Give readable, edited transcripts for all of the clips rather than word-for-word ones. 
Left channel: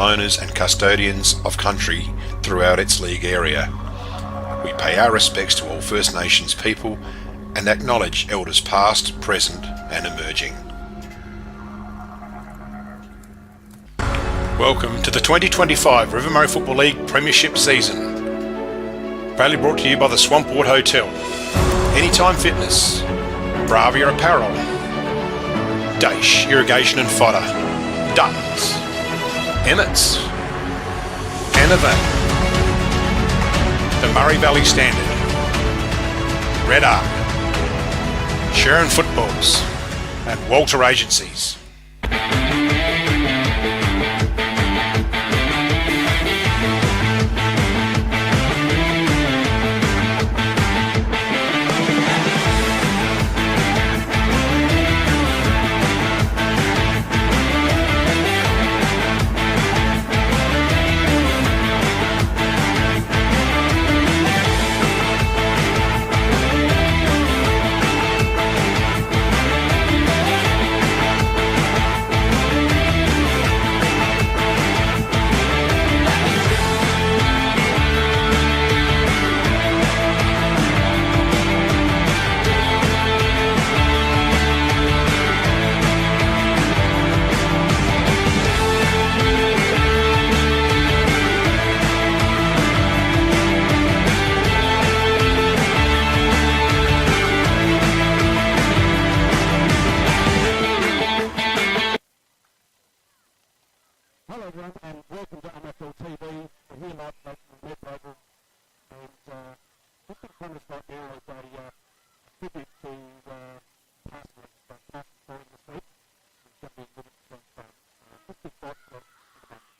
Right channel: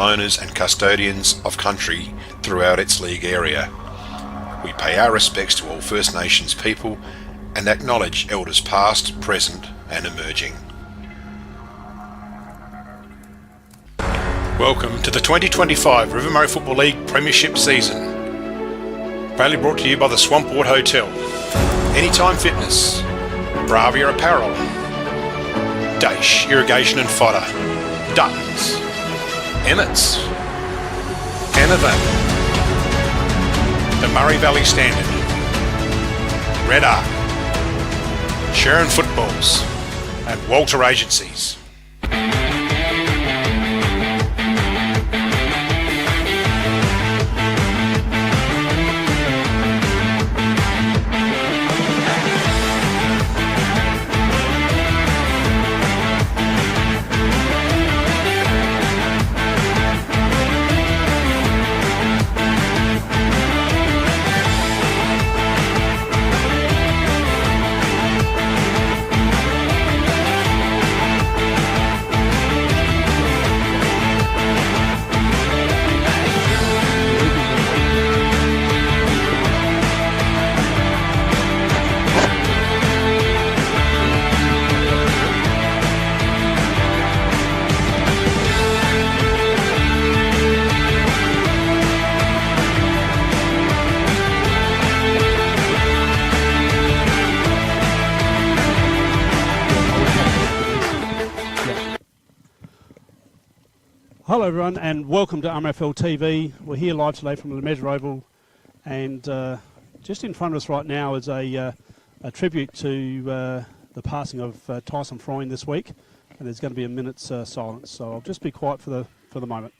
traditional owners and custodians of country throughout its league area. We pay our respects to all First Nations people and acknowledge elders past, present and emerging. Welcome to the 2025 River Murray Football League Premiership season. Proudly brought to you by the Swampwort Hotel, Anytime Fitness, Bravia Apparel, Daesh Irrigation and Fodder, Duttons, Emmett's, Anavan, the Murray Valley Standard, Red Arc, Sharon Footballs, and Walter Agencies. Hello everyone and welcome to RMFL TV. We're here live today from the Measure Oval, and just in front of us right now is a tribute to the passing of Tyson Fry this week, and there's going to be a minute's silence, so I'll just be quiet for the moment.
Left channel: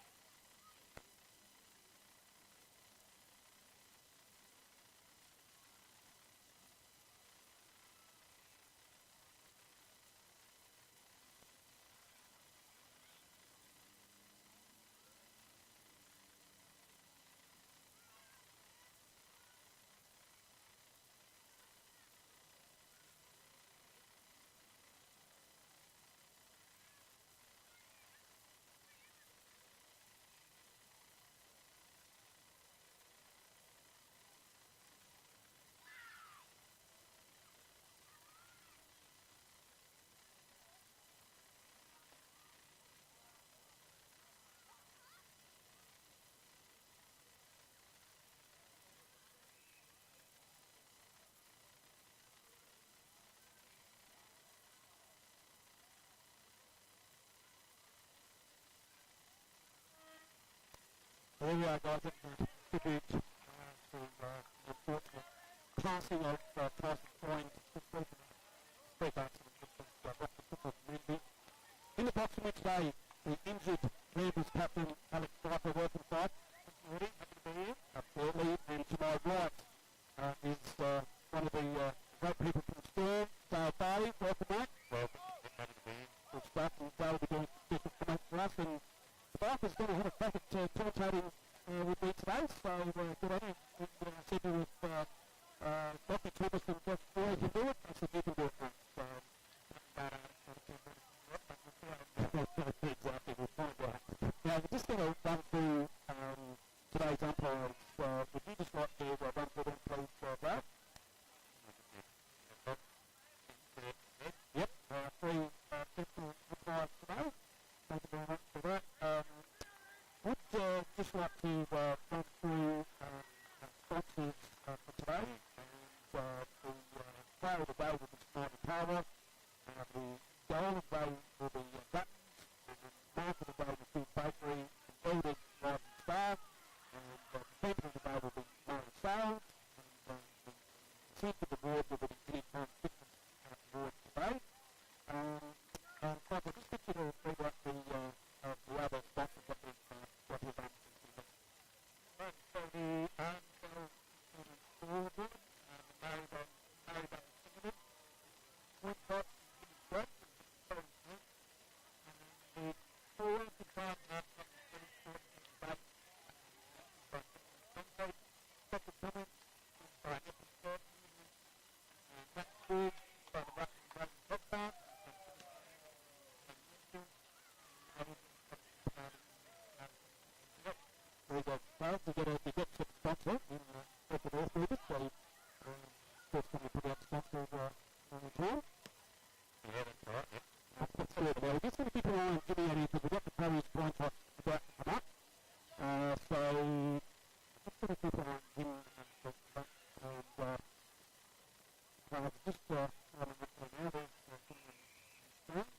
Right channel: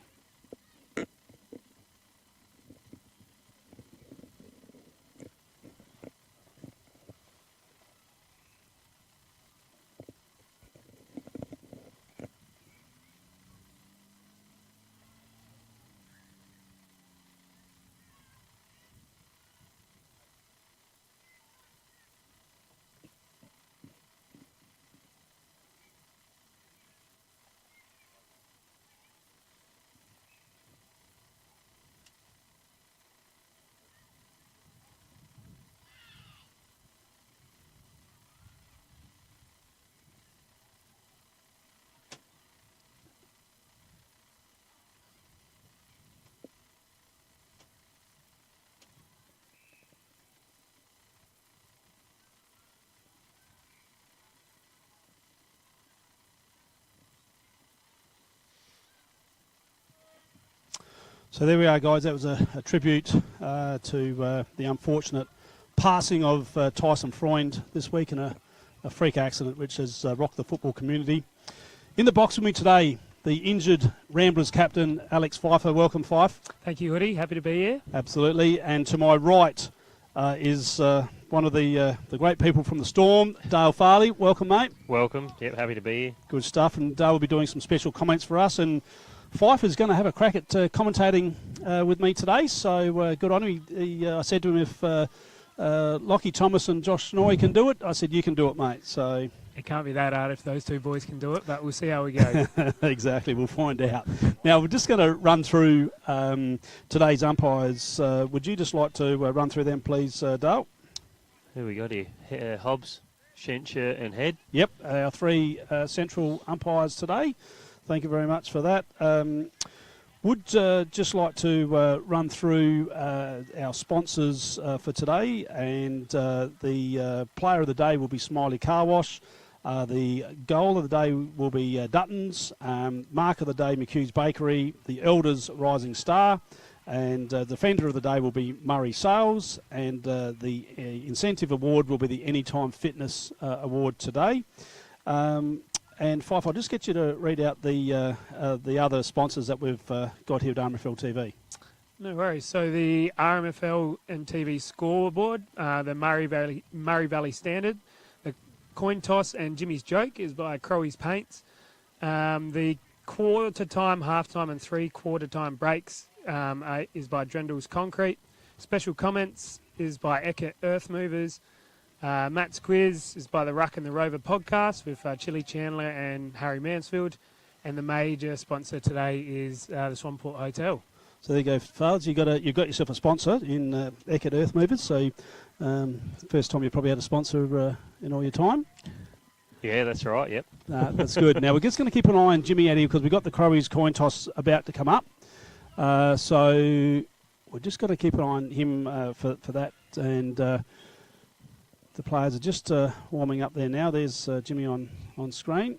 So there we are, guys. That was a tribute to the unfortunate passing of Tyson Fry this week in a freak accident which has rocked the football community. In the box with me today, the injured Ramblers captain, Alex Pfeiffer. Welcome, Fife. Thank you, Hoodie. Happy to be here. Absolutely. And to my right is one of the great people from the Storm, Dale Farley. Welcome, mate. Welcome. Yep, happy to be here. Good stuff. And Dale will be doing some special comments for us. And Fife is going to have a crack at commentating with me today, so good on him. I said to him, if Lockie Thomas and Josh Snoy can do it, I said, you can do it, mate. So it can't be that hard if those two boys can do it, but we'll see how we go. Exactly, we'll find out. Now, we're just going to run through today's umpires. Would you just like to run through them, please, Dale? Who we got here? Hobbs, Shencher and Head. Yep, our three central umpires today. Thank you very much for that. Would just like to run through our sponsors for today, and the player of the day will be Smiley Car Wash. The goal of the day will be Duttons. Mark of the day, McHugh's Bakery. The Elders Rising Star. And defender of the day will be Murray Sales. And the incentive award will be the Anytime Fitness Award today. And Fife, I'll just get you to read out the other sponsors that we've got here at RMFL TV. No worries. So the RMFL and TV scoreboard, the Murray Valley Standard, the coin toss and Jimmy's Joke is by Crowey's Paints. The quarter time, half time and 3/4 time breaks is by Drendel's Concrete. Special comments is by Eckert Earth Movers. Matt's Quiz is by the Ruck and the Rover podcast with Chili Chandler and Harry Mansfield. and the major sponsor today is the Swamport Hotel. So there you go, Fards. You've got yourself a sponsor in Eckert Earth Movers. So first time you probably had a sponsor in all your time. Yeah, that's right, yep. That's good. Now we're just going to keep an eye on Jimmy out here because we've got the Crowies coin toss about to come up. So we're just going to keep an eye on him for that. And the players are just warming up there now. There's Jimmy on screen.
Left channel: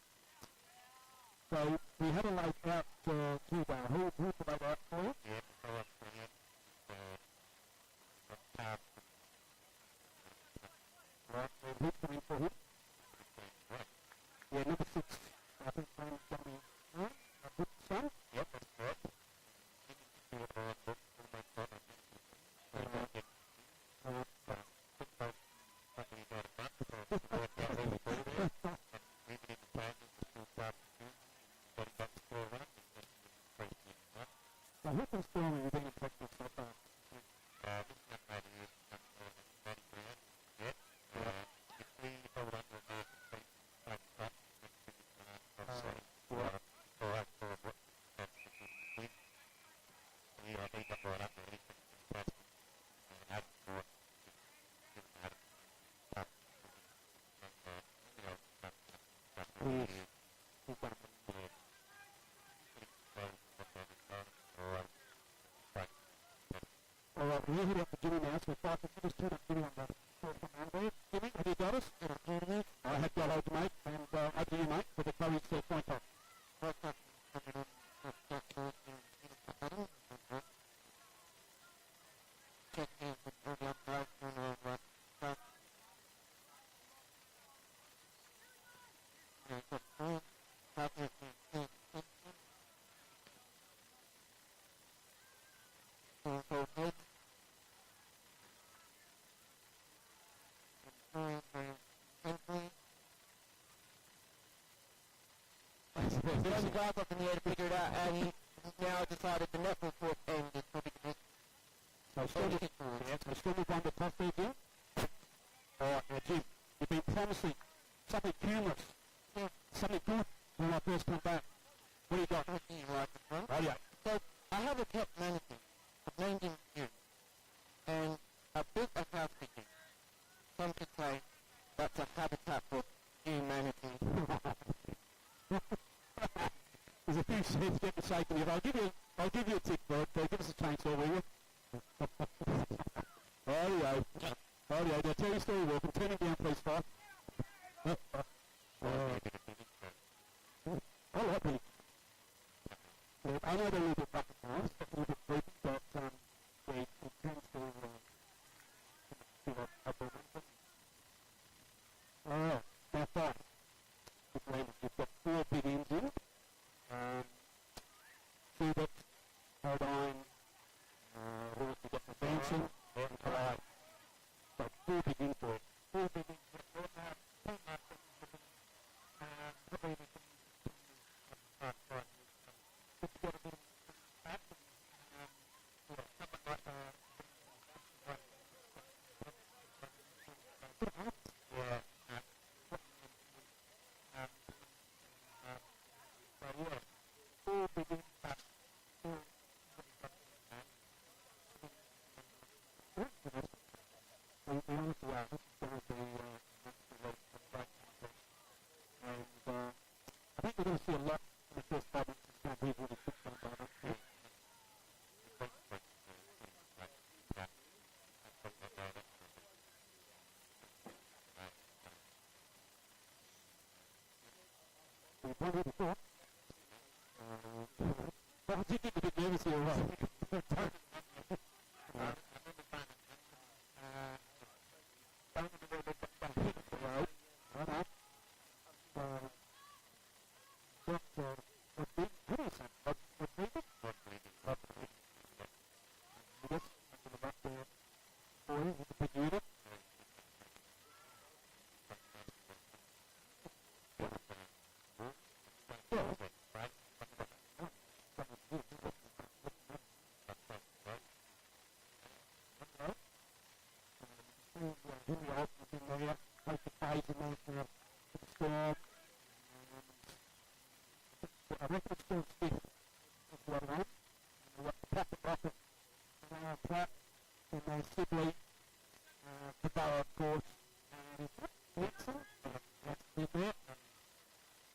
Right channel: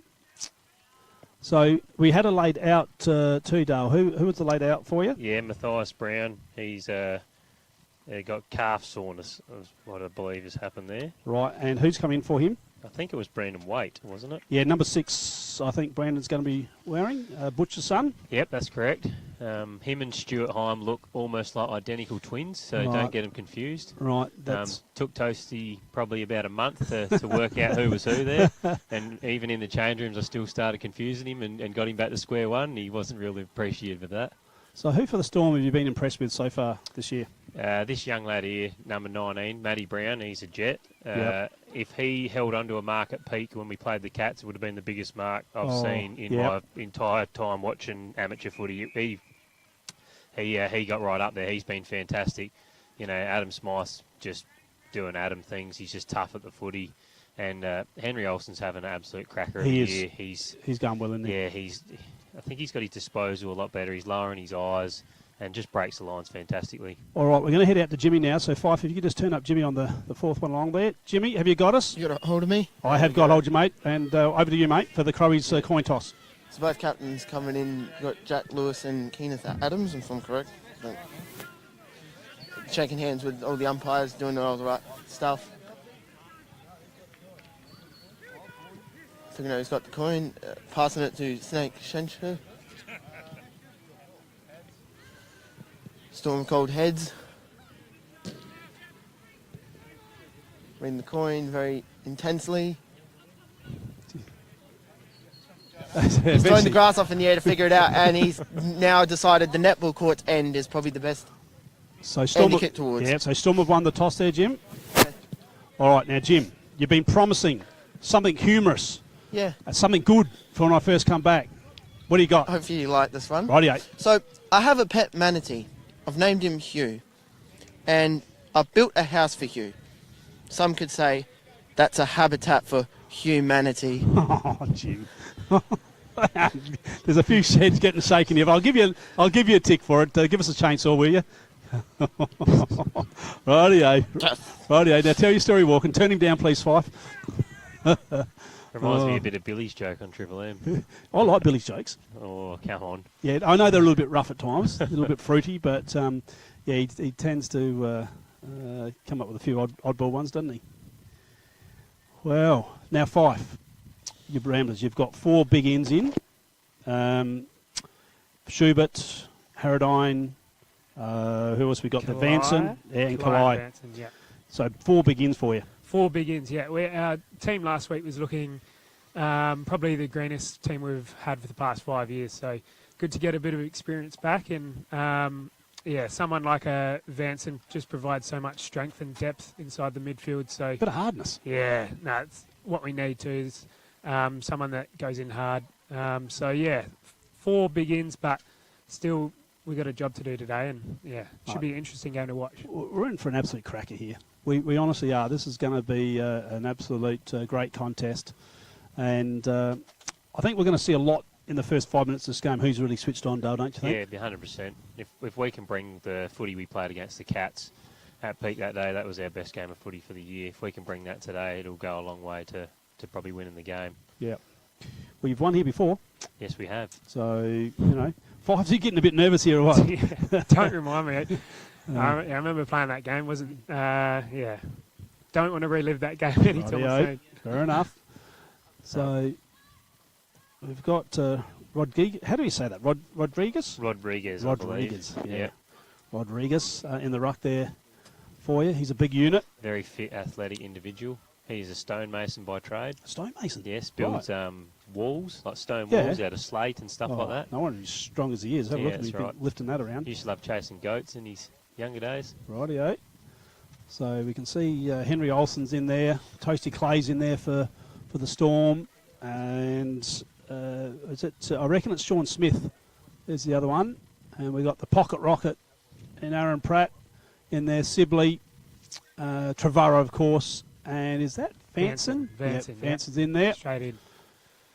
So we had a laid out too, Dale. Who was the laid out for you? Yeah, Matthias Brown. He's got calf soreness, is what I believe has happened there. Right, and who's come in for him? I think it was Brandon Waite, wasn't it? Yeah, number 6, I think Brandon's going to be wearing, Butcher's son. Yep, that's correct. Him and Stuart Heim look almost like identical twins, so Right. don't get them confused. Right, that's... Took Toasty probably about a month to work out who was who there, and even in the change rooms I still started confusing him and got him back to square one. He wasn't really appreciative of that. So who for the Storm have you been impressed with so far this year? This young lad here, number 19, Matty Brown, he's a jet. Yep. If he held onto a mark at peak when we played the Cats, it would have been the biggest mark I've seen in my entire time watching amateur footy. He got right up there. He's been fantastic. You know, Adam Smythe's just doing Adam things. He's just tough at the footy. And Henry Olsen's having an absolute cracker of a year. He's going well in there. Yeah, I think he's got his disposal a lot better. He's lowering his eyes and just breaks the lines fantastically. All right, we're going to head out to Jimmy now. So, Fife, if you could just turn up Jimmy on the fourth one along there. Jimmy, have you got us? You got a hold of me? I have got hold of you, mate. And over to you, mate, for the Crowies coin toss. So both captains coming in. You got Jack Lewis and Kenneth Adams, if I'm correct. Shaking hands with all the umpires, doing all the right stuff. So, he's got the coin, passing it to Snake Shencher. Storm Cold heads. Reading the coin very intensely. He's throwing the grass off in the air to figure it out, and he's now decided the netball court's end is probably the best So end to kick towards. Yeah, so Storm have won the toss there, Jim. All right, now, Jim, you've been promising something humorous. Yeah. Something good for when I first come back. What do you got? Hopefully you like this one. Rightio. So I have a pet manatee. I've named him Hugh. And I've built a house for Hugh. Some could say that's a habitat for humanity. Oh, Jim. There's a few sheds getting shaken here, but I'll give you a tick for it. Give us a chainsaw, will you? Rightio. Rightio. Now tell your story, Walken. Turn him down, please, Fife. Reminds me a bit of Billy's joke on Triple M. I like Billy's jokes. Oh, come on. Yeah, I know they're a little bit rough at times, a little bit fruity, but yeah, he tends to come up with a few oddball ones, doesn't he? Well, now Fife, your Ramblers, you've got 4 big ends in. Schubert, Harradine, who else we got? The Vanson, and Kalai. Yeah. So 4 big ins for you. 4 big ins, yeah. Our team last week was looking probably the greenest team we've had for the past 5 years. So good to get a bit of experience back. And yeah, someone like a Vanson just provides so much strength and depth inside the midfield. So Bit of hardness. yeah, no, it's what we need to is someone that goes in hard. So yeah, 4 big ins, but still we've got a job to do today. And yeah, should be an interesting game to watch. We're in for an absolute cracker here. We honestly are. This is going to be an absolute great contest. And I think we're going to see a lot in the first 5 minutes of this game. Who's really switched on, Dale, don't you think? Yeah, 100%. If we can bring the footy we played against the Cats at peak that day, that was our best game of footy for the year. If we can bring that today, it'll go a long way to probably winning the game. Yeah. Well, you've won here before. Yes, we have. So, you know, Fives, you getting a bit nervous here or what? Yeah, don't remind me. I remember playing that game. Wasn't yeah. Don't want to relive that game anytime soon. Fair enough. So we've got Rodriguez. How do we say that? Rodriguez? Rodriguez, Rodriguez. I believe. Yeah. Rodriguez in the ruck there for you. He's a big unit. Very fit, athletic individual. He's a stonemason by trade. Stonemason. Yes, builds walls, like stone Yeah. walls out of slate and stuff like that. No wonder he's strong as he is. Have a Yeah, look at him that's right. lifting that around. He used to love chasing goats in his younger days. Rightio. So we can see Henry Olsen's in there. Toasty Clay's in there for the Storm. And is it? I reckon it's Sean Smith. There's the other one. And we've got the pocket rocket and Aaron Pratt in there. Sibley, Trevorrow, of course. And is that Vanson? Vanson, Yep, Vanson's in there. Straight in.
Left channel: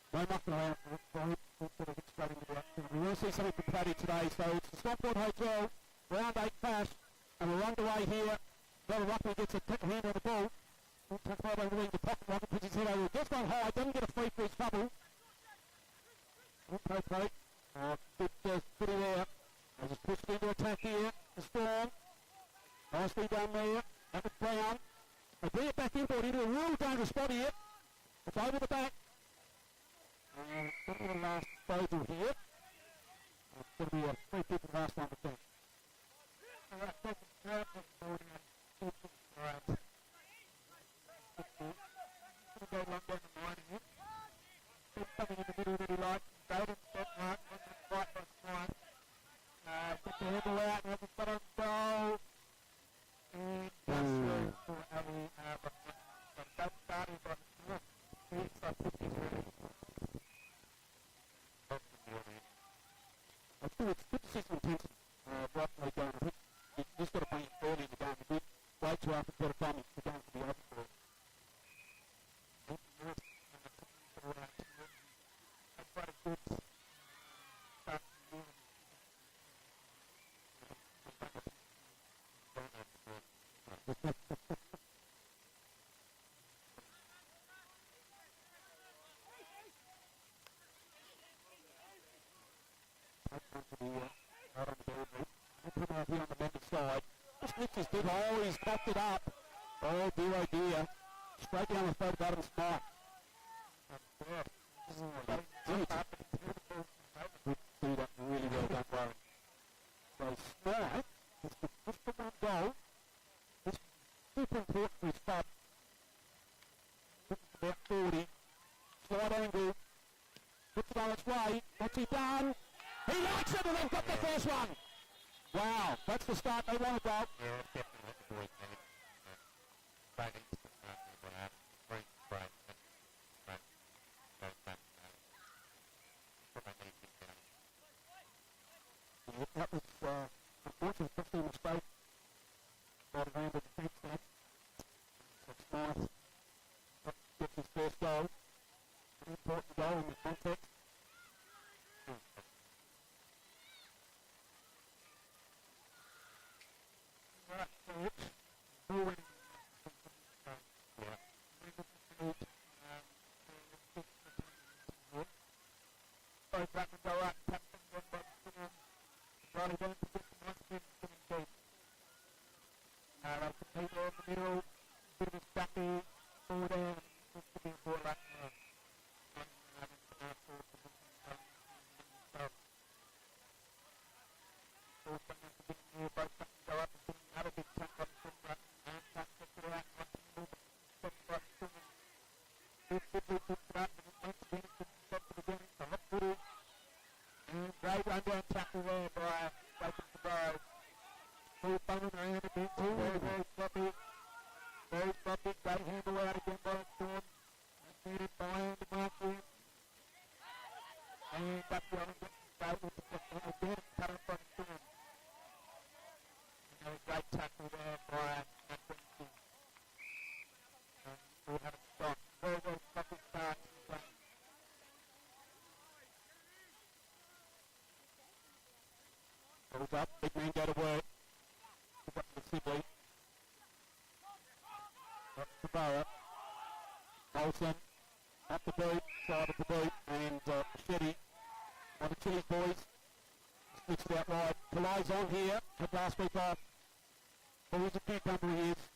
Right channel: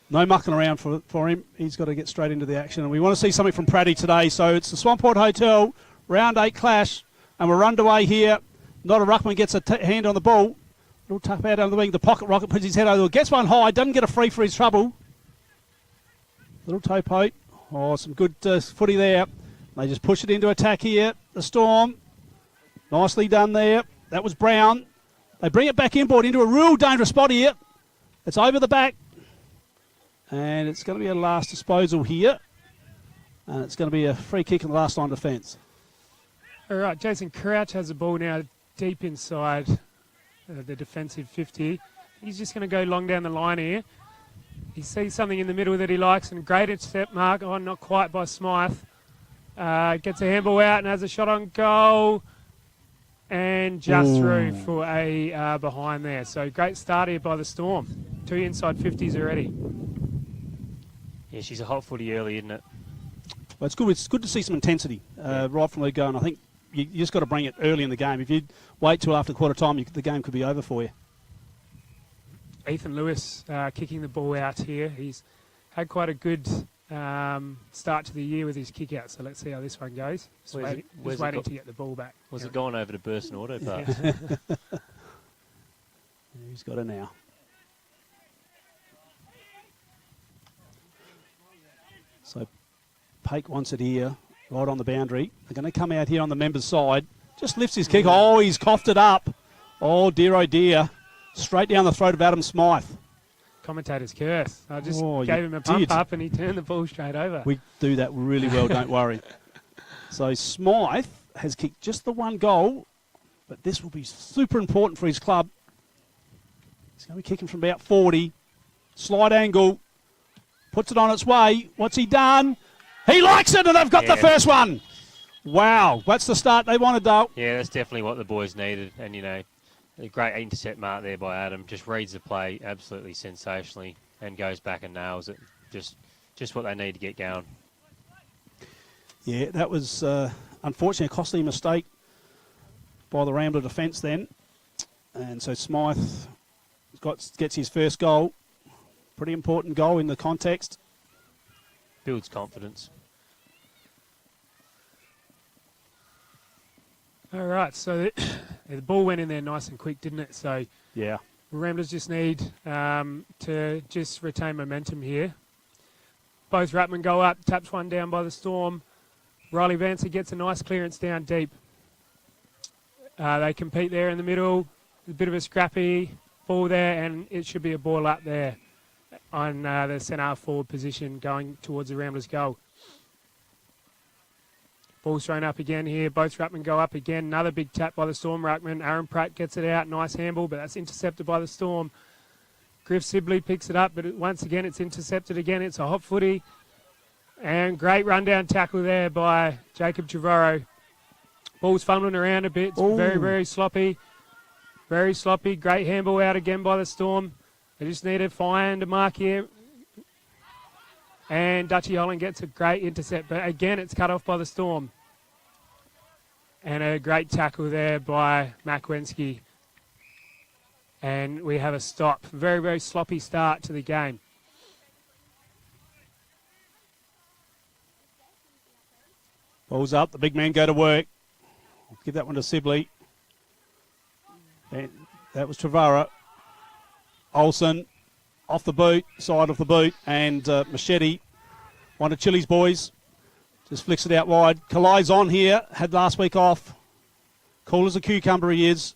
No mucking around for him. He's got to get straight into the action. And we want to see something from Pratty today. So it's the Swamport Hotel, round 8 clash. And we're underway here. Not a ruckman gets a hand on the ball. Little tap out on the wing. The pocket rocket puts his head over. Gets one high. Doesn't get a free for his trouble. Little toe poke. Oh, some good footy there. They just push it into attack here. The Storm. Nicely done there. That was Brown. They bring it back inboard into a real dangerous spot here. It's over the back. And it's going to be a last disposal here. And it's going to be a free kick in the last line defence. All right, Jason Crouch has the ball now deep inside the defensive 50. He's just going to go long down the line here. He sees something in the middle that he likes, and great intercept mark. Oh, not quite by Smythe. Gets a handball out and has a shot on goal. And just through for a behind there. So great start here by the Storm. 2 inside 50s already. Yeah, she's a hot footy early, isn't it? Well, it's good. It's good to see some intensity right from the go, and I think you just got to bring it early in the game. If you wait till after quarter time, the game could be over for you. Ethan Lewis kicking the ball out here. He's had quite a good start to the year with his kick out, so let's see how this one goes. He's waiting to get the ball back. Was it going over to Burst and Auto Parts? He's got it now. So Pake wants it here, right on the boundary. They're going to come out here on the members' side. Just lifts his kick. Oh, he's coughed it up. Oh, dear. Straight down the throat of Adam Smythe. Commentator's curse. I just Oh, gave you him a pump did. up and he turned the ball straight over. We do that really well, don't worry. So Smythe has kicked just the one goal, but this will be super important for his club. He's going to be kicking from about 40. Slide angle. Puts it on its way. What's he done? He likes it, and they've got the first one. Wow, that's the start they wanted, though. Yeah, that's definitely what the boys needed. And, you know, a great intercept mark there by Adam. Just reads the play absolutely sensationally and goes back and nails it. Just what they need to get going. Yeah, that was unfortunately a costly mistake by the Rambler defence then. And so Smythe gets his first goal. Pretty important goal in the context. Builds confidence. All right, so the ball went in there nice and quick, didn't it? So Yeah. Ramblers just need to just retain momentum here. Both Ruttman go up, taps one down by the Storm. Riley Vancer gets a nice clearance down deep. They compete there in the middle. A bit of a scrappy ball there, and it should be a ball up there on the centre forward position going towards the Ramblers' goal. Ball's thrown up again here. Both Ruttman go up again. Another big tap by the Storm Ruckman. Aaron Pratt gets it out. Nice handball, but that's intercepted by the Storm. Griff Sibley picks it up, but once again it's intercepted again. It's a hot footy. And great rundown tackle there by Jacob Trevorrow. Ball's fumbling around a bit. It's very, very sloppy. Very sloppy. Great handball out again by the Storm. They just need to find a mark here. And Dutchy Holland gets a great intercept, but again it's cut off by the Storm. And a great tackle there by Makwensky. And we have a stop. Very, very sloppy start to the game. Ball's up. The big men go to work. Give that one to Sibley. And that was Trevorrow. Olsen off the boot, side of the boot, and Machete, one of Chili's boys, just flicks it out wide. Kalai's on here, had last week off. Cool as a cucumber he is.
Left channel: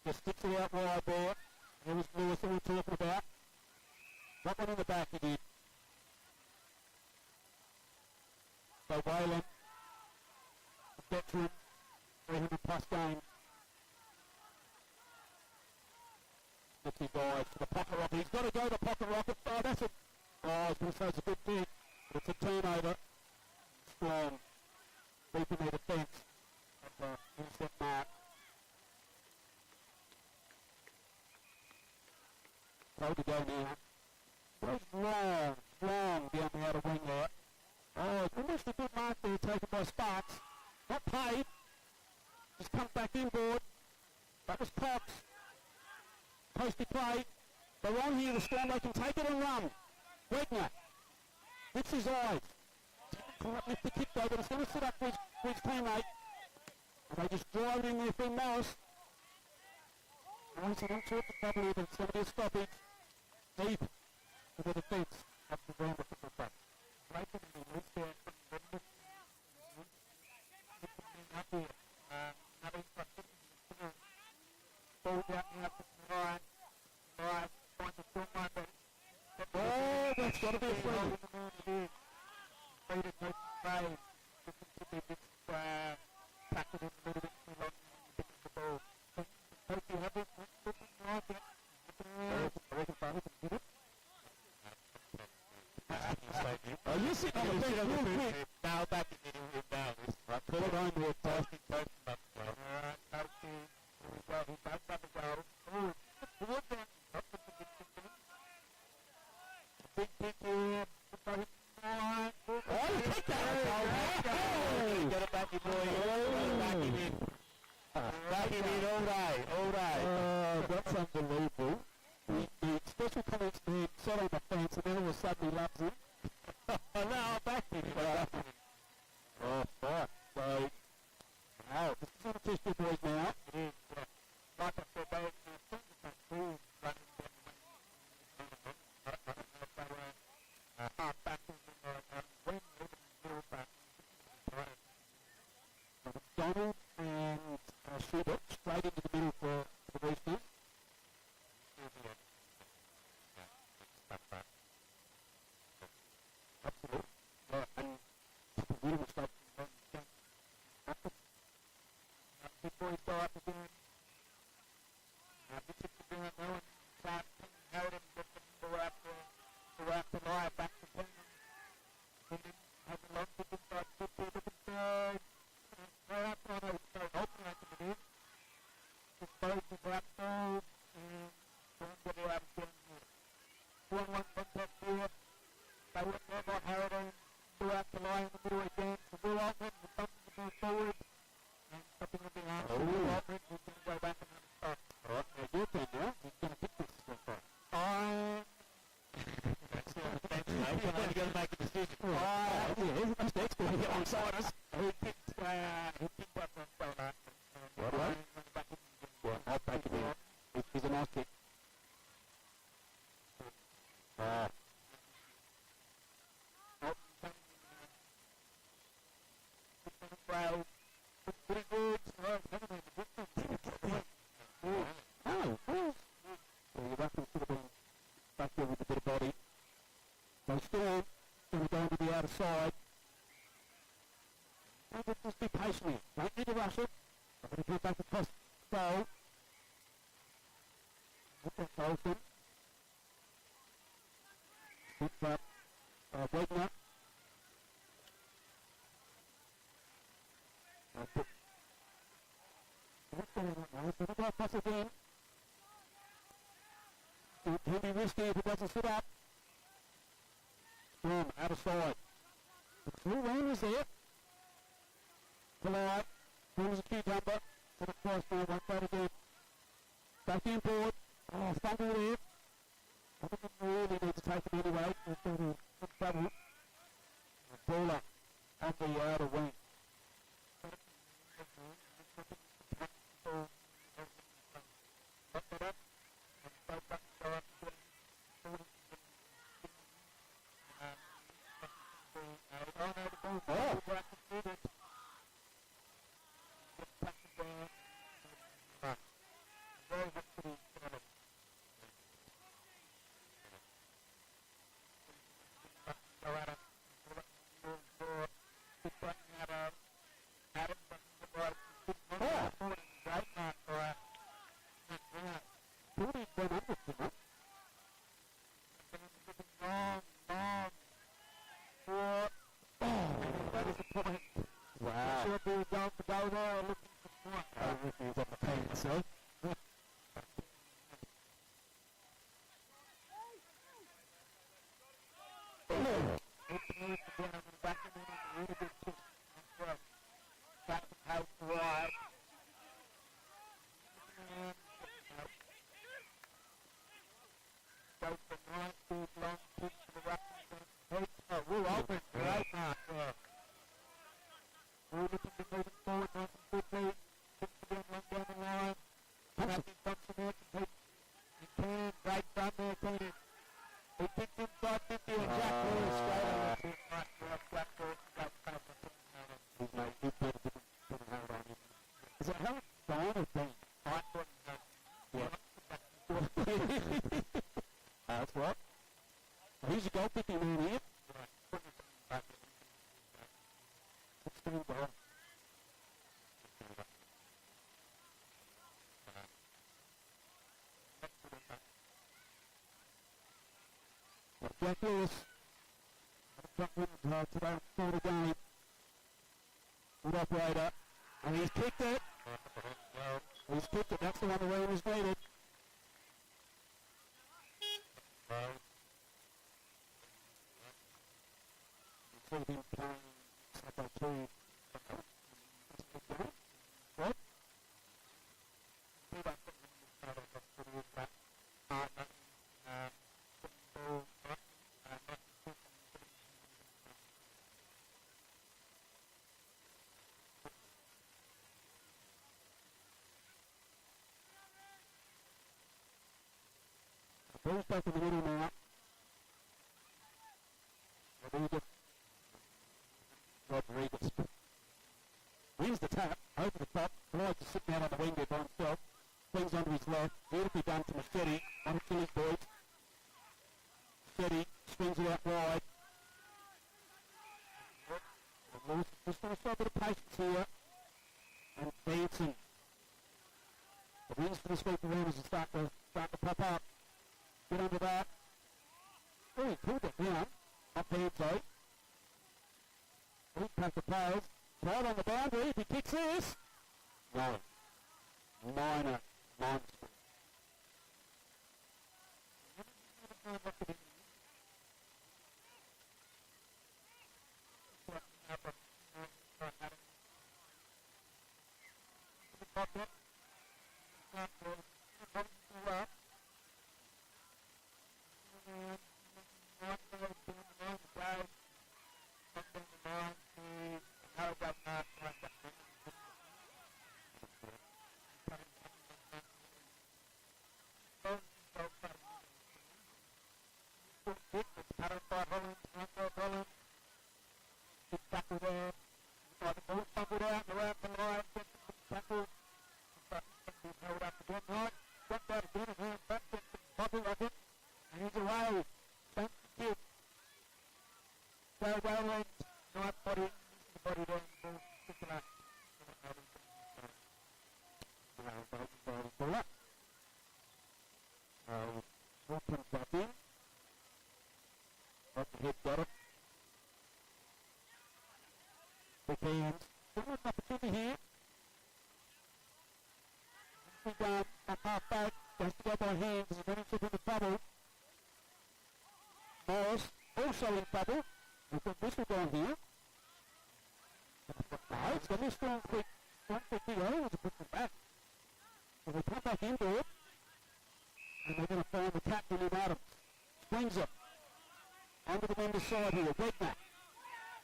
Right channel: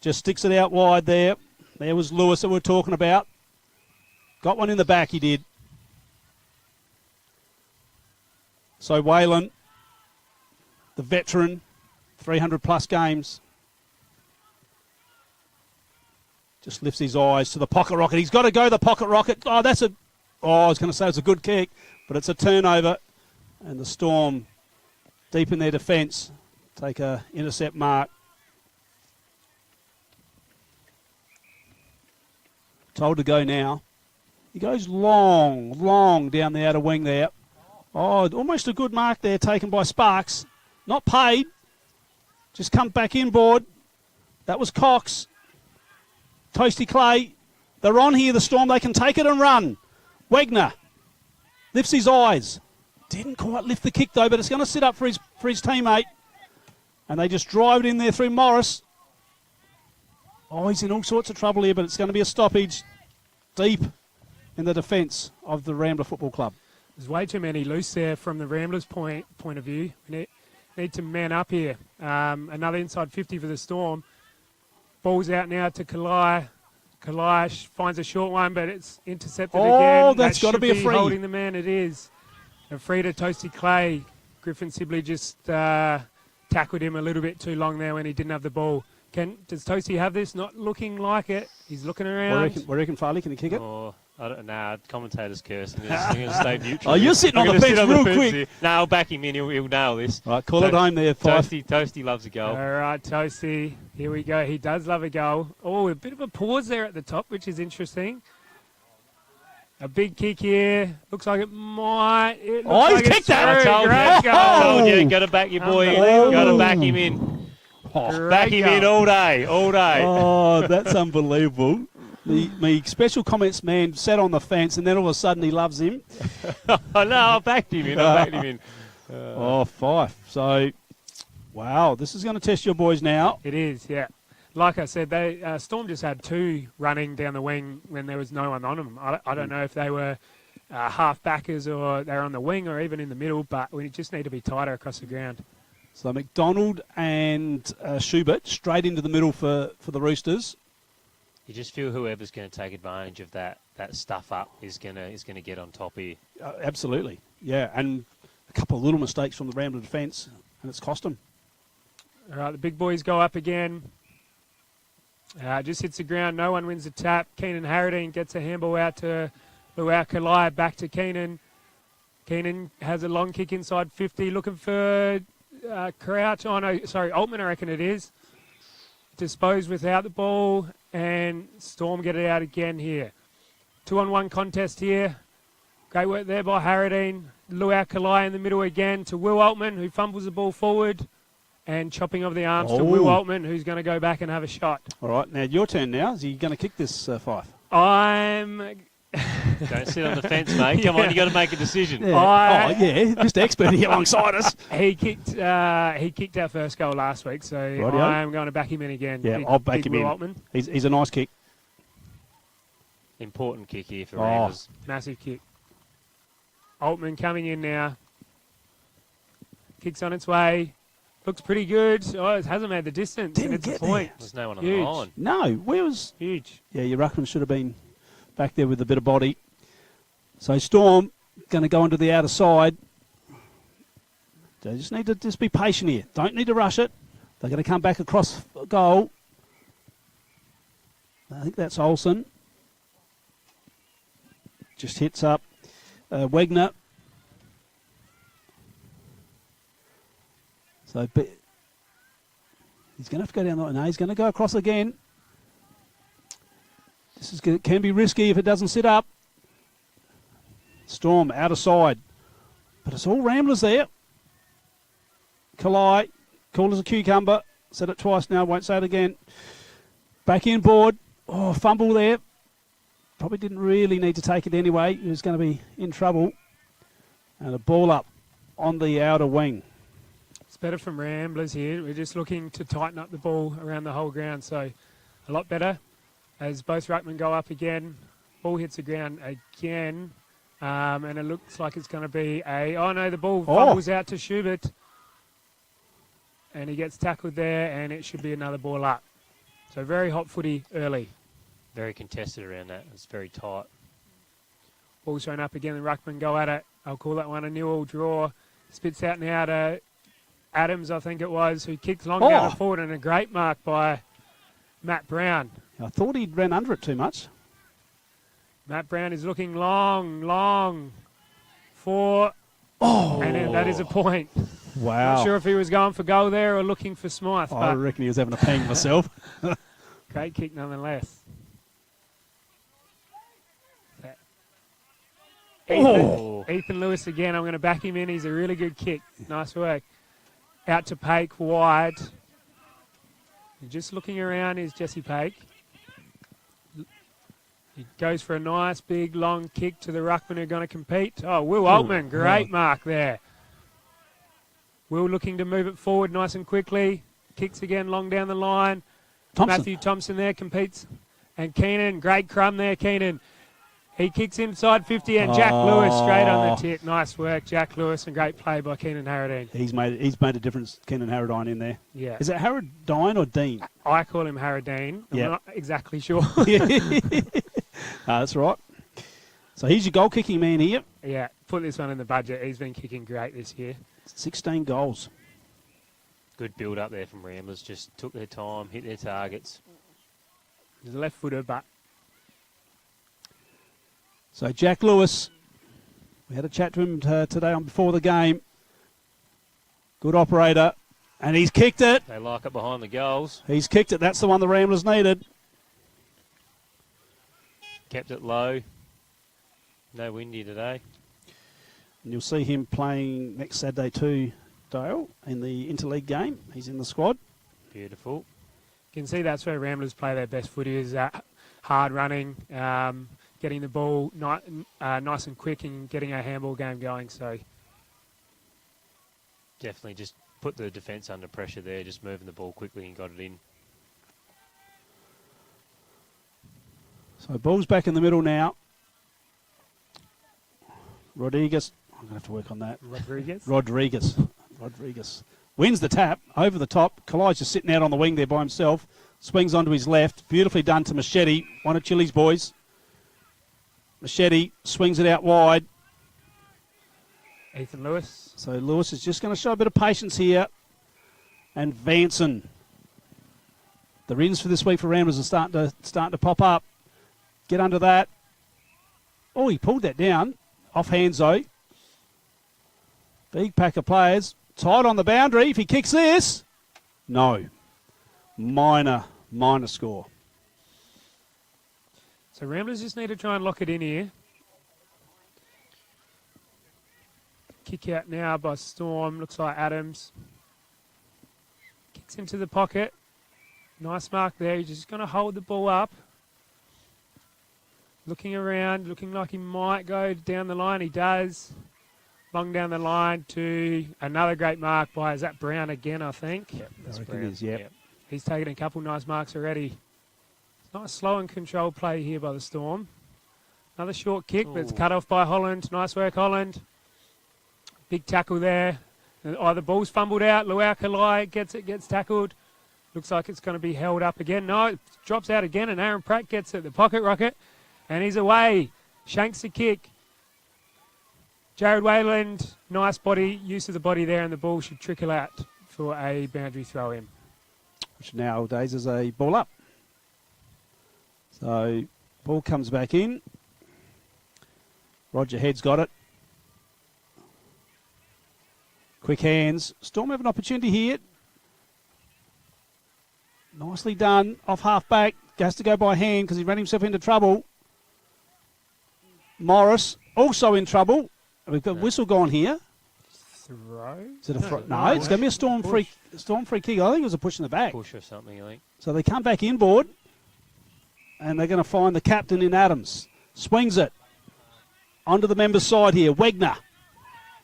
Just sticks it out wide there. There was Lewis that we were talking about. Got one in the back, he did. So Whalen, the veteran, 300 plus games. Just lifts his eyes to the pocket rocket. He's got to go the pocket rocket. Oh, I was going to say it's a good kick, but it's a turnover. And the Storm, deep in their defence, take a intercept mark. Told to go now He goes long down the outer wing there. Oh, almost a good mark there taken by Sparks. Not paid. Just come back inboard. That was Cox. Toasty Clay. They're on here, the Storm. They can take it and run. Wegner lifts his eyes. Didn't quite lift the kick, though, but it's going to sit up for his teammate. And they just drive it in there through Morris. Oh, he's in all sorts of trouble here, but it's going to be a stoppage deep in the defence of the Rambler Football Club. There's way too many loose there from the Ramblers' point of view. Need to man up here. Another inside 50 for the Storm. Ball's out now to Kalai. Kalai finds a short one, but it's intercepted again. Oh, that's got to be a free. Holding the man, it is. A free to Toasty Clay. Griffin Sibley just tackled him a little bit too long there when he didn't have the ball. Does Toasty have this? Not looking like it. He's looking around. What do you reckon, Farley? Can he kick it? Oh, I don't know. Commentator's curse. I'm going to stay neutral. Oh, you're sitting on the fence real quick. No, I'll back him in. He'll nail this. Right, call it home there, Fife. Toasty loves a goal. All right, Toasty. Here we go. He does love a goal. Oh, a bit of a pause there at the top, which is interesting. A big kick here. Looks like it might. He's kicked that. I told you. Got to back your boy in. Got to back him in. Back him in all day. Oh, that's unbelievable. Me special comments man sat on the fence, and then all of a sudden he loves him. Oh, no, I backed him in. Oh, Fife. So, wow, this is going to test your boys now. It is, yeah. Like I said, they Storm just had two running down the wing when there was no one on them. I don't know if they were half backers or they were on the wing or even in the middle, but we just need to be tighter across the ground. So McDonald and Schubert straight into the middle for the Roosters. You just feel whoever's going to take advantage of that stuff up is going to get on top here. Absolutely, yeah. And a couple of little mistakes from the Rambler defence, and it's cost them. All right, the big boys go up again. Just hits the ground. No one wins the tap. Keenan Harradine gets a handball out to Luau Kalai. Back to Keenan. Keenan has a long kick inside 50. Looking for Crouch. Oh, no, sorry, Altman, I reckon it is. Disposed without the ball. And Storm get it out again here. 2-on-1 contest here. Great work there by Harradine. Luau Kalai in the middle again to Will Altman, who fumbles the ball forward. And chopping of the arms to Will Altman, who's going to go back and have a shot. All right, now your turn now. Is he going to kick this, Fife? Don't sit on the fence, mate. Come on, you got to make a decision. Yeah. Just expert here alongside us. He kicked our first goal last week, so I'm going to back him in again. Yeah, I'll back him in. Altman. He's a nice kick. Important kick here for Ramblers. Massive kick. Altman coming in now. Kicks on its way. Looks pretty good. Oh, it hasn't made the distance. Didn't it's get a point. There's no one on Huge. the line. No, where was... Huge. Yeah, your ruckman should have been back there with a bit of body. So Storm going to go into the outer side. They just need to be patient here. Don't need to rush it. They're going to come back across goal. I think that's Olsen. Just hits up Wegner. So he's going to have to go down the... No, he's going to go across again. This can be risky if it doesn't sit up. Storm out of side. But it's all Ramblers there. Kalai, cool as a cucumber. Said it twice now, won't say it again. Back in board. Oh, fumble there. Probably didn't really need to take it anyway. He was going to be in trouble. And a ball up on the outer wing. It's better from Ramblers here. We're just looking to tighten up the ball around the whole ground, so a lot better. As both ruckmen go up again, ball hits the ground again, and it looks like it's going to be the ball fumbles out to Schubert, and he gets tackled there, and it should be another ball up. So very hot footy early. Very contested around that. It's very tight. Ball thrown up again, the ruckmen go at it. I'll call that one a nil-all draw. Spits out now to Adams, I think it was, who kicked long down forward, and a great mark by Matt Brown. I thought he'd ran under it too much. Matt Brown is looking long for... And that is a point. Wow. Not sure if he was going for goal there or looking for Smythe. I reckon he was having a pang myself. Great kick nonetheless. Ethan Lewis again. I'm going to back him in. He's a really good kick. Nice work. Out to Paik, wide. Just looking around is Jesse Paik. He goes for a nice, big, long kick to the ruckman who are going to compete. Oh, Will Altman, great mark there. Will looking to move it forward nice and quickly. Kicks again long down the line. Matthew Thompson there competes. And Keenan, great crumb there, Keenan. He kicks inside 50 and Jack Lewis straight on the tip. Nice work, Jack Lewis, and great play by Keenan Harradine. He's made a difference, Keenan Harradine, in there. Yeah. Is it Harradine or Dean? I call him Harradine. Yeah. I'm not exactly sure. That's right. So he's your goal kicking man here. Yeah, put this one in the budget. He's been kicking great this year. 16 goals. Good build up there from Ramblers. Just took their time, hit their targets. He's a left footer, but So Jack Lewis, we had a chat to him today on before the game. Good operator, and he's kicked it. They like it behind the goals. He's kicked it. That's the one the Ramblers needed. Kept it low. No windy today. And you'll see him playing next Saturday too, Dale, in the interleague game. He's in the squad. Beautiful. you can see that's where Ramblers play their best footy, is hard running, getting the ball nice and quick and getting our handball game going. So Definitely just put the defence under pressure there, just moving the ball quickly and got it in. So ball's back in the middle now. Rodriguez. I'm going to have to work on that. Rodriguez. Wins the tap over the top. Kalai's just sitting out on the wing there by himself. Swings onto his left. Beautifully done to Machete. One of Chili's boys. Machete swings it out wide. Ethan Lewis. So Lewis is just going to show a bit of patience here. And Vanson. The rins for this week for Ramblers are starting to pop up. Get under that. Oh, he pulled that down. Off hands though. Big pack of players. Tight on the boundary. If he kicks this, no. Minor score. So Ramblers just need to try and lock it in here. Kick out now by Storm. Looks like Adams. Kicks into the pocket. Nice mark there. He's just going to hold the ball up. Looking around, looking like he might go down the line. He does. Long down the line to another great mark by, is that Brown again, I think? Yep, that's I reckon Brown. it is, yep. Yep. He's taken a couple nice marks already. Nice slow and controlled play here by the Storm. Another short kick, but it's cut off by Holland. Nice work, Holland. Big tackle there. Oh, the ball's fumbled out. Luau Kalai gets tackled. Looks like it's going to be held up again. No, it drops out again, and Aaron Pratt gets it. The pocket rocket, and he's away. Shanks the kick. Jared Wayland, nice body, use of the body there, and the ball should trickle out for a boundary throw in. Which nowadays is a ball up. So ball comes back in. Roger Head's got it. Quick hands. Storm have an opportunity here. Nicely done. Off half back. Has to go by hand because he ran himself into trouble. Morris also in trouble. We've got whistle gone here. Throw? Is it a no, it's going to be a Storm free kick. I think it was a push in the back. Push or something, I think. So they come back inboard, and they're going to find the captain in Adams. Swings it onto the member's side here. Wegner.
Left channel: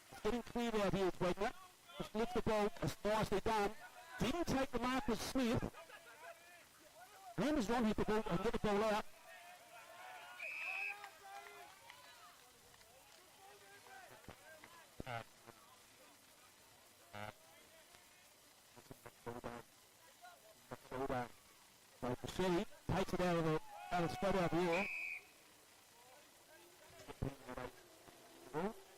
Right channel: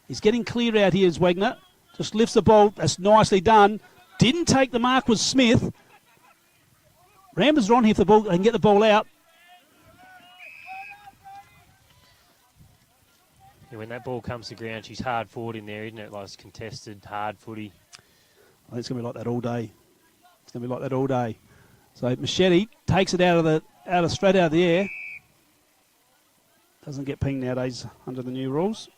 He's getting clear out here as Wegner. Just lifts the ball. That's nicely done. Didn't take the mark was Smith. Ramblers are on here if the ball, they can get the ball out. Yeah, when that ball comes to ground, she's hard forward in there, isn't it? Like it's contested, hard footy. I think it's going to be like that all day. It's going to be like that all day. So Machete takes it straight out of the air. Doesn't get pinged nowadays under the new rules.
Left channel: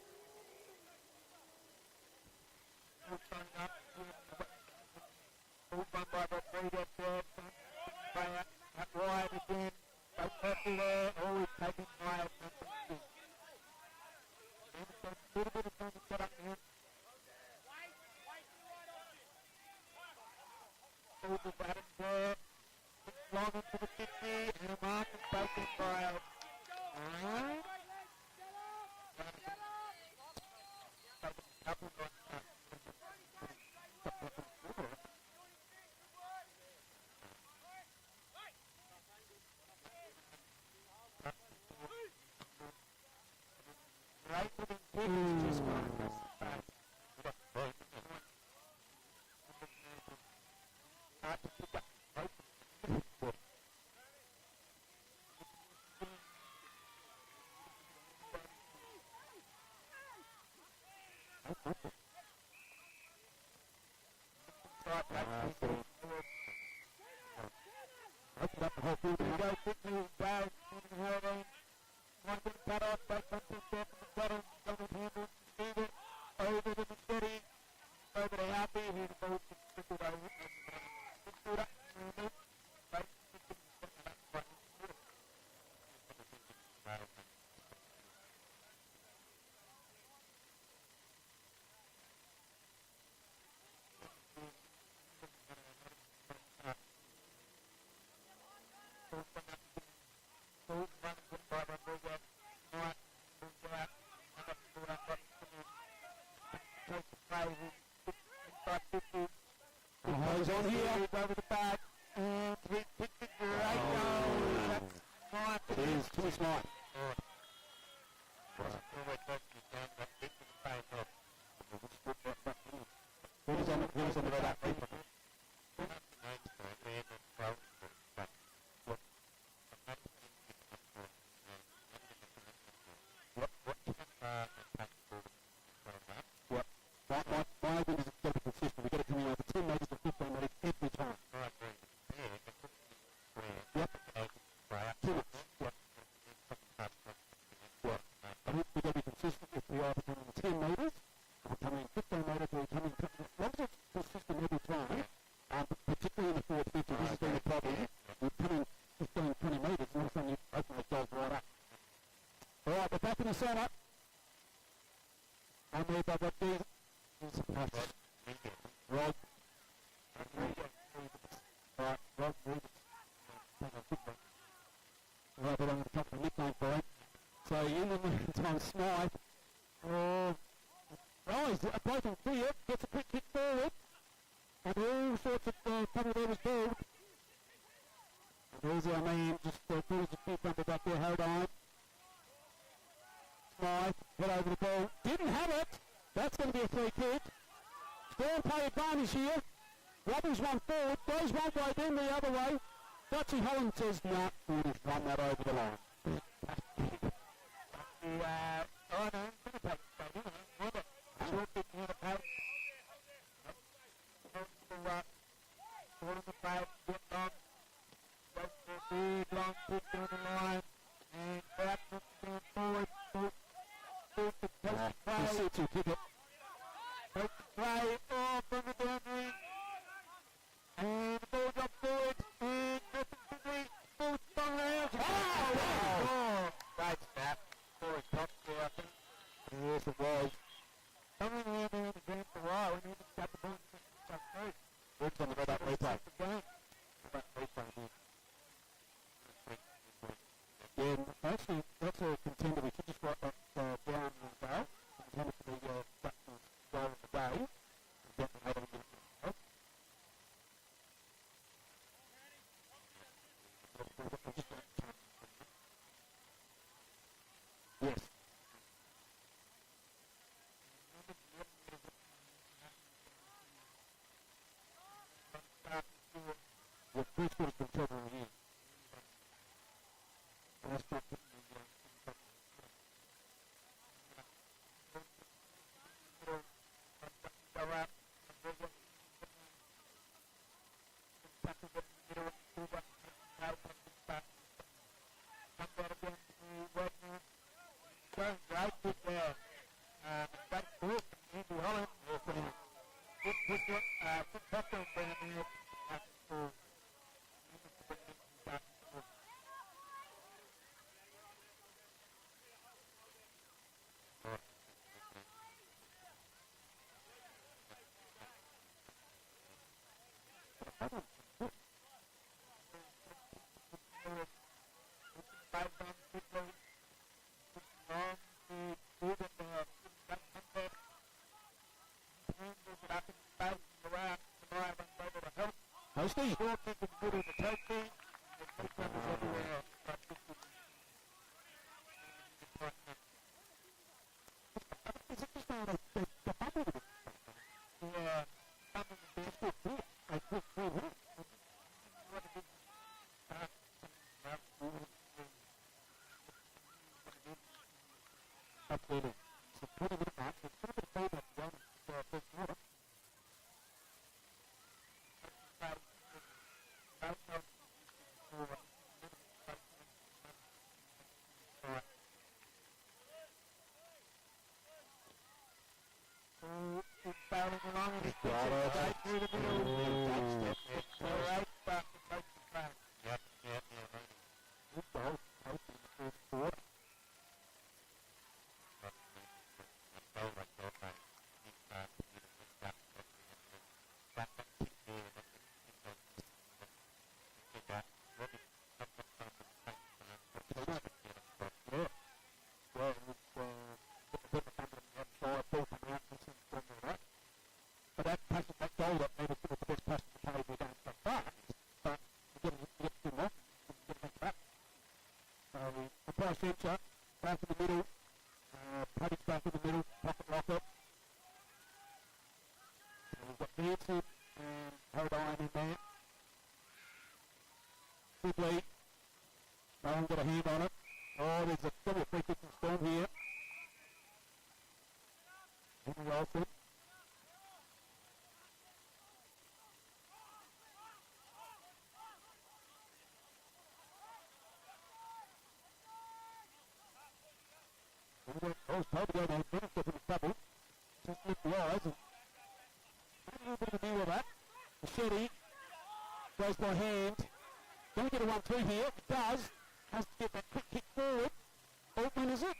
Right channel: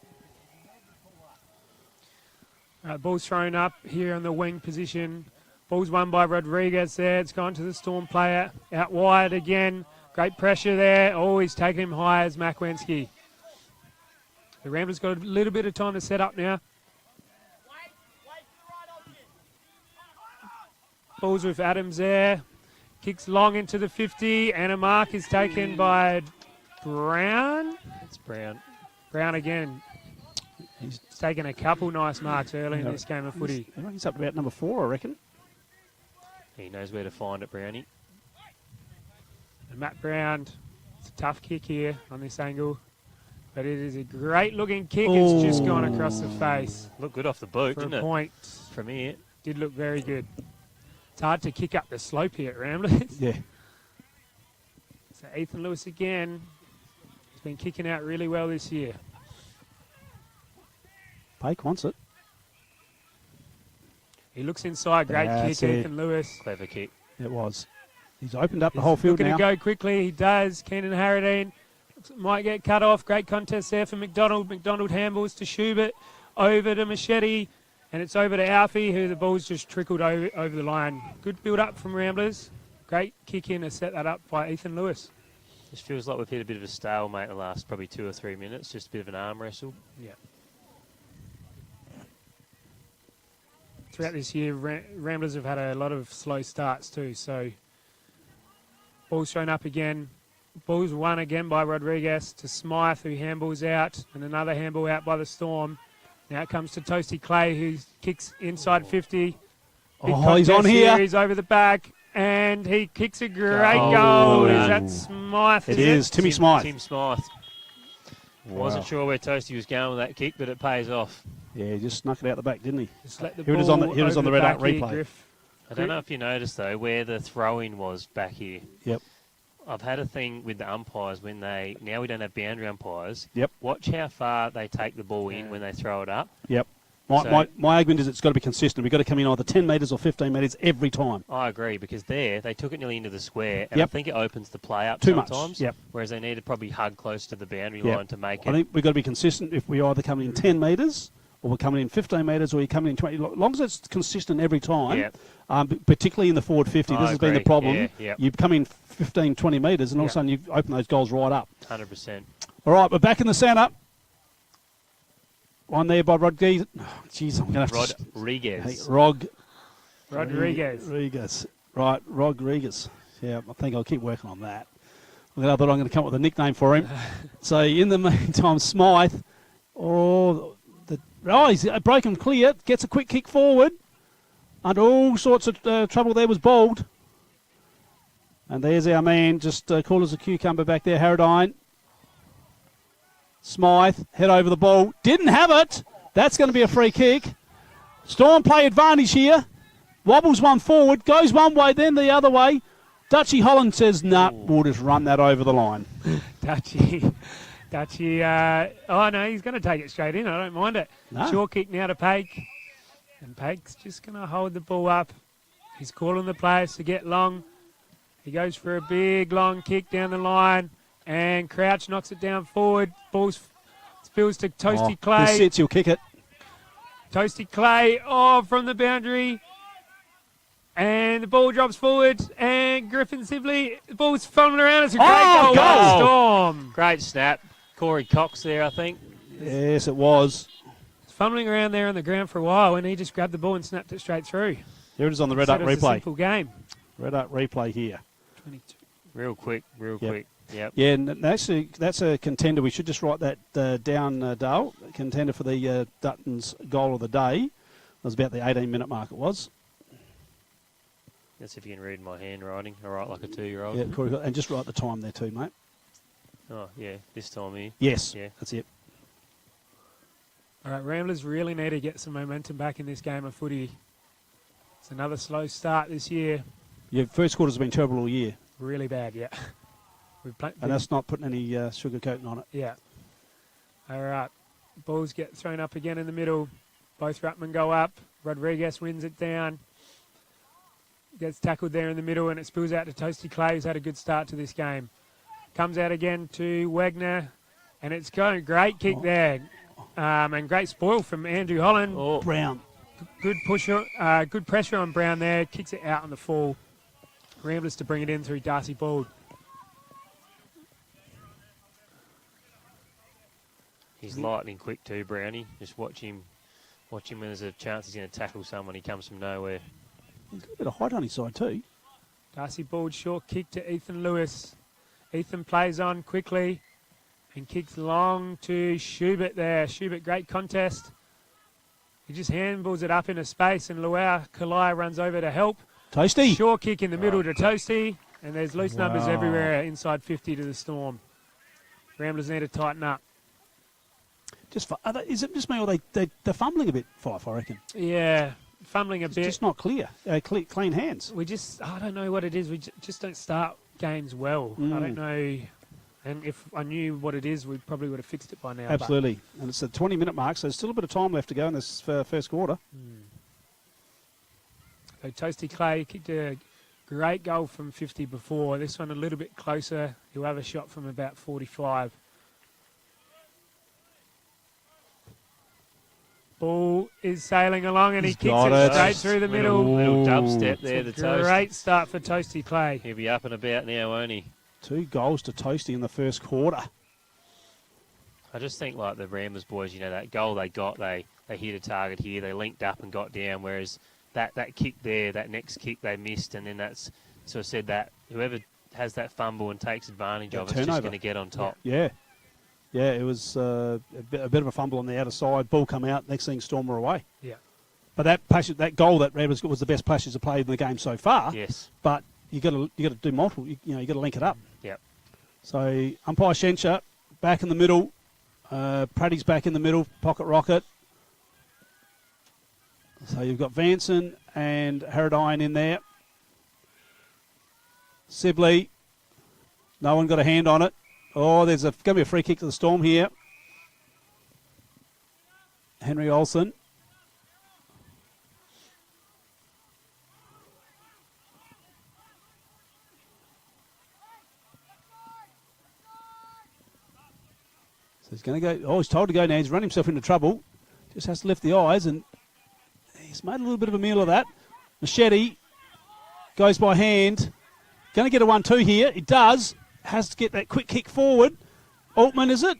Ball's thrown up here on the wing position. Ball's won by Rodriguez there. It's gone to the Storm player. Out wide again. Great pressure there. Oh, he's taken him high as Makwensky. The Ramblers got a little bit of time to set up now. Ball's with Adams there. Kicks long into the 50, and a mark is taken by Brown. It's Brown. Brown again. He's taken a couple nice marks early in this game of footy. He's up about number 4, I reckon. He knows where to find it, Brownie. And Matt Brown, it's a tough kick here on this angle. But it is a great-looking kick. It's just gone across the face. Looked good off the boot, For didn't a it? point. From here. Did look very good. It's hard to kick up the slope here at Ramblers. Yeah. So Ethan Lewis again. He's been kicking out really well this year. Pake wants it. He looks inside. Great That's kick, it. Ethan Lewis. Clever kick. It was. He's opened up the whole field Looking now. to go quickly. He does. Keenan Harradine might get cut off. Great contest there for McDonald. McDonald handballs to Schubert. Over to Machete. And it's over to Alfie, who the ball's just trickled over the line. Good build-up from Ramblers. Great kick in to set that up by Ethan Lewis. Just feels like we've hit a bit of a stalemate the last probably 2 or 3 minutes. Just a bit of an arm wrestle. Yeah. Throughout this year, Ramblers have had a lot of slow starts too. So, ball's thrown up again. Ball's won again by Rodriguez to Smythe, who handballs out, and another handball out by the Storm. Now it comes to Toasty Clay, who kicks inside 50. Big He's on here. He's over the back, and he kicks a great goal. Is that Smythe? It is. Timmy Smythe. Tim Smythe. Wasn't sure where Toasty was going with that kick, but it pays off. Yeah, he just snuck it out the back, didn't he? Just let the Here it is on the- ball here it is on over the red back out here, replay. Griff. I don't know if you noticed, though, where the throw-in was back here. Yep. I've had a thing with the umpires when now we don't have boundary umpires. Yep. Watch how far they take the ball in when they throw it up. Yep. So- My argument is it's got to be consistent. We've got to come in either 10 metres or 15 metres every time. I agree, because they took it nearly into the square, and Yep. I think it opens the play up Too much, sometimes. yep. Whereas they need to probably hug close to the boundary Yep. line to make I it. think we've got to be consistent if we either come in 10 metres or we're coming in 15 metres or you're coming in 20. As long as it's consistent every time, Yep. Particularly in the forward 50, I this has been the agree. problem. Yeah, yep. You come in 15, 20 metres and all of a Yep. sudden you open those goals right up. 100%. All right, we're back in the centre. One there by Rodriguez. Oh, jeez, I'm going to have to... Rodriguez. Rodriguez. Right, Rodriguez. Yeah, I think I'll keep working on that. I thought I'm going to come up with a nickname for him. So in the meantime, Smythe. He's broken clear. Gets a quick kick forward. Under all sorts of trouble there was Bold. And there's our man, just cool as a cucumber back there, Harradine. Smythe, head over the ball. Didn't have it. That's going to be a free kick. Storm play advantage here. Wobbles one forward, goes one way, then the other way. Dutchy Holland says, nah, we'll just run that over the line. Dutchy. Oh, no, he's going to take it straight in. I don't mind it. No. Short kick now to Pake. And Pake's just going to hold the ball up. He's calling the players to get long. He goes for a big, long kick down the line. And Crouch knocks it down forward. Ball spills to Toasty Clay. This sits, you'll kick it. Toasty Clay, from the boundary. And the ball drops forward. And Griffin Sibley, the ball's fumbling around. It's a great goal by the Storm. Great snap. Corey Cox there, I think. Yes, it was. It's fumbling around there on the ground for a while, and he just grabbed the ball and snapped it straight through. Here it is on the red up Said it was a replay. simple game. Red up replay here. 22. Real quick. Yep. Yeah, and that's a contender. We should just write that down, Dale. Contender for the Dutton's goal of the day. It was about the 18-minute mark it was. That's if you can read my handwriting. I write like a 2-year-old. Yeah, Corey, and just write the time there too, mate. Oh, yeah, this time here. Yes, Yeah. that's it. All right, Ramblers really need to get some momentum back in this game of footy. It's another slow start this year. Yeah, first quarter's been terrible all year, Really bad, yeah. and that's not putting any sugar coating on it. Yeah. All right. Balls get thrown up again in the middle. Both ruckmen go up. Rodriguez wins it down. Gets tackled there in the middle, and it spills out to Toasty Clay, who's had a good start to this game. Comes out again to Wagner, and it's got a great kick there. And great spoil from Andrew Holland. Oh, Brown. Good good pressure on Brown there. Kicks it out on the fall. Ramblers to bring it in through Darcy Bald. he's lightning quick too, Brownie. Just watch him when there's a chance he's going to tackle someone. He comes from nowhere. He's got a bit of height on his side too. Darcy Bald short kick to Ethan Lewis. Ethan plays on quickly. And kicks long to Schubert there. Schubert, great contest. He just handballs it up into space, and Luau Kalai runs over to help. Toasty. Short kick in the middle to Toasty, and there's loose numbers everywhere inside 50 to the Storm. Ramblers need to tighten up. Is it just me, or they're fumbling a bit, Fife, I reckon? Yeah, fumbling a It's bit. just not clear. Clean hands. I don't know what it is. We just don't start games well. I don't know. And if I knew what it is, we probably would have fixed it by now. Absolutely. And it's a 20-minute mark, so there's still a bit of time left to go in this first quarter. So Toasty Clay kicked a great goal from 50 before. This one a little bit closer. He'll have a shot from about 45. Ball is sailing along, and he kicks it straight through the middle. Little dubstep there, the Toast. Great start for Toasty Clay. He'll be up and about now, won't he? 2 goals to Toasty in the first quarter. I just think like the Ramblers boys, that goal they got, they hit a target here, they linked up and got down, whereas that kick there, that next kick they missed, and then that's sort of said that whoever has that fumble and takes advantage of it's just going to get on top. Yeah. Yeah, it was a bit of a fumble on the outer side. Ball come out. Next thing, Storm were away. Yeah. But that goal that Ramblers got was the best passage to play in the game so far. Yes. But you got to do multiple. You got to link it up. Yep. So umpire Shencher back in the middle. Praddy's back in the middle. Pocket rocket. So you've got Vanson and Haradine in there. Sibley. No one got a hand on it. Oh, there's going to be a free kick to the Storm here. Henry Olsen. So he's going to go. Oh, he's told to go now. He's run himself into trouble. Just has to lift the eyes, and he's made a little bit of a meal of that. Machete goes by hand. Going to get a 1-2 here. He does. Has to get that quick kick forward. Altman, is it?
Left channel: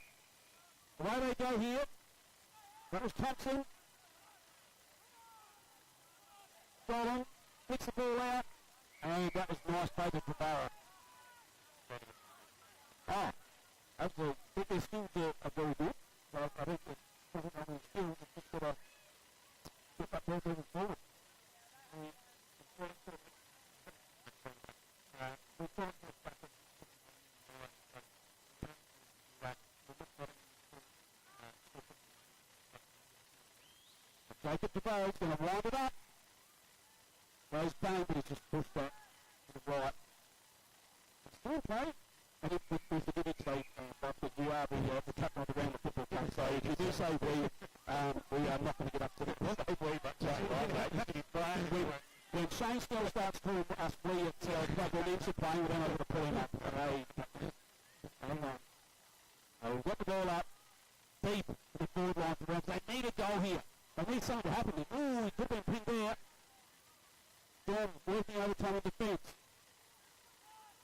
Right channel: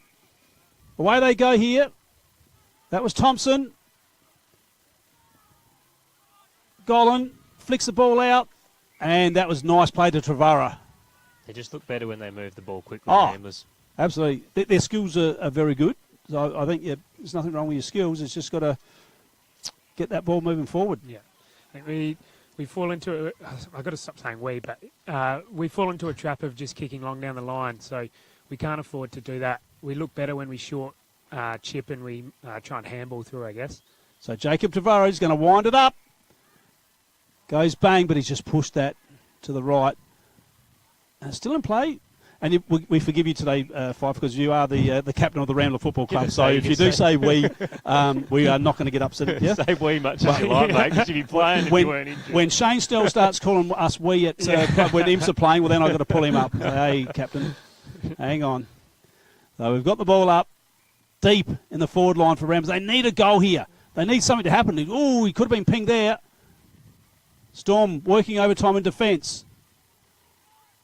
Away they go here. That was Thompson. Golan flicks the ball out, and that was nice play to Travara. They just look better when they move the ball quickly. Ramblers. Absolutely. Their skills are very good. So I think there's nothing wrong with your skills. It's just got to get that ball moving forward. Yeah. I think we fall into it. I've got to stop saying we, but we fall into a trap of just kicking long down the line. So we can't afford to do that. We look better when we short chip and we try and handball through, I guess. So Jacob Tavares is going to wind it up. Goes bang, but he's just pushed that to the right. Still in play. And we forgive you today, Fife, because you are the captain of the Rambler Football Club. So if you do say we are not going to get upset at you. Say we much as you like, mate, because you'd be playing if you weren't injured. When Shane Stell starts calling us we at when IMSA are playing, well, then I've got to pull him up. Hey, captain, hang on. So we've got the ball up deep in the forward line for Rams. They need a goal here. They need something to happen. Oh, he could have been pinged there. Storm working overtime in defence.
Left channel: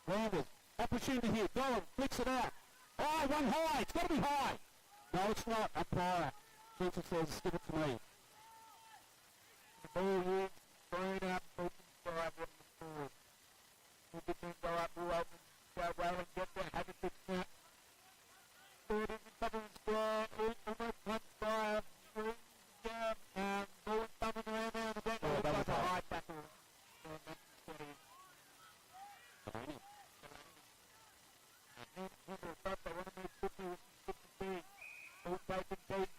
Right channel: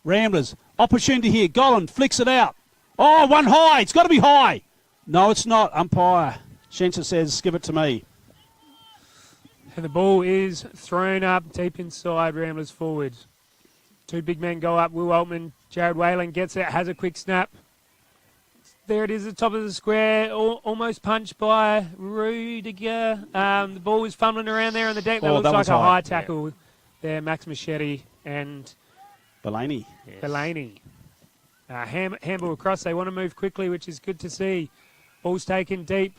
Ramblers. Opportunity here. Golan flicks it out. Oh, one high. It's got to be high. No, it's not. Umpire Shencher says, give it to me. And the ball is thrown up deep inside Ramblers forward. 2 big men go up. Will Altman, Jared Whalen gets it, has a quick snap. There it is at the top of the square. Almost punched by Rudiger. The ball was fumbling around there on the deck. That looks like a high tackle there. Max Machete and Delaney. Yes. Delaney. Handball across. They want to move quickly, which is good to see. Ball's taken deep.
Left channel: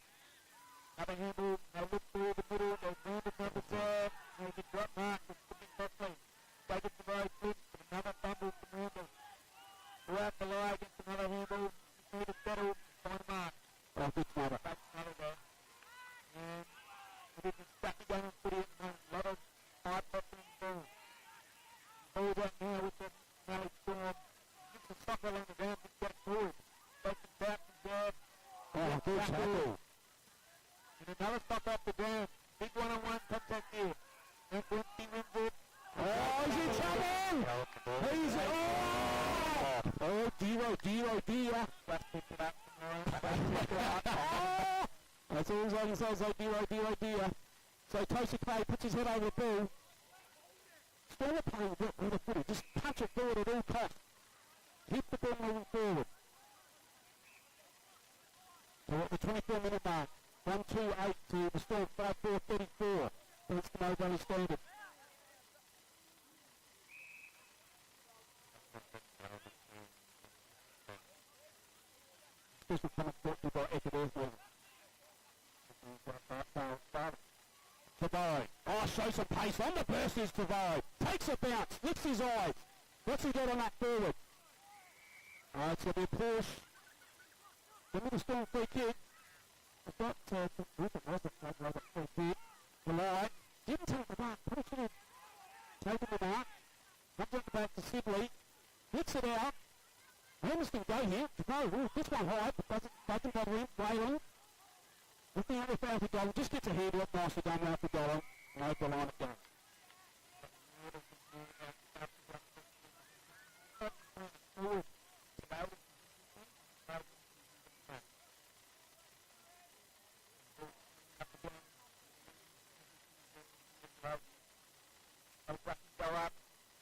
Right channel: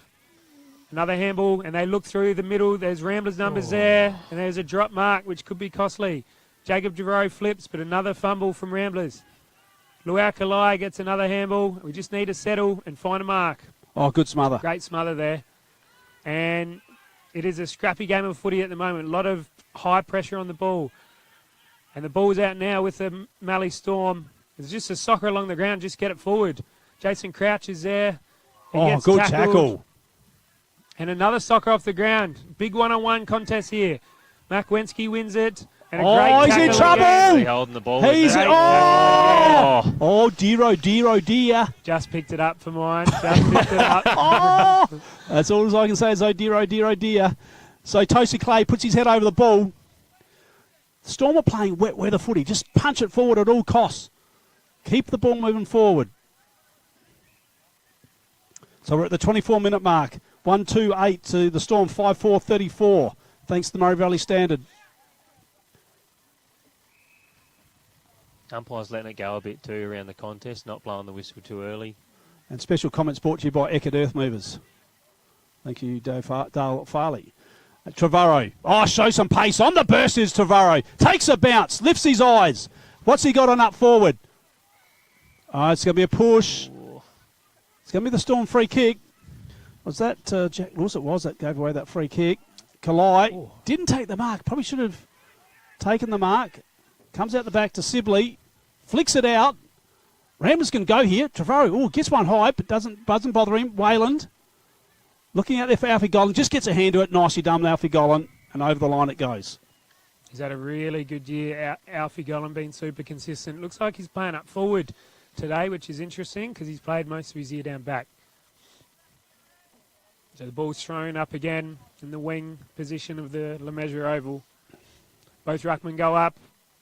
Another handball, and they look through the middle. There's Ramblers numbers there, and there's a drop mark, which could be costly. Jacob Javero flips, but another fumble from Ramblers. Luau Kalai gets another handball. We just need to settle and find a mark. Oh, good smother. Great smother there. And it is a scrappy game of footy at the moment. A lot of high pressure on the ball. And the ball's out now with the Mallee Storm. It's just a soccer along the ground. Just get it forward. Jason Crouch is there. He gets good tackled. tackle. And another soccer off the ground. Big one-on-one contest here. Mac Wensky wins it. And a great he's in tackle trouble. again. He's holding the ball. Oh, dear. Just picked it up for mine. Just picked it up. That's all I can say is oh dear. So Toasty Clay puts his head over the ball. Storm are playing wet weather footy. Just punch it forward at all costs. Keep the ball moving forward. So we're at the 24-minute mark. 1-2-8 to the Storm, 5-4-34, thanks to the Murray Valley Standard. Umpires letting it go a bit too around the contest, not blowing the whistle too early. And special comments brought to you by Eckert Earth Movers. Thank you, Dale Farley. Trevorrow. Oh, show some pace. On the burst is Trevorrow. Takes a bounce, lifts his eyes. What's he got on up forward? Oh, it's going to be a push. It's going to be the Storm free kick. Was that Jack Lewis? It was that gave away that free kick. Kalai didn't take the mark. Probably should have taken the mark. Comes out the back to Sibley. Flicks it out. Ramblers can go here. Trevorrow gets one high, but doesn't bother him. Wayland looking out there for Alfie Gollan. Just gets a hand to it. Nicely done, Alfie Gollan. And over the line it goes. He's had a really good year. Alfie Gollan being super consistent. Looks like he's playing up forward today, which is interesting because he's played most of his year down back. So the ball's thrown up again in the wing position of the Le Mesurier Oval. Both ruckmen go up.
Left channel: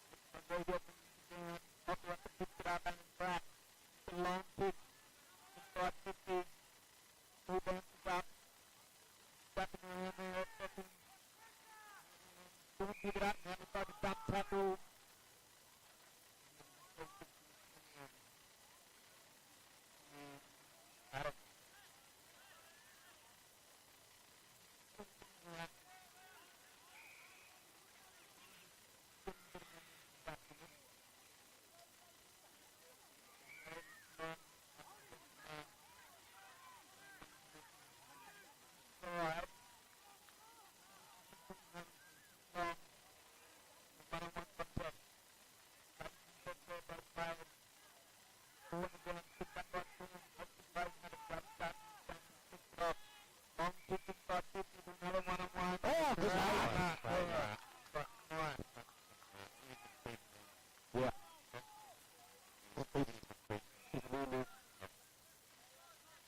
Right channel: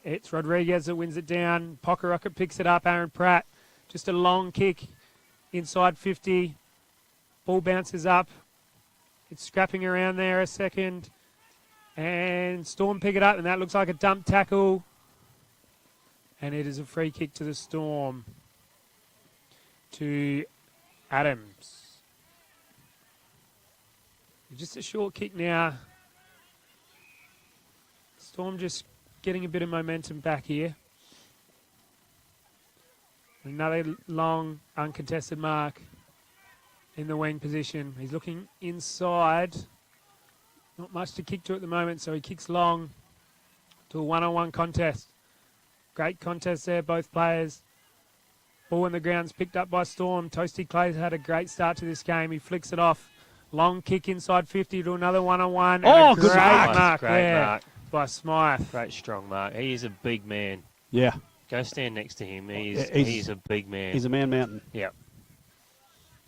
It's Rodriguez that wins it down. Pocker picks it up. Aaron Pratt. Just a long kick inside 50. Ball bounces up. It's scrapping around there a second. And Storm pick it up, and that looks like a dump tackle. And it is a free kick to the Storm. To Adams. Just a short kick now. Storm just getting a bit of momentum back here. Another long, uncontested mark in the wing position. He's looking inside. Not much to kick to at the moment, so he kicks long to a one-on-one contest. Great contest there, both players. Ball in the ground's picked up by Storm. Toasty Clay's had a great start to this game. He flicks it off. Long kick inside 50 to another one-on-one. Oh, good mark Great there mark by Smythe. Great strong mark. He is a big man. Yeah. Go stand next to him. He's a big man. He's a man mountain. Yeah.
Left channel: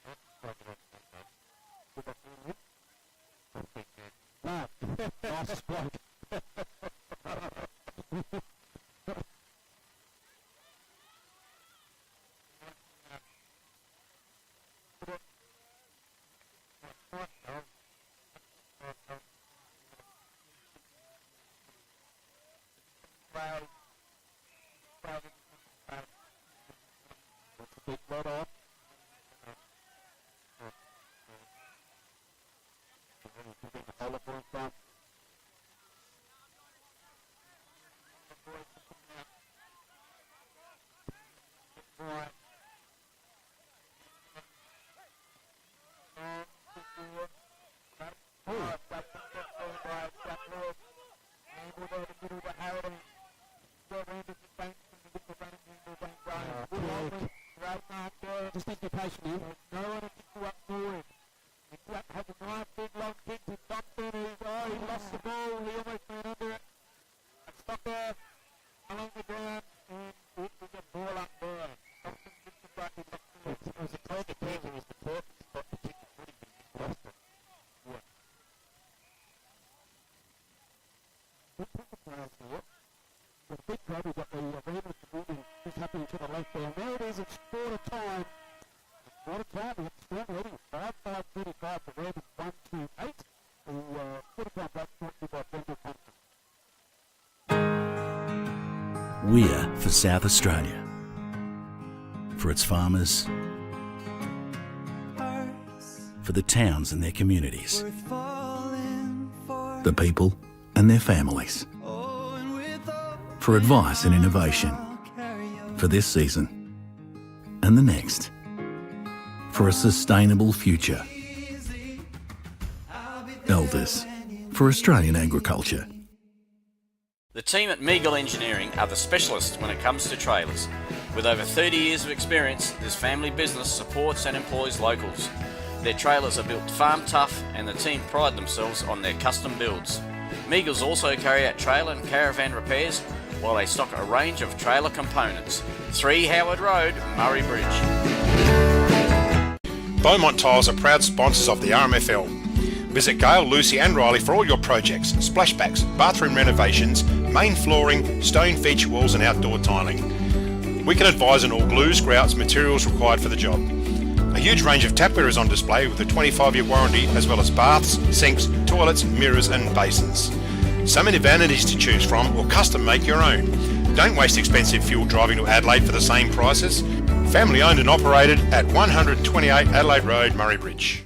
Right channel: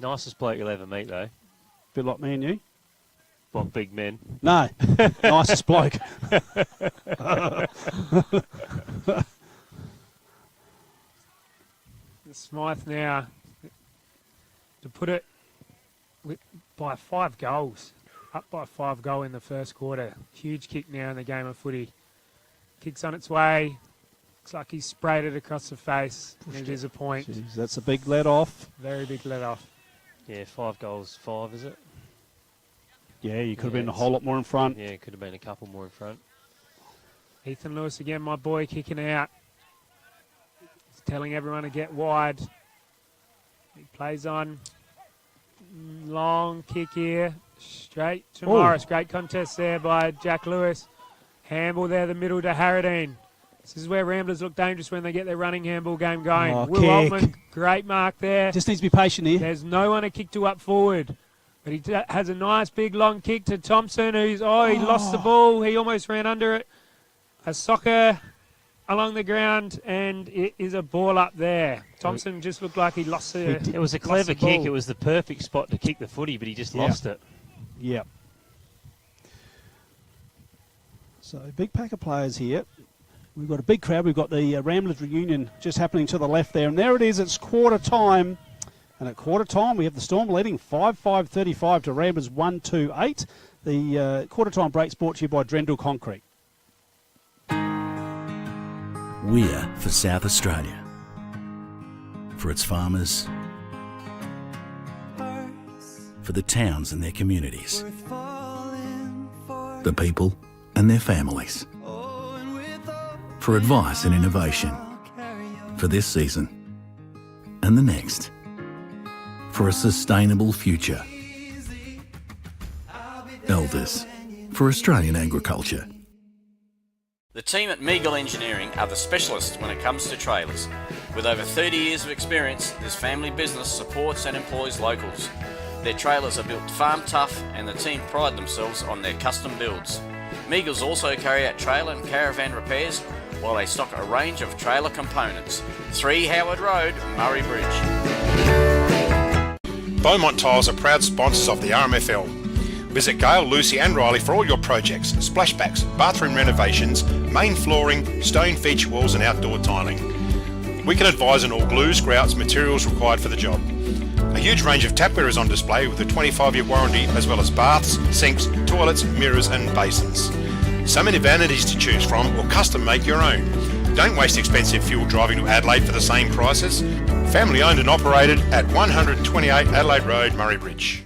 Nicest bloke you'll ever meet, though. Bit like me and you. Well, big men. No. Nicest bloke. Smythe now to put it by 5 goals. Up by 5 goal in the first quarter. Huge kick now in the game of footy. Kicks on its way. Looks like he sprayed it across the face. It is a point. Jeez, that's a big let off. Very big let off. Yeah, 5 goals, 5, is it? Yeah, you could have Yeah, been a whole lot more in front. Yeah, could have been a couple more in front. Ethan Lewis again, my boy, kicking out. He's telling everyone to get wide. He plays on. Long kick here. Straight to Morris. Great contest there by Jack Lewis. Handball there, the middle to Harradine. This is where Ramblers look dangerous when they get their running handball game going. Will kick. Altman, great mark there. Just needs to be patient here. There's no one to kick to up forward. But he has a nice big long kick to Thompson, who's, he lost the ball. He almost ran under it. A soccer along the ground, and it is a ball up there. Thompson just looked like he lost it. It was a clever kick. It was the perfect spot to kick the footy, but he just lost it. Yep. So, big pack of players here. We've got a big crowd. We've got the Ramblers reunion just happening to the left there. And there it is. It's quarter time. And at quarter time, we have the Storm leading 5-5-35 to Ramblers 1-2-8. The quarter time break's brought to you by Drendel Concrete. We're for South Australia. For its farmers. For the towns and their communities. The people and their families. For advice and innovation. For this season and the next. For a sustainable future. Elders. For Australian agriculture. The team at Meagle Engineering are the specialists when it comes to trailers. With over 30 years of experience, this family business supports and employs locals. Their trailers are built farm tough and the team pride themselves on their custom builds. Meagles also carry out trailer and caravan repairs while they stock a range of trailer components. 3 Howard Road, Murray Bridge. Beaumont Tiles are proud sponsors of the RMFL. Visit Gail, Lucy and Riley for all your projects, splashbacks, bathroom renovations, main flooring, stone feature walls and outdoor tiling. We can advise on all glues, grouts, materials required for the job. A huge range of tapware is on display with a 25-year warranty, as well as baths, sinks, toilets, mirrors and basins. So many vanities to choose from, or custom make your own. Don't waste expensive fuel driving to Adelaide for the same prices. Family owned and operated at 128 Adelaide Road, Murray Bridge.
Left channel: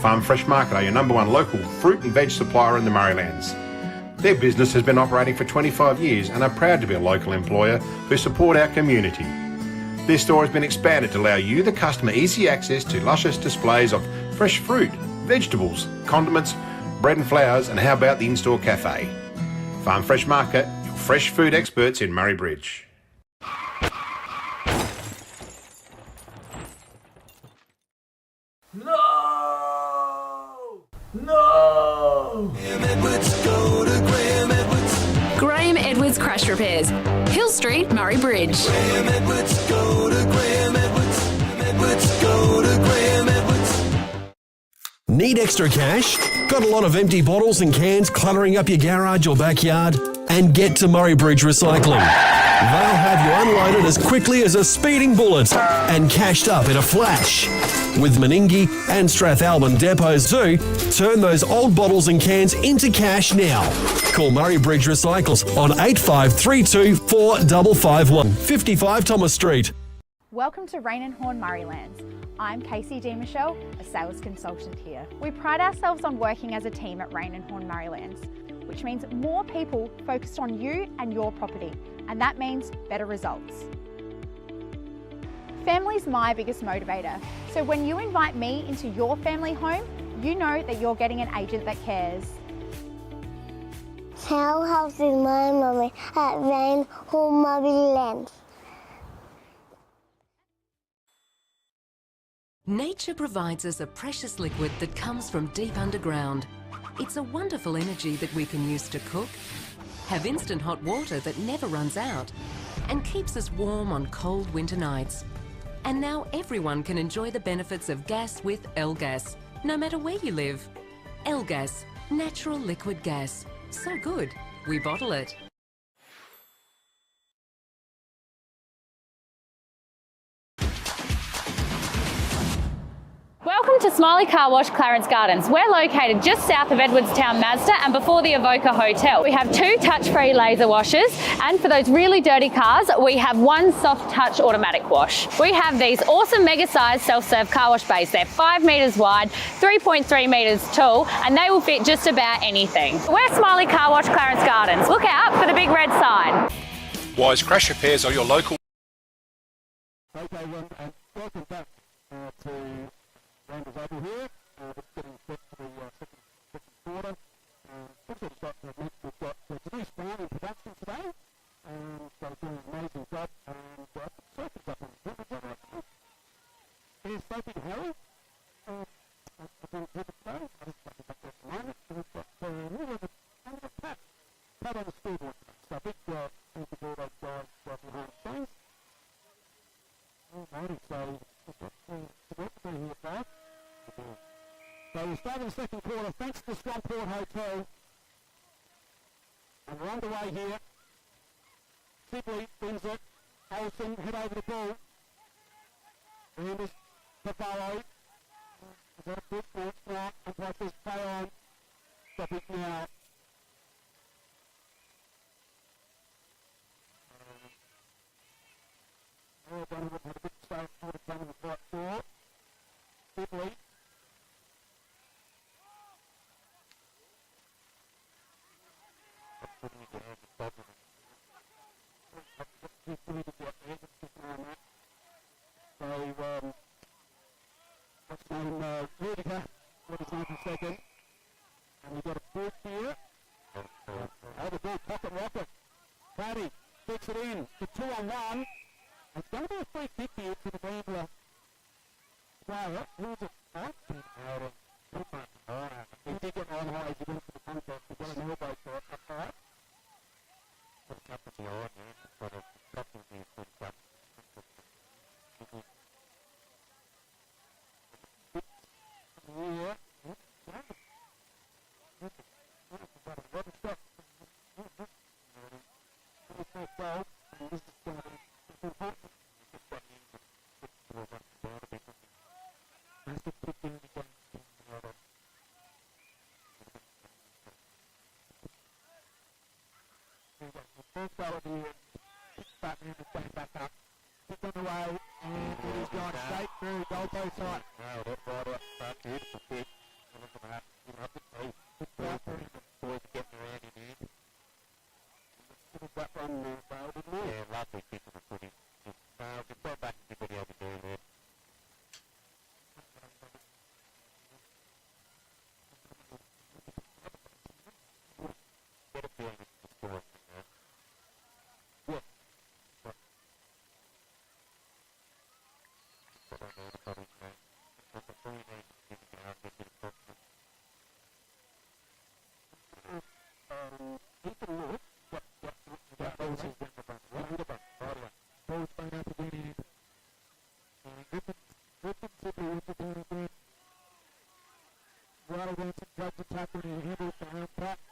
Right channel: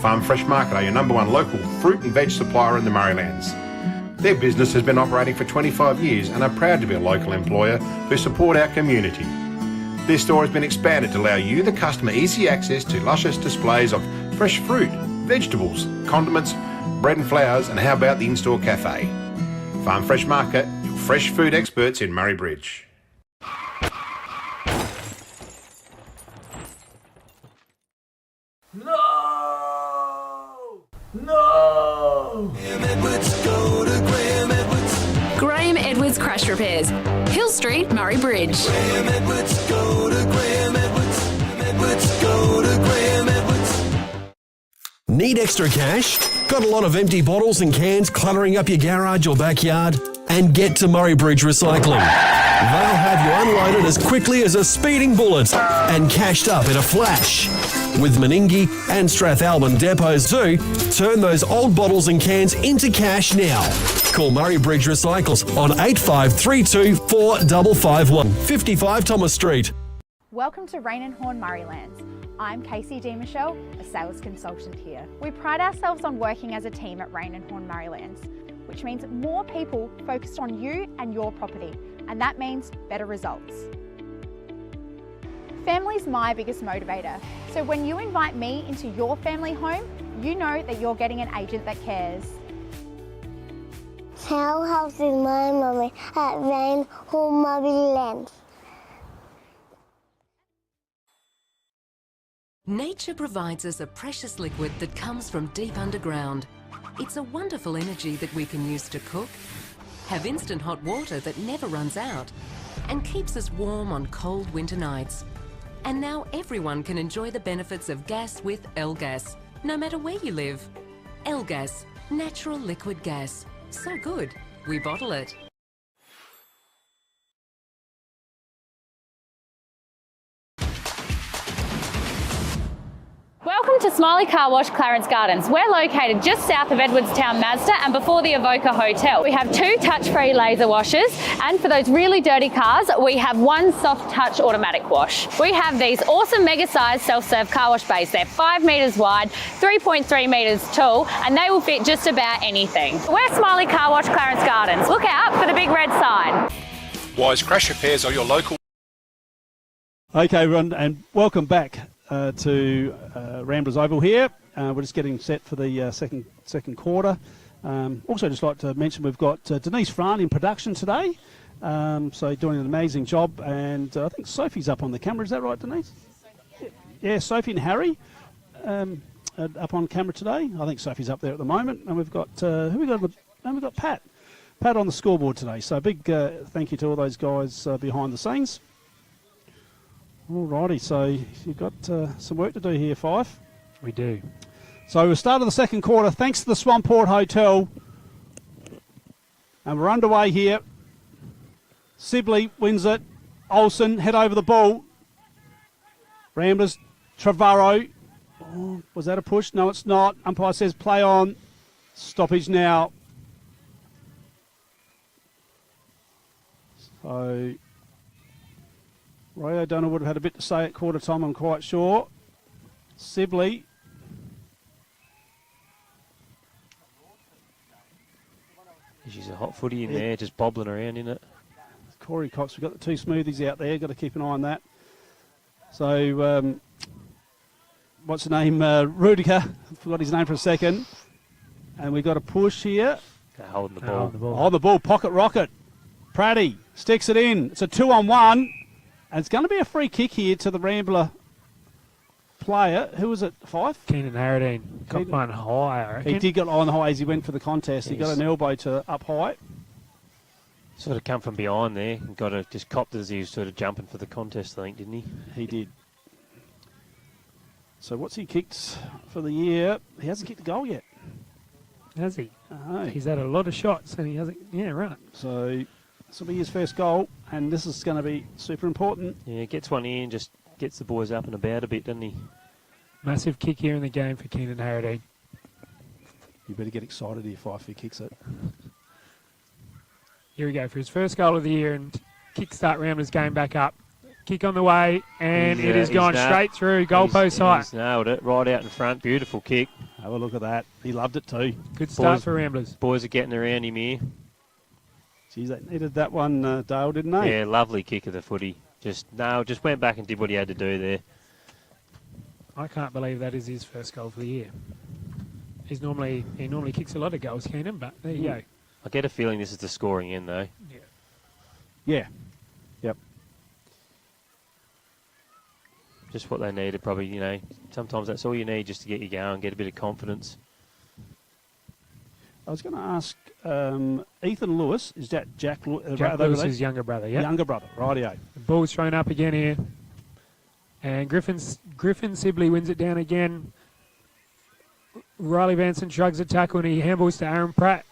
Farm Fresh Market are your number one local fruit and veg supplier in the Murraylands. Their business has been operating for 25 years and are proud to be a local employer who support our community. Their store has been expanded to allow you, the customer, easy access to luscious displays of fresh fruit, vegetables, condiments, bread and flowers, and how about the in-store cafe? Farm Fresh Market, your fresh food experts in Murray Bridge. Graham Edwards Crash Repairs, Hill Street, Murray Bridge. Need extra cash? Got a lot of empty bottles and cans cluttering up your garage or backyard? And get to Murray Bridge Recycling. They'll have you unloaded as quickly as a speeding bullet and cashed up in a flash. With Meningie and Strathalbyn depots too, turn those old bottles and cans into cash now. Call Murray Bridge Recycles on 8532 4551, 55 Thomas Street. Welcome to Rain and Horn Murraylands. I'm Casey D. Michelle, a sales consultant here. We pride ourselves on working as a team at Rain and Horn Murraylands, which means more people focused on you and your property, and that means better results. Family's my biggest motivator, so when you invite me into your family home, you know that you're getting an agent that cares. How helps is my mummy at Rain Horn Murraylands? Nature provides us a precious liquid that comes from deep underground. It's a wonderful energy that we can use to cook, have instant hot water that never runs out, and keeps us warm on cold winter nights. And now everyone can enjoy the benefits of gas with L-Gas, no matter where you live. L-Gas, natural liquid gas. So good, we bottle it. Welcome to Smiley Car Wash, Clarence Gardens. We're located just south of Edwardstown Mazda and before the Evoca Hotel. We have 2 touch-free laser washers, and for those really dirty cars, we have 1 soft touch automatic wash. We have these awesome mega-sized self-serve car wash bays. They're 5 metres wide, 3.3 metres tall, and they will fit just about anything. We're Smiley Car Wash, Clarence Gardens. Look out for the big red sign. Wise Crash Repairs are your local... Okay, everyone, and welcome back to Ramblers Oval here. We're just getting set for the second quarter. Also, just like to mention we've got Denise Fran in production today, so doing an amazing job. And I think Sophie's up on the camera. Is that right, Denise? Yeah, Sophie and Harry up on camera today. I think Sophie's up there at the moment. And we've got who we got? And we've got Pat on the scoreboard today. So a big thank you to all those guys behind the scenes. Alrighty, so you've got some work to do here, Fife. We do. So we're starting the second quarter thanks to the Swamport Hotel. And we're underway here. Sibley wins it. Olsen head over the ball. Ramblers, Trevorrow. Oh, was that a push? No, it's not. Umpire says play on. Stoppage now. So... Ray O'Donnell would have had a bit to say at quarter time, I'm quite sure. Sibley. She's a hot footy in there, just bobbling around in it. Corey Cox, we've got the 2 smoothies out there, got to keep an eye on that. So, what's the name? Rudiger, forgot his name for a second. And we've got a push here. Holding the ball. Oh, the ball, pocket rocket. Pratty sticks it in. It's a 2-on-1. And it's going to be a free kick here to the Rambler player. Who was it, Fife? Keenan Harradine. Got one high, I reckon. He did get on high as he went for the contest. He got an elbow to up high. Sort of come from behind there and got to just copped as he was sort of jumping for the contest, I think, didn't he? He did. So what's he kicked for the year? He hasn't kicked a goal yet. Has he? No. He's had a lot of shots and he hasn't. Yeah, right. So this will be his first goal, and this is going to be super important. Yeah, gets one in, just gets the boys up and about a bit, doesn't he? Massive kick here in the game for Keenan Harradine. You better get excited if Fifey kicks it. Here we go for his first goal of the year and kickstart Ramblers game back up. Kick on the way, and it has gone straight through goalpost height. He's nailed it right out in front. Beautiful kick. Have a look at that. He loved it too. Good start for Ramblers. Boys are getting around him here. Geez, they needed that one, Dale, didn't they? Yeah, lovely kick of the footy. Just went back and did what he had to do there. I can't believe that is his first goal for the year. He normally kicks a lot of goals, Keenan, but there you go. I get a feeling this is the scoring end, though. Yeah. Yep. Just what they needed, probably, you know. Sometimes that's all you need just to get you going, get a bit of confidence. I was going to ask Ethan Lewis, is that Jack Lewis's younger brother, yeah. Younger brother, rightio. The ball's thrown up again here. And Griffin Sibley wins it down again. Riley Vanson shrugs a tackle and he handballs to Aaron Pratt,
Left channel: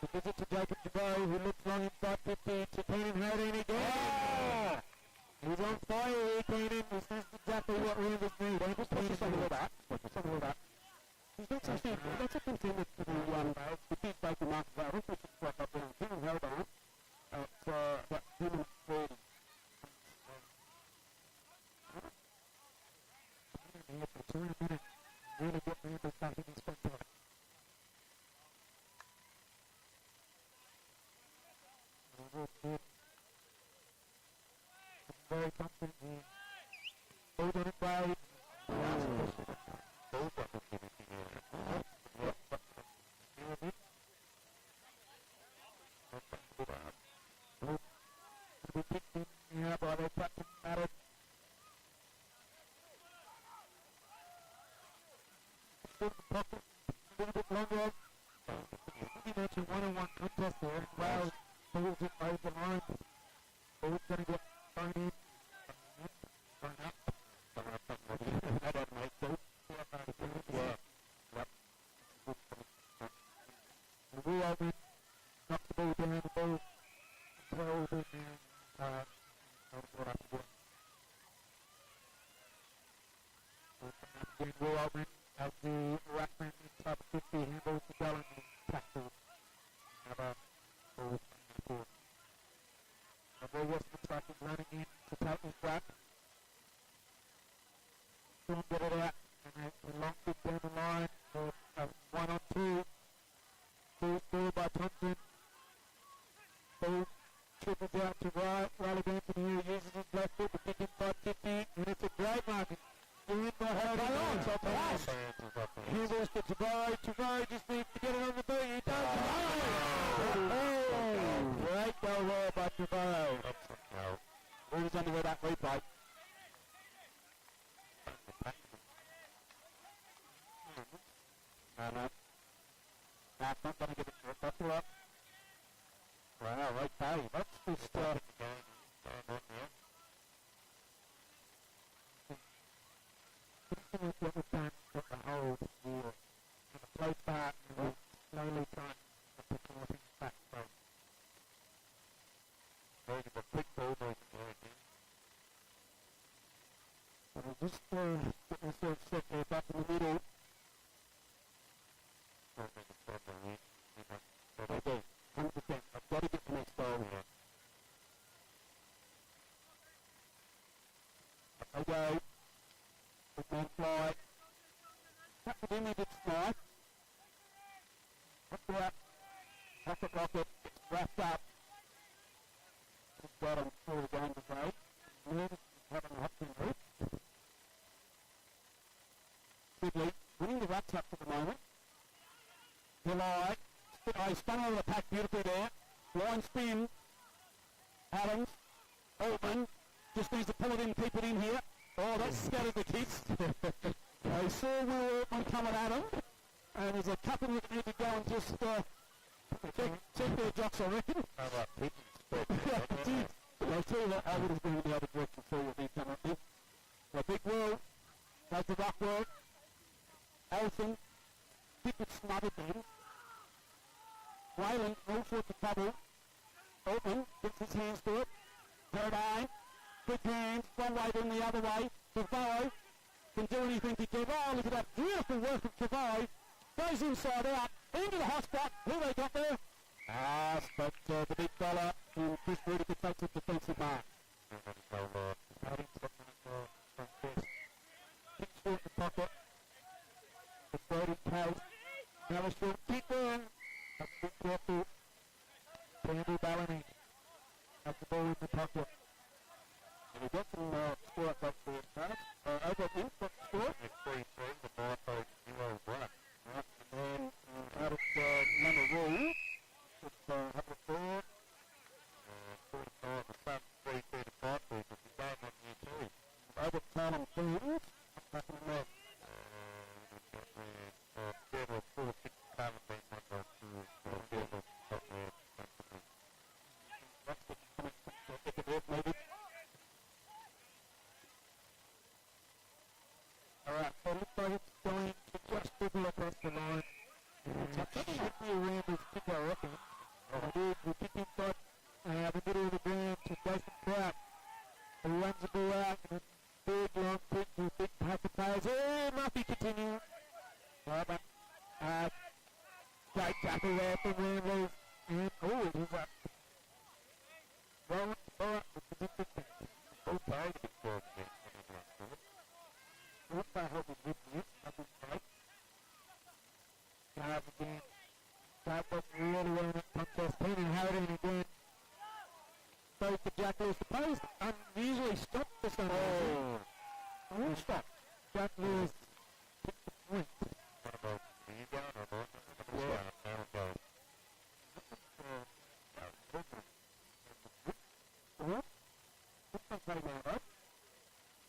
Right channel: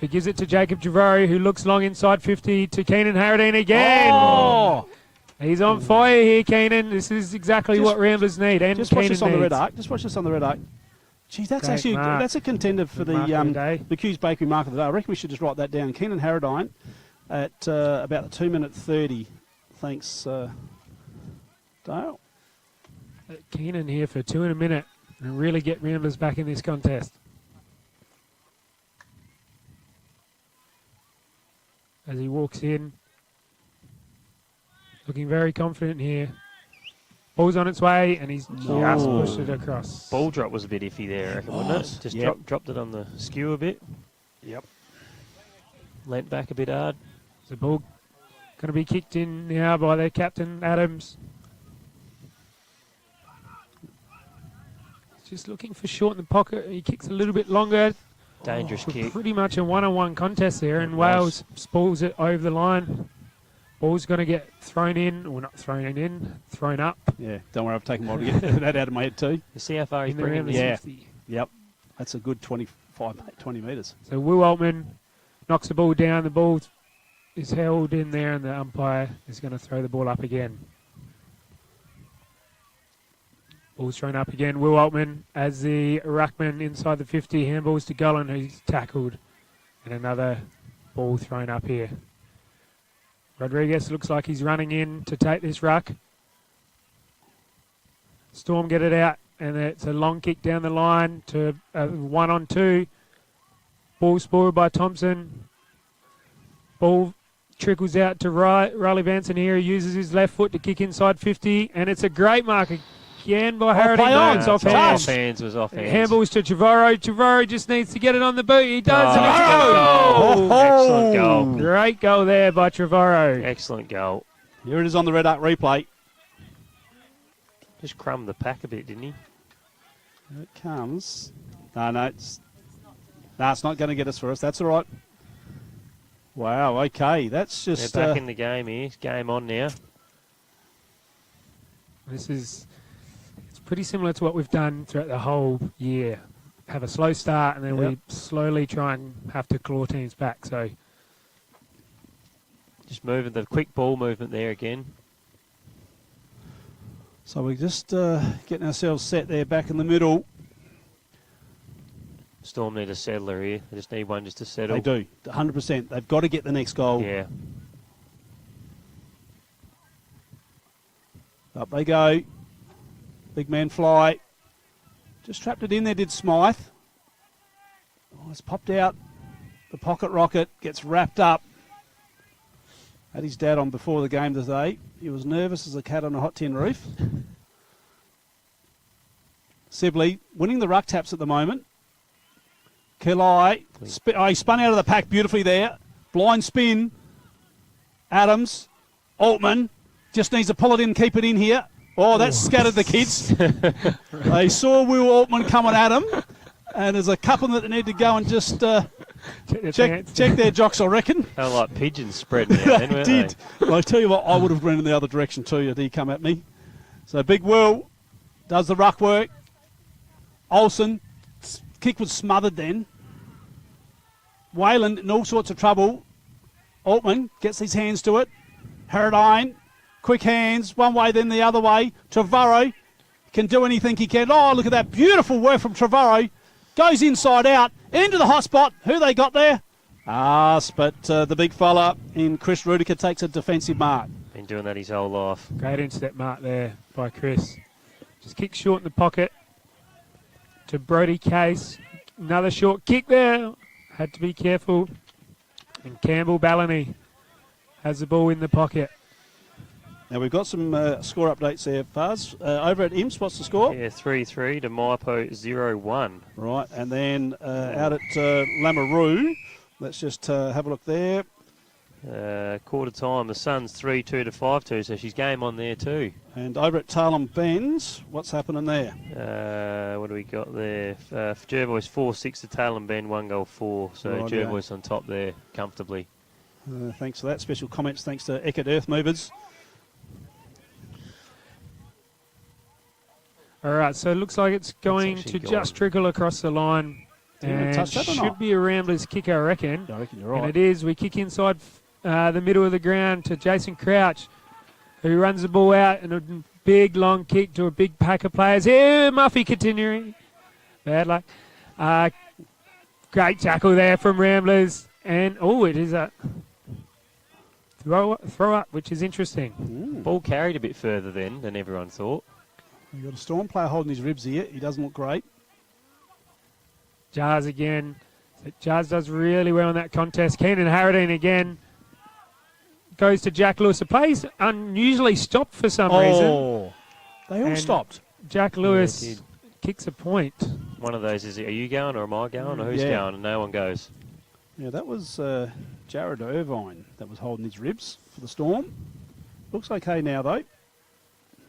who gives it to Jacob Javori, who looks long inside 50 to Keenan Harradine again. Oh! He's on fire here, Keenan. This is exactly what Ramblers need. And just watch Keenan this on the red needs. arc. Just watch this on the red arc. Geez, that's Great actually mark. that's a contender for Good mark of the day. the Q's Bakery Mark of the Day. I reckon we should just write that down. Keenan Harradine at about the 2 minute 30. Thanks, Dale. Keenan here for 2 in a minute and really get Ramblers back in this contest. As he walks in, looking very confident here. Ball's on its way, and he's just pushed it across. Ball drop was a bit iffy there, I reckon, wasn't it? Just dropped it on the skew a bit. Yep. Leant back a bit hard. The ball going to be kicked in now by their captain, Adams. Just looking for short in the pocket. He kicks a little bit longer. Dangerous kick. Pretty much a one-on-one contest there, and Wales spools it over the line. Ball's going to get thrown in, or not thrown in, thrown up. Yeah, don't worry, I've taken a while to get that out of my head too. You see how far he's In the bringing Ramblers it? 50. Yep, that's a good 20 metres. So Will Altman knocks the ball down. The ball is held in there, and the umpire is going to throw the ball up again. Ball's thrown up again. Will Altman as the ruckman inside the 50. Handballs to Gullen, who's tackled. And another ball thrown up here. Rodriguez looks like he's running in to take this ruck. Storm get it out, and it's a long kick down the line to 1-on-2. Ball spoiled by Thompson. Ball trickles out to Riley Vanson here. He uses his left foot to kick inside 50, and it's a great mark again by Harradine. No, it's off hands. It was off hands. Handballs to Trevorrow. Trevorrow just needs to get it on the boot. He does. Oh, and it's a goal. Excellent goal. Great goal there by Trevorrow. Excellent goal. Here it is on the red arc replay. Just crumbed the pack a bit, didn't he? Here it comes. No, it's not going to get us for us. That's all right. Wow, okay. That's just... They're back in the game here. It's game on now. It's pretty similar to what we've done throughout the whole year. Have a slow start, and then we slowly try and have to claw teams back. So just moving the quick ball movement there again. So we're just getting ourselves set there back in the middle. Storm need a settler here. They just need one just to settle. They do, 100%. They've got to get the next goal. Yeah. Up they go. Big man fly. Just trapped it in there, did Smythe. Oh, it's popped out. The pocket rocket gets wrapped up. Had his dad on before the game today. He was nervous as a cat on a hot tin roof. Sibley winning the ruck taps at the moment. Kelly, he spun out of the pack beautifully there. Blind spin. Adams. Altman just needs to pull it in, keep it in here. Oh, that scattered the kids. They saw Will Altman coming at him, and there's a couple that need to go and just Check their jocks, I reckon. They were like pigeons spreading out then, weren't Did. they? Well, I tell you what, I would have run in the other direction too if he come at me. So Big Will does the ruck work. Olsen, kick was smothered then. Wayland in all sorts of trouble. Altman gets his hands to it. Harradine, quick hands, one way then the other way. Trevorrow can do anything he can. Oh, look at that beautiful work from Trevorrow. Goes inside out, into the hot spot. Who they got there? Us, but the big fella in Chris Rudiker takes a defensive mark. Been doing that his whole life. Great intercept mark there by Chris. Just kick short in the pocket to Brody Case. Another short kick there. Had to be careful. And Campbell Ballany has the ball in the pocket. Now we've got some score updates there, Faz. Over at Imps, what's the score? Yeah, 3-3 to Maipo 0-1. Right, and then out at Lameroo, let's just have a look there. Quarter time, the Suns 3-2 to 5-2, so she's game on there too. And over at Tarlem Bends, what's happening there? What do we got there? Jervois 4-6 to Tarlem Bend, 1 goal 4. So Right, Jervois on top there comfortably. Thanks for that. Special comments thanks to Eckert Earth Movers. All right, so it looks like it's going to just trickle across the line. And touch that or should not? be a Ramblers kick, I reckon. I reckon you're right. And it is. We kick inside the middle of the ground to Jason Crouch, who runs the ball out and a big long kick to a big pack of players. Here, Muffy continuing. Bad luck. Great tackle there from Ramblers. And, it is a throw up, which is interesting. Ball carried a bit further then than everyone thought. You've got a Storm player holding his ribs here. He doesn't look great. Jars again. Jars does really well in that contest. Keenan Harradine again. Goes to Jack Lewis. The play's unusually stopped for some reason. They all stopped. Jack Lewis kicks a point. One of those is, are you going or am I going or who's going? And no one goes. Yeah, that was Jared Irvine that was holding his ribs for the Storm. Looks okay now, though.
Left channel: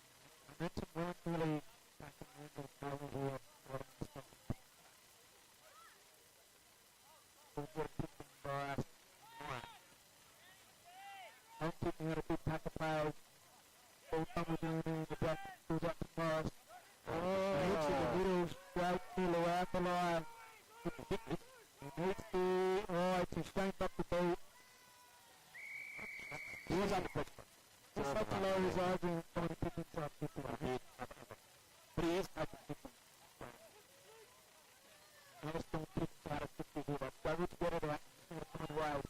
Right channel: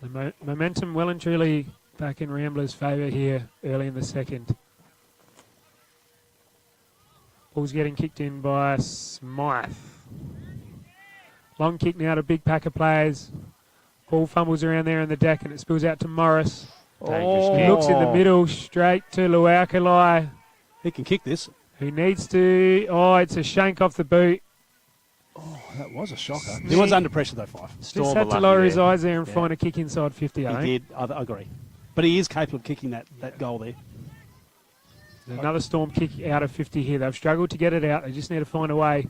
The momentum well and truly back in Ramblers' favour here early in the second. Ball's getting kicked in by Smythe. Long kick now to big pack of players. Ball fumbles around there in the deck and it spills out to Morris. He looks in the middle straight to Luaukalai. He can kick this. Who needs to... it's a shank off the boot. That was a shocker. He was under pressure, though, Fife. Just had to lower his eyes there and find a kick inside 50, I think. He did. I agree. But he is capable of kicking that goal there. Another Storm kick out of 50 here. They've struggled to get it out. They just need to find a way.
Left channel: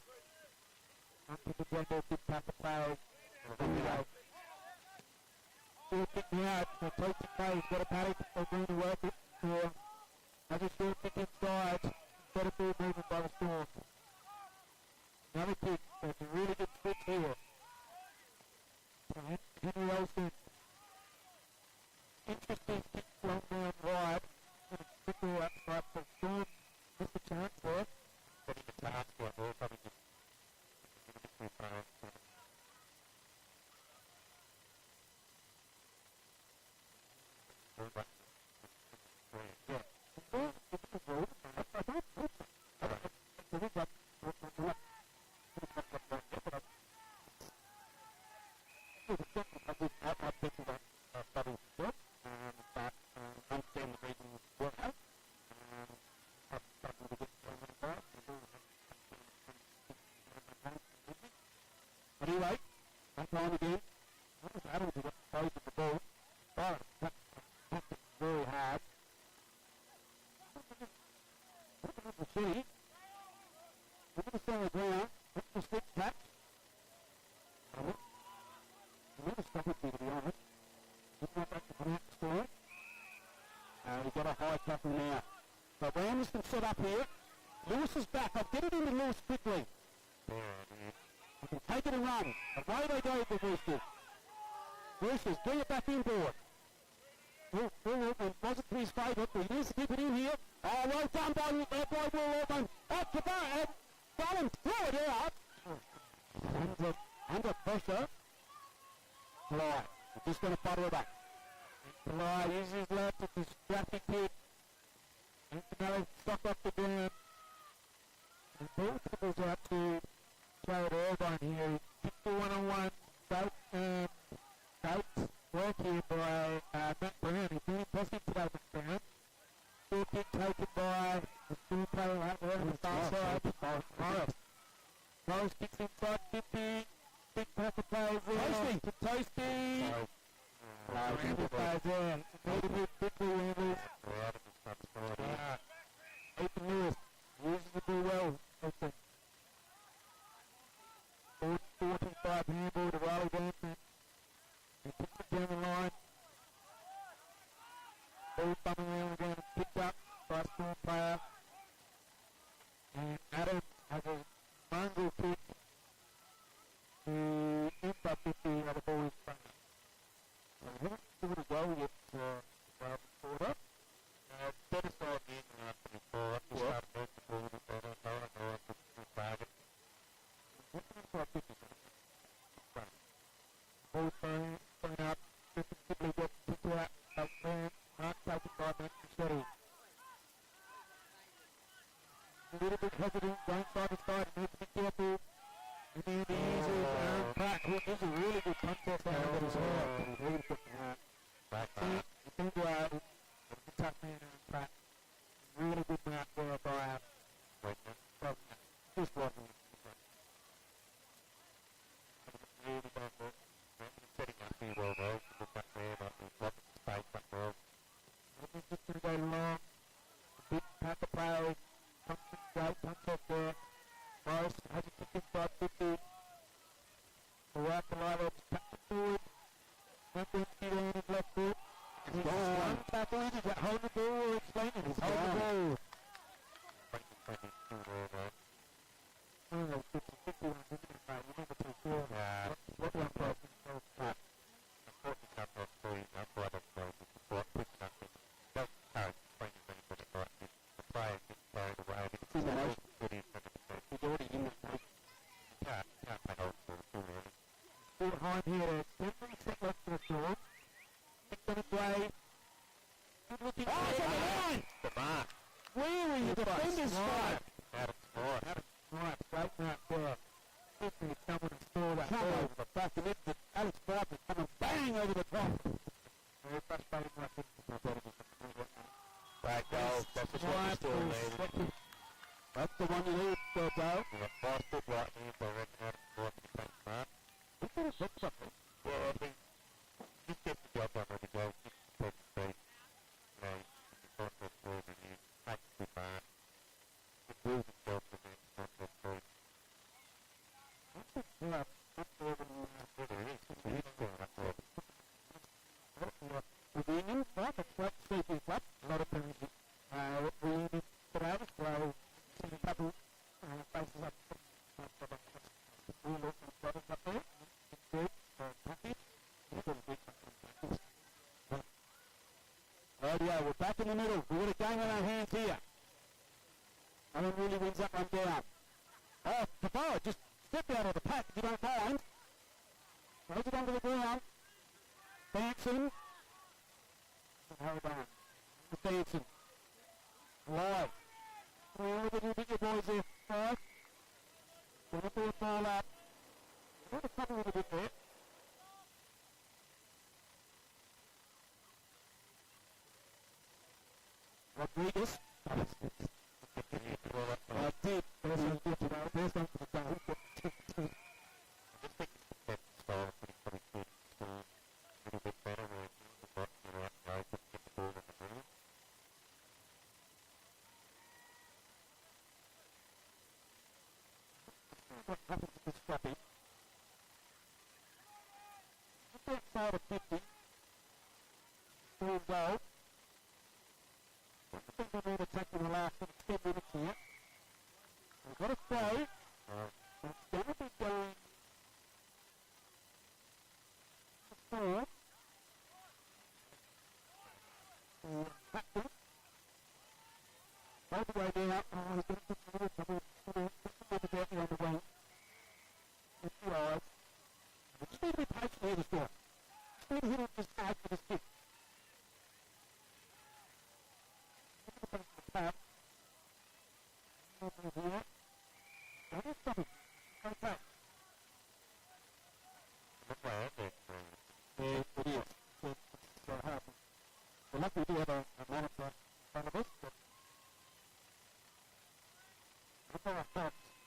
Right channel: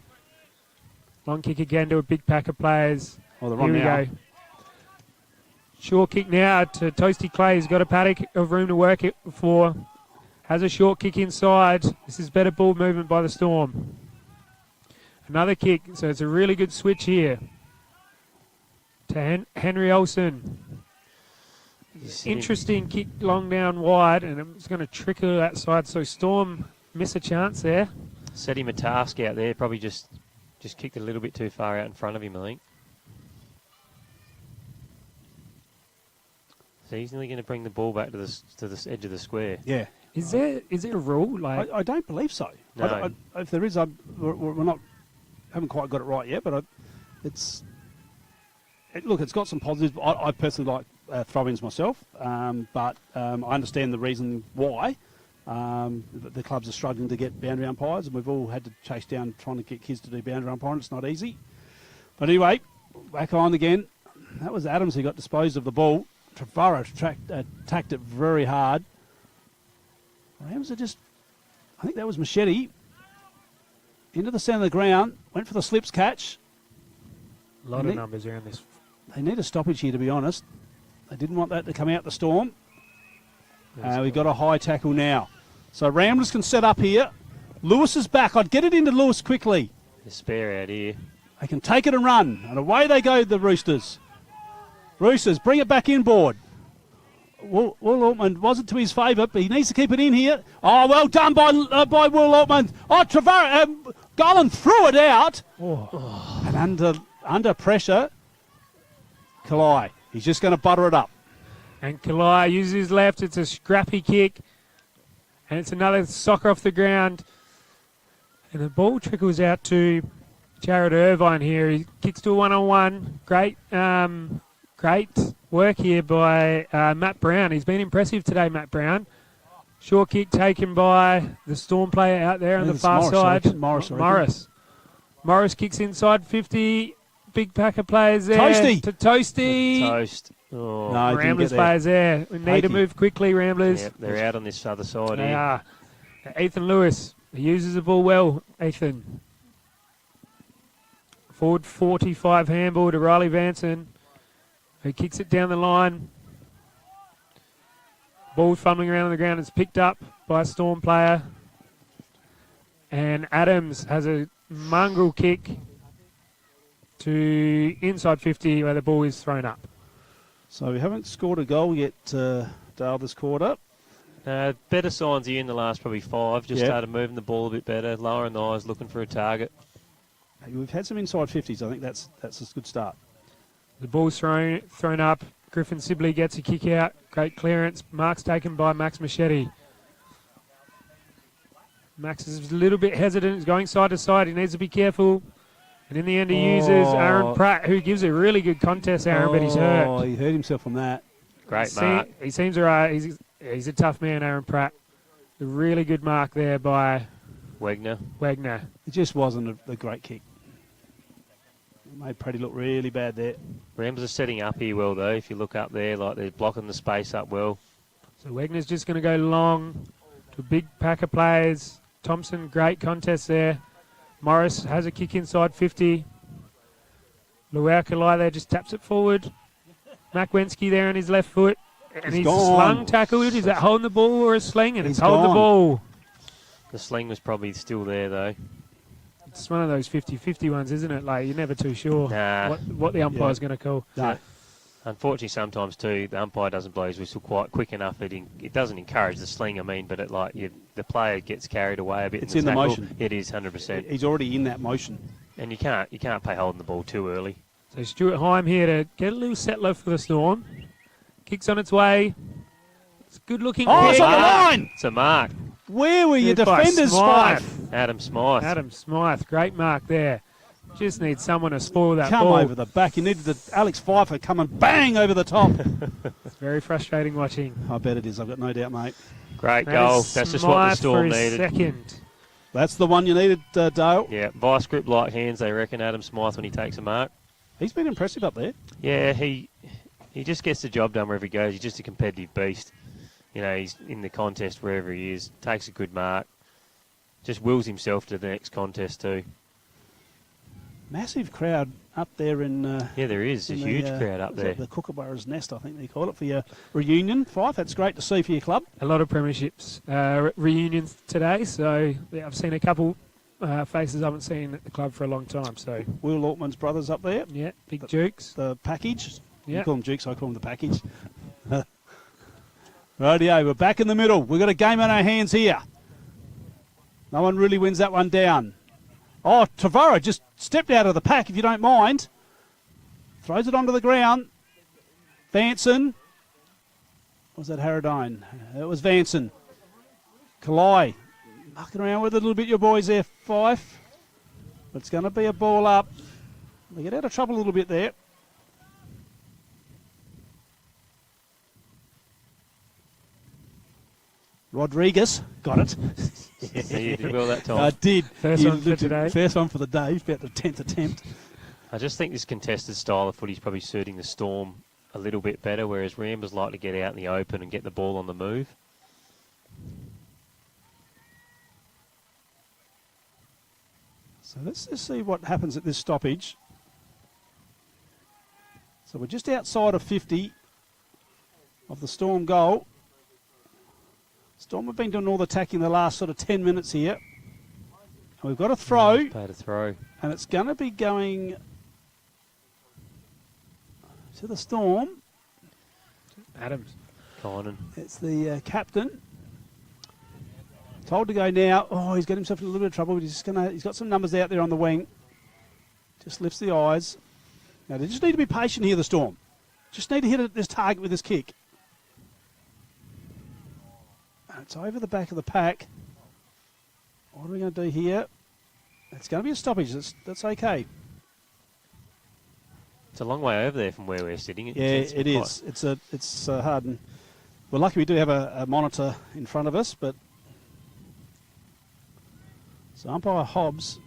Long kick again to a big pack of players. Here we go. Short kick now to Toasty Clay. He's got a paddock of room to work it for. Has a short kick inside. This is better ball movement by the Storm. Another kick. So it's a really good switch here. To Henry Olsen. Interesting kick long down wide, and it's going to trickle outside. So Storm miss a chance there. Set him a task out there. Probably just kicked a little bit too far out in front of him, I think. So he's nearly going to bring the ball back to the edge of the square. Yeah. Is there a rule? Like I don't believe so. No. If there is, we're haven't quite got it right yet. But it's got some positives. I personally like throw-ins myself, but I understand the reason why. The clubs are struggling to get boundary umpires, and we've all had to chase down trying to get kids to do boundary umpiring. It's not easy. But anyway, back on again. That was Adams who got disposed of the ball. Trevorrow attacked it very hard. Rams are I think that was Machete. Into the centre of the ground, went for the slips catch. A lot of numbers around this. They need a stoppage here, to be honest. They didn't want that to come out the Storm. We've got a high tackle now. So Ramblers can set up here. Lewis is back. I'd get it into Lewis quickly. The spare out here. They can take it and run. And away they go, the Roosters. Roosters, bring it back inboard. Will Altman wasn't to his favour, but he needs to keep it in here. Oh, well done by Will Altman. Oh, Trevorrow, Garland threw it out. And under pressure, Kalai. He's just going to butter it up. And Kalai uses his left. It's a scrappy kick. And it's another soccer off the ground. And the ball trickles out to Jared Irvine here. He kicks to a one-on-one. Great work here by Matt Brown. He's been impressive today, Matt Brown. Short kick taken by the Storm player out there on the far side. Morris kicks inside 50. Big pack of players there. Toasty. To Toasty. Toast. Oh. No, Ramblers players there. We need to move quickly, Ramblers. Yep, they're out on this other side They here. are. Ethan Lewis. He uses the ball well, Ethan. Forward 45 handball to Riley Vanson, who kicks it down the line. Ball fumbling around on the ground. It's picked up by a Storm player. And Adams has a mongrel kick to inside 50 where the ball is thrown up. So we haven't scored a goal yet, Dale, this quarter. Better signs here in the last probably 5. Just started moving the ball a bit better, lowering the eyes, looking for a target. We've had some inside 50s. I think that's a good start. The ball's thrown up. Griffin Sibley gets a kick out. Great clearance. Mark's taken by Max Machete. Max is a little bit hesitant. He's going side to side. He needs to be careful. And in the end, he uses Aaron Pratt, who gives a really good contest, Aaron, but he's hurt. Oh, he hurt himself from that. Great mark. He seems all right. He's a tough man, Aaron Pratt. A really good mark there by Wegner. It just wasn't a great kick. It made Pratty look really bad there. Rams are setting up here well, though. If you look up there, like they're blocking the space up well. So Wegner's just going to go long to a big pack of players. Thompson, great contest there. Morris has a kick inside 50. Luaukalai there just taps it forward. Makwensky there on his left foot. And he's slung tackled. Is that holding the ball or a sling? And it's holding the ball. The sling was probably still there, though. It's one of those 50-50 ones, isn't it? Like, you're never too sure what the umpire's going to call. No. Unfortunately, sometimes, too, the umpire doesn't blow his whistle quite quick enough. It doesn't encourage the sling, but the player gets carried away a bit. It's in the motion. It is, 100%. He's already in that motion. And you can't play holding the ball too early. So Stuart Heim here to get a little settler for the Storm. Kicks on its way. It's a good looking Oh, kick. it's on the line! It's a mark. Where were your Good by defenders, Smythe? Adam Smythe. Adam Smythe, great mark there. Just needs someone to spoil that Come ball. over the back. You needed Alex Pfeiffer come and bang over the top. It's very frustrating watching. I bet it is. I've got no doubt, mate. Great goal. That's just what the Storm needed. Second. That's the one you needed, Dale. Yeah, vice grip light hands, they reckon, Adam Smythe, when he takes a mark. He's been impressive up there. Yeah, he just gets the job done wherever he goes. He's just a competitive beast. You know, he's in the contest wherever he is, takes a good mark, just wills himself to the next contest too. Massive crowd up there in... yeah, there is. A huge crowd up there. The Kookaburra's Nest, I think they call it, for your reunion. Fife, that's great to see for your club. A lot of premierships reunions today, so yeah, I've seen a couple faces I haven't seen at the club for a long time. So Will Altman's brothers up there. Yeah, Big Dukes. The package. Yeah. You call them Dukes, I call them the package. Rightio, we're back in the middle. We've got a game on our hands here. No one really wins that one down. Oh, Tavaro just stepped out of the pack, if you don't mind. Throws it onto the ground. Vanson. Was that Harradine? It was Vanson. Kalai. Mucking around with it a little bit, your boys there, Fife. It's going to be a ball up. They get out of trouble a little bit there. Rodriguez got it. Yeah, you did well that time. I did. First one for today. First one for the day. About the 10th attempt. I just think this contested style of footy is probably suiting the Storm a little bit better, whereas Rambers like to get out in the open and get the ball on the move. So let's just see what happens at this stoppage. So we're just outside of 50 of the Storm goal. Storm have been doing all the attacking the last sort of 10 minutes here. And we've got a throw. Played a throw. And it's going to be going to the Storm. Adams. Conan. It's the captain. Told to go now. Oh, he's got himself in a little bit of trouble. But he's got some numbers out there on the wing. Just lifts the eyes. Now they just need to be patient here, the Storm. Just need to hit this target with this kick. It's over the back of the pack. What are we going to do here? It's going to be a stoppage. That's okay. It's a long way over there from where we're sitting. Yeah, it is. It's hard. And we're lucky we do have a monitor in front of us, but so umpire Hobbs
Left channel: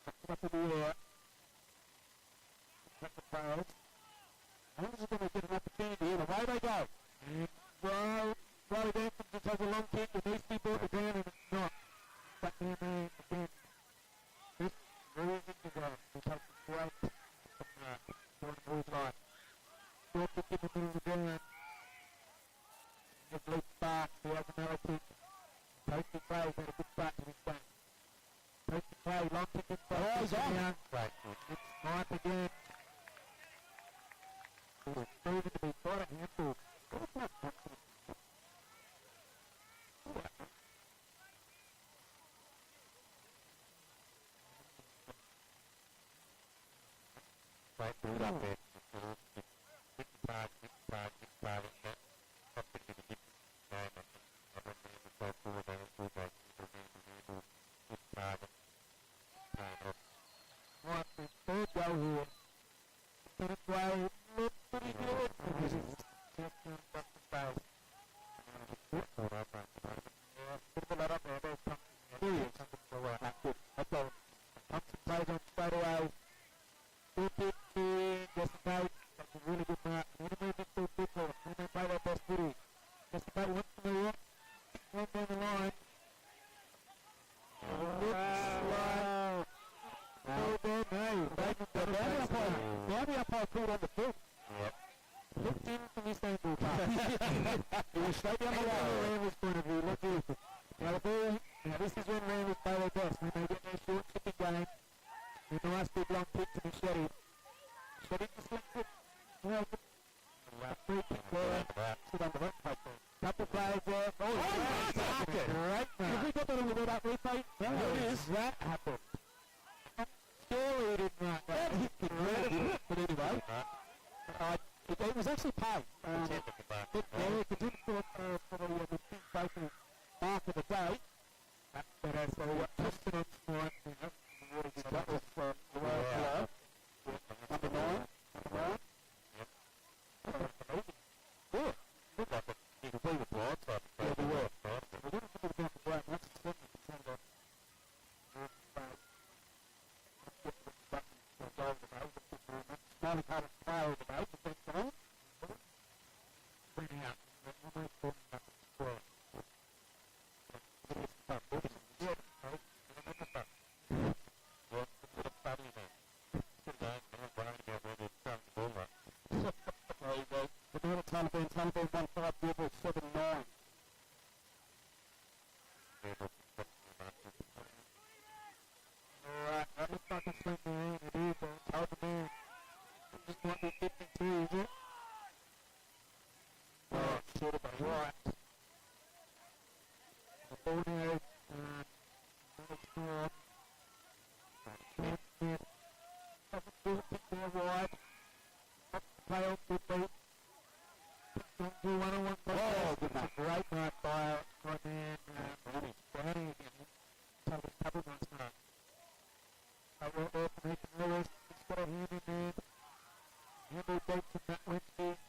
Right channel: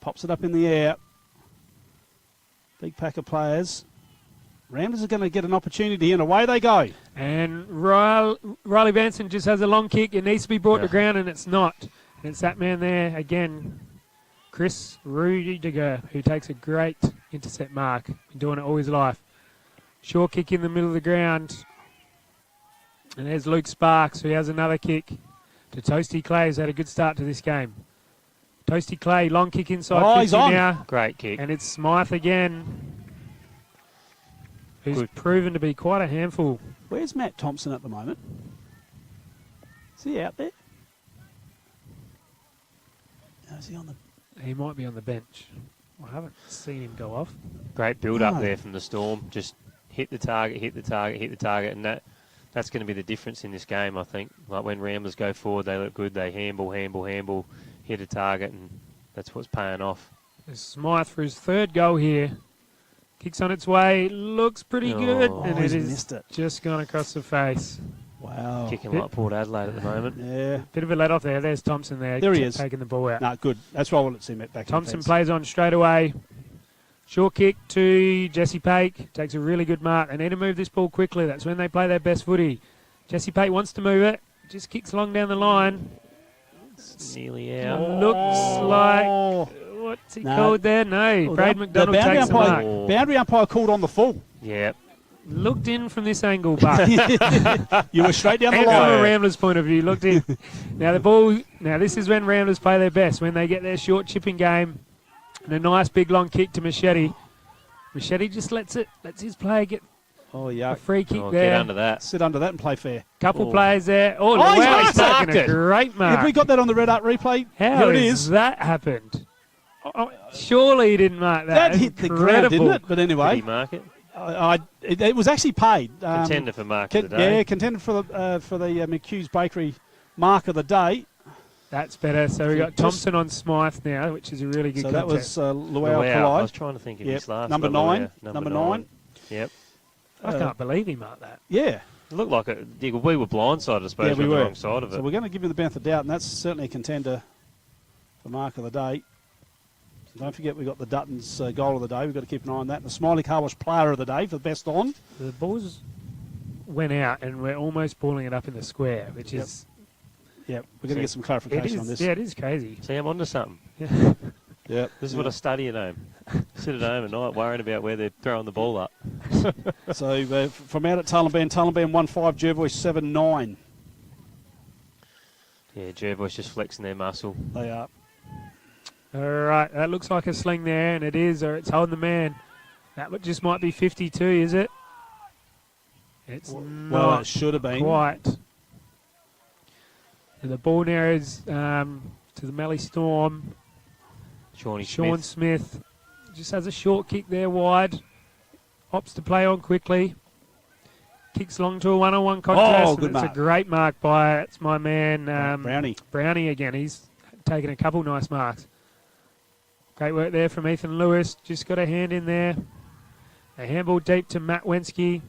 pops it up in the air. Big pack of players. Ramblers are going to get an opportunity, and away they go. And Riley Benson just has a long kick. It needs to be brought to ground, and it's not. And it's that man there again, Chris Rudiger, who takes a great intercept mark. Been doing it all his life. Short kick in the middle of the ground. And there's Luke Sparks, who has another kick to Toasty Clay, who's had a good start to this game. Toasty Clay, long kick inside 50 he's on. now. Great kick. And it's Smythe again, who's proven to be quite a handful. Where's Matt Thompson at the moment? Is he out there? No, is he on the... He might be on the bench. I haven't seen him go off. Great build-up there from the Storm. Just hit the target, hit the target, hit the target, and that's going to be the difference in this game, I think. Like when Ramblers go forward, they look good. They handball, hit a target, and that's what's paying off. There's Smythe for his third goal here. Kicks on its way, looks pretty good, and it is just gone across the face. Wow. Kicking like Port Adelaide at the moment. Yeah. Bit of a let off there. There's Thompson there. There he is. Taking the ball out. No, good. That's why I wanted to see Matt back. Thompson plays on straight away. Short kick to Jesse Pake. Takes a really good mark. They need to move this ball quickly. That's when they play their best footy. Jesse Pate wants to move it. Just kicks along down the line. It's nearly out. Looks like... What's he called there? No. Brad McDonald takes the mark. Boundary umpire called on the full. Yeah. Looked in from this angle, but... You were straight down the and line. from a Ramblers point of view, looked in. Now the ball... Now this is when Ramblers play their best, when they get their short chipping game. And a nice big long kick to Machete. Machete just lets his player get a free kick there. Get under that. Sit under that and play fair. Couple players there. Oh, he's taking a great mark. Have we got that on the red art replay? How Here it has is. that happened? Oh, surely he didn't mark that. That hit the ground, didn't it? But anyway. Did he mark it? It was actually paid. Contender for mark of the day. Yeah, contender for the McHugh's Bakery mark of the day. That's better. So we've got Thompson on Smythe now, which is a really good contest. So that was Luau I Kalai. was trying to think of his last number 9. Number 9. Yep. I can't believe he marked that. Yeah. It looked like we were blindsided, I suppose, yeah, we on were. the wrong side of it. So we're going to give him the benefit of the doubt, and that's certainly a contender for mark of the day. Don't forget we've got the Duttons goal of the day. We've got to keep an eye on that. And the Smiley Car Wash player of the day for the best on. The balls went out, and we're almost pulling it up in the square, which is... Yep, we're going to get some clarification on this. Yeah, it is crazy. See, I'm onto something. Yep. This is what I study at home. Sit at home at night worrying about where they're throwing the ball up. So from out at Tullamban won 5, Jervois 7-9. Yeah, Jervois just flexing their muscle. They are. All right, that looks like a sling there, and it is, or it's holding the man. That just might be 52, is it? It's well, it should have been. Quite. And the ball now is to the Mallee Storm. Sean Smith just has a short kick there wide. Opts to play on quickly. Kicks long to a one-on-one contest. Oh, good mark. It's a great mark by it's my man Brownie. Brownie again. He's taken a couple nice marks. Great work there from Ethan Lewis. Just got a hand in there. A handball deep to Matt Wensky.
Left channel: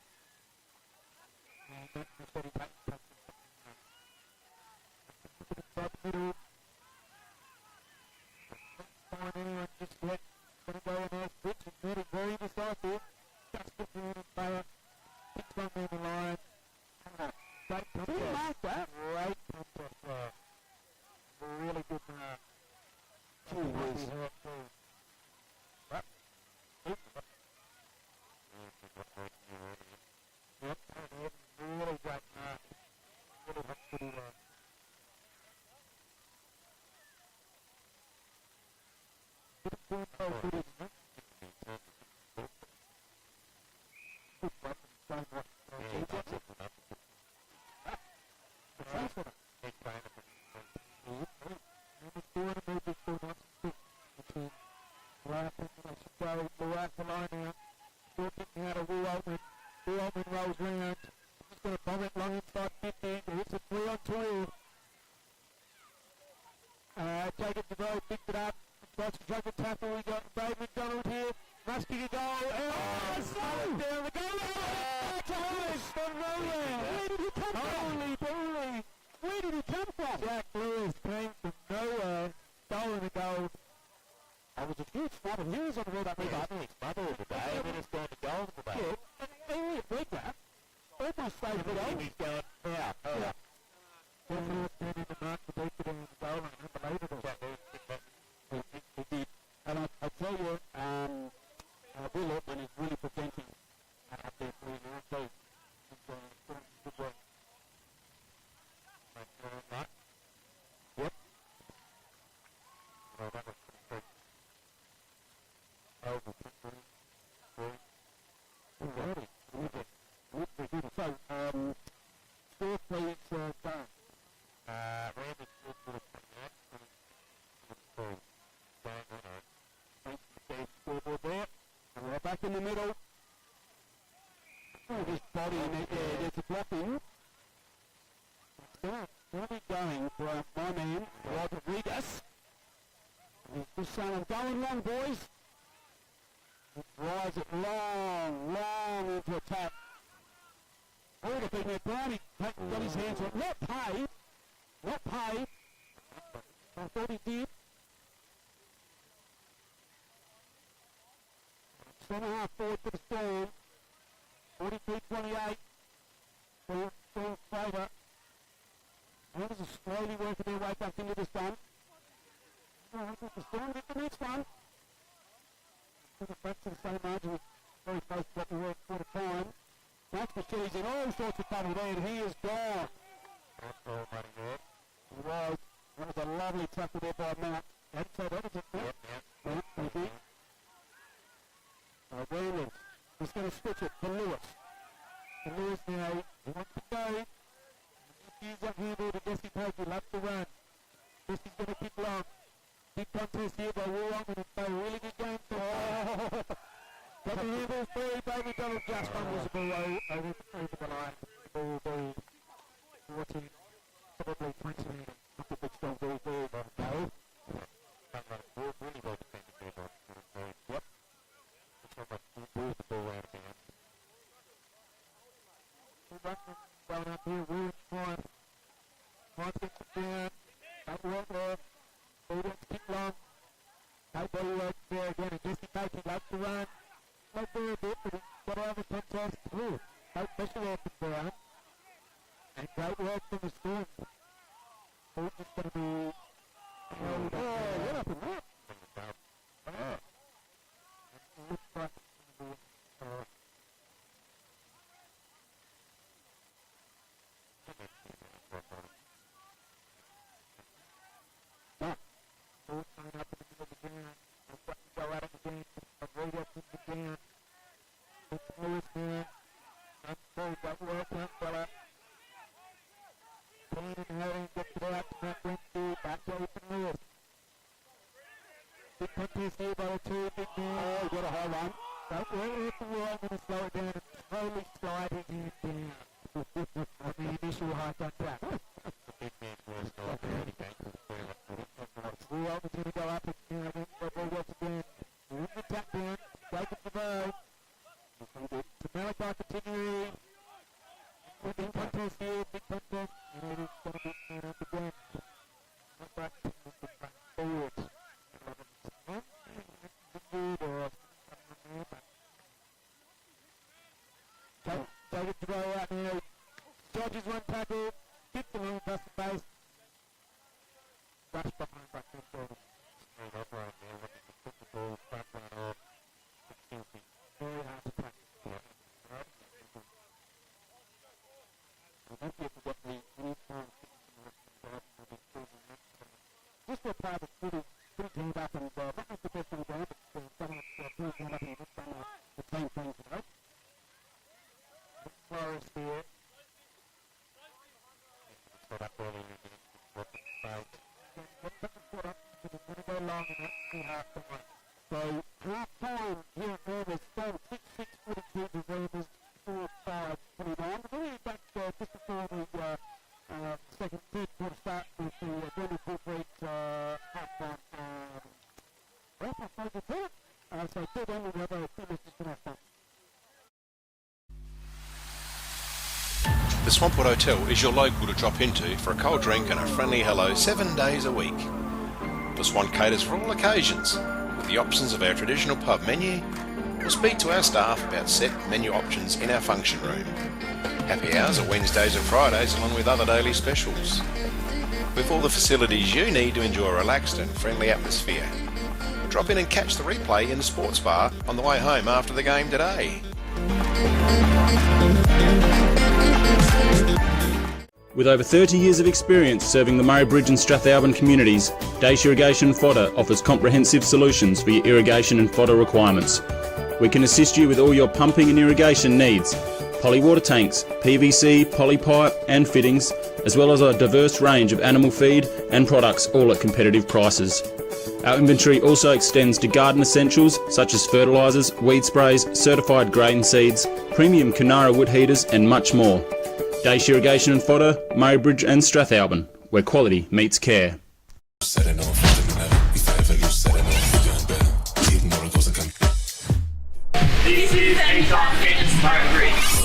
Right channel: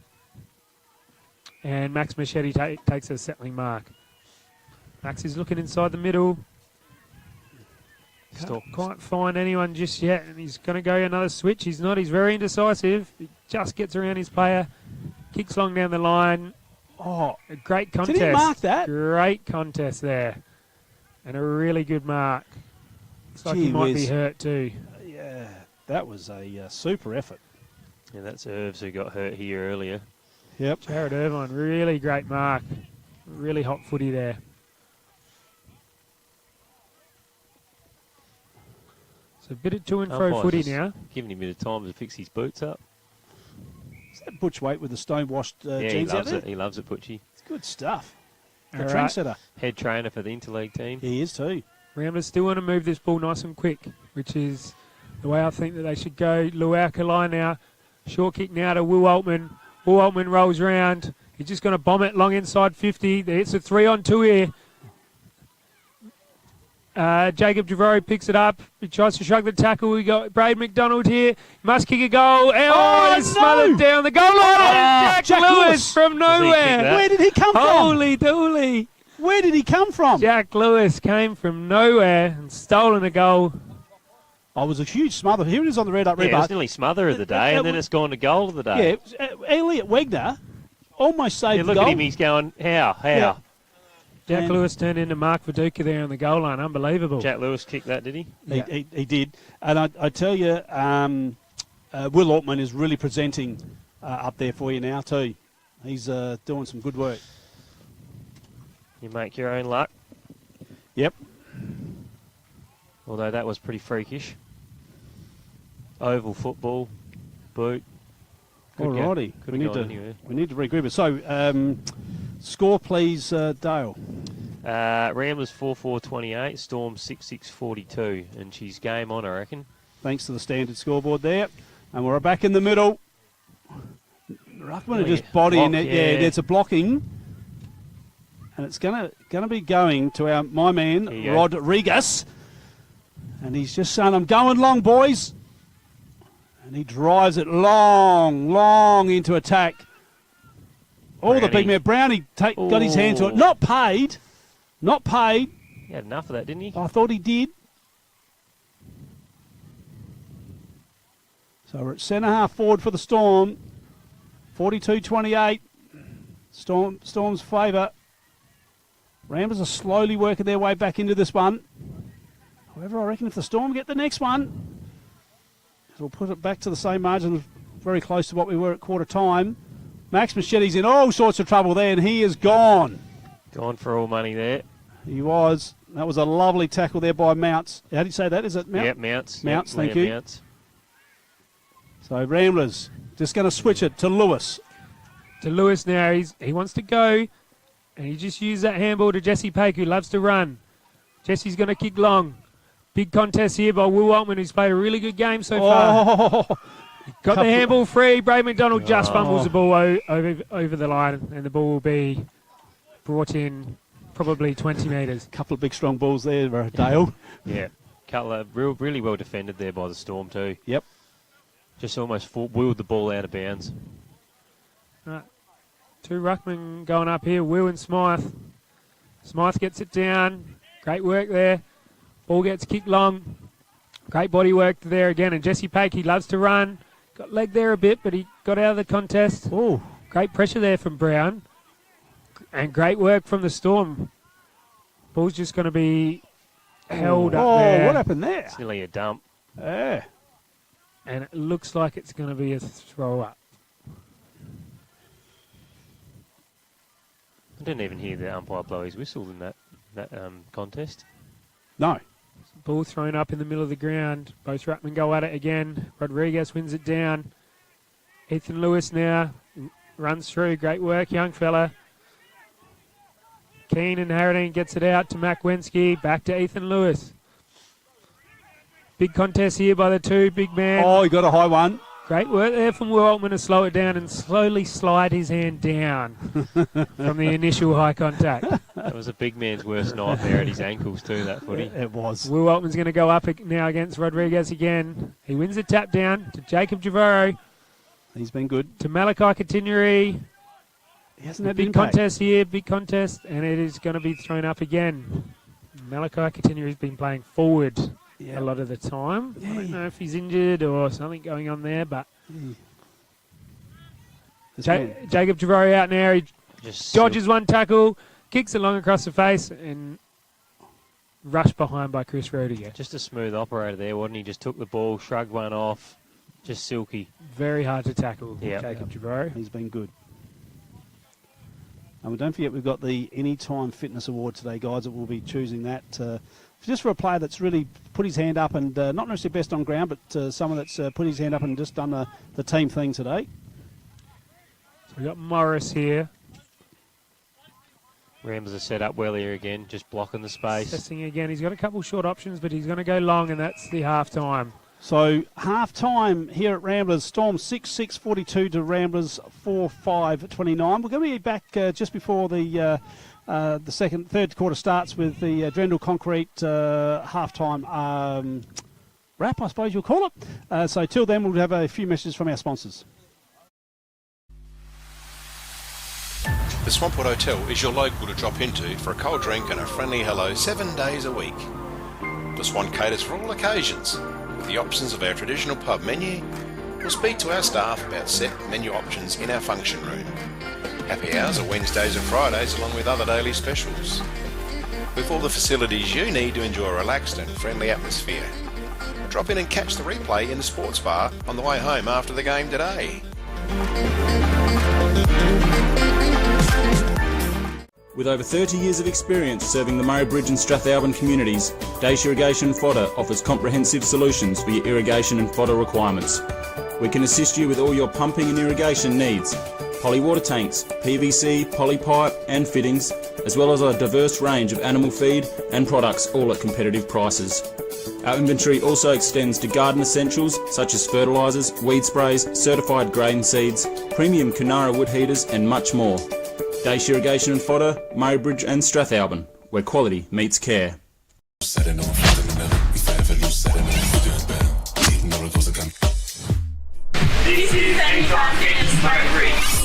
And Max Machete takes a settling mark. Max is looking inside the middle. Can't quite find anyone just yet, and he's going to go another switch. He's not. He's very indecisive. He just gets around his player. Kicks long down the line. Oh, a great contest. Did he mark that? Great contest there. And a really good mark. Looks like he might be hurt too. Yeah, that was a super effort. Yeah, that's Irvs who got hurt here earlier. Yep. Jared Irvine, really great mark. Really hot footy there. So a bit of to and fro footy now. Giving him a bit of time to fix his boots up. Is that Butch Waite with the stone-washed yeah, jeans out there? He loves it, Butchie. It's good stuff. The All trendsetter. Head trainer for the Interleague team. He is too. Ramblers still want to move this ball nice and quick, which is the way I think that they should go. Luau Kalai now. Short kick now to Will Altman. Will Altman rolls round. He's just going to bomb it long inside 50. It's a 3-on-2 here. Jacob Javori picks it up. He tries to shrug the tackle. We got Braden McDonald here. Must kick a goal. Oh, it's smothered down the goal line. Jack Lewis from nowhere. Where did he come from? Holy dooly. Where did he come from? Jack Lewis came from nowhere and stolen a goal. Oh, it was a huge smother. Here it is on the red up, red Yeah, it was bar. nearly smother of the day, and then it's gone to goal of the day. Yeah, Elliot Wegner almost saved Yeah, the look goal. at him, he's going, how? Yeah. Jack And- Lewis turned into Mark Viduka there on the goal line. Unbelievable. Jack Lewis kicked that, did he? He did. And I tell you, Will Altman is really presenting up there for you now too. He's doing some good work. You make your own luck. Yep. Although that was pretty freakish. Oval football, boot. Alrighty. We need to regroup it. So, score please, Dale. Ramblers 4-4-28, Storm 6-6-42, and she's game on, I reckon. Thanks to the standard scoreboard there. And we're back in the middle. Ruckman are just bodying it. Yeah, it's a blocking. And it's gonna be going to my man, Rodriguez. And he's just saying, I'm going long, boys. And he drives it long into attack. All the big man. Brownie got his hand to it. Not paid. He had enough of that, didn't he? I thought he did. So we're at centre half forward for the Storm. 42-28. Storm's favour. Ramblers are slowly working their way back into this one. However, I reckon if the Storm get the next one, it'll put it back to the same margin, very close to what we were at quarter time. Max Machete's in all sorts of trouble there, and he is gone. Gone for all money there. He was. That was a lovely tackle there by Mounts. How do you say that? Is it Mounts? Yep, Mounts. Mounts, Yep, thank Liam you. Mounts. So Ramblers just going to switch it to Lewis. To Lewis now. He wants to go, and he just used that handball to Jesse Paik, who loves to run. Jesse's going to kick long. Big contest here by Will Altman, who's played a really good game so far. Got the handball free. Braden McDonald just fumbles the ball over the line, and the ball will be brought in probably 20 metres. Couple of big strong balls there, Dale. Yeah. Cutler, really well defended there by the Storm too. Yep. Just almost wheeled the ball out of bounds. Right. Two ruckmen going up here, Will and Smythe. Smythe gets it down. Great work there. Ball gets kicked long. Great body work there again. And Jesse Paik, he loves to run. Got leg there a bit, but he got out of the contest. Oh, great pressure there from Brown. And great work from the Storm. Ball's just going to be held up there. Oh, what happened there? It's nearly a dump. Yeah. And it looks like it's going to be a throw up. I didn't even hear the umpire blow his whistle in that contest. No. Ball thrown up in the middle of the ground. Both ruckmen go at it again. Rodriguez wins it down. Ethan Lewis now runs through. Great work, young fella. Keane and Harradine gets it out to Mac Wensky. Back to Ethan Lewis. Big contest here by the two big men. Oh, he got a high one. Great work there from Will Altman to slow it down and slowly slide his hand down from the initial high contact. That was a big man's worst nightmare at his ankles too, that footy. It was. Will Altman's going to go up now against Rodriguez again. He wins the tap down to Jacob Javoro. He's been good. To Malachi Continuary. He hasn't had big impact. contest here, big contest, and it is going to be thrown up again. Malachi Continuary's been playing forward a lot of the time. I don't know if he's injured or something going on there, but Jacob Javori out now. He just dodges one tackle, kicks it long across the face, and rushed behind by Chris Rodriguez. Just a smooth operator there, wasn't he? Just took the ball, shrugged one off, just silky. Very hard to tackle, Yep. Jacob Javori. He's been good. And don't forget, we've got the Anytime Fitness Award today, guys, that we'll be choosing that just for a player that's really put his hand up and not necessarily best on ground, but someone that's put his hand up and just done the team thing today. So we've got Morris here. Rams are set up well here again, just blocking the space. Testing again. He's got a couple short options, but he's going to go long, and that's the half-time. So half-time here at Ramblers, Storm 6-6-42 to Ramblers 4-5-29. We're going to be back just before the The third quarter starts with the Drendel Concrete halftime wrap, I suppose you'll call it. So till then, we'll have a few messages from our sponsors. The Swampwood Hotel is your local to drop into for a cold drink and a friendly hello 7 days a week. The Swan caters for all occasions, with the options of our traditional pub menu. We'll speak to our staff about set menu options in our function room. Happy hours are Wednesdays and Fridays along with other daily specials. With all the facilities you need to enjoy a relaxed and friendly atmosphere. Drop in and catch the replay in the sports bar on the way home after the game today. With over 30 years of experience serving the Murray Bridge and Strathalbyn communities, Dace Irrigation and Fodder offers comprehensive solutions for your irrigation and fodder requirements. We can assist you with all your pumping and irrigation needs, poly water tanks, PVC, poly pipe and fittings, as well as a diverse range of animal feed and products, all at competitive prices. Our inventory also extends to garden essentials such as fertilisers, weed sprays, certified grain seeds, premium Canara wood heaters and much more. Dace Irrigation and Fodder, Murray Bridge and Strathalbyn, where quality meets care. This is Anytime Fitness Murray Bridge.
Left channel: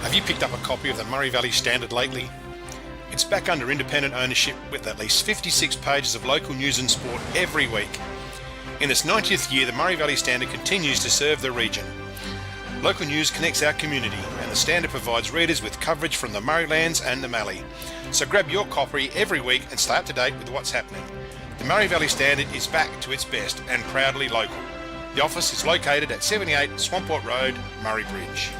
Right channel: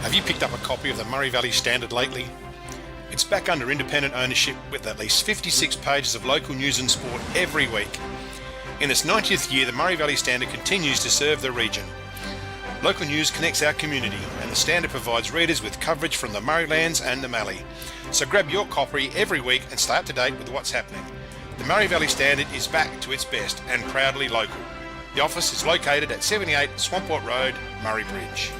Have you picked up a copy of the Murray Valley Standard lately? It's back under independent ownership with at least 56 pages of local news and sport every week. In its 90th year, the Murray Valley Standard continues to serve the region. Local news connects our community, and the Standard provides readers with coverage from the Murraylands and the Mallee. So grab your copy every week and stay up to date with what's happening. The Murray Valley Standard is back to its best and proudly local. The office is located at 78 Swamport Road, Murray Bridge.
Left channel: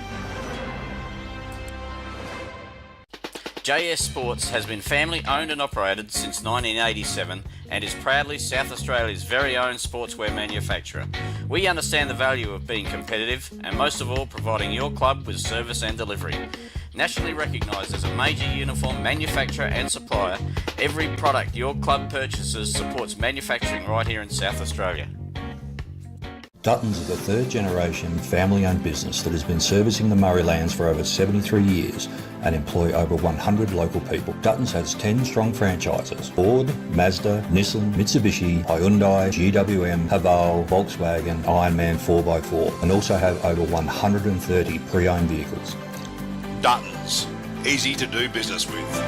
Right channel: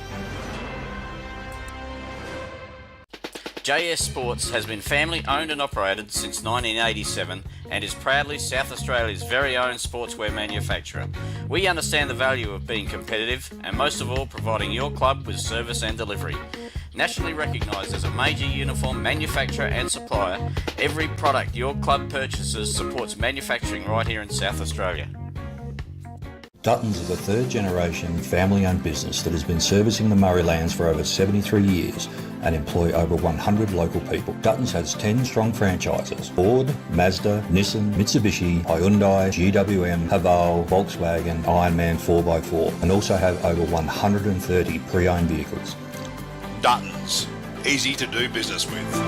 JS Sports has been family owned and operated since 1987 and is proudly South Australia's very own sportswear manufacturer. We understand the value of being competitive and most of all providing your club with service and delivery. Nationally recognised as a major uniform manufacturer and supplier, every product your club purchases supports manufacturing right here in South Australia. Duttons is a third-generation family-owned business that has been servicing the Murraylands for over 73 years and employ over 100 local people. Duttons has 10 strong franchises: Ford, Mazda, Nissan, Mitsubishi, Hyundai, GWM, Haval, Volkswagen, Ironman 4x4, and also have over 130 pre-owned vehicles. Duttons, easy to do business with.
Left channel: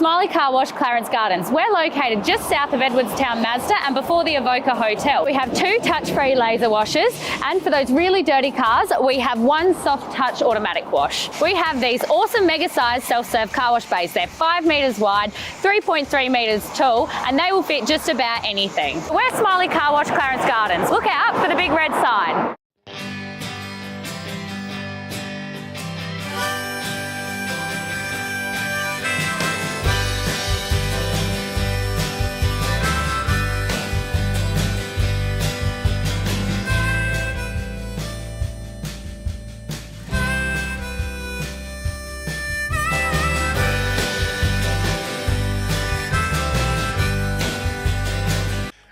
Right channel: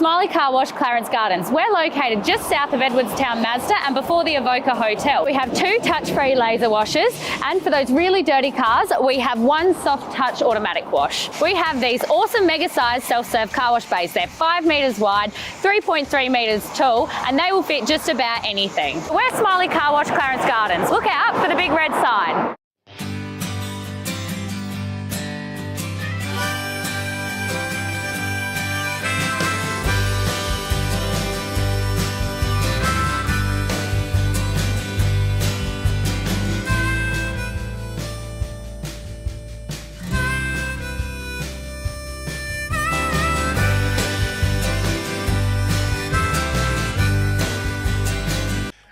Mallee Car Wash, Clarence Gardens. We're located just south of Edwardstown Mazda and before the Avoca Hotel. We have 2 touch-free laser washers, and for those really dirty cars, we have 1 soft touch automatic wash. We have these awesome mega-sized self-serve car wash bays. They're 5 metres wide, 3.3 metres tall, and they will fit just about anything. We're Mallee Car Wash, Clarence Gardens. Look out for the big red sign.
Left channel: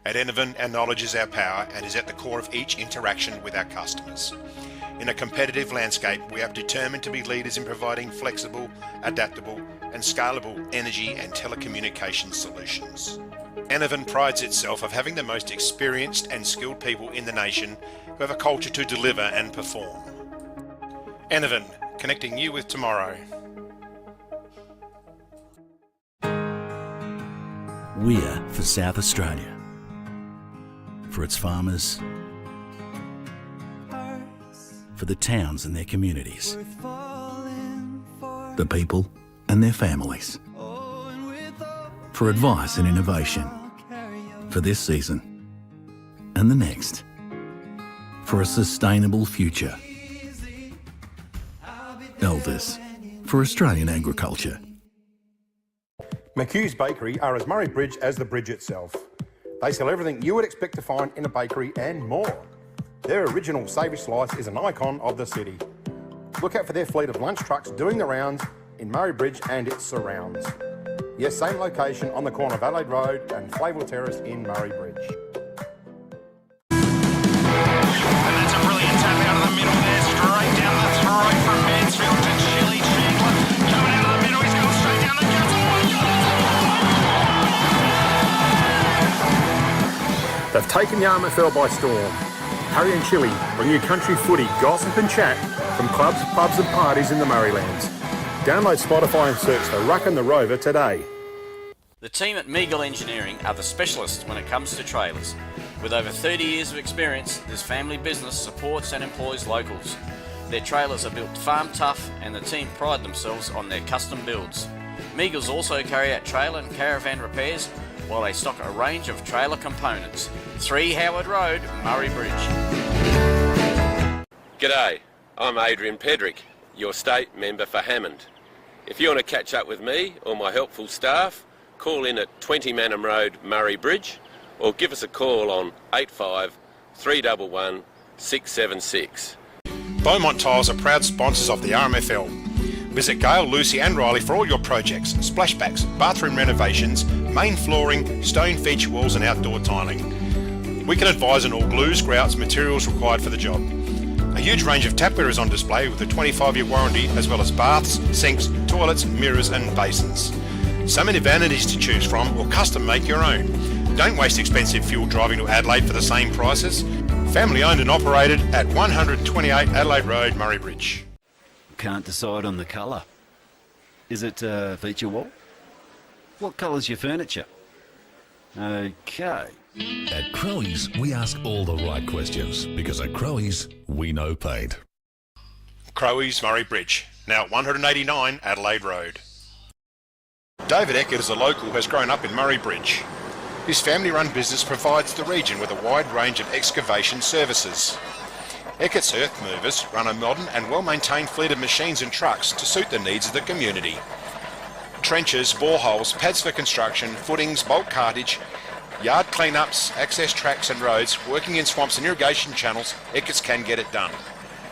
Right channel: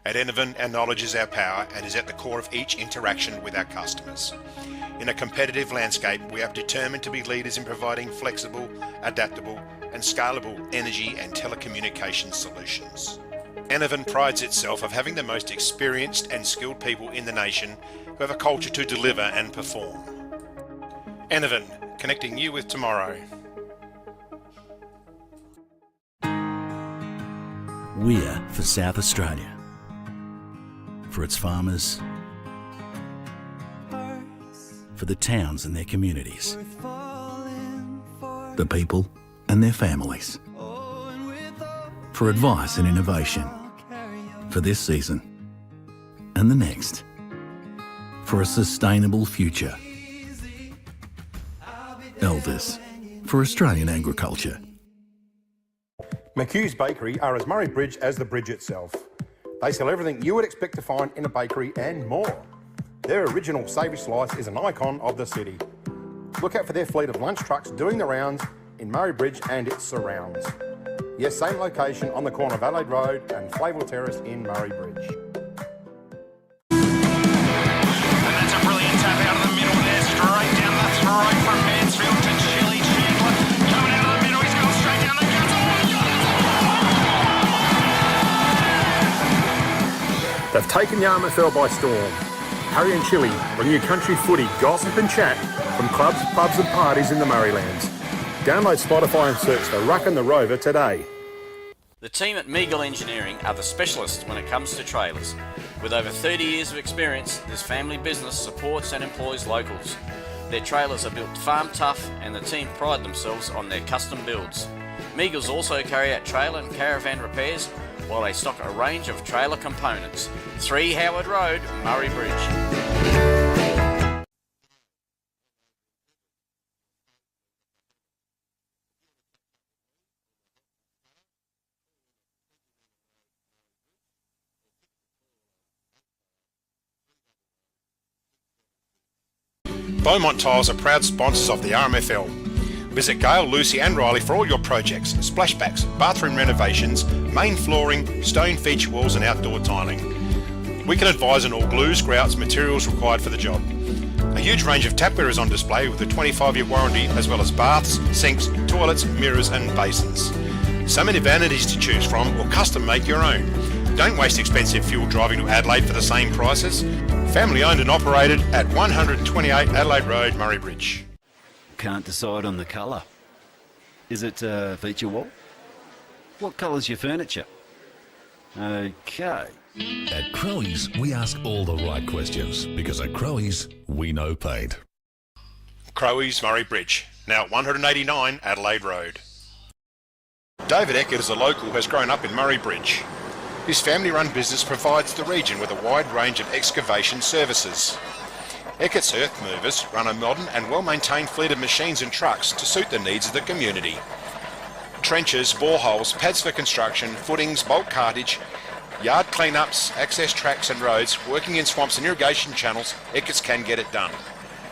At Enervin, our knowledge is our power and is at the core of each interaction with our customers. In a competitive landscape, we are determined to be leaders in providing flexible, adaptable and scalable energy and telecommunications solutions. Enervin prides itself of having the most experienced and skilled people in the nation who have a culture to deliver and perform. Enervin, connecting you with tomorrow. We're for South Australia. For its farmers. For the towns and their communities. The people and their families. For advice and innovation. For this season and the next. For a sustainable future. Elders, for Australian agriculture. McHugh's Bakery are as Murray Bridge as the bridge itself. They sell everything you would expect to find in a bakery and more. Their original savoury slice is an icon of the city. Look out for their fleet of lunch trucks doing the rounds in Murray Bridge and its surrounds. Yes, same location on the corner of Adelaide Road and Flavell Terrace in Murray Bridge. And that's a brilliant tap out of the middle there, straight down the throat from Mansfield to Chili Chandler. Coming out of the middle, he's gone straight down the guts. Oh my God! They've taken the RMFL by storm. Harry and Chili bring you country footy, gossip and chat from clubs, pubs and parties in the Murraylands. Download Spotify and search The Ruck and the Rover today. The team at Meagle Engineering are the specialists when it comes to trailers. With over 30 years of experience, this family business supports and employs locals. Their trailers are built farm tough and the team pride themselves on their custom builds. Meagles also carry out trailer and caravan repairs while they stock a range of trailer components. 3 Howard Road, Murray Bridge. G'day, I'm Adrian Pedrick, your state member for Hammond. If you want to catch up with me or my helpful staff, call in at 20 Manham Road, Murray Bridge, or give us a call on 85 311 676. Beaumont Tiles are proud sponsors of the RMFL. Visit Gail, Lucy and Riley for all your projects, splashbacks, bathroom renovations, main flooring, stone feature walls and outdoor tiling. We can advise on all glues, grouts, materials required for the job. A huge range of tapware is on display with a 25-year warranty, as well as baths, sinks, toilets, mirrors and basins. So many vanities to choose from, or custom make your own. Don't waste expensive fuel driving to Adelaide for the same prices. Family owned and operated at 128 Adelaide Road, Murray Bridge. Can't decide on the colour. Is it feature wall? What colour's your furniture? Okay. At Crowe's, we ask all the right questions because at Crowe's, we know paint. Crowe's, Murray Bridge, now at 189 Adelaide Road. David Eckert is a local who has grown up in Murray Bridge. His family-run business provides the region with a wide range of excavation services. Eckert's Earth Movers run a modern and well-maintained fleet of machines and trucks to suit the needs of the community. Trenches, boreholes, pads for construction, footings, bulk cartage, yard cleanups, access tracks and roads, working in swamps and irrigation channels, Eckert's can get it done.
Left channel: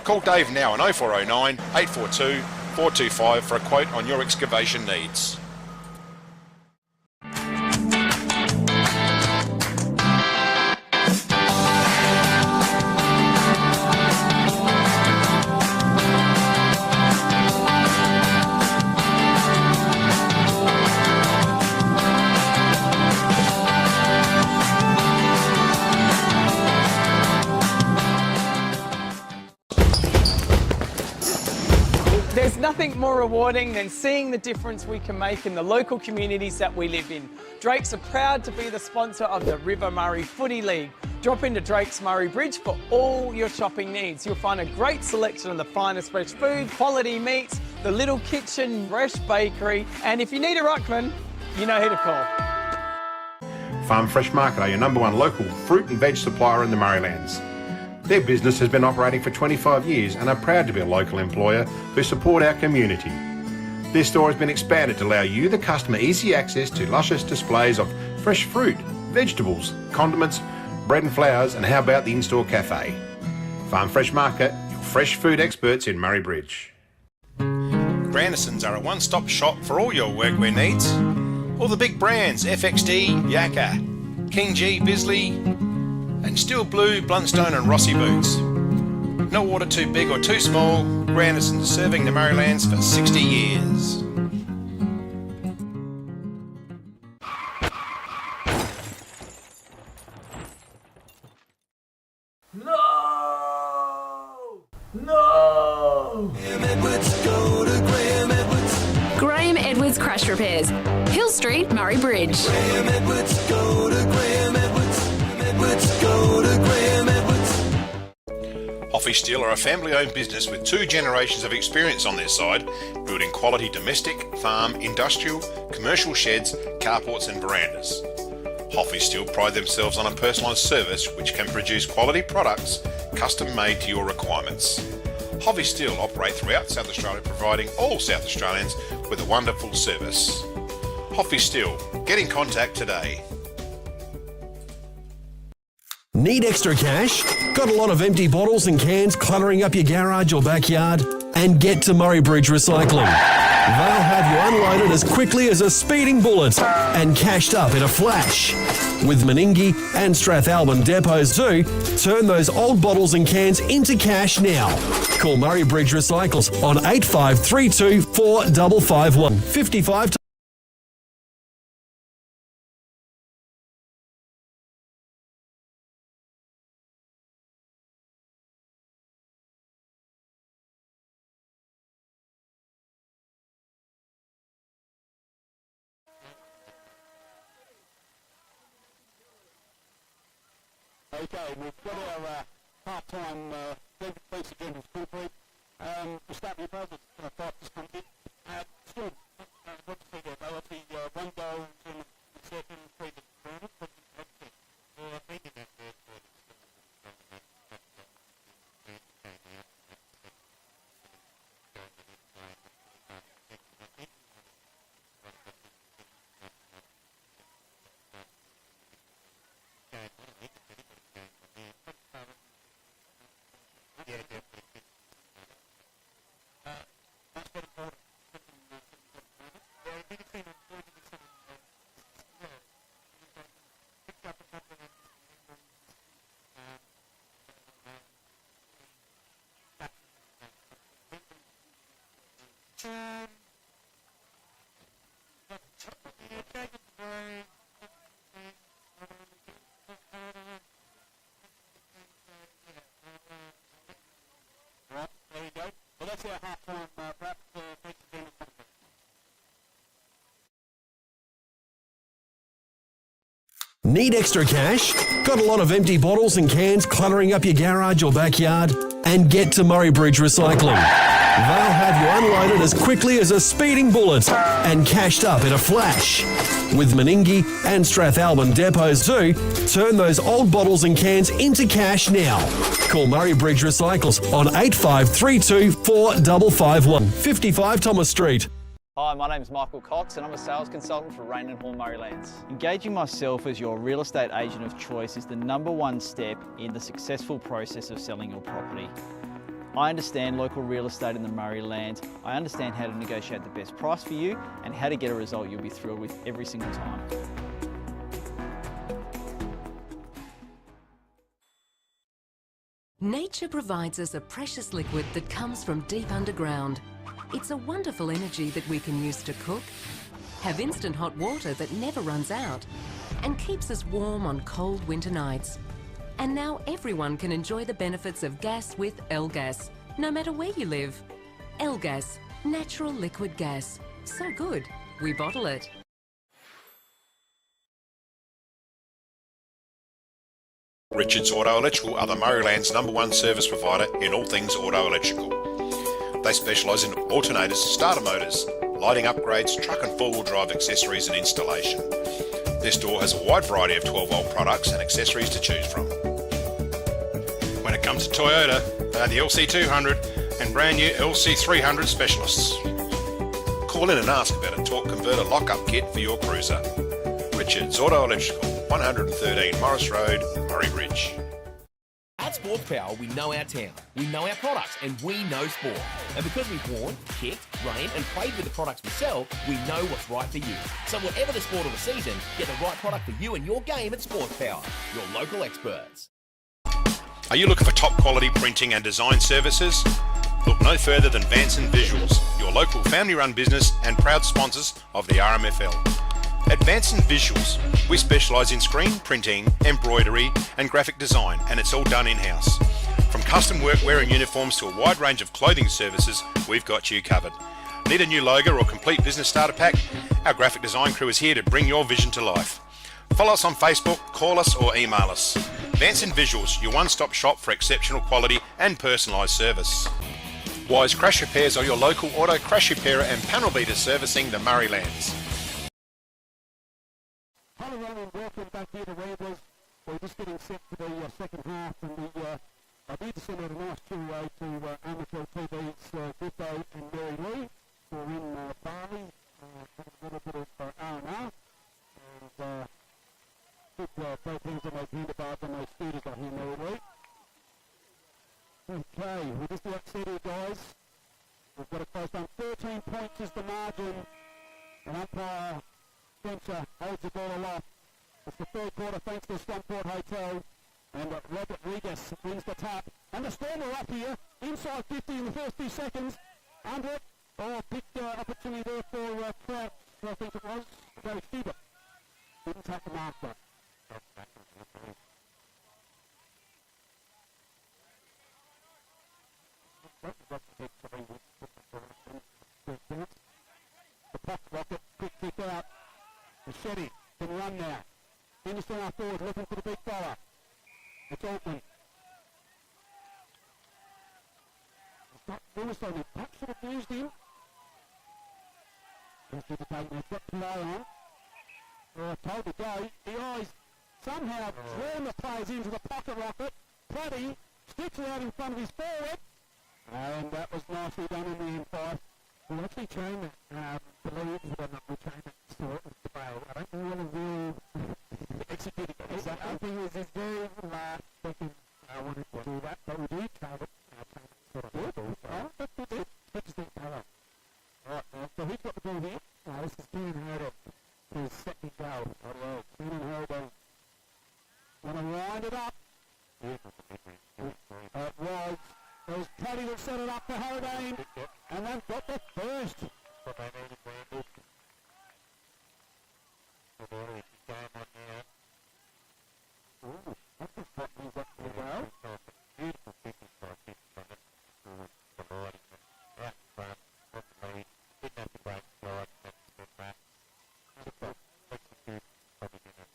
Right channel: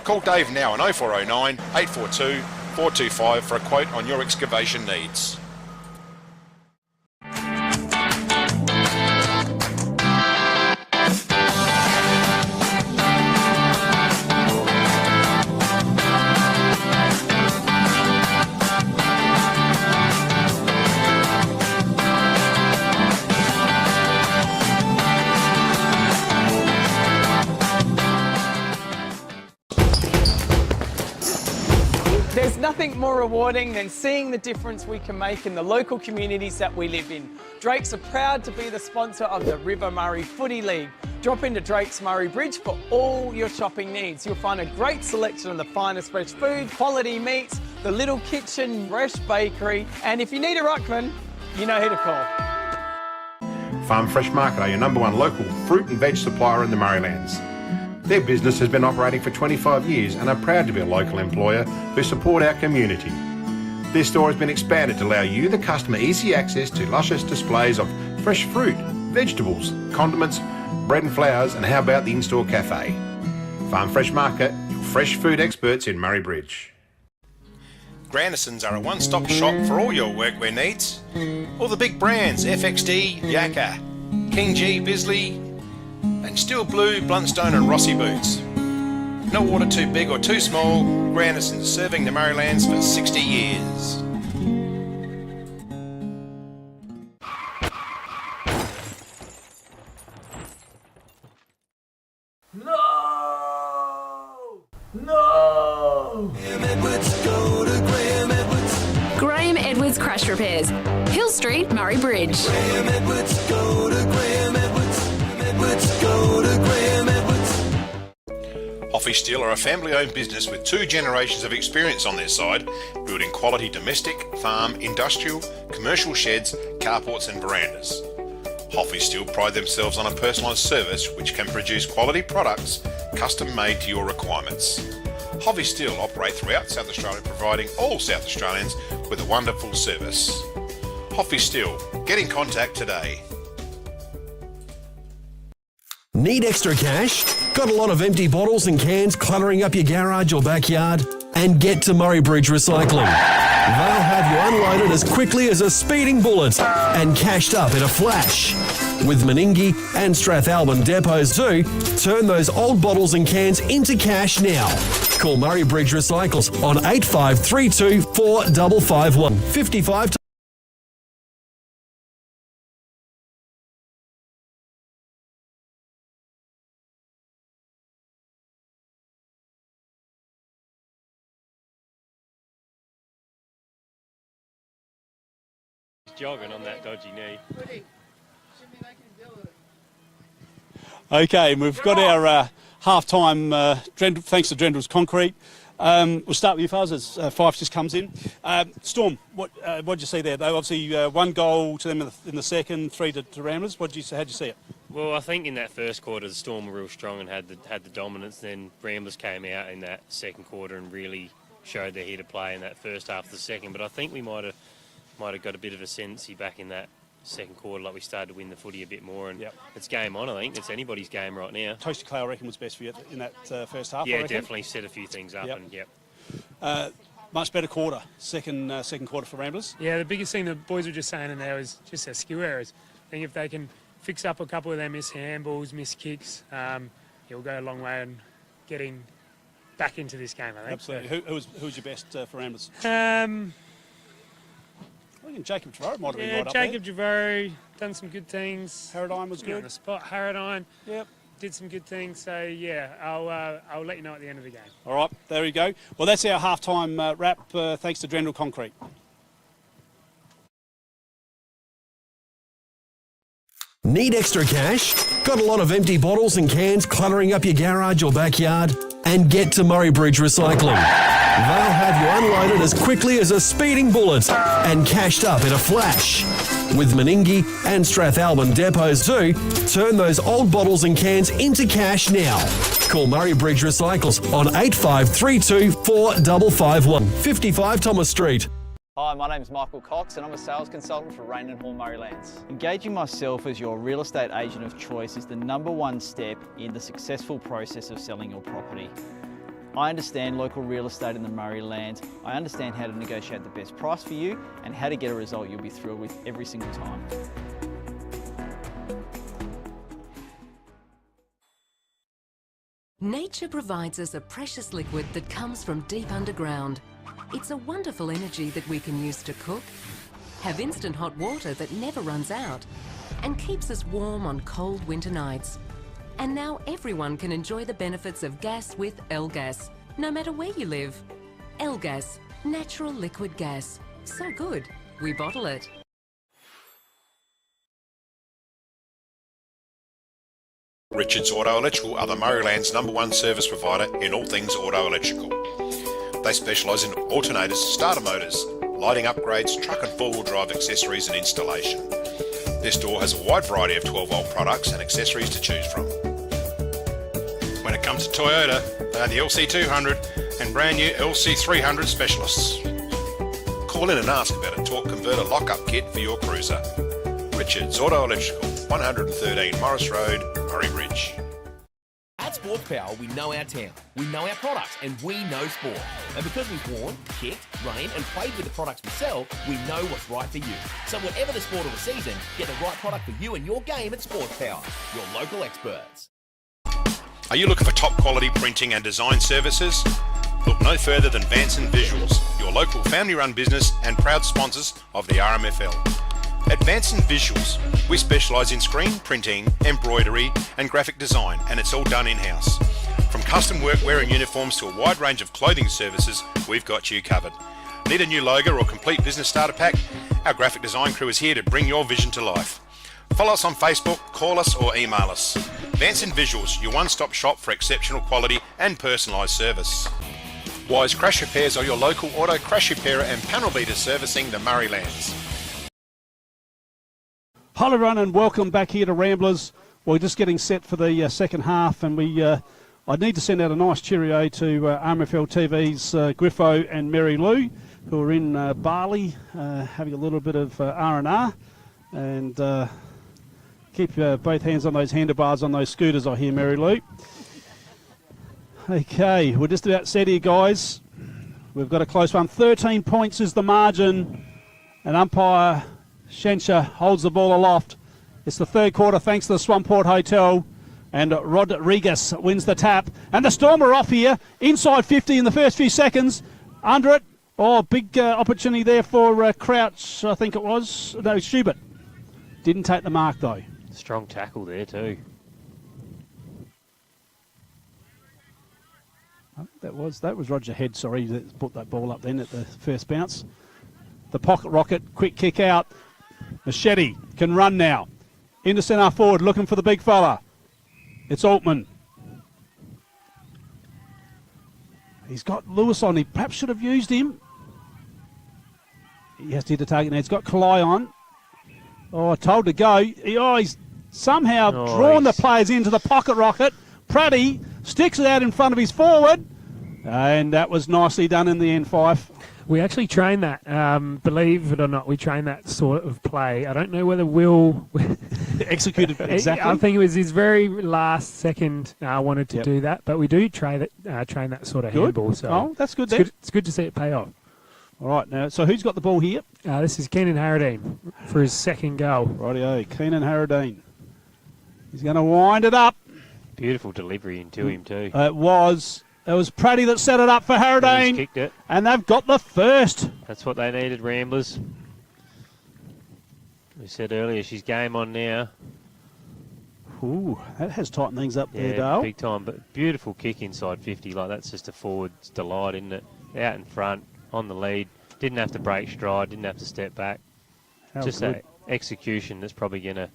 Call Dave now on 0409 842 425 for a quote on your excavation needs. There's nothing more rewarding than seeing the difference we can make in the local communities that we live in. Drakes are proud to be the sponsor of the River Murray Footy League. Drop into Drake's Murray Bridge for all your shopping needs. You'll find a great selection of the finest fresh food, quality meats, the little kitchen, fresh bakery, and if you need a ruckman, you know who to call. Farm Fresh Market are your #1 local fruit and veg supplier in the Murraylands. Their business has been operating for 25 years and are proud to be a local employer who support our community. Their store has been expanded to allow you, the customer, easy access to luscious displays of fresh fruit, vegetables, condiments, bread and flowers, and how about the in-store cafe? Farm Fresh Market, your fresh food experts in Murray Bridge. Grandisons are a one-stop shop for all your workwear needs. All the big brands, FXD, Yakka, King G, Bisley, and Steel Blue, Bluntstone and Rossi boots. No order too big or too small, Grandisons serving the Murraylands for 60 years. No! No! Edwards Repairs, Hill Street, Murray Bridge. Graham Edwards, go to Graham Edwards. Edwards, go to Graham Edwards. Hoffy Steel are a family-owned business with 2 generations of experience on their side, building quality domestic, farm, industrial, commercial sheds, carports and verandas. Hoffy Steel pride themselves on a personalised service which can produce quality products custom made to your requirements. Hoffy Steel operate throughout South Australia, providing all South Australians with a wonderful service. Hoffy Steel, get in contact today. Need extra cash? Got a lot of empty bottles and cans cluttering up your garage or backyard? And get to Murray Bridge Recycling. They'll have you unloaded as quickly as a speeding bullet and cashed up in a flash. With Meningie and Strathalbyn depots too, turn those old bottles and cans into cash now. Call Murray Bridge Recycles on 8532 4551 55. Jogging on that dodgy knee. Okay, we've got our half-time, thanks to Drendrill's Concrete. We'll start with you, Fuzz, as Fife just comes in. Storm, what did you see there? They obviously 1 goal to them in the second, 3 to Ramblers. How'd you see it? Well, I think in that first quarter, the Storm were real strong and had the dominance. Then Ramblers came out in that second quarter and really showed their head to play in that first half of the second. But I think we might have got a bit of ascendancy back in that second quarter, like we started to win the footy a bit more, and it's game on. I think it's anybody's game right now. Toasty Clay, I reckon, was best for you in that first half. Yeah, definitely set a few things up, and much better quarter, second quarter for Ramblers. Yeah, the biggest thing the boys were just saying in there was just their skill errors. I think if they can fix up a couple of their missed handballs, missed kicks, it'll go a long way in getting back into this game, I think. Absolutely. Who was your best for Ramblers? I think Jacob Javaro might have been right up there. Jacob Javaro done some good things. Harradine was good. On the spot, Harradine. Yep. Did some good things. So yeah, I'll let you know at the end of the game. All right, there we go. Well, that's our half-time wrap. Thanks to Drendrill Concrete. Need extra cash? Got a lot of empty bottles and cans cluttering up your garage or backyard? And get to Murray Bridge Recycling. They'll have you unloaded as quickly as a speeding bullet and cashed up in a flash. With Meningie and Strathalbyn depots too, turn those old bottles and cans into cash now. Call Murray Bridge Recycles on 8532 4551 55 Thomas Street. Hi, my name is Michael Cox and I'm a sales consultant for Rain and Horn Murray Lands. Engaging myself as your real estate agent of choice is the #1 step in the successful process of selling your property. I understand local real estate in the Murray Lands. I understand how to negotiate the best price for you and how to get a result you'll be thrilled with every single time. Nature provides us a precious liquid that comes from deep underground. It's a wonderful energy that we can use to cook, have instant hot water that never runs out, and keeps us warm on cold winter nights. And now everyone can enjoy the benefits of gas with L-Gas, no matter where you live. L-Gas, natural liquid gas. So good, we bottle it. Richards Auto Electrical are the Murrayland's #1 service provider in all things auto electrical. They specialise in alternators, starter motors, lighting upgrades, truck and four-wheel drive accessories and installation. Their store has a wide variety of 12-volt products and accessories to choose from. When it comes to Toyota, they are the LC200 and brand new LC300 specialists. Call in and ask about a torque converter lock-up kit for your cruiser. Richards Auto Electrical, 113 Morris Road, Murray Bridge. At Sports Power, we know our town, we know our products, and we know sport. And because we've worn, kicked, rained, and played with the products we sell, we know what's right for you. So whatever the sport or the season, get the right product for you and your game at Sports Power, your local experts. Are you looking for top quality printing and design services? Look no further than Vanson Visuals, your local family-run business and proud sponsors of the RMFL. At Vanson Visuals, we specialise in screen printing, embroidery and graphic design, and it's all done in-house. From custom workwear and uniforms to a wide range of clothing services, we've got you covered. Need a new logo or complete business starter pack? Our graphic design crew is here to bring your vision to life. Follow us on Facebook, call us or email us. Vanson Visuals, your one-stop shop for exceptional quality and personalised service. Wise Crash Repairs are your local auto crash repairer and panel beater servicing the Murray Lands. Hello everyone and welcome back here to Ramblers. We're just getting set for the second half, and I need to send out a nice cheerio to RMFL TV's Griffo and Mary Lou, who are in Bali having a little bit of R&R, and keep both hands on those handlebars on those scooters, I hear, Mary Lou. Okay, we're just about set here, guys. We've got a close one. 13 points is the margin, and umpire Shensha holds the ball aloft. It's the third quarter thanks to the Swamport Hotel, and Rodriguez wins the tap. And the Storm are off here, inside 50 in the first few seconds. Under it, big opportunity there for Crouch, I think it was. No, Schubert. Didn't take the mark, though. Strong tackle there too. That was Roger Head, sorry, that put that ball up then at the first bounce. The pocket rocket, quick kick out. Machete can run now. Into centre forward, looking for the big fella. It's Altman. He's got Lewis on. He perhaps should have used him. He has to hit the target now. He's got Kalai on. Told to go. He's somehow drawn the players into the pocket rocket. Pratty sticks it out in front of his forward. And that was nicely done in the end, Fife. We actually train that, believe it or not, we train that sort of play. I don't know whether Will executed exactly. I think it was his very last second wanted to do that, but we do train that sort of handball. So that's good. It's good to see it pay off. All right, now, so who's got the ball here? This is Keenan Harradine for his second goal. Rightio, Keenan Harradine. He's going to wind it up. Beautiful delivery into him too. It was Pratty that set it up for Harradine. He's kicked it. And they've got the first. That's what they needed, Ramblers. We said earlier, she's game on now. Ooh, that has tightened things up there, Yeah, Dale. big time, but beautiful kick inside 50. Like, that's just a forward's delight, isn't it? Out in front, on the lead. Didn't have to break stride, didn't have to step back. How just good. that execution that's probably going to,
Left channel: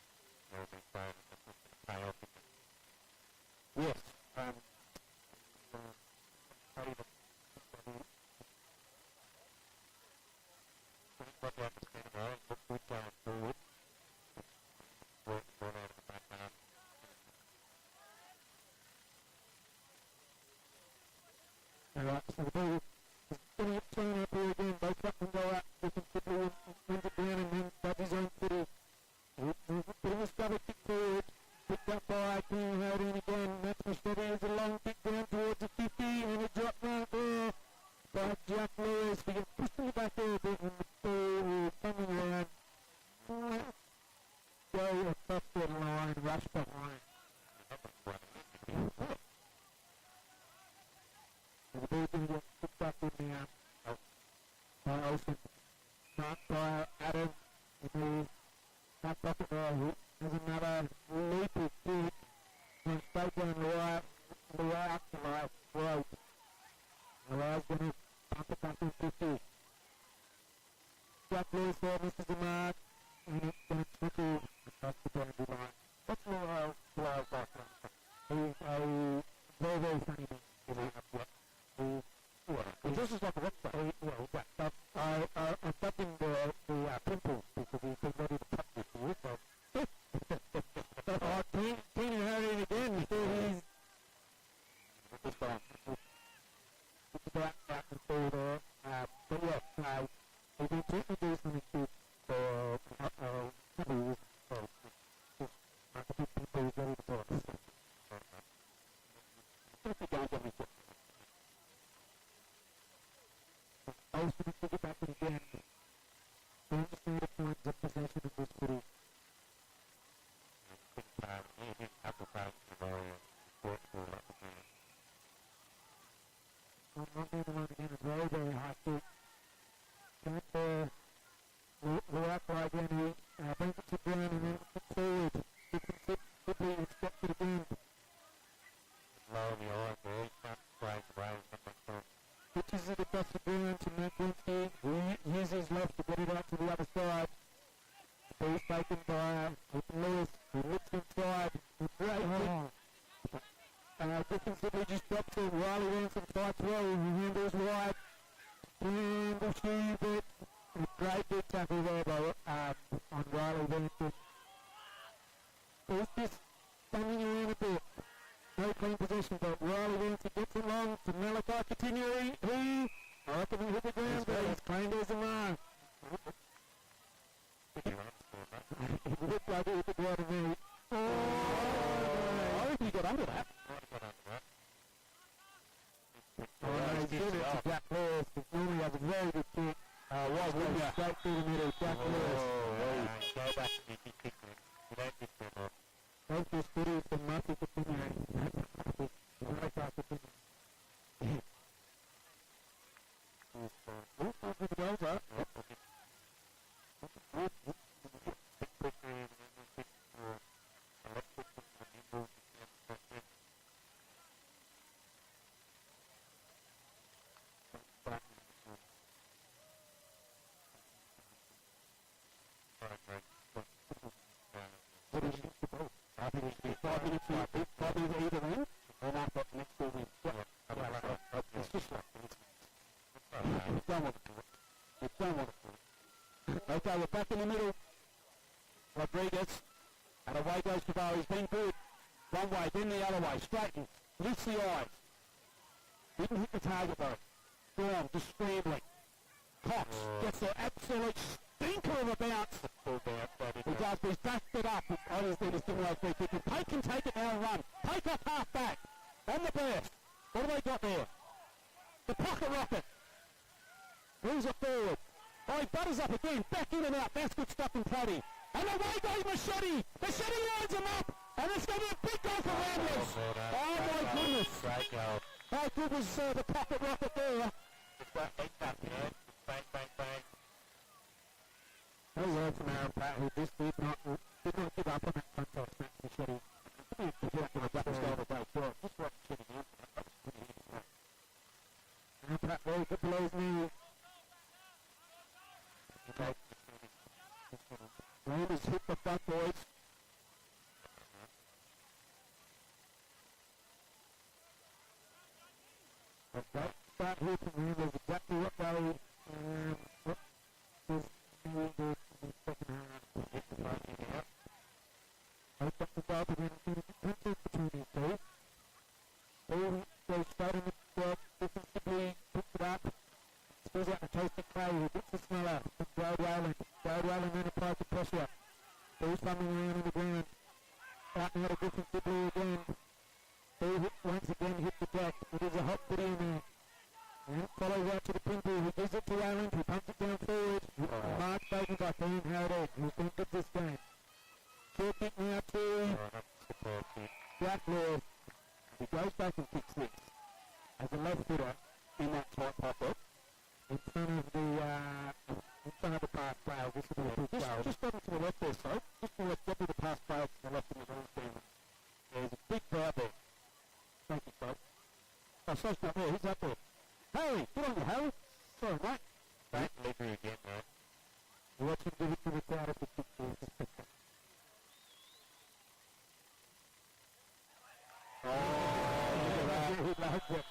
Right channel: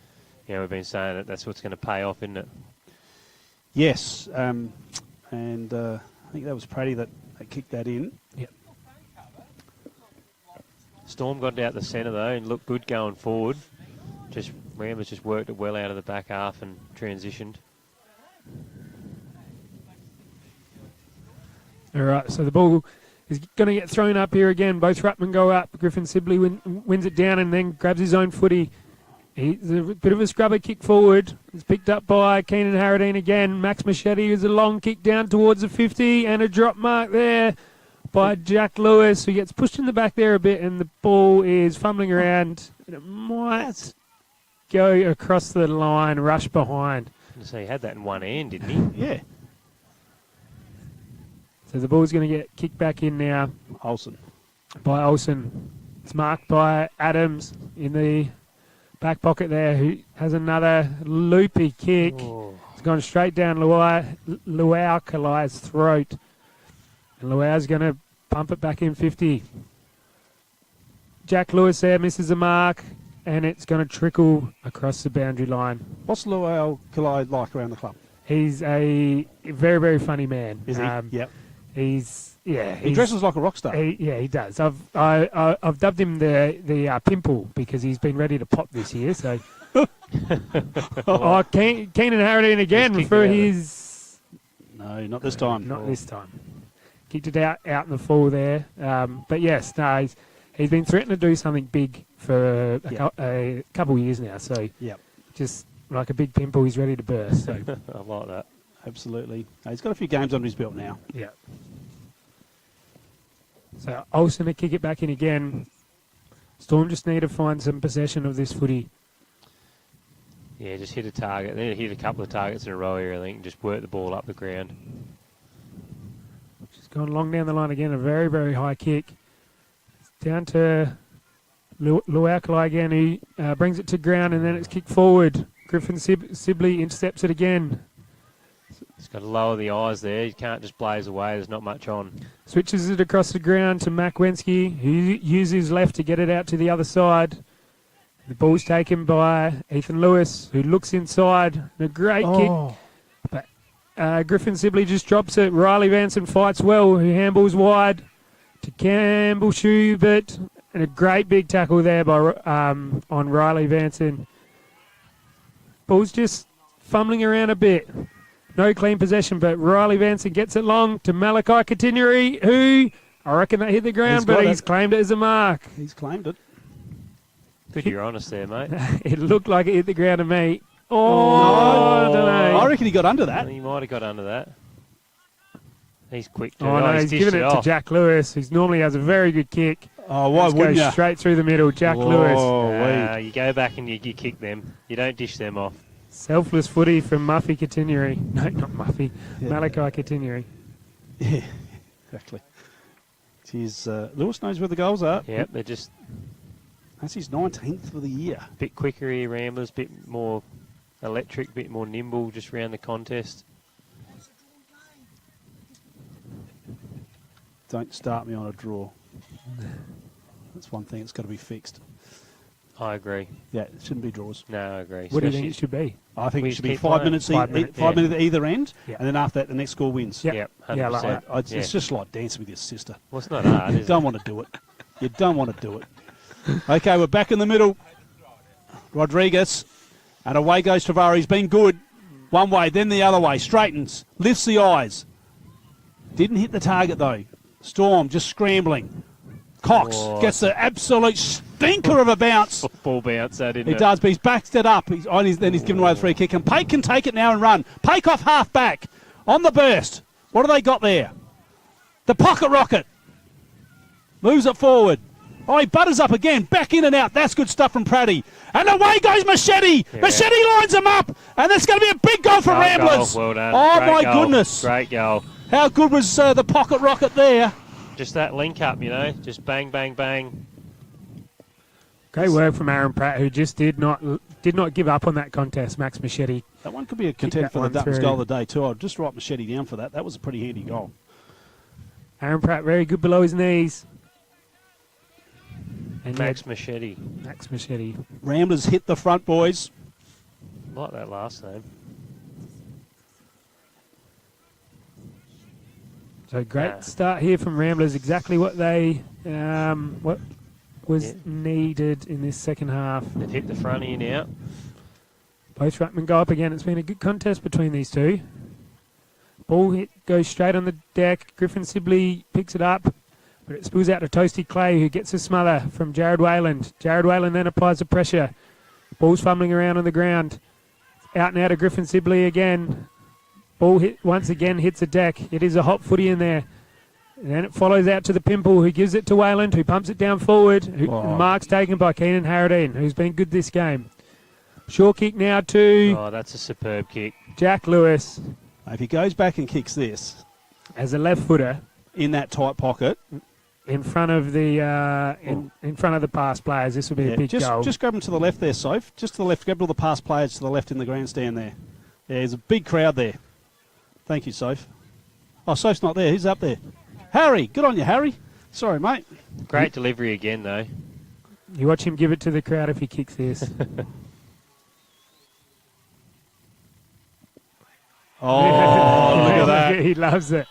we've been saying that's what's going to pay off, isn't it? Yes, and I think that was Pratty that kicked that in. Yep. Storm got out the centre though and looked good going forward. Ramblers just worked it well out of the back half and transitioned. All right, so the ball is going to get thrown up here again. Both ruckmen go up. Griffin Sibley wins it down and then grabs his own footy. He's a bit of a scrubber kick forward. It's picked up by Keenan Harradine again. Max Machete is a long kick down towards the 50 and a drop mark there by Jack Lewis, who gets pushed in the back there a bit, and the ball is fumbling around. And it might go across the line, rush behind. So he had that in one hand, didn't he? Yeah. So the ball's going to get kicked back in now. By Olsen. It's marked by Adams in the back pocket there, who has another loopy kick. It's gone straight down Luau Kalai's throat. And Luau's going to pump it back in 50. Jack Lewis there misses the mark, and it's going to trickle across the boundary line. What's Luau Kalai like around the club? He's a very, very funny man. Is he? Yep. He dresses like a rock star. He does. I've dubbed him the pimple because he's been ready to pop this year. So, Keenan Harradine again for his. No, not this time. Not this time. Kicked it out in the fall there. But yes, no, he's been threatening to do something big for a couple of years now. So, just like a big pimple, he's ready to burst. So. I like that. Absolutely. He's got a few games under his belt now. Yeah. So Olsen to kick it back in again. Storm just need to find some possession of this footy. Yeah, just hit a target. Then hit a couple of targets in a row here, I think, and just work the ball up the ground. Just gone long down the line again. A very, very high kick. Down to Luaukalai again. He brings it to ground, and then it's kicked forward. Griffin Sibley intercepts it again. Just got to lower the eyes there. You can't just blaze away. There's not much on. Switches it across the ground to Mac Wensky, who uses his left to get it out to the other side. The ball's taken by Ethan Lewis, who looks inside. A great kick. But Griffin Sibley just drops it. Riley Vanson fights well, who handballs wide to Campbell Schubert. And a great big tackle there by on Riley Vanson. Ball's just fumbling around a bit. No clean possession, but Riley Vanson gets it long to Malachi Katineri, who I reckon that hit the ground, but he's claimed it as a mark. He's claimed it. Good, you're honest there, mate. It looked like it hit the ground to me. I don't know. I reckon he got under that. He might have got under that. He's quick. Oh, no, he's giving it to Jack Lewis, who normally has a very good kick. Oh, why wouldn't you? Straight through the middle, Jack Lewis. You go back and you kick them. You don't dish them off. Selfless footy from Muffy Katineri. No, not Muffy. Yeah. Malachi Katineri. Yeah, exactly. Geez, Lewis knows where the goals are. Yep, they're just... That's his 19th for the year. Bit quicker here, Ramblers. Bit more electric, bit more nimble just around the contest. Don't start me on a draw. That's one thing that's got to be fixed. I agree. Yeah, it shouldn't be draws. No, I agree. What do you think it should be? I think We it should be keep 5 playing. minutes, 5 minutes, minutes, minutes at either end, Yeah. and then after that, the next score wins. Yep. Yeah, like that. It's just like dancing with your sister. Well, it's not hard, You is don't it? want to do it. You don't want to do it. Okay, we're back in the middle. Rodriguez, and away goes Tavares. He's been good. One way, then the other way. Straightens, lifts the eyes. Didn't hit the target, though. Storm just scrambling. Cox gets the absolute stinker of a bounce. Ball bounce, that didn't He does, but he's backed it up. Then he's given away the free kick. And Pake can take it now and run. Pake off half back. On the burst. What have they got there? The pocket rocket. Moves it forward. Oh, he butters up again. Back in and out. That's good stuff from Praddy. And away goes Machete. Yeah. Machete lines him up. And that's going to be a big goal for Ramblers. Well done. Oh, Great my goal. goodness. Great goal. How good was the pocket rocket there? Just that link up, you know. Just bang, bang, bang. Great work from Aaron Pratt, who just did not give up on that contest, Max Machete. That one could be a contender for the Duttons goal of the day, too. I'll just write Machete down for that. That was a pretty handy goal. Aaron Pratt, very good below his knees. And Max Machete. Max Machete. Ramblers hit the front, boys. Like that last name. So great start here from Ramblers. Exactly what they what was needed in this second half. They've hit the front here now. Both ruckmen go up again. It's been a good contest between these two. Ball hit goes straight on the deck. Griffin Sibley picks it up, but it spills out to Toasty Clay, who gets a smother from Jared Wayland. Jared Wayland then applies the pressure. Ball's fumbling around on the ground. Out now to Griffin Sibley again. Ball hit once again, hits a deck. It is a hot footy in there. And then it follows out to the Pimple, who gives it to Wayland, who pumps it down forward. Mark's taken by Keenan Harradine, who's been good this game. Short kick now to... Oh, that's a superb kick. Jack Lewis. If he goes back and kicks this... As a left footer... In that tight pocket... In front of the in front of the pass players, this would be a big goal. Just grab him to the left there, Soph. Just to the left. Grab all the pass players to the left in the grandstand there. Yeah, there's a big crowd there. Thank you, Soph. Oh, Soph's not there. Who's up there? Harry. Good on you, Harry. Sorry, mate. Great delivery again, though. You watch him give it to the crowd if he kicks this. Oh, look at that. He loves it.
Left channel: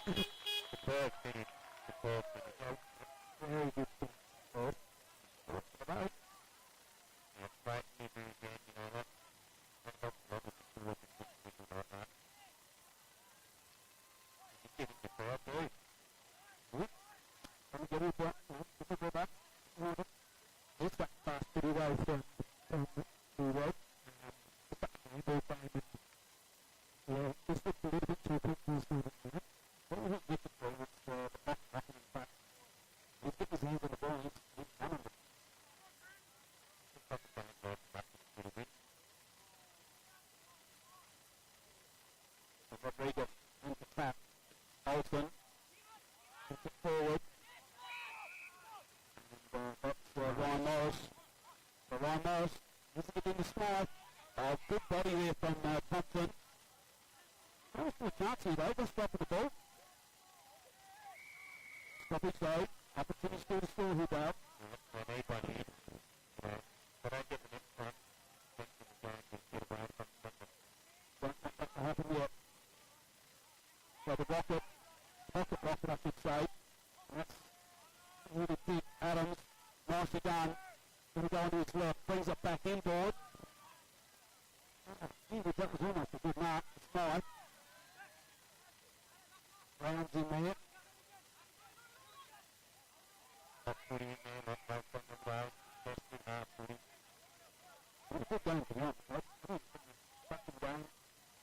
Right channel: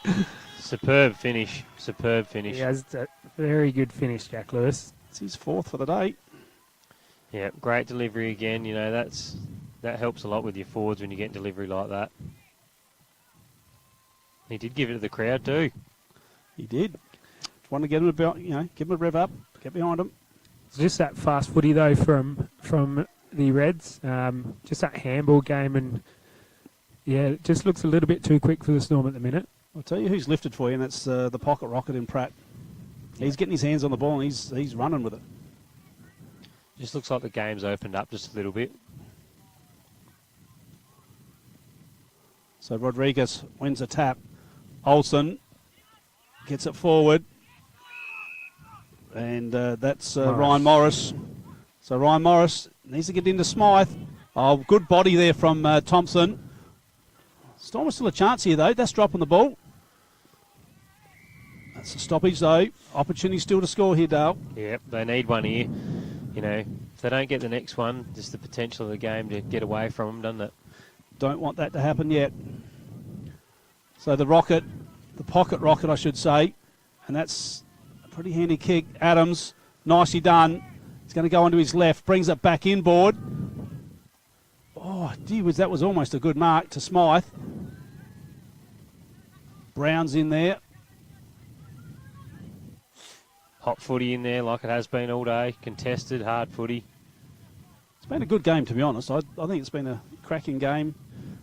Superb finish. Superb finish. He has a very good finish, Jack Lewis. It's his fourth for the day. Yeah, great delivery again. You know, that helps a lot with your forwards when you get delivery like that. He did give it to the crowd too. He did. Want to get him about, give him a rev up, get behind him. It's just that fast footy though from the Reds. Just that handball game, and yeah, it just looks a little bit too quick for the Storm at the minute. I'll tell you who's lifted for you, and that's the pocket rocket in Pratt. He's getting his hands on the ball, and he's running with it. Just looks like the game's opened up just a little bit. So Rodriguez wins a tap. Olsen gets it forward. And that's Ryan Morris. So Ryan Morris needs to get into Smythe. Oh, good body there from Thompson. Storm still a chance here, though. That's dropping the ball. That's a stoppage, though. Opportunity still to score here, Dale. Yep, they need one here. You know, if they don't get the next one, just the potential of the game to get away from them, doesn't it? Don't want that to happen yet. So the rocket, the pocket rocket, I should say, and that's a pretty handy kick. Adams, nicely done. He's going to go onto his left, brings it back inboard. Oh, gee whiz, that was almost a good mark to Smythe. Brown's in there. Hot footy in there like it has been all day. Contested, hard footy. It's been a good game, to be honest. I think it's been a cracking game.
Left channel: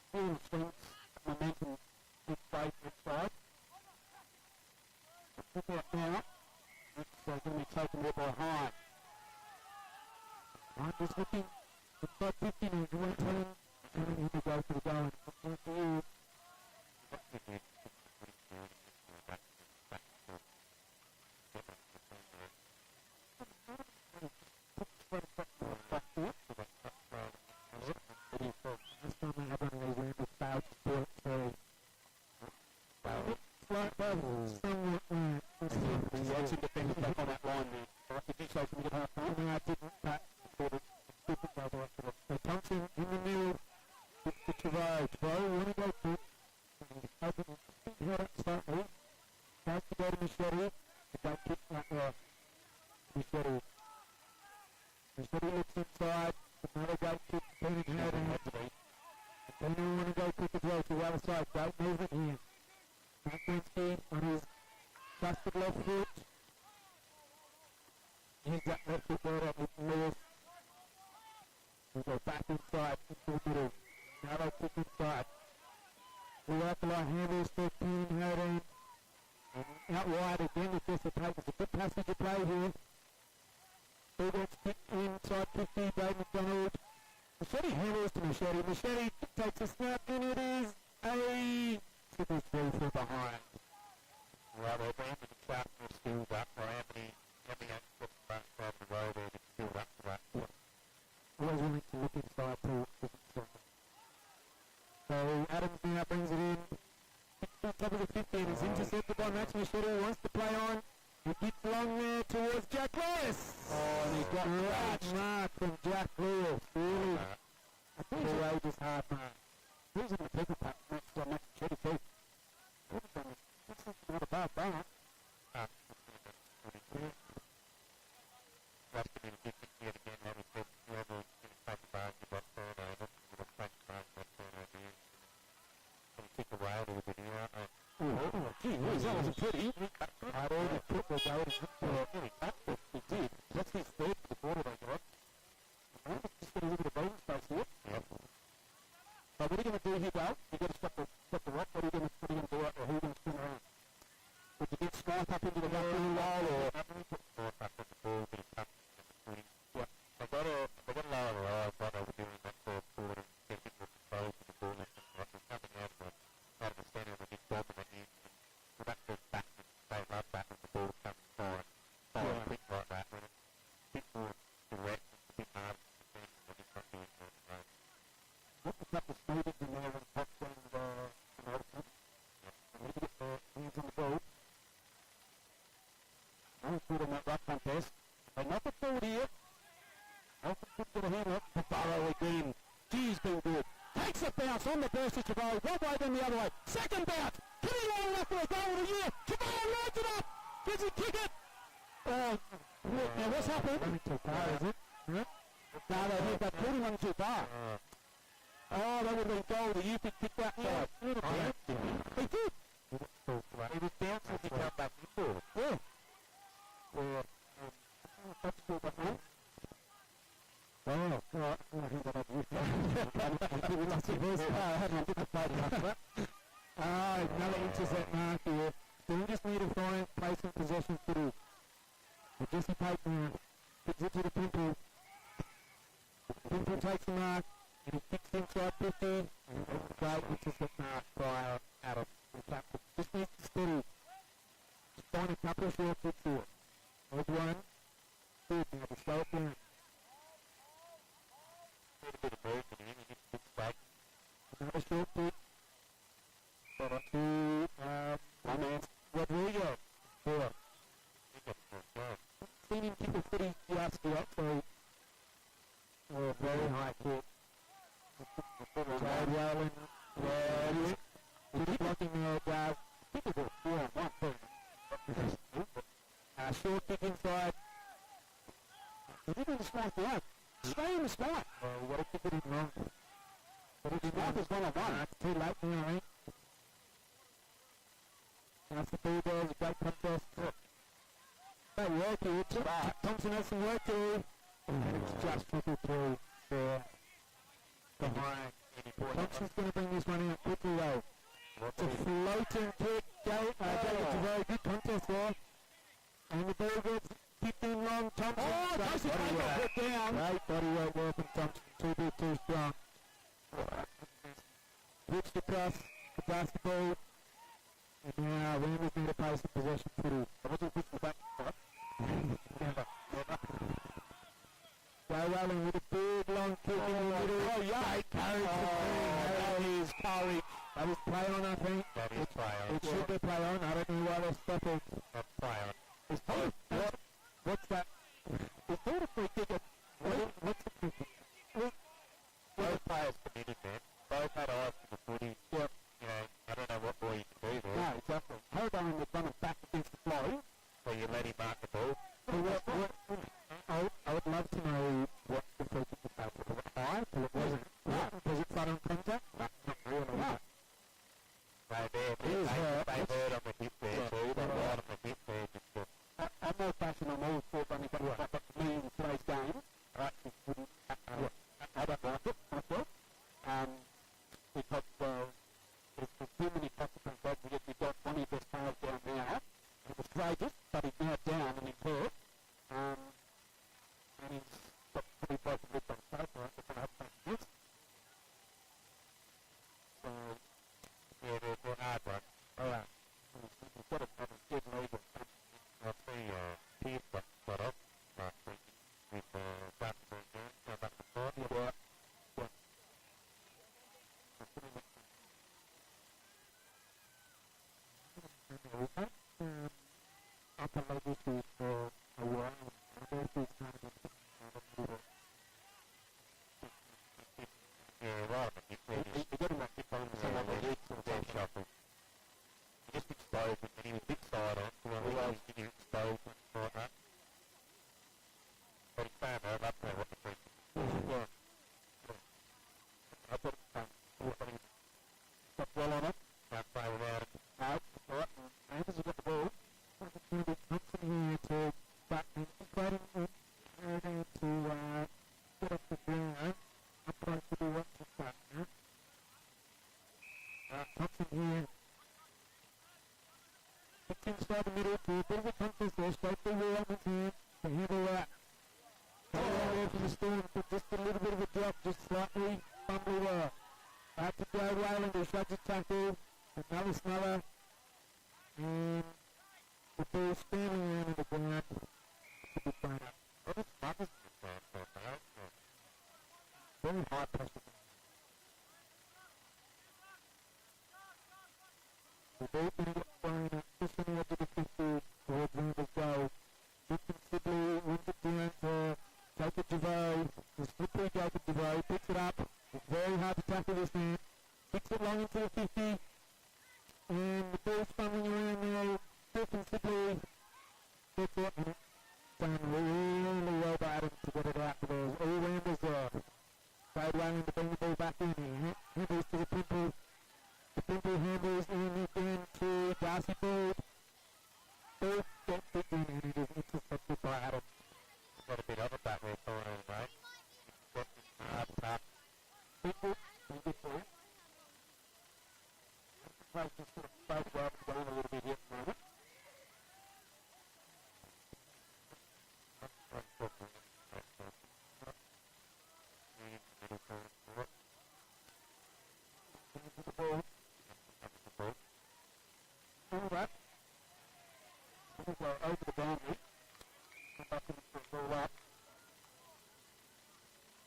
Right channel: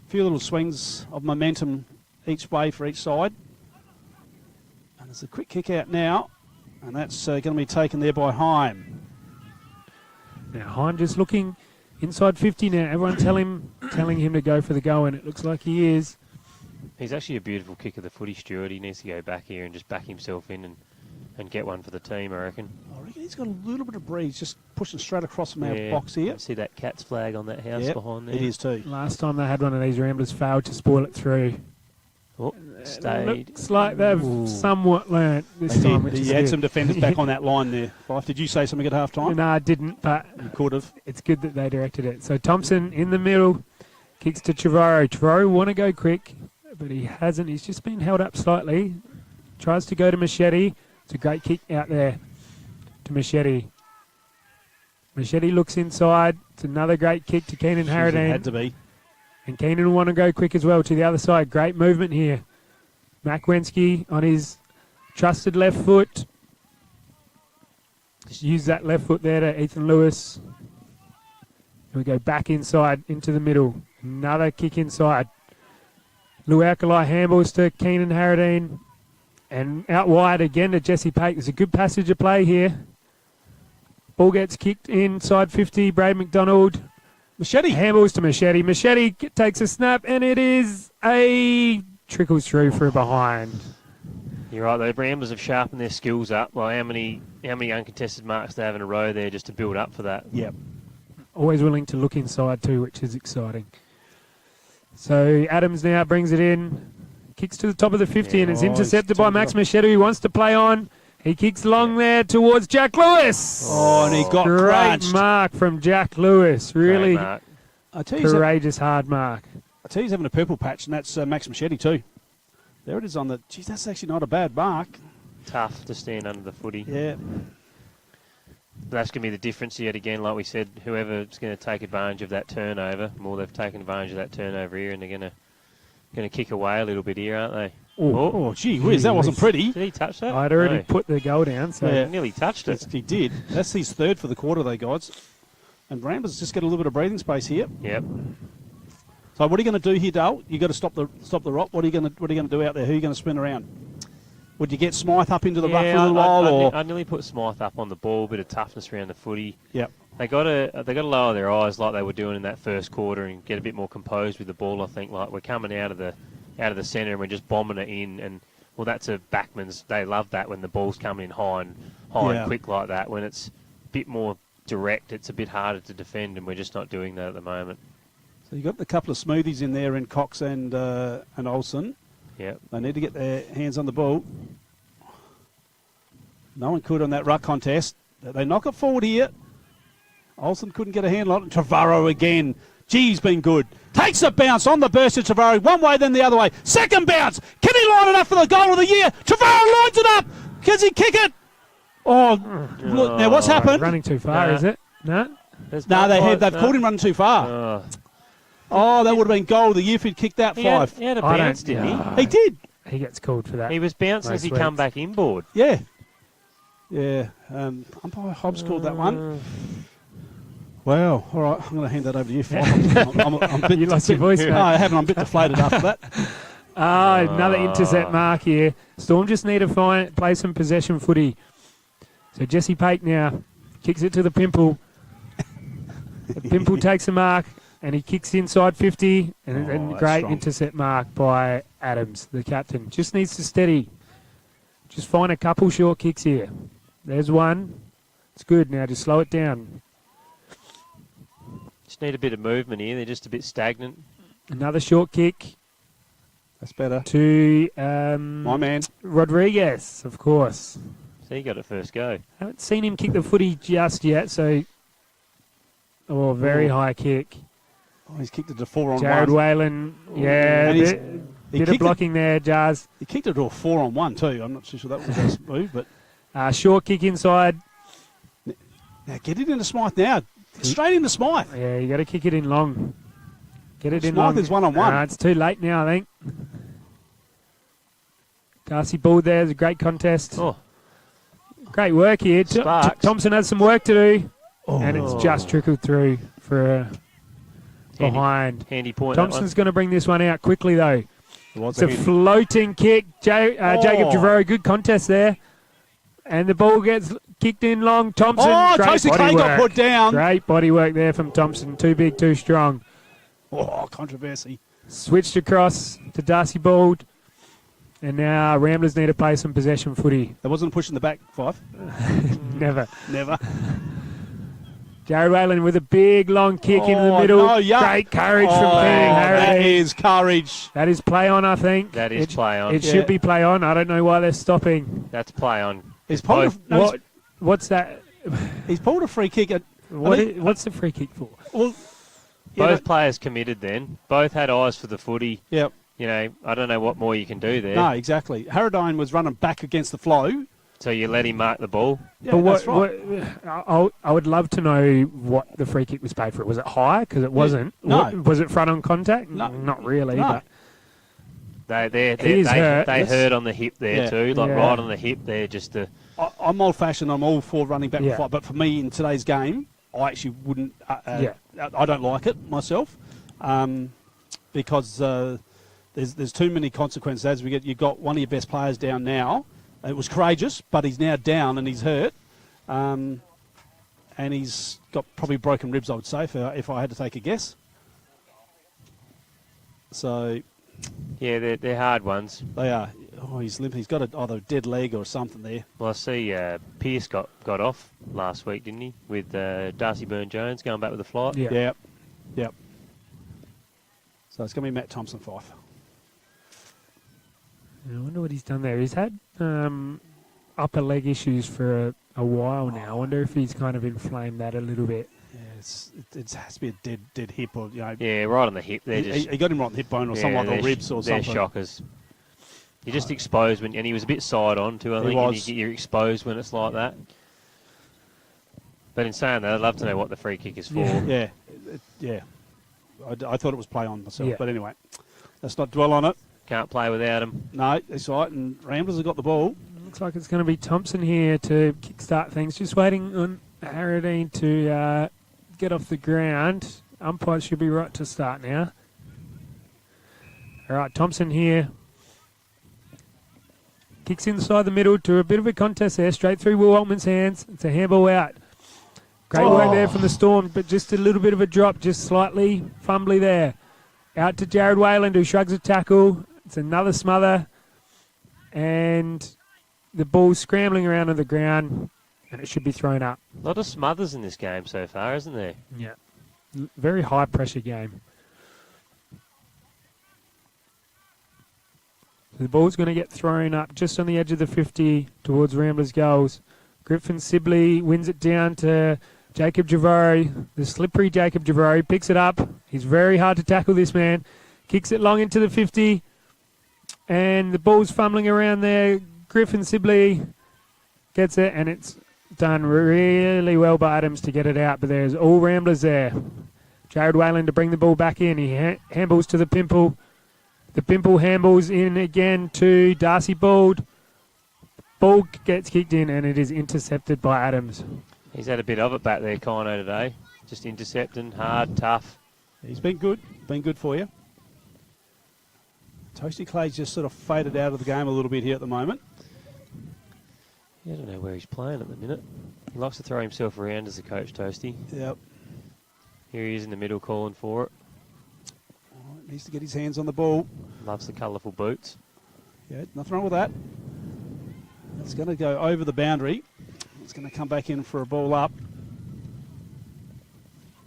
A few little swings of momentum each way for each side. And there's a quick kick out now, and that's going to be taken there by Heim. Now Heim just looking inside 50 now. Everyone telling him to go for the go, and it looks like he is. He's actually a beautiful kick of the footy, Stuart. He needs to go back here and just back himself in and get one for the team, I reckon. I reckon he's got a little bit of breeze, just pushing straight across from our box here. See that Cats flag on that house behind there? It is too. Last time they had one of these Ramblers failed to spoil it through. Oh, stayed. Looks like they've somewhat learnt this time. Which He had some defenders back on that line there. Fife, did you say something at half time? No, I didn't, but you could have. It's good that they directed it. So Thompson in the middle, kicks to Trevorrow. Trevorrow want to go quick, but he hasn't. He's just been held up slightly. Tries to go to Machete. It's a great kick out there to Machete. Machete looks inside. It's another great kick to Keenan Harradine. Had to be. And Keenan will want to go quick as well to the other side. Great movement here. Makwensky on his trusted left foot. Just use that left foot there to Ethan Lewis. We go back inside into the middle. Another kick inside. Luakalai handballs to Keenan Harradine. And out wide again to Jesse Pake. There's a good passage of play here. Ball gets kicked inside 50. Brad McDonald. Machete. Handballs to Machete. Machete takes a snap, and it is a trickles through for a behind. You're right, the Ramblers have sharpened their skills up. Well, how many uncontested marks they have in a row there just to build up for that? Yep. Always willing to look inside too, which is exciting. So Adams now brings it in. Kicks to the top of the 50 and it's intercepted by Max Machete, who wants to play on. He kicks long there towards Jack Lewis. Oh, and he got great crunched. mark from Jack Lewis. Really mark. courageous, hard mark. I tell you, he's having a purple patch, and that's Max Machete too. There it is on the. Geez, that's actually not a bad mark. Tough to stand under the footy. Yeah. That's going to be the difference yet again. Like we said, whoever's going to take advantage of that turnover, more they've taken advantage of that turnover here, and they're going to kick away a little bit here, aren't they? Oh, gee whiz, that wasn't pretty. Did he touch that? I'd already put the goal down, so He nearly touched it. He did. That's his third for the quarter, though, guys. And Ramblers just get a little bit of breathing space here. Yep. So what are you going to do here, Dale? You got to stop the rock. What are you going to do out there? Who are you going to spin around? Would you get Smythe up into the ruck for a little while, I nearly put Smythe up on the ball, bit of toughness around the footy. Yep. They got to lower their eyes like they were doing in that first quarter and get a bit more composed with the ball. I think like we're coming out of the centre and we're just bombing it in, and well, that's a backman's. They love that when the ball's coming in high and quick like that. When it's a bit more direct, it's a bit harder to defend, and we're just not doing that at the moment. So you've got a couple of smoothies in there in Cox and Olsen. Yeah. They need to get their hands on the ball. No one could on that ruck contest. They knock it forward here. Olsen couldn't get a handle on it. Trevorrow again. G's been good. Takes a bounce on the burst of Trevorrow. One way, then the other way. Second bounce. Can he line it up for the goal of the year? Trevorrow lines it up. Can he kick it? Oh, look, now what's happened? Running too far, is it? No? They've caught him running too far. Oh, that would have been goal of the year if he'd kicked that five. He had a bounce, didn't he? He did. He gets called for that. He was bouncing as he come back inboard. Yeah. Yeah. Umpire Hobbs called that one. Well, all right. I'm going to hand that over to you, Fife. I'm a bit You lost your voice, mate. No, I haven't. I'm a bit deflated after that. Another intercept mark here. Storm just need to play some possession footy. So Jesse Pake now kicks it to the Pimple. The Pimple takes a mark, and he kicks inside 50, and great intercept mark by Adams, the captain. Just needs to steady. Just find a couple short kicks here. There's one. It's good. Now just slow it down. Just need a bit of movement here. They're just a bit stagnant. Another short kick. That's better. To my man Rodriguez, of course. So he got it first go. Haven't seen him kick the footy just yet, so very high kick. Oh, he's kicked it to 4-on-1. Jared Whalen, yeah, bit of blocking there, Jazz. He kicked it to a 4-on-1 too. I'm not too sure that was a move, but short kick inside. Now get it into Smythe now. Straight into Smythe. Yeah, you got to kick it in long. Get it in Smythe long. is 1-on-1. It's too late now, I think. Darcy Ball there. It's a great contest. Oh. Great work here. Thompson has some work to do. And it's just trickled through for behind. Handy point. Thompson's going to bring this one out quickly, though. It's a floating kick. Jacob Javero, good contest there. And the ball gets kicked in long. Thompson, Tyson Fry got put down. Great body work there from Thompson. Too big, too strong. Oh, controversy. Switched across to Darcy Bald. And now Ramblers need to play some possession footy. There wasn't a push in the back, Fife. Never. Never. Jared Whalen with a big long kick into the middle. Great courage from Canning Harry. That is courage. That is play on, I think. That is play on. It should be play on. I don't know why they're stopping. That's play on. What's that? He's pulled a free kick. What's the free kick for? Well, both players committed then. Both had eyes for the footy. Yep. You know, I don't know what more you can do there. No, exactly. Harradine was running back against the flow. So you let him mark the ball. Yeah, that's right. I would love to know what the free kick was paid for. Was it high? Because it wasn't. No. Was it front on contact? No. Not really. No. But They hurt on the hip there too, right on the hip there. Just to. I'm old-fashioned. I'm all for running back and fight. But for me in today's game, I actually wouldn't. I don't like it myself, because there's too many consequences. As you've got one of your best players down now. It was courageous, but he's now down and he's hurt, and he's got probably broken ribs, I would say, if I had to take a guess. So, yeah, they're hard ones. They are. Oh, he's limp. He's got either a dead leg or something there. Well, I see Pearce got off last week, didn't he? With Darcy Byrne-Jones going back with the flight. Yep. So it's going to be Matt Thompson, Fife. I wonder what he's done there. He's had upper leg issues for a while now. I wonder if he's kind of inflamed that a little bit. Yeah, it has to be a dead hip or Yeah, right on the hip. He got him right on the hip bone or something like the ribs or something. They're shockers. You're just exposed and he was a bit side on too. I think you're exposed when it's like that. But in saying that, I'd love to know what the free kick is for. Yeah. I thought it was play on myself, but anyway, let's not dwell on it. Can't play without him. No, that's right. And Ramblers have got the ball. Looks like it's going to be Thompson here to kickstart things. Just waiting on Harradine to get off the ground. Umpire should be right to start now. All right, Thompson here. Kicks inside the middle to a bit of a contest there. Straight through Will Altman's hands. It's a handball out. Great work there from the Storm, but just a little bit of a drop, just slightly fumbly there. Out to Jared Whalen, who shrugs a tackle. It's another smother. And the ball's scrambling around on the ground, and it should be thrown up. A lot of smothers in this game so far, isn't there? Yeah. Very high-pressure game. The ball's going to get thrown up just on the edge of the 50 towards Ramblers goals. Griffin Sibley wins it down to Jacob Javori, the slippery Jacob Javori, picks it up. He's very hard to tackle, this man. Kicks it long into the 50. And the ball's fumbling around there. Griffin Sibley gets it, and it's done really well by Adams to get it out. But there's all Ramblers there. Jared Whalen to bring the ball back in. He handballs to the Pimple. The Pimple handballs in again to Darcy Bald. Ball gets kicked in, and it is intercepted by Adams. He's had a bit of it back there, Kino, today. Just intercepting, hard, tough. He's been good. Been good for you. Toasty Clay's just sort of faded out of the game a little bit here at the moment. I don't know where he's playing at the minute. He likes to throw himself around as a coach, Toasty. Yep. Here he is in the middle calling for it. Needs to get his hands on the ball. Loves the colourful boots. Yeah, nothing wrong with that. It's going to go over the boundary. It's going to come back in for a ball up.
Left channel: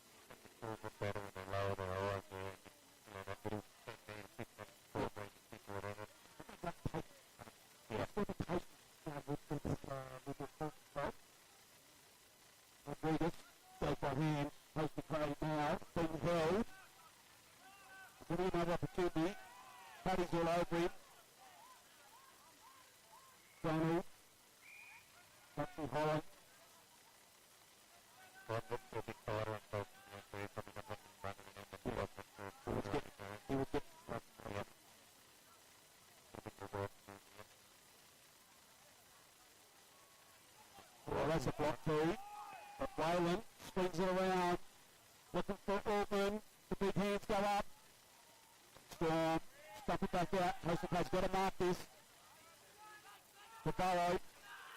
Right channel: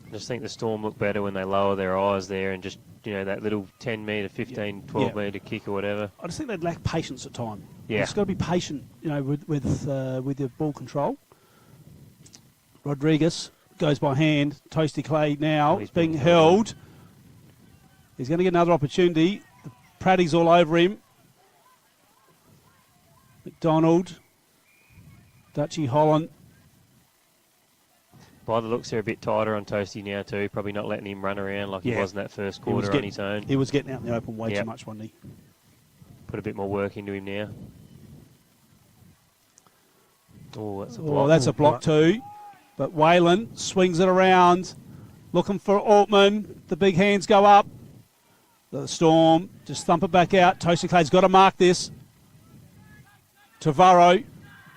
I just think the Storm look better when they lower their eyes there and just that little 10 metre, 15, 12 metre kick or whatever. I just think they lack patience at time. Yeah. You've just got to be patient, with your ball control. Rodriguez goes by hand. Toasty Clay now is being held. He's going to get another opportunity. Praddy's all over him. McDonald. Dutchy Holland. By the looks, they're a bit tighter on Toasty now too. Probably not letting him run around like he was in that first quarter on his own. He was getting out in the open way too much, wasn't he? Put a bit more work into him now. Oh, that's a block. Oh, that's a block too. But Whalen swings it around, looking for Altman. The big hands go up. The Storm just thump it back out. Toasty Clay's got to mark this. Tavaro.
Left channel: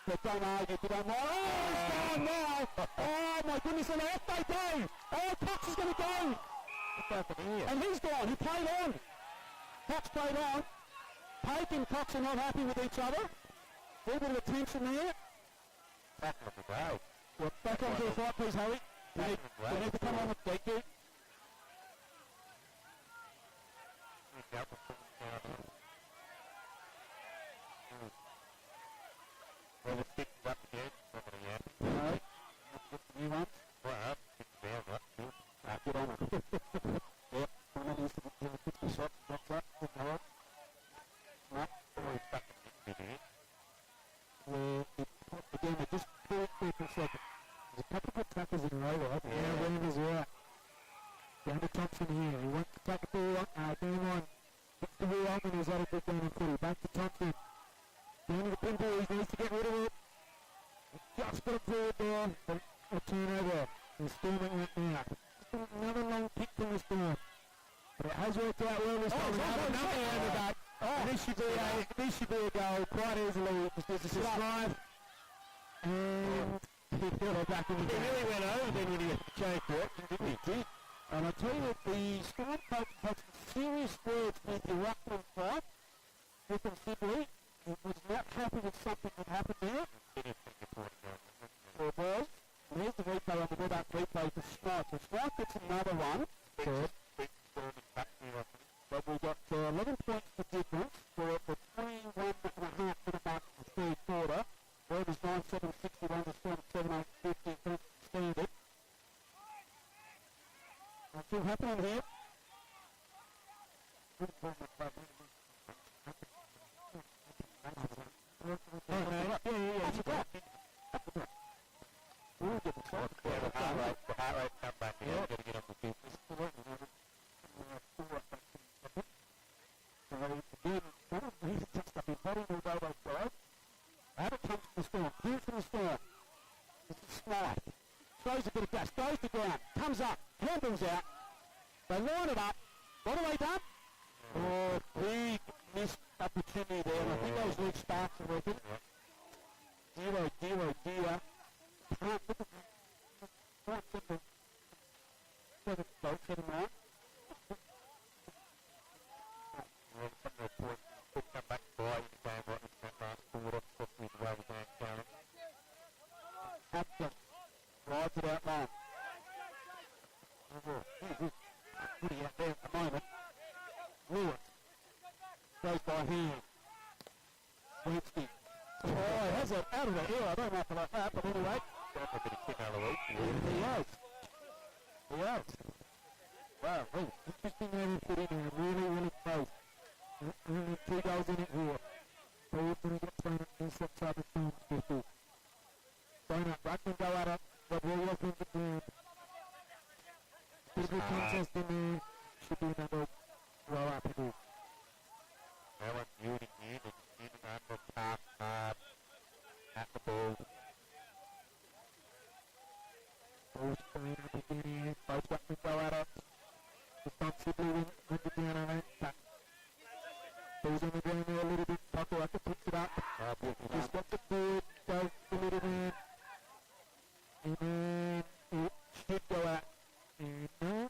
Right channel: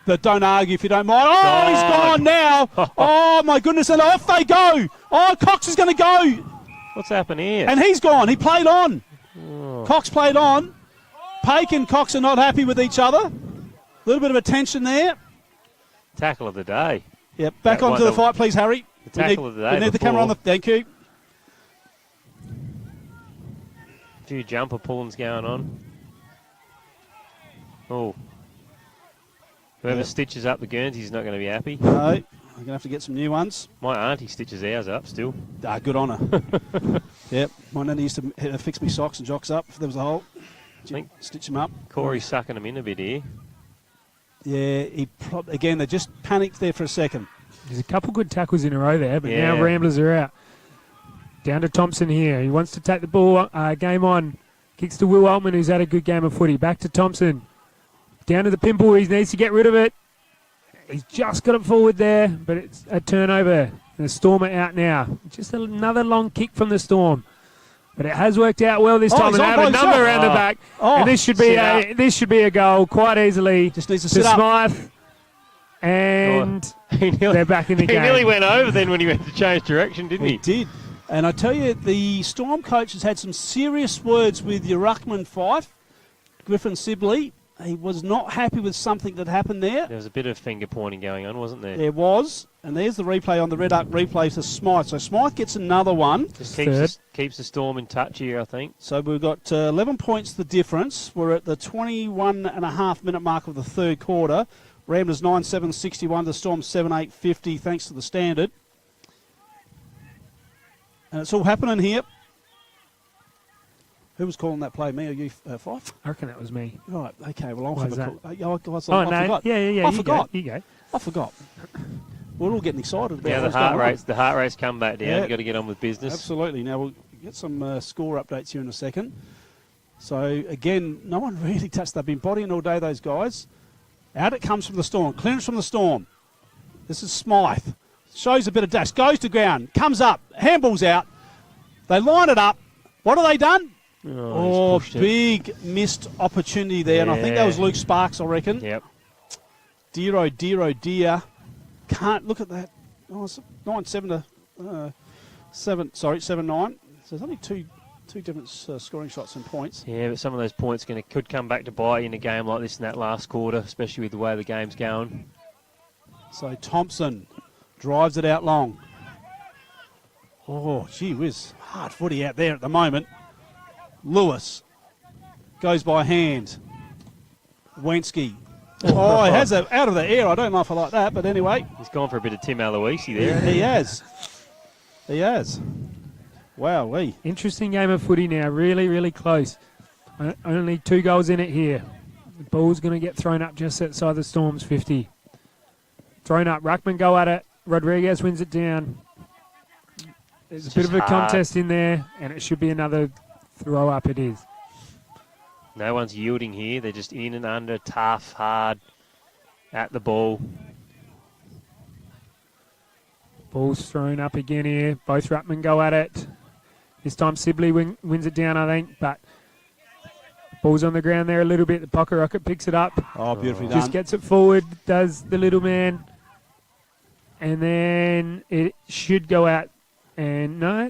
But don't argue if you don't mind. Oh, he's gone now. Oh, my goodness. And off they go. Oh, Cox is going to go. What's happened here? And he's gone. He played on. Oh. Cox played on. Pake and Cox are not happy with each other. A little bit of a tension there. Tackle of the day. Yep, back onto the fight, please, Harry. The tackle of the day. We need the camera on the... Thank you. A few jumper pullings going on. Oh. Whoever stitches up the Guernsey's not going to be happy. No, I'm going to have to get some new ones. My auntie stitches ours up still. Ah, good on her. Yep, my nanny used to fix me socks and jocks up if there was a hole. I think stitch them up. Corey's sucking them in a bit here. Yeah, again, they just panicked there for a second. There's a couple good tackles in a row there, but now Ramblers are out. Down to Thompson here. He wants to take the ball, game on. Kicks to Will Altman, who's had a good game of footy. Back to Thompson. Down to the pimple. He needs to get rid of it. He's just got it forward there, but it's a turnover. The Storm are out now. Just another long kick from the Storm. But it has worked out well this time. And they have a number around the back. And this should be a goal quite easily. Just needs to sit up. Smythe. And they're back in the game. He nearly went over then when he went to change direction, didn't he? He did. And I tell you, the Storm coach has had some serious words with your ruckman Fife, Griffin Sibley. He was not happy with something that happened there. There was a bit of finger pointing going on, wasn't there? There was. And there's the replay on the Red Arc replay to Smythe. So Smythe gets another one. Just keeps the Storm in touch here, I think. So we've got 11 points the difference. We're at the 21.5-minute mark of the third quarter. Ramblers 9-7-61, the Storm 7-8-50, thanks to the standard. And it's all happening here. Who was calling that play, me or you, Fife? I reckon that was me. Right, okay, well, I'll Why have is a that? call. I forgot. Yeah. I forgot. You go. I forgot. We're all getting excited about the heart rate's come back down. You've got to get on with business. Absolutely. Now, we'll get some score updates here in a second. So, again, no one really touched. They've been bodying all day, those guys. Out it comes from the Storm. Clearance from the Storm. This is Smythe. Shows a bit of dash. Goes to ground. Comes up. Handball's out. They line it up. What have they done? Oh, big missed opportunity there. And I think that was Luke Sparks, I reckon. Yep. Dear. Can't look at that. Oh, it's 9-7 to 7. Sorry, 7-9. So there's only two different scoring shots and points. Yeah, but some of those points could come back to bite you in a game like this in that last quarter, especially with the way the game's going. So Thompson drives it out long. Oh, gee whiz. Hard footy out there at the moment. Lewis goes by hand. Wensky. Oh, he has it out of the air. I don't know if I like that, but anyway. He's gone for a bit of Tim Aloisi there. He has. He has. Wow, Interesting game of footy now. Really, really close. Only 2 goals in it here. The ball's going to get thrown up just outside the Storm's 50. Thrown up. Ruckman go at it. Rodriguez wins it down. There's a bit of a contest in there, and it should be another throw up. It is. No one's yielding here. They're just in and under, tough, hard, at the ball. Ball's thrown up again here. Both Ruckman go at it. This time Sibley wins it down, I think, but ball's on the ground there a little bit. The Pocket Rocket picks it up. Oh, beautifully done. Just gets it forward, does the little man. And then it should go out. And no,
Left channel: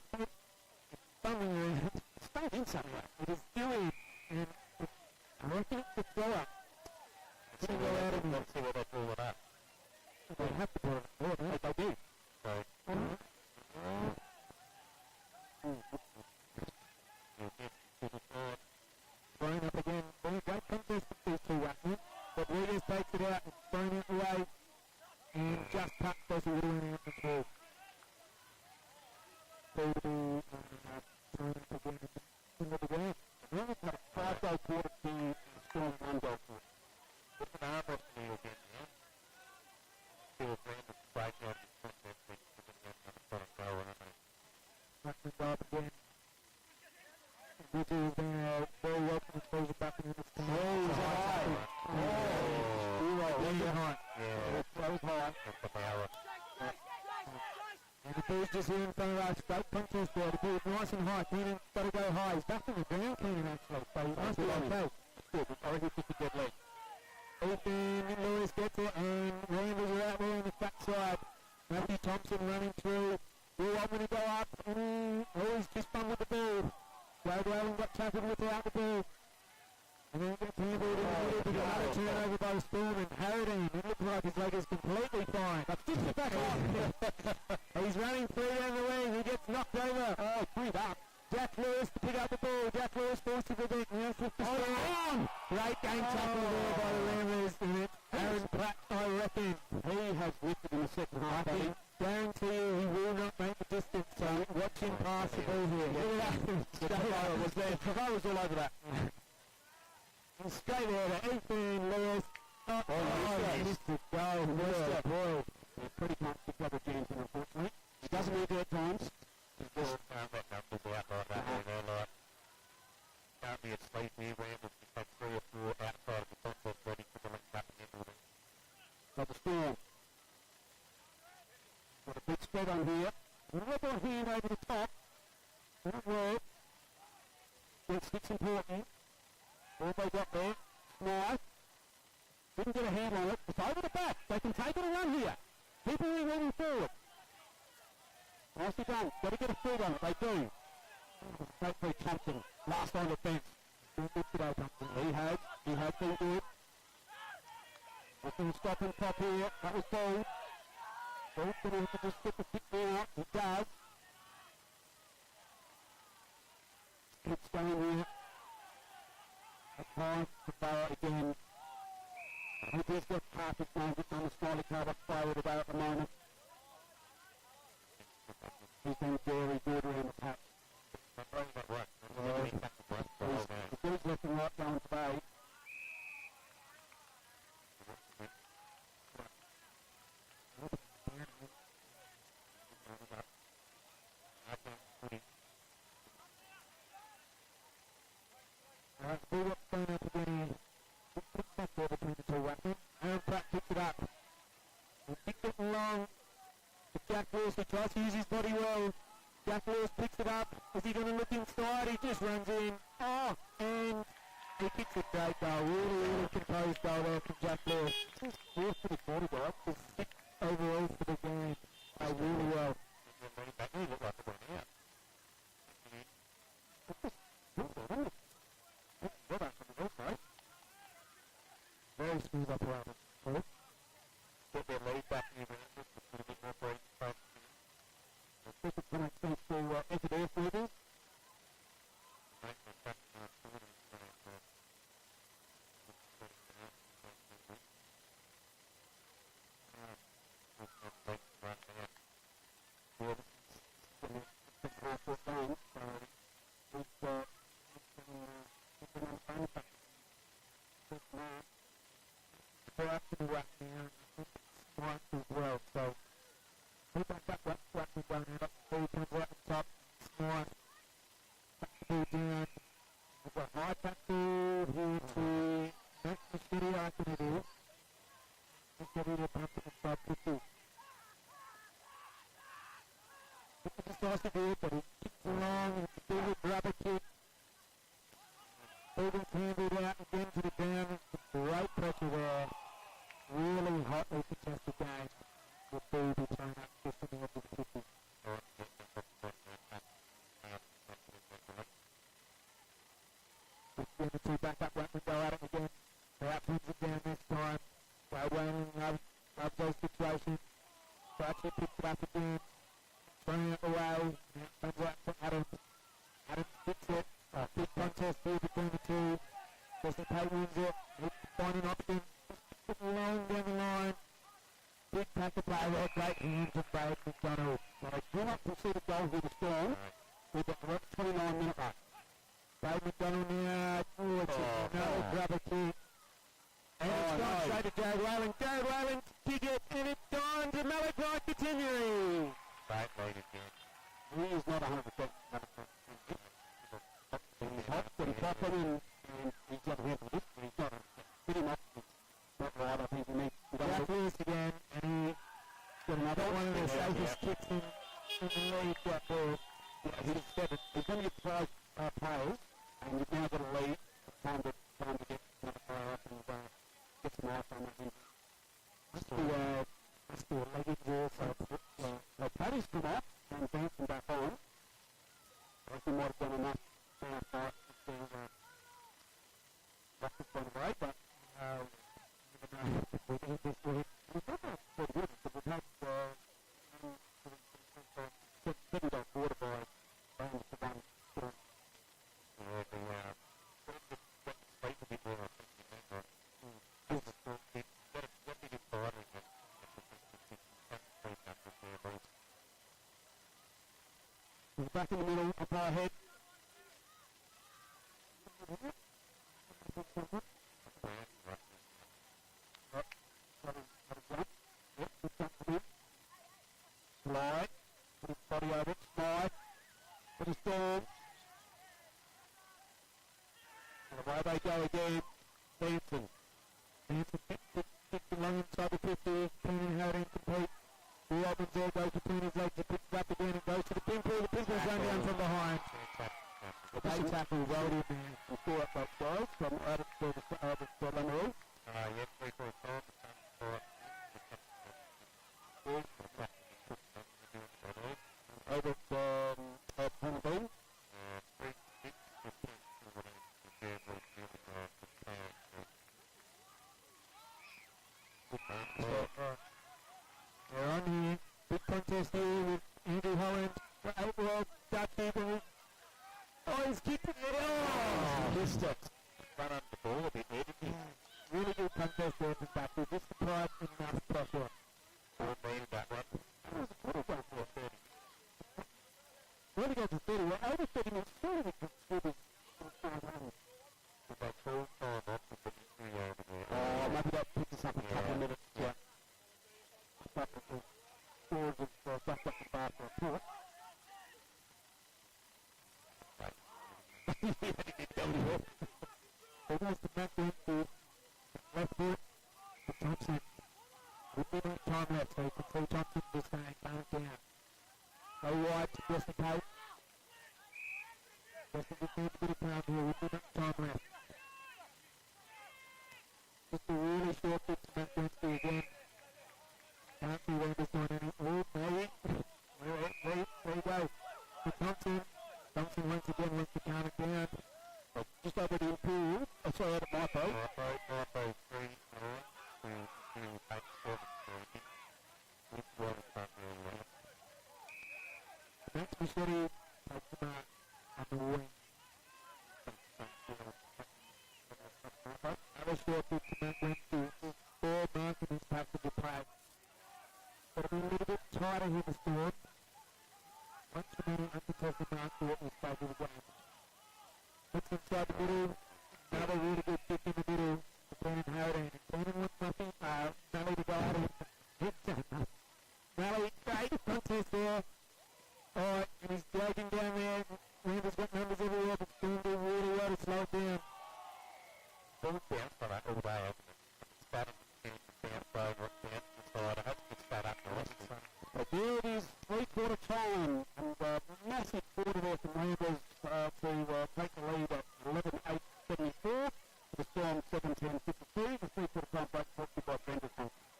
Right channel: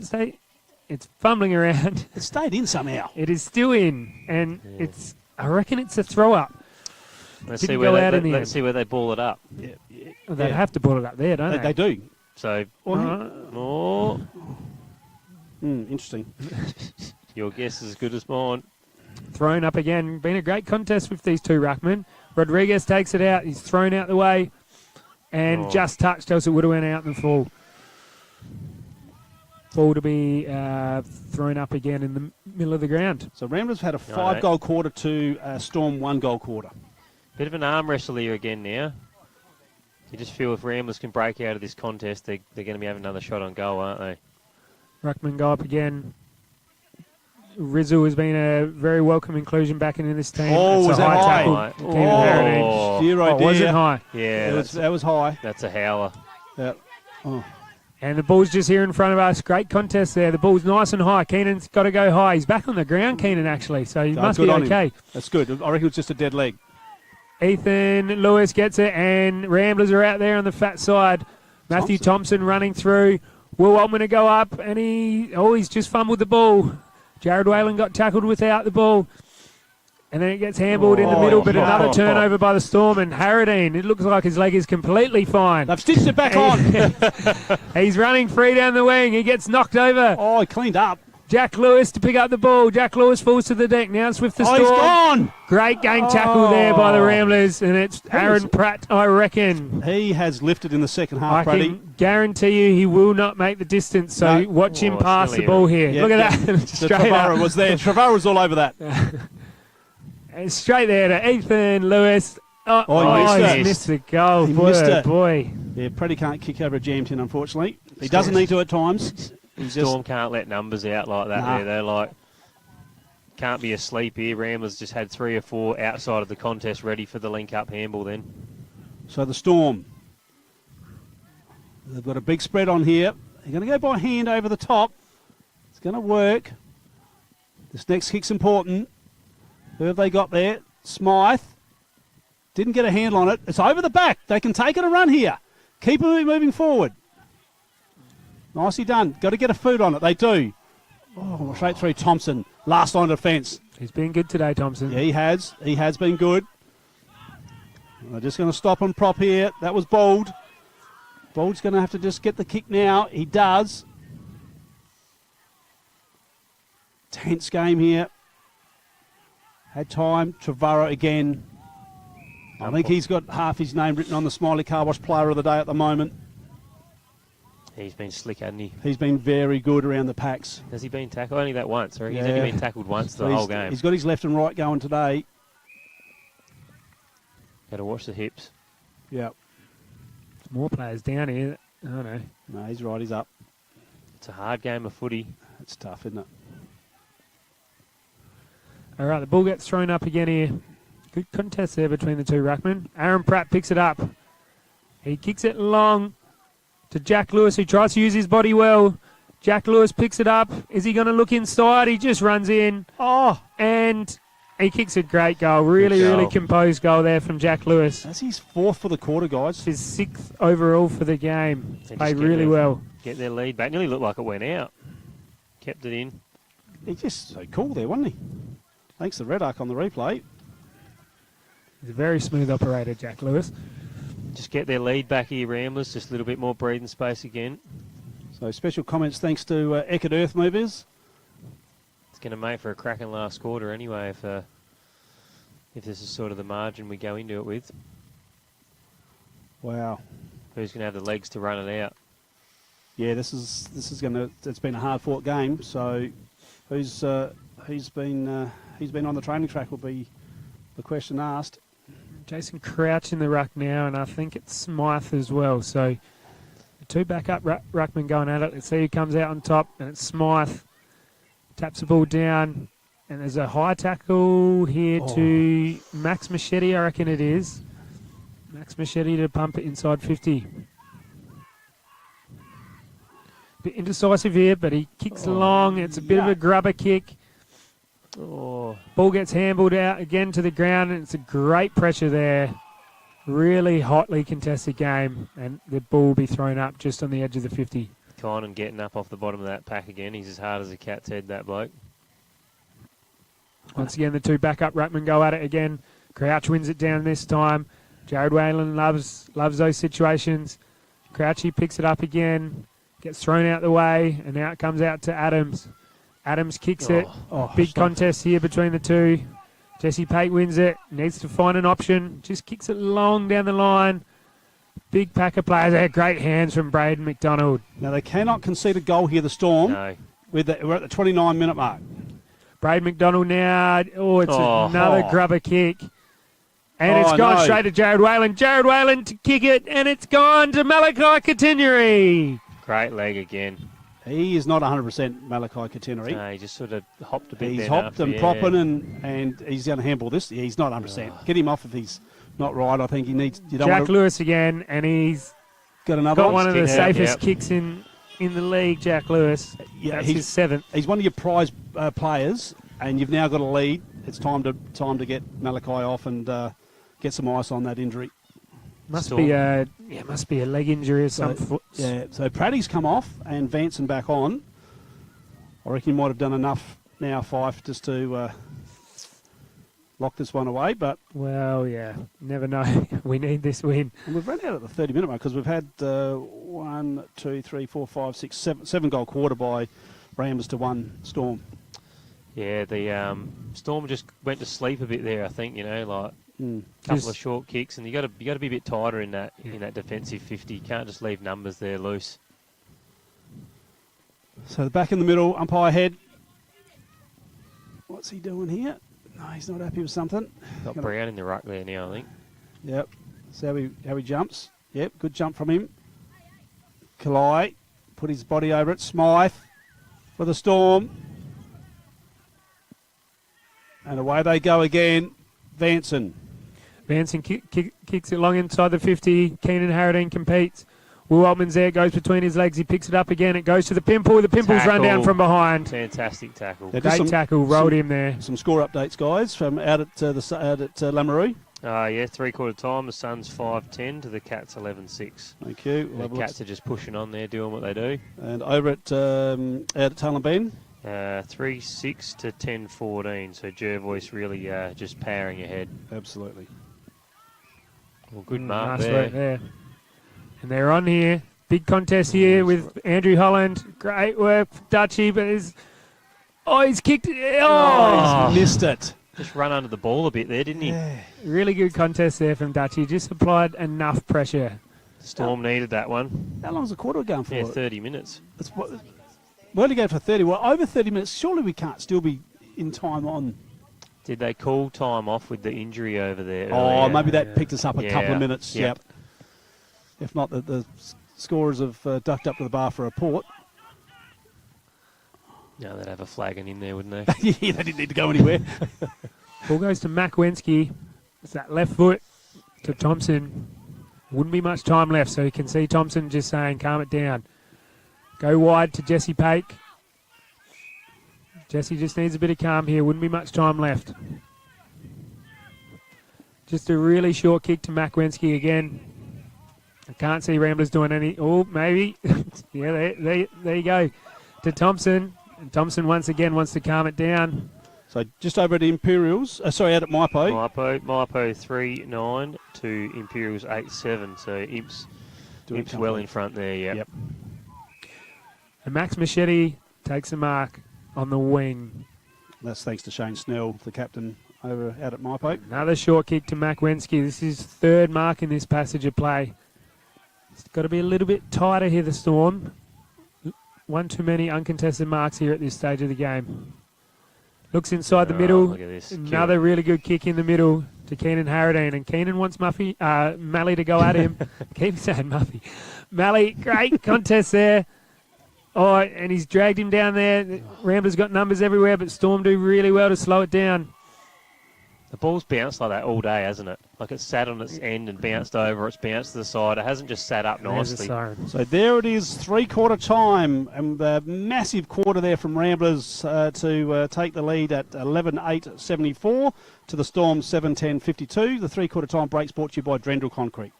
it's fumbling around. It stayed in somehow. It is still in. And I reckon it's a throw up. Let's see where they ball it up. Yeah. Well, they'd have to ball it up there, don't they? They do. So, Interesting. Your guess is as good as mine. Thrown up again. Been a great contest with these two ruckmen. Rodriguez takes it out. He's thrown out the way. And just touched, else it would have went out in the full. Ball to be thrown up again in the middle of the ground. So Ramblers had a 5-goal quarter to Storm 1-goal quarter. Bit of an arm wrestle here again now. You just feel if Ramblers can break out of this contest, they're going to be having another shot on goal, aren't they? Ruckman go up again. Rizzo has been a very welcome inclusion back into this team. Oh, it's was a that high? Tackle. Dear, was it high? Yeah, that was high. That's a howler. Yep. Oh. And the ball's just here in front of us. Great contest there. The ball's nice and high. Keenan's got to go high. He's back on the ground, Keenan, actually, so he must be okay. That's good. I reckon it's just a dead leg. Ethan Lewis gets it, and Ramblers are out there on the fat side. Matthew Thompson running through. Will Altman to go up, and he's just fumbled the ball. Jared Whalen got tackled without the ball. And then it gets handballed in the middle, but another turnover by the Storm. And Harradine, it looks like his leg is completely fine. They've stitched it back on. He's running free down the wing. He gets knocked over. Oh, he cleaned up. Jack Lewis to pick up the ball. Jack Lewis falls to the deck. Now it's with the Storm. He's gone. Great gang tackle there by the Ramblers. And it's Aaron Pratt, I reckon. He has lifted in the second half, I can guarantee you he will not make the distance. So watch him pass the ball here. Yeah, Look at that. Straight Trevara up. was there. Trevara was all over that. And straight there to Ethan Lewis. He missed the goal. He Boy, missed it. boy. Yeah, Preddy can't kick over a jam tin, unfortunately. He doesn't need to at times. Storm can't let numbers out like that. Nah. They're like, can't be asleep here. Ramblers just had 3 or 4 outside of the contest ready for the link-up handball then. So the Storm, they've got a big spread on here. They're going to go by hand over the top. It's going to work. This next kick's important. Who have they got there? Smythe. Didn't get a handle on it. It's over the back. They can take it and run here. Keep it moving forward. Nicely done. Got to get a foot on it. They do. Oh, straight through Thompson. Last line of defence. He's been good today, Thompson. Yeah, he has. He has been good. They're just going to stop and prop here. That was Bold. Bold's going to have to just get the kick now. He does. Tense game here. Had time. Trevara again. I think he's got half his name written on the Smiley Car Wash Player of the Day at the moment. He's been slick, hasn't he? He's been very good around the packs. Has he been tackled? Only that once, or he's only been tackled once the whole game. He's got his left and right going today. Got to watch the hips. Yeah. More players down here. Oh, no. No, he's right. He's up. It's a hard game of footy. It's tough, isn't it? All right, the ball gets thrown up again here. Good contest there between the two ruckmen. Aaron Pratt picks it up. He kicks it long to Jack Lewis, who tries to use his body well. Jack Lewis picks it up. Is he going to look inside? He just runs in. Oh! And he kicks a great goal. Really composed goal there from Jack Lewis. That's his 4th for the quarter, guys. His 6th overall for the game. Played really well. Get their lead back. Nearly looked like it went out. Kept it in. He's just so cool there, wasn't he? Thanks to Red Arc on the replay. He's a very smooth operator, Jack Lewis. Just get their lead back here, Ramblers. Just a little bit more breathing space again. So special comments thanks to Eckert Earth Movers. It's going to make for a cracking last quarter anyway if this is sort of the margin we go into it with. Wow. Who's going to have the legs to run it out? Yeah, this is going to. It's been a hard-fought game. So who's been on the training track will be the question asked. Jason Crouch in the ruck now, and I think it's Smythe as well. So the two backup ruckmen going at it. Let's see who comes out on top, and it's Smythe. Taps the ball down, and there's a high tackle here to Max Machete, I reckon it is. Max Machete to pump it inside 50. Bit indecisive here, but he kicks long. It's a bit of a grubber kick. Ball gets handballed out again to the ground, and it's a great pressure there. Really hotly contested game, and the ball will be thrown up just on the edge of the 50. Conan getting up off the bottom of that pack again. He's as hard as a cat's head, that bloke. Once again, the two backup ruckmen go at it again. Crouch wins it down this time. Jared Whalen loves those situations. Crouchy picks it up again, gets thrown out the way, and now it comes out to Adams. Adams kicks it. Big contest here between the two. Jesse Pate wins it. Needs to find an option. Just kicks it long down the line. Big pack of players there. Great hands from Braden McDonald. Now, they cannot concede a goal here, the Storm. No. We're at the 29-minute mark. Braden McDonald now. Oh, it's another grubber kick. And it's gone straight to Jared Whalen. Jared Whalen to kick it, and it's gone to Malachi Katineri. Great leg again. He is not 100% Malachi Katineri. No, he just sort of hopped a bit. He's hopped and propping, and he's going to handball this. He's not 100%. Get him off if he's not right. I think he needs. Jack Lewis again, and he's got another one of the safest kicks in the league. Jack Lewis. Yeah, that's his 7th. He's one of your prize players, and you've now got a lead. It's time to get Malachi off and get some ice on that injury. Must be a leg injury or something. Yeah, so Praddy's come off and Vanson back on. I reckon he might have done enough now, Fife, just to lock this one away. But well, yeah, never know. We need this win. And we've run out at the 30-minute mark because we've had 1, 2, 3, 4, 5, 6, 7 goal quarter by Ramblers to 1 Storm. Yeah, the Storm just went to sleep a bit there. I think like. Couple of short kicks, and you got to be a bit tighter in that defensive 50. You can't just leave numbers there loose. So the back in the middle, umpire head. What's he doing here? No, he's not happy with something. Got Brown in the ruck there now, I think. Yep. So how he jumps. Yep, good jump from him. Kalai put his body over it. Smythe for the Storm. And away they go again. Vanson kicks it long inside the 50. Keenan Harradine competes. Will Altman's there, goes between his legs. He picks it up again. It goes to the Pimple. The Pimple's run down from behind. Fantastic tackle. Great tackle. Rolled him there. Some score updates, guys, from out at Lamoureux. Yeah, 3/4 time. The Suns 5-10 to the Cats 11-6. Thank you. The Cats are just pushing on there, doing what they do. And over at out at Tailem Bend. 3-6 to 10-14. So Jervois really just powering ahead. Absolutely. Well, good mark nice there. Work there. And they're on here. Big contest here with Andrew Holland. Great work, Dutchy, but he's kicked it. He's missed it. Just run under the ball a bit there, didn't he? Yeah. Really good contest there from Dutchy. Just applied enough pressure. Storm needed that one. How long's the quarter going for? Yeah, 30 minutes. We're only going for 30. Well, over 30 minutes. Surely we can't still be in time on. Did they call time off with the injury over there? Oh, earlier? maybe that picked us up a couple of minutes. Yep. If not, the scorers have ducked up to the bar for a report. Yeah, they'd have a flagging in there, wouldn't they? Yeah, they didn't need to go anywhere. Ball goes to Mac Wensky. It's that left foot to Thompson. Wouldn't be much time left, so you can see Thompson just saying, calm it down. Go wide to Jesse Pake. Jesse just needs a bit of calm here. Wouldn't be much time left. Just a really short kick to Mac Wensky again. I can't see Ramblers doing any. Oh, maybe. Yeah, there you go. To Thompson. And Thompson once again wants to calm it down. So just over at Imperials. Out at Maipo. Maipo 3-9 to Imperials 8-7. So Imps well in front there, yep. And Max Machete takes a mark on the wing. That's thanks to Shane Snell, the captain out at Maipo. Another short kick to Mac Wensky. This is 3rd mark in this passage of play. It's got to be a little bit tighter here, the Storm. One too many uncontested marks here at this stage of the game. Looks inside the middle. Look at this. Another really good kick in the middle to Keenan Harradine. And Keenan wants Mallee to go at him. Keep saying Muffy. Mallee, great contest there. Oh, and he's dragged him down there. Ramblers got numbers everywhere, but Storm do really well to slow it down. The ball's bounced like that all day, hasn't it? Like it's sat on its end and bounced over. It's bounced to the side. It hasn't just sat up nicely. So there it is, 3/4 time. And a massive quarter there from Ramblers to take the lead at 11-8-74 to the Storm 7-10-52. The 3/4 time break's brought to you by Drendel Concrete.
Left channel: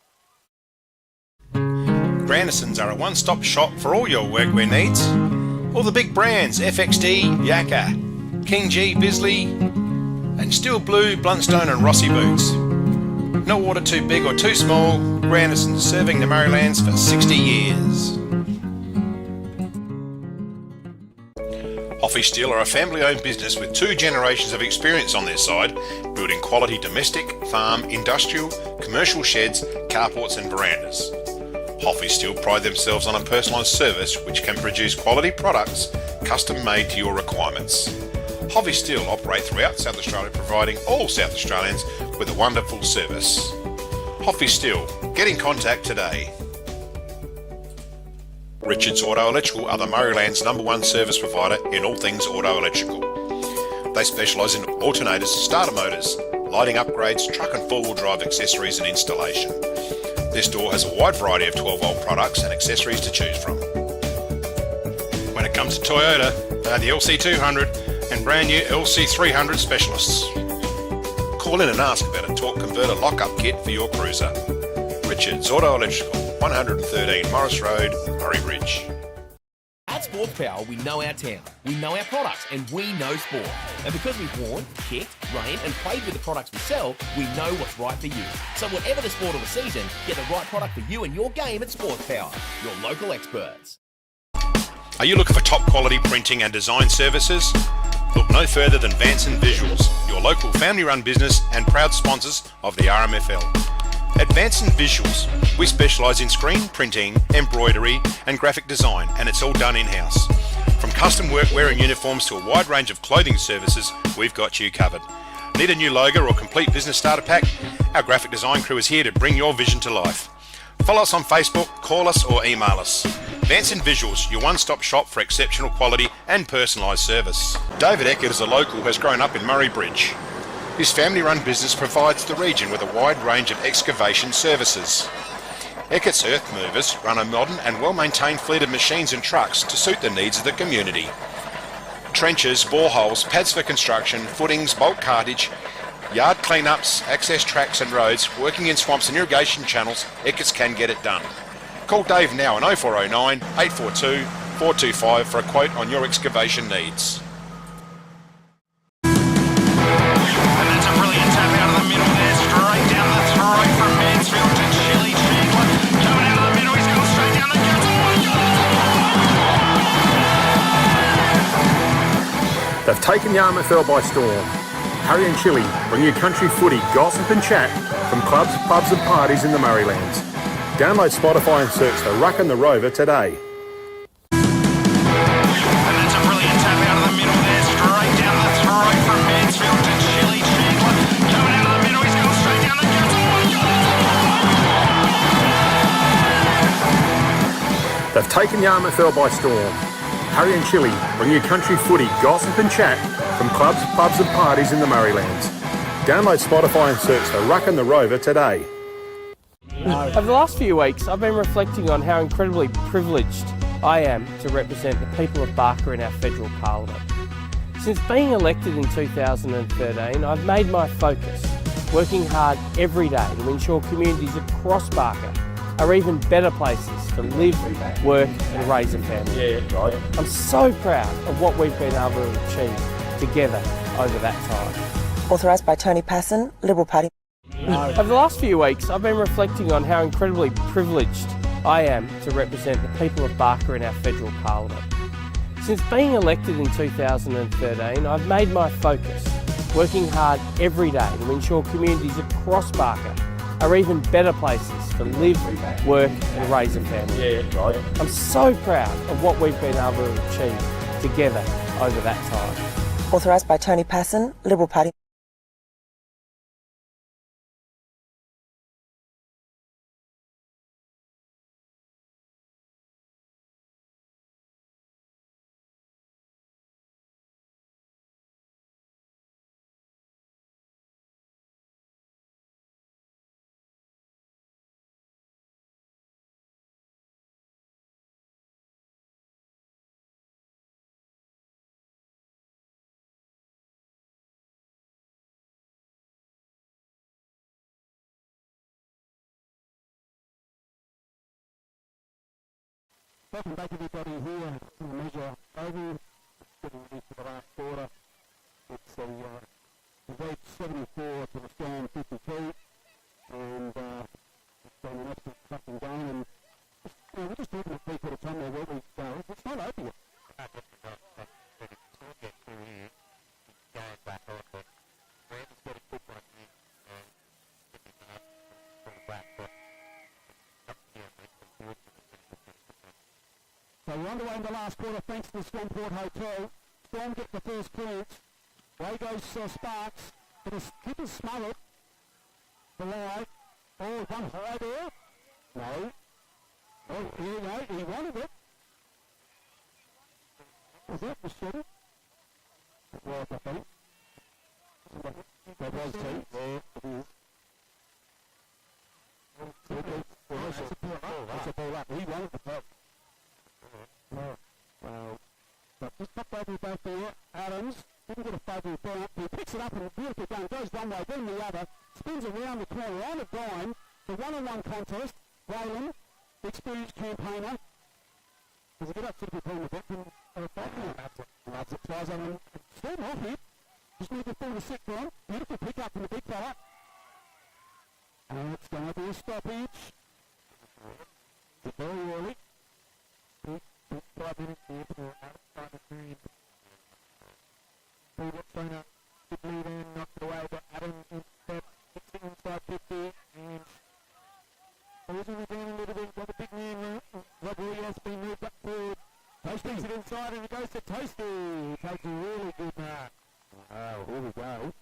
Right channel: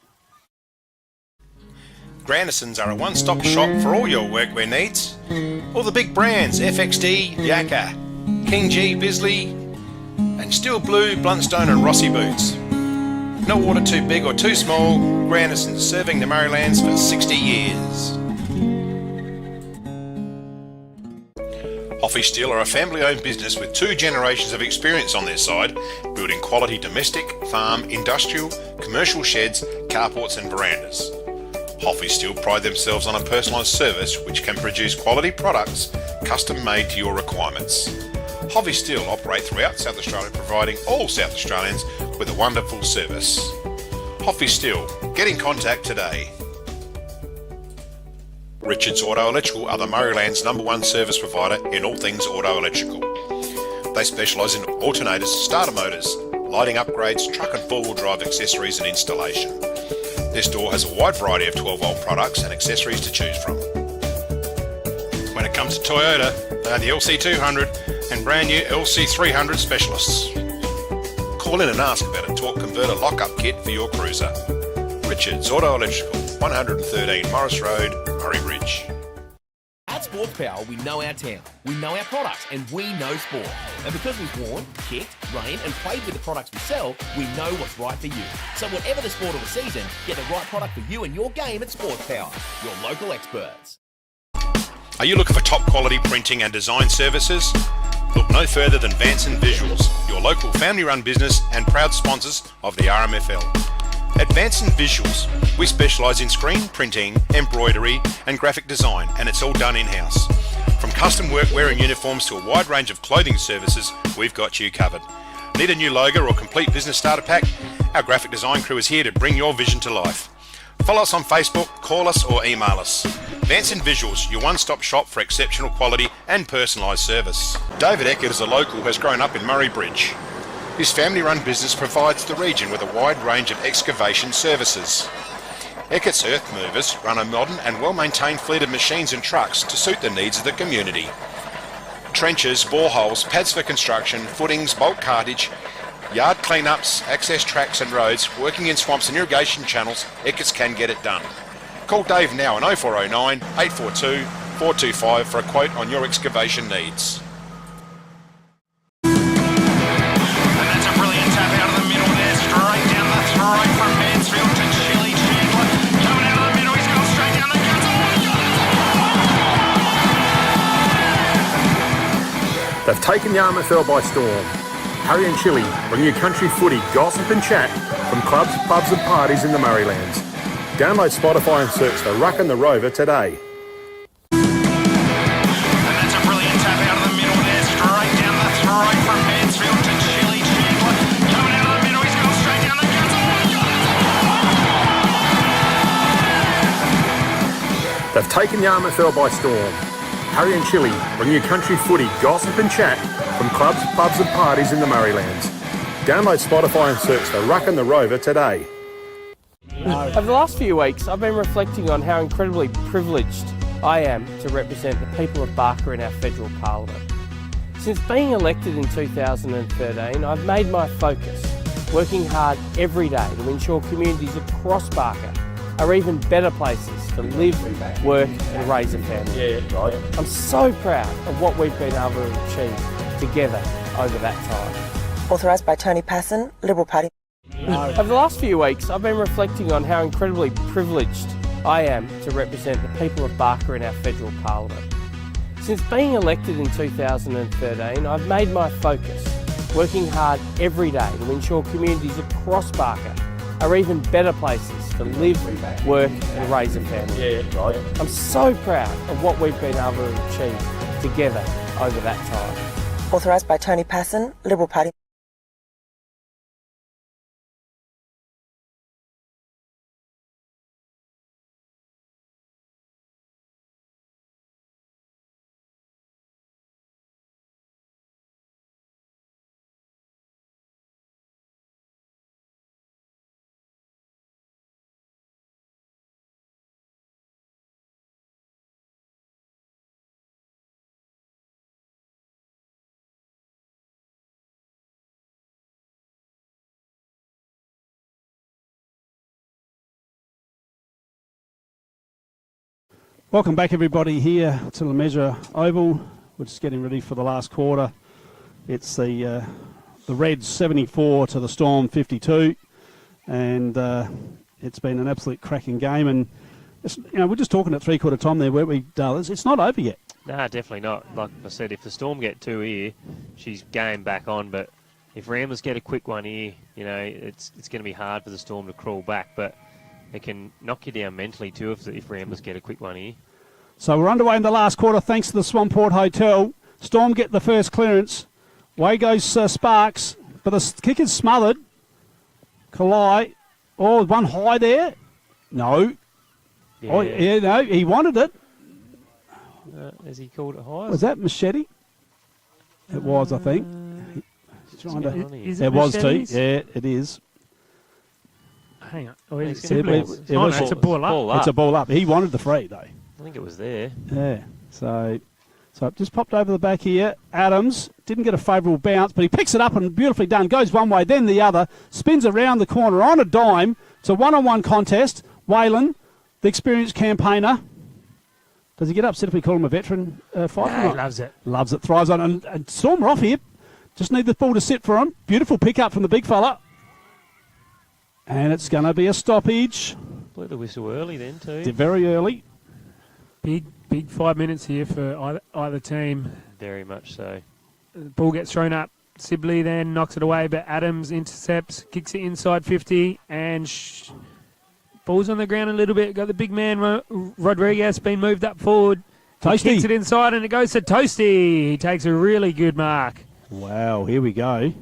Grandisons are a one-stop shop for all your workwear needs. All the big brands, FXD, Yakka, King G, Bisley, and Steel Blue, Bluntstone and Rossi boots. No order too big or too small, Grandisons serving the Murraylands for 60 years. Off Hoffy Steel are a family-owned business with 2 generations of experience on their side, building quality domestic, farm, industrial, commercial sheds, carports and verandas. Hoffy Steel pride themselves on a personalised service which can produce quality products custom made to your requirements. Hoffy Steel operate throughout South Australia, providing all South Australians with a wonderful service. Hoffy Steel, get in contact today. Richards Auto Electrical are the Murrayland's #1 service provider in all things auto electrical. They specialise in alternators, starter motors, lighting upgrades, truck and 4-wheel drive accessories and installation. Their store has a wide variety of 12-volt products and accessories to choose from. When it comes to Toyota, they are the LC200 and brand new LC300 specialists. Call in and ask about a torque converter lock-up kit for your cruiser. Richards Auto Electrical, 113 Morris Road, Murray Bridge. At Sports Power, we know our town, we know our products, and we know sport. And because we've worn, kicked, rained, and played with the products we sell, we know what's right for you. So whatever the sport or the season, get the right product for you and your game at Sports Power, your local experts. Are you looking for top quality printing and design services? Look no further than Vanson Visuals, your local family-run business and proud sponsors of the RMFL. At Vanson Visuals, we specialise in screen printing, embroidery and graphic design, and it's all done in-house. From custom workwear and uniforms to a wide range of clothing services, we've got you covered. Need a new logo or complete business starter pack? Our graphic design crew is here to bring your vision to life. Follow us on Facebook, call us or email us. Vanson Visuals, your one-stop shop for exceptional quality and personalised service. David Eckert is a local who has grown up in Murray Bridge. His family-run business provides the region with a wide range of excavation services. Eckert's Earth Movers run a modern and well-maintained fleet of machines and trucks to suit the needs of the community. Trenches, boreholes, pads for construction, footings, bulk cartage, yard clean-ups, access tracks and roads, working in swamps and irrigation channels, Eckert's can get it done. Call Dave now on 0409 842 425 for a quote on your excavation needs. They've taken the RMFL by storm. Harry and Chili bring you country footy, gossip and chat from clubs, pubs and parties in the Murraylands. Download Spotify and search The Ruck and the Rover today. And that's a brilliant tap out of the middle there, straight down the throat from Mansfield to Chili Chandler. Coming out of the middle, he's gone straight down the guts. Oh my God! They've taken the RMFL by storm. Harry and Chili bring you country footy, gossip and chat from clubs, pubs and parties in the Murraylands. Download Spotify and search The Ruck and the Rover today. Over the last few weeks, I've been reflecting on how incredibly privileged I am to represent the people of Barker in our federal parliament. Since being elected in 2013, I've made my focus working hard every day to ensure communities across Barker are even better places to live, work and raise a family. I'm so proud of what we've been able to achieve together over that time. Authorised by Tony Passon, Liberal Party. Over the last few weeks, I've been reflecting on how incredibly privileged I am to represent the people of Barker in our federal parliament. Since being elected in 2013, I've made my focus working hard every day to ensure communities across Barker are even better places to live, work and raise a family. I'm so proud of what we've been able to achieve together over that time. Authorised by Tony Passon, Liberal Party. Welcome back everybody here to the Measure Oval. We're just getting ready for the last quarter. It's the Reds 74 to the Storm 52, and it's been an absolute cracking game. And we're just talking at three-quarter time there, weren't we, Dallas? It's not over yet. Nah, definitely not. Like I said, if the Storm get 2 here, she's game back on. But if Ramblers get a quick one here, it's going to be hard for the Storm to crawl back. But it can knock you down mentally too if Ramblers get a quick one here. So we're underway in the last quarter thanks to the Swamport Hotel. Storm get the first clearance. Way goes Sparks, but the kick is smothered. Kalai. Oh, one high there. No. Yeah. Oh, yeah, no, he wanted it. Has he called it high? Was that Machete? It was, I think. Is it was too. Machetes? Yeah, it is. Hang on. Oh, it's It's a ball up. It's a ball up. He wanted the free, though. I think it was there. Yeah. So it just popped over the back here. Adams didn't get a favourable bounce, but he picks it up and beautifully done. Goes one way, then the other. Spins around the corner on a dime. It's a one-on-one contest. Whalen, the experienced campaigner. Does he get upset if we call him a veteran fighter? No, he loves it. Loves it. Thrives on it. And Storm are off here. Just need the ball to sit for him. Beautiful pick-up from the big fella. And it's going to be a stoppage. Blew the whistle early then too. Did very early. Big 5 minutes here for either team. Very much so. The ball gets thrown up. Sibley then knocks it away, but Adams intercepts, kicks it inside 50, and ball's on the ground a little bit. Got the big man, Rodriguez, been moved up forward. Toasty. He kicks it inside, and it goes to Toasty. He takes a really good mark. Wow, here we go.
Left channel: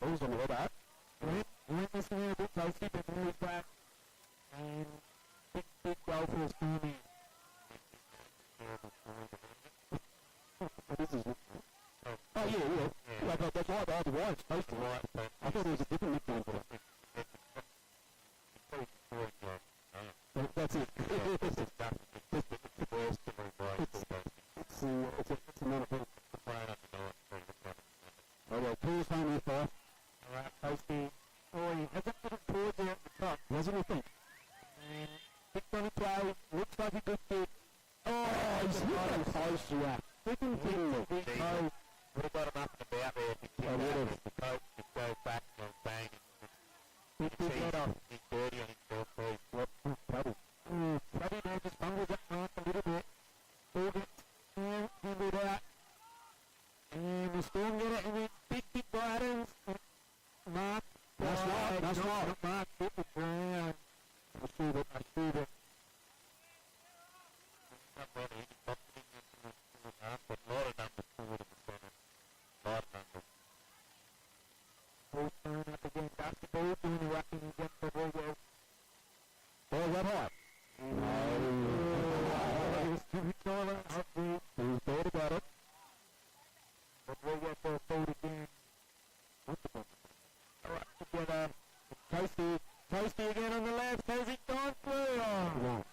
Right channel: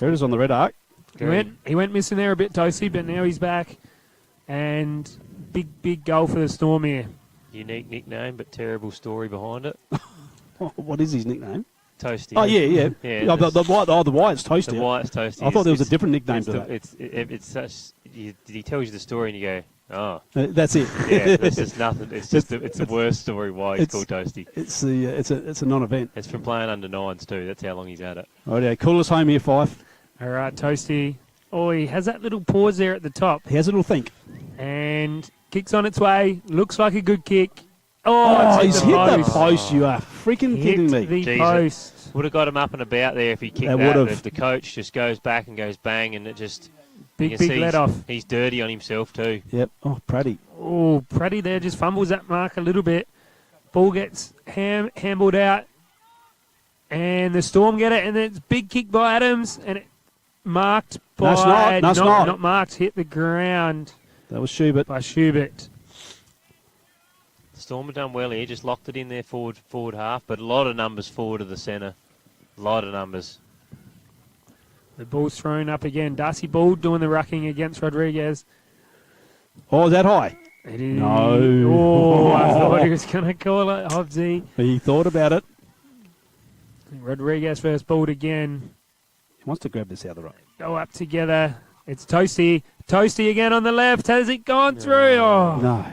There it is on the red arc. He went missing there a bit, Toasty, but now he's back. And big goal for the Storm here. Unique nickname, but terrible story behind it. What is his nickname? Toasty. Oh, yeah. Yeah, the Wyatt's Toasty. The Wyatt's Toasty. I thought there was a different nickname to that. It's such. He tells you the story and you go, oh. That's it. Yeah, there's just nothing. It's the worst story why he's called Toasty. It's a non-event. It's from playing under 9s too. That's how long he's had it. Right, yeah, call us home here, Fife. All right, Toasty. Oh, he has that little pause there at the top. He has a little think. And kicks on its way. Looks like a good kick. Oh, he's hit the post. You are freaking kidding me. The post. Would have got him up and about there if he kicked that. If the coach just goes back and goes bang, and it just big let off. He's dirty on himself too. Yep. Oh, Praddy. Oh, Praddy there just fumbles that mark a little bit. Ball gets handballed out, and the Storm get it, and then it's big kick by Adams, and it marked by not marked, hit the ground. That was Schubert. By Schubert. Storm have done well here, just locked it in there forward half, but a lot of numbers forward of the centre. A lot of numbers. The ball's thrown up again. Darcy Ball doing the rucking against Rodriguez. Oh, is that high? It is. No. Oh, I thought he was going to call it Hobbsy. He thought about it. Rodriguez first balled again. He wants to grab this out of the right. Go up together. It's Toasty. Toasty again on the left. Has it gone through? Oh. No.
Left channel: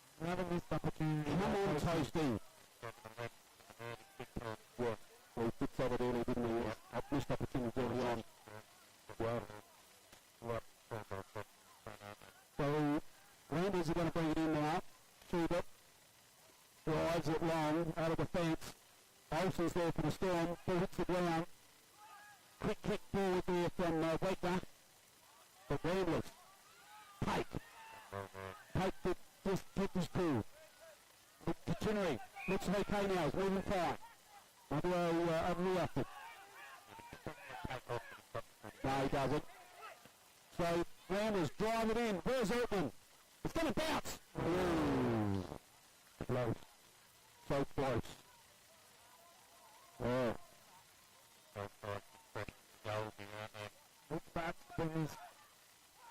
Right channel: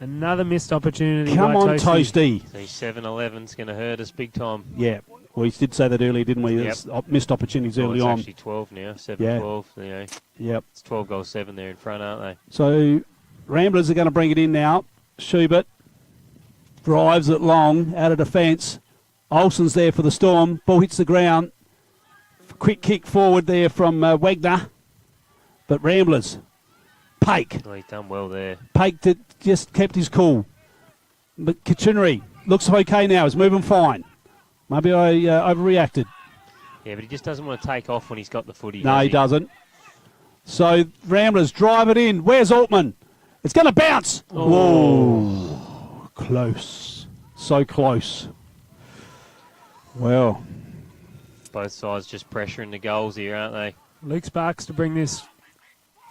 Another missed opportunity. Come on, Toasty. So 7-11's going to hurt us big time. Yeah. We did say that earlier, didn't we? Yep. Missed opportunities early on. It's actually 12 now. 7-12. Yeah. Yep. It's 12 goals 7 there in front, aren't they? So Ramblers are going to bring it in now. Schubert drives it long out of defence. Olsen's there for the Storm. Ball hits the ground. Quick kick forward there from Wagner. But Ramblers. Pake. Oh, he's done well there. Pake just kept his cool. But Kachunery looks okay now. He's moving fine. Maybe I overreacted. Yeah, but he just doesn't want to take off when he's got the footy. No, he doesn't. So Ramblers drive it in. Where's Altman? It's going to bounce. Oh. Whoa. Close. So close. Well. Both sides just pressuring the goals here, aren't they? Luke Sparks to bring this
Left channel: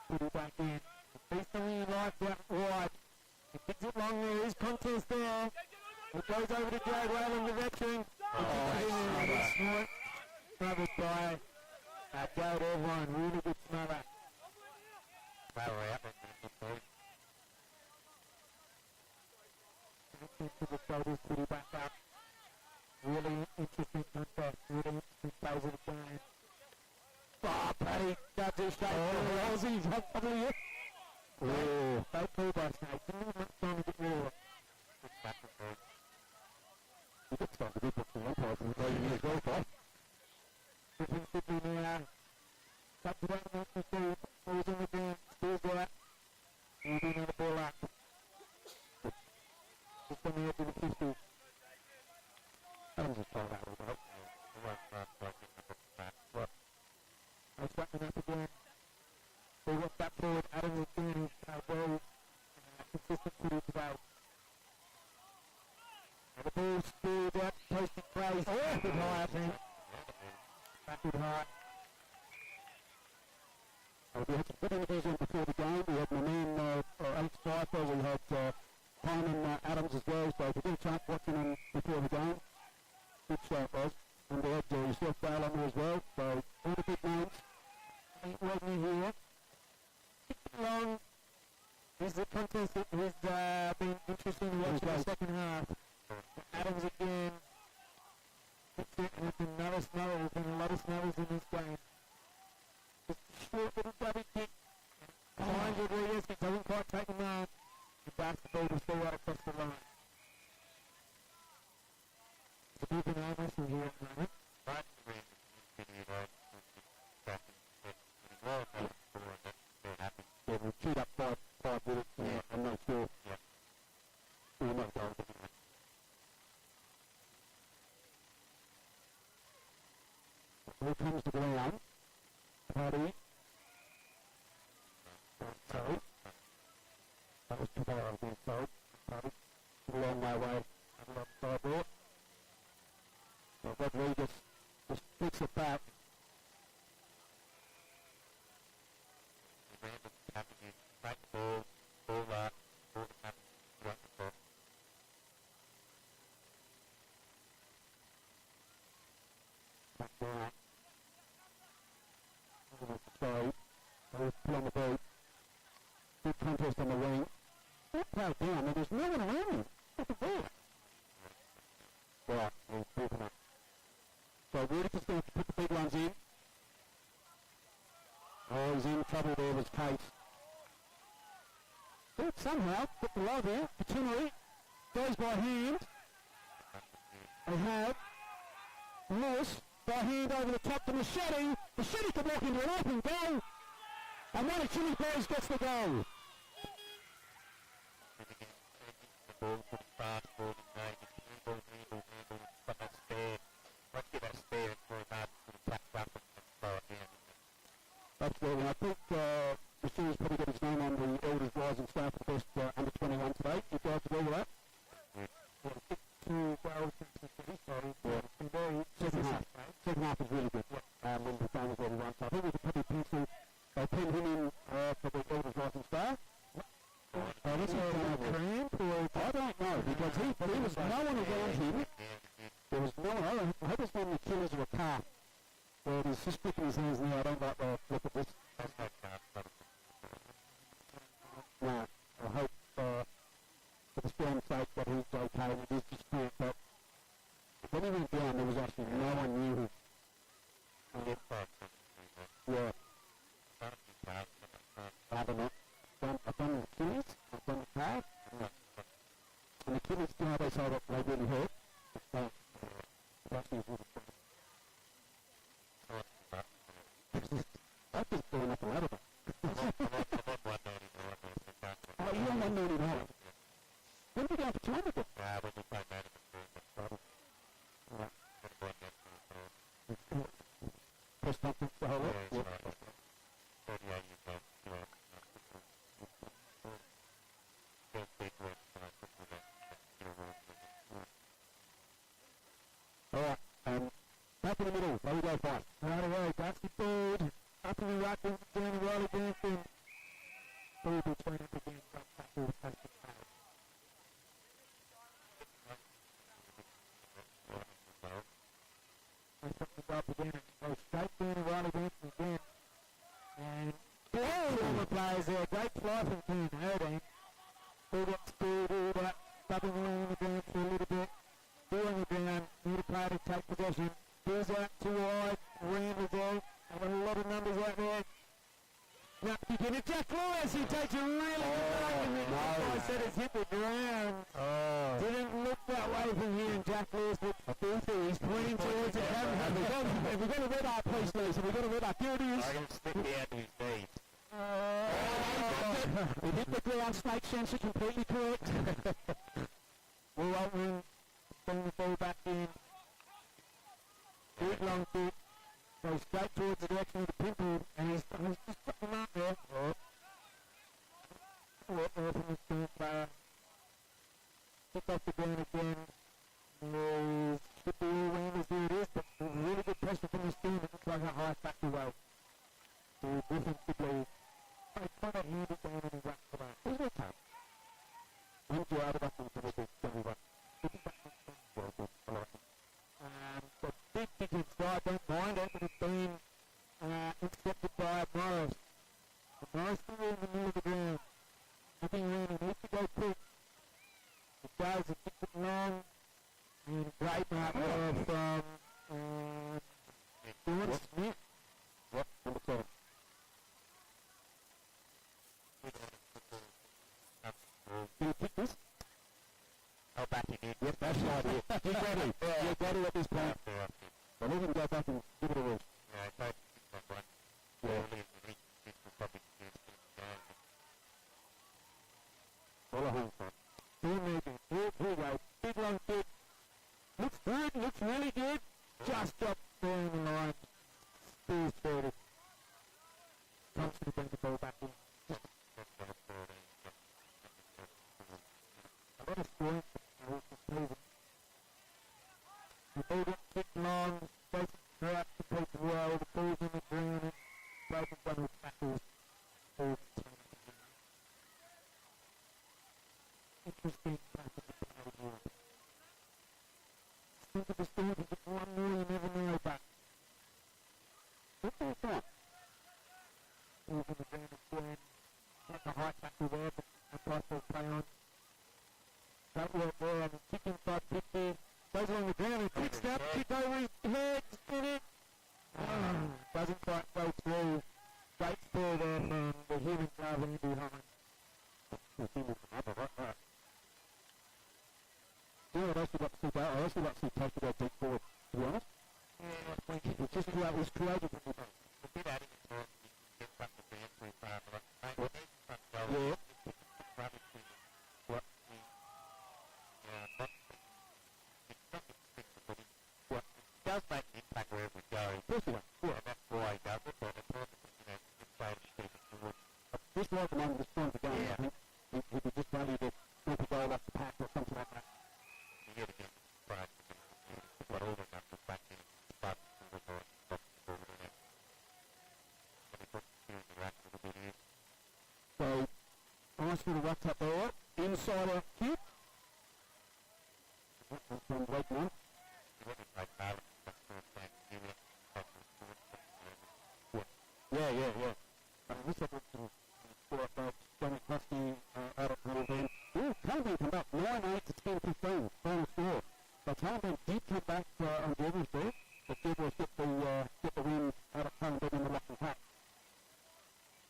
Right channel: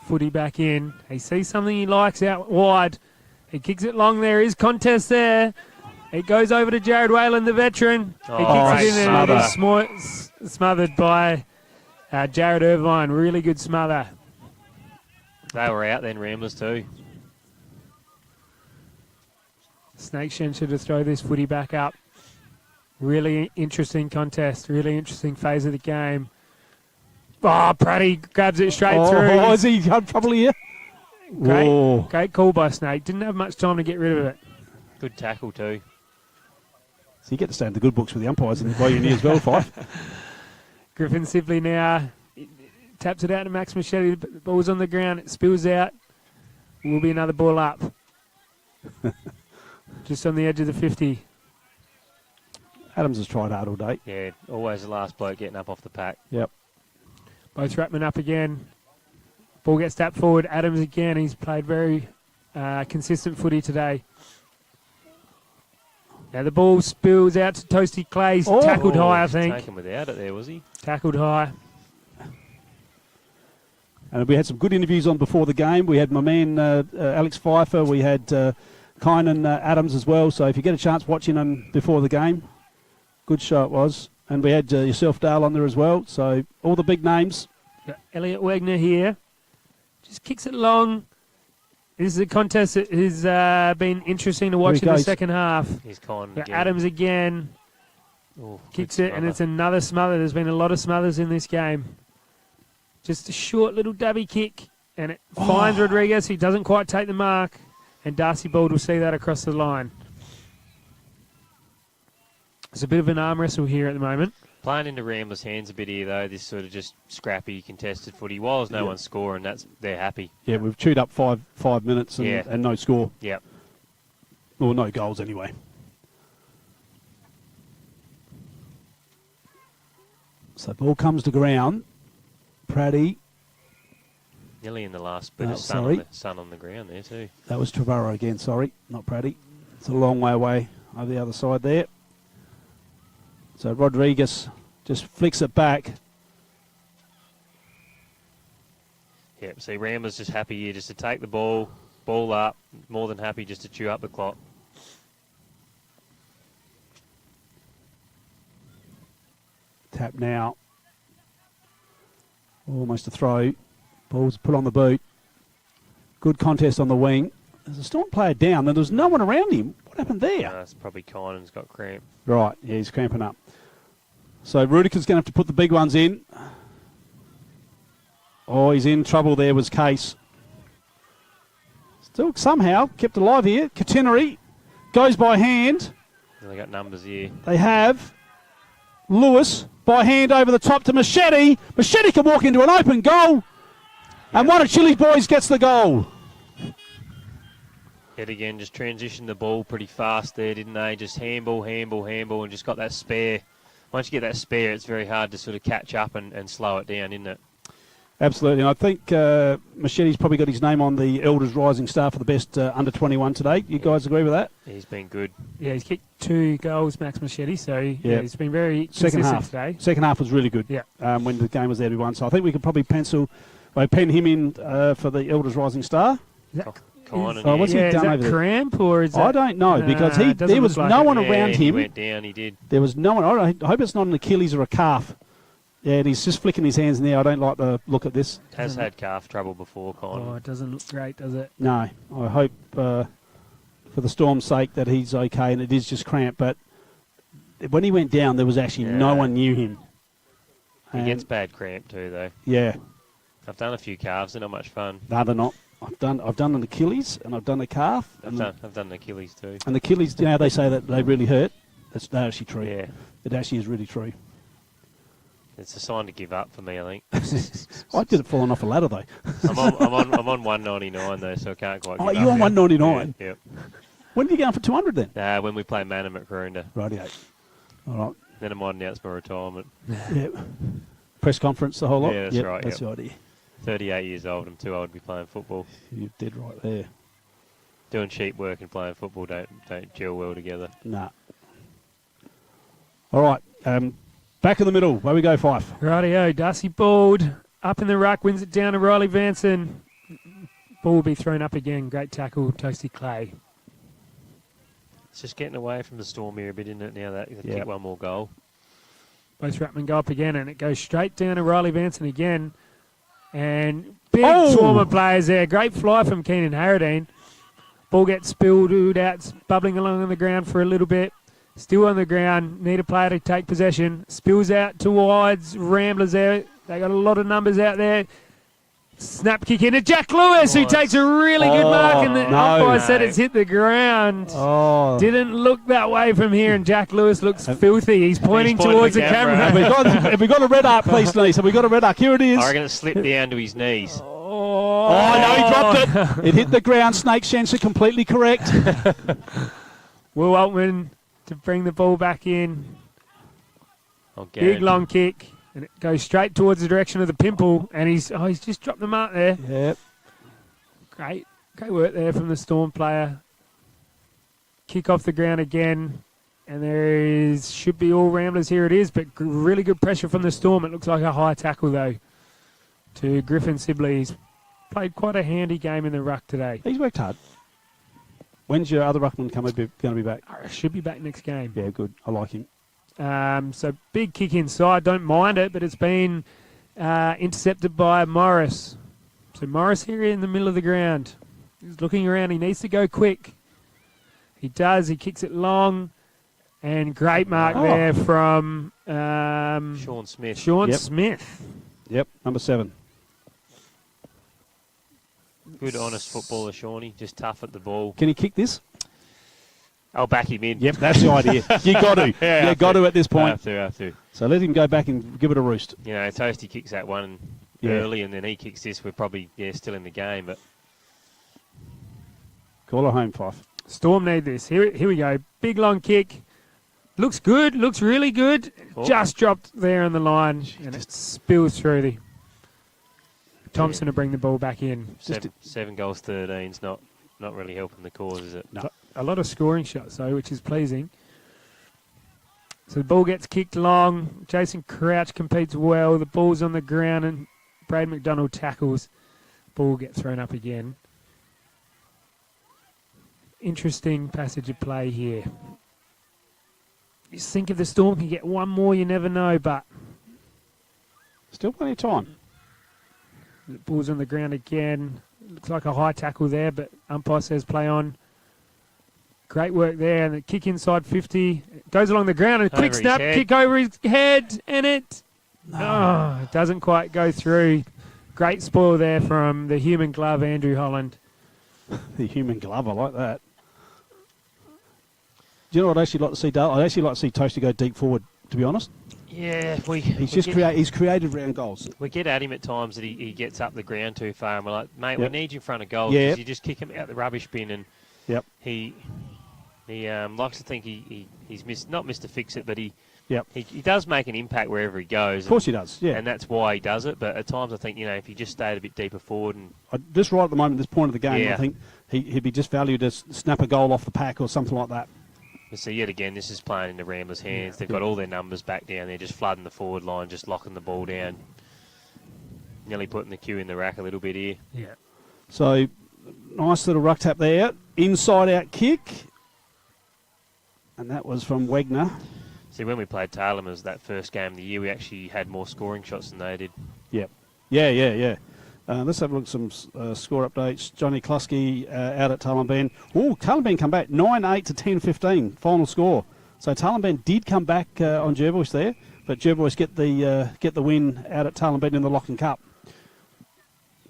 footy back in. He sees something he likes out wide. He kicks it long. There is contest there. It goes over to Jared Whalen, the veteran. He kicks it in there. It is smothered by Jared Irvine. Really good smother. They were out then, Ramblers too. Snakeshen should have thrown this footy back up. Really interesting contest. Really interesting phase of the game. Oh, Praddy grabs it straight through. Oh, is he probably here? Great call by Snake. Didn't have much time to get rid of it. Good tackle too. So you get to stay in the good books with the umpires and while you're near as well, Fife. Griffin Sibley now taps it out to Max Machete. The ball's on the ground. It spills out. Will be another ball up. Just on the edge of the 50. Adams has tried hard all day. Yeah, always the last bloke getting up off the pack. Yep. Both Ratman up again. Ball gets tapped forward. Adams again. He's played very consistent footy today. Now the ball spills out to Toasty Clay. He's tackled high, I think. Taken without it there, was he? Tackled high. And we had some good interviews on before the game. We had my man Alex Pfeiffer. We had Kynan Adams as well. So if you get a chance watching them before the game, good show it was. And we had yourself, Dale, on there as well. So all the big names. Got Elliot Wagner here. Just kicks it long. This is a contest that has been interesting to watch in the second half. He's gone Got again. Adams again. Ooh, Kicks it, and it's another smother. There's been a lot of smothers in this game. Just a short little dabby kick, and it finds Rodriguez. He doesn't quite take the mark, and Darcy Bold will see that across the line. It's a bit of an arm wrestle here at the moment. Playing into Ramblers' hands a bit here, though. This sort of just scrappy, contested footy. While there's no one scoring, they're happy. Yeah, we've chewed up five minutes and no score. Yep. Or no goals anyway. So ball comes to ground. Praddy. Nearly in the last bit of sun on the ground there too. That was Trevorrow again, sorry, not Praddy. It's a long way away over the other side there. So Rodriguez just flicks it back. Yep, see Ramblers just happy here just to take the ball up, more than happy just to chew up the clock. Tap now. Almost a throw. Ball's put on the boot. Good contest on the wing. There's a Storm player down, and there's no one around him. What happened there? It's probably Kynan's got cramp. Right, yeah, he's cramping up. So Rudiger's going to have to put the big ones in. Oh, he's in trouble there, was Case. Still somehow kept alive here. Catenary goes by hand. They got numbers here. They have. Lewis by hand over the top to Machete. Machete can walk into an open goal. And one of Chili's boys gets the goal. Yet again, just transitioned the ball pretty fast there, didn't they? Just handball, and just got that spare. Once you get that spare, it's very hard to sort of catch up and slow it down, isn't it? Absolutely, and I think Machete's probably got his name on the Elders Rising Star for the best under 21 today. You guys agree with that? He's been good. Yeah, he's kicked 2 goals, Max Machete, so yeah, he's been very second consistent half today. Second half was really good. Yeah. When the game was there to be won, so I think we could probably pen him in for the Elders Rising Star. What's he done is that over there? Cramp or is that? I don't know because there was no one around him. He went down. He did. There was no one. I hope it's not an Achilles or a calf. Yeah, and he's just flicking his hands now. I don't like the look at this. Has had calf trouble before, Con. Oh, it doesn't look great, does it? No, I hope for the Storm's sake that he's okay, and it is just cramp. But when he went down, there was actually no one near him. He gets bad cramp too, though. Yeah. I've done a few calves. They're not much fun. No, they're not. I've done an Achilles and I've done a calf. I've done an Achilles too. And the Achilles, you know, they say that they really hurt. That's actually true. Yeah. It actually is really true. It's a sign to give up for me, I think. I did it falling off a ladder though. I'm on 199 though, so I can't quite. Oh, you're on 199. Yep. When are you going for 200 then? When we play Manham at Karoonda. Rightio. All right. Then I might announce my retirement. Yeah. Press conference, the whole lot. Yeah, that's right. That's the idea. 38 years old. I'm too old to be playing football. You did right there. Doing cheap work and playing football don't gel well together. Nah. All right. Back in the middle. Where we go, Fife? Rightio. Darcy Bald up in the ruck, wins it down to Riley Vanson. Ball will be thrown up again. Great tackle, Toasty Clay. It's just getting away from the Storm here a bit, isn't it? Now that they kick one more goal. Both ruckmen go up again, and it goes straight down to Riley Vanson again. And big swarm of players there. Great fly from Keenan Harradine. Ball gets spilled out, bubbling along on the ground for a little bit. Still on the ground. Need a player to take possession. Spills out towards Ramblers there. They got a lot of numbers out there. Snap kick into Jack Lewis, who takes a really good mark, and the umpire said it's hit the ground. Didn't look that way from here, and Jack Lewis looks filthy. He's pointing towards the camera. Have we got a red arc, please, Denise? Have we got a red arc? Here it is. I reckon it slipped down to his knees. Oh, no, he dropped it. It hit the ground. Snake Shenser, completely correct. Will Altman to bring the ball back in. Big long kick, and it goes straight towards the direction of the pimple, and he's just dropped the mark there. Yep. Great work there from the Storm player. Kick off the ground again, and should be all Ramblers. Here it is, but really good pressure from the Storm. It looks like a high tackle though to Griffin Sibley. He's played quite a handy game in the ruck today. He's worked hard. When's your other ruckman going to be back? Should be back next game. Yeah, good. I like him. So big kick inside. Don't mind it, but it's been intercepted by Morris. So Morris here in the middle of the ground. He's looking around. He needs to go quick. He does. He kicks it long. And great mark there from Sean Smith. Smith. Yep, number 7. Good, honest footballer, Shawnee. Just tough at the ball. Can he kick this? I'll back him in. Yep, that's the idea. You got to. Yeah, you got to at this point. Have to. So let him go back and give it a roost. You know, Toasty kicks that one early, and then he kicks this. We're probably still in the game, but call it home, Fife. Storm need this. Here we go. Big long kick. Looks good. Looks really good. Just dropped there on the line, and it spills through the Thompson to bring the ball back in. 7 goals, 13's not really helping the cause, is it? No. A lot of scoring shots, though, which is pleasing. So the ball gets kicked long. Jason Crouch competes well. The ball's on the ground, and Brad McDonald tackles. Ball gets thrown up again. Interesting passage of play here. You think if the Storm can get one more, you never know, but still plenty of time. The ball's on the ground again. Looks like a high tackle there, but umpire says play on. Great work there, and the kick inside 50. It goes along the ground, and a quick snap, kick over his head, and it doesn't quite go through. Great spoil there from the human glove, Andrew Holland. The human glove, I like that. Do you know what I'd actually like to see, Dale? I'd actually like to see Toasty go deep forward, to be honest. Yeah, he's created round goals. We get at him at times that he gets up the ground too far, and we're like, mate, we need you in front of goal. Yeah. You just kick him out the rubbish bin, and he likes to think he's not missed to fix it, but he does make an impact wherever he goes. Of course he does, yeah. And that's why he does it. But at times I think, if he just stayed a bit deeper forward. And just right at the moment, this point of the game, I think he'd be just valued to snap a goal off the pack or something like that. So yet again, this is playing in the Ramblers' hands. They've got all their numbers back down there, just flooding the forward line, just locking the ball down. Nearly putting the cue in the rack a little bit here. Yeah. So, nice little ruck tap there. Inside out kick. And that was from Wegner. See, when we played Taylor's that first game of the year, we actually had more scoring shots than they did. Yep. Yeah. Let's have a look at some score updates. Johnny Klusky out at Talimban. Oh, Talimban come back 9-8 to 10-15 final score. So Talimban did come back on Jervois there, but Jervois get the win out at Talimban in the Lachlan Cup.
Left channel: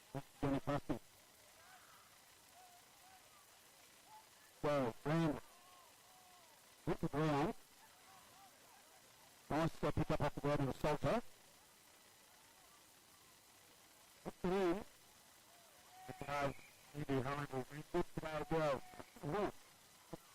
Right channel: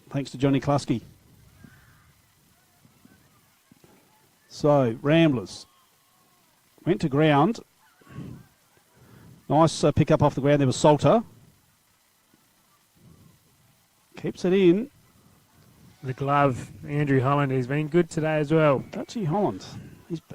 Thanks to Johnny Klusky. So Ramblers went to ground. Nice pick up off the ground. There was Salter. Keeps it in. The glove, Andrew Holland, has been good today as well. Dutchy Holland.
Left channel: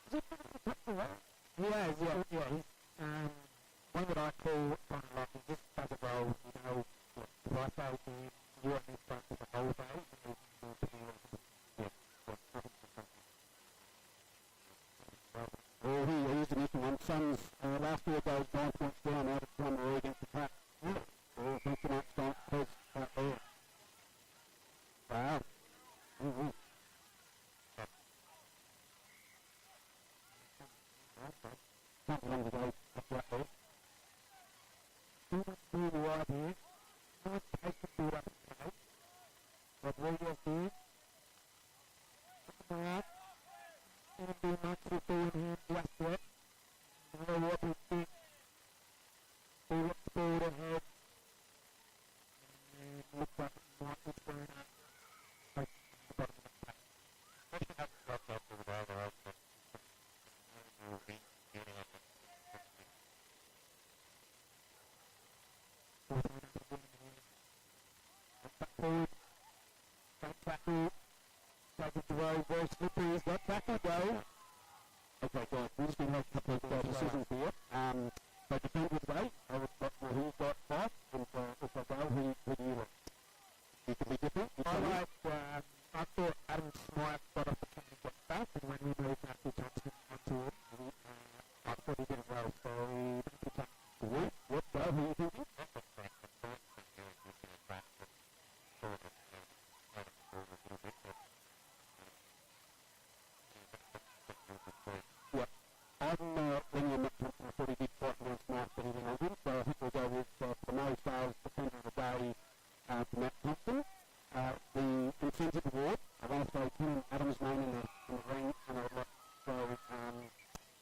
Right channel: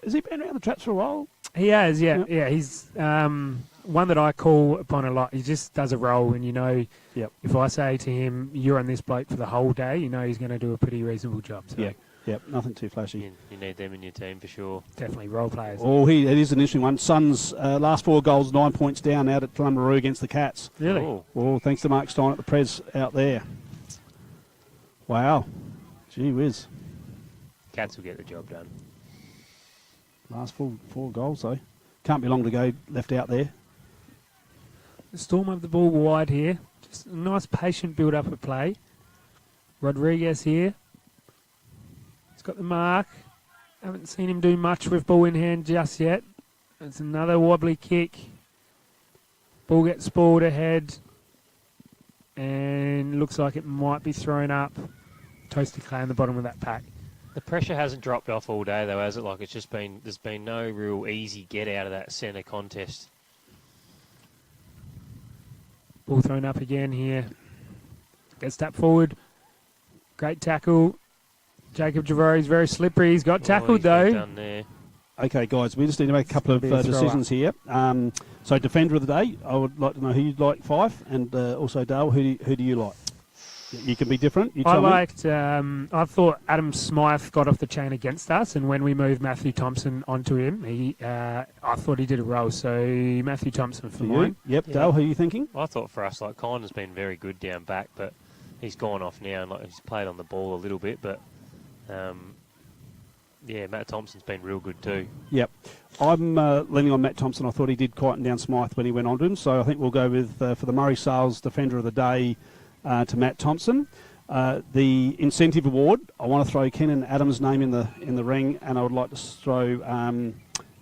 Has he been around the traps for a while? He has, yeah. He's one that I call upon a lot. He just does a roll, and if I say to him, you're on this bloke for the whole day, he's going to do a pretty reasonable job. So. Yep, nothing too flashy. You need them in your team for sure. Definitely role players. Oh, it is an interesting one. Suns last 4 goals, 9 points down out at Tlumbaroo against the Cats. Really? Oh, thanks to Mark Stein at the Prez out there. Wow. Gee whiz. Cats will get the job done. Last 4 goals, though. Can't be long to go left out there. The Storm have the ball wide here. Just a nice patient build-up of play. Rodriguez here. He's got the mark. Haven't seen him do much with ball in hand just yet. It's another wobbly kick. Ball gets spoiled ahead. And looks like it might be thrown up. Toasty Clay on the bottom of that pack. The pressure hasn't dropped off all day though, has it? Like there's been no real easy get out of that centre contest. Ball thrown up again here. Gets tapped forward. Great tackle. Jacob Javori's very slippery. He's got tackled though. Done there. Okay, guys, we just need to make a couple of decisions here. So, defender of the day, I would like to know who you'd like, Fife, and also Dale, who do you like? You can be different. You tell me. I thought Adam Smythe got off the chain against us, and when we moved Matthew Thompson onto him, I thought he did it well. So Matthew Thompson for you. Yep, yeah. Dale, who are you thinking? I thought for us, like, Connor's been very good down back, but he's gone off now, and he's played on the ball a little bit, but Matt Thompson's been real good too. Yep. I'm leaning on Matt Thompson. I thought he did quieten down Smythe when he went on to him, so I think we'll go with, for the Murray Sales Defender of the Day, to Matt Thompson. The incentive award, I want to throw Kenan Adams' name in the ring, and I would like to throw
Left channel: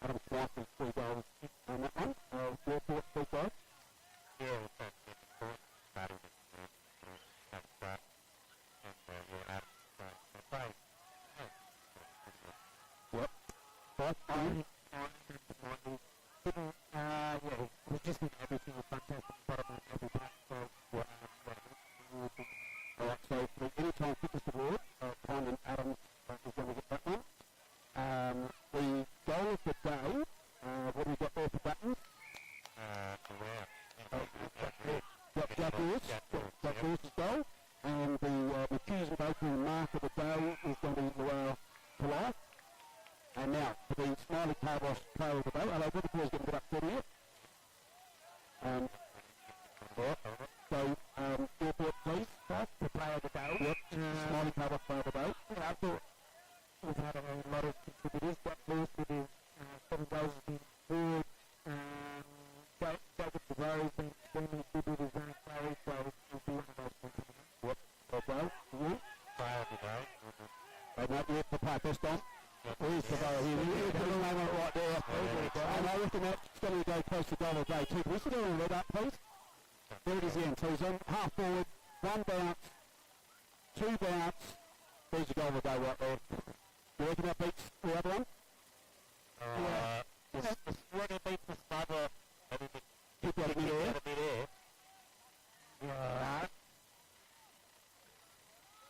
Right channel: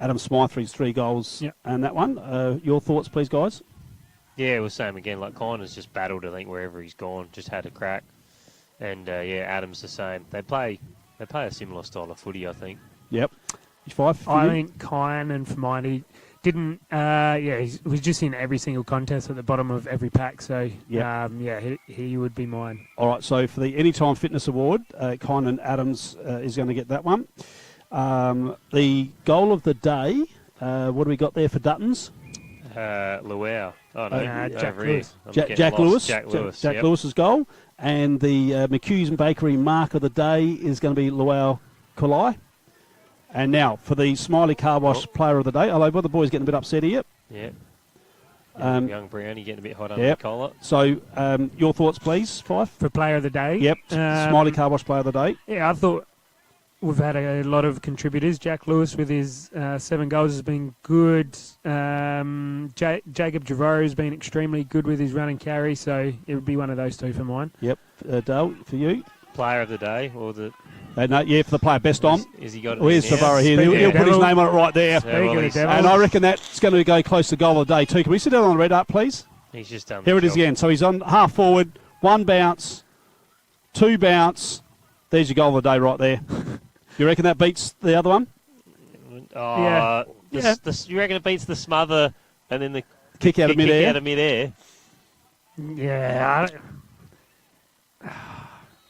Adam Smythe for his 3 goals and that one. Your thoughts, please, guys? Yeah, well, same again. Like, Connor's just battled, I think, wherever he's gone, just had a crack. And, Adams the same. They play a similar style of footy, I think. Yep. Five. I think Kyan for mine, he didn't. He was just in every single contest at the bottom of every pack. So he would be mine. All right. So for the Anytime Fitness Award, Kyan Adams is going to get that one. The goal of the day. What do we got there for Duttons? Luau. Oh no, Jack Lewis. Jack Lewis. Jack Lewis's goal. And the McHugh's Bakery mark of the day is going to be Luau Kulai. And now for the Smiley Car Wash Player of the Day. Hello, the boys getting a bit upset here. Yeah. Young Brownie getting a bit hot under the collar. So your thoughts, please, Fife? For Player of the Day? Yep. Smiley Car Wash Player of the Day. Yeah, I thought we've had a lot of contributors. Jack Lewis with his 7 goals has been good. Jacob Javaro has been extremely good with his run and carry, so it would be one of those 2 for mine. Yep. Dale, for you? Player of the Day or the... for the player, best on. Is he got it? Where's Favara here? He'll put his name on it right there. And I reckon that's going to go close to goal of the day too. Can we sit down on the red up, please? He's just done. Here it is again. So he's on half forward, 1 bounce, 2 bounce. There's your goal of the day right there. You reckon that beats the other one? Yeah. You reckon it beats the smother and then the kick out of mid-air? Yeah.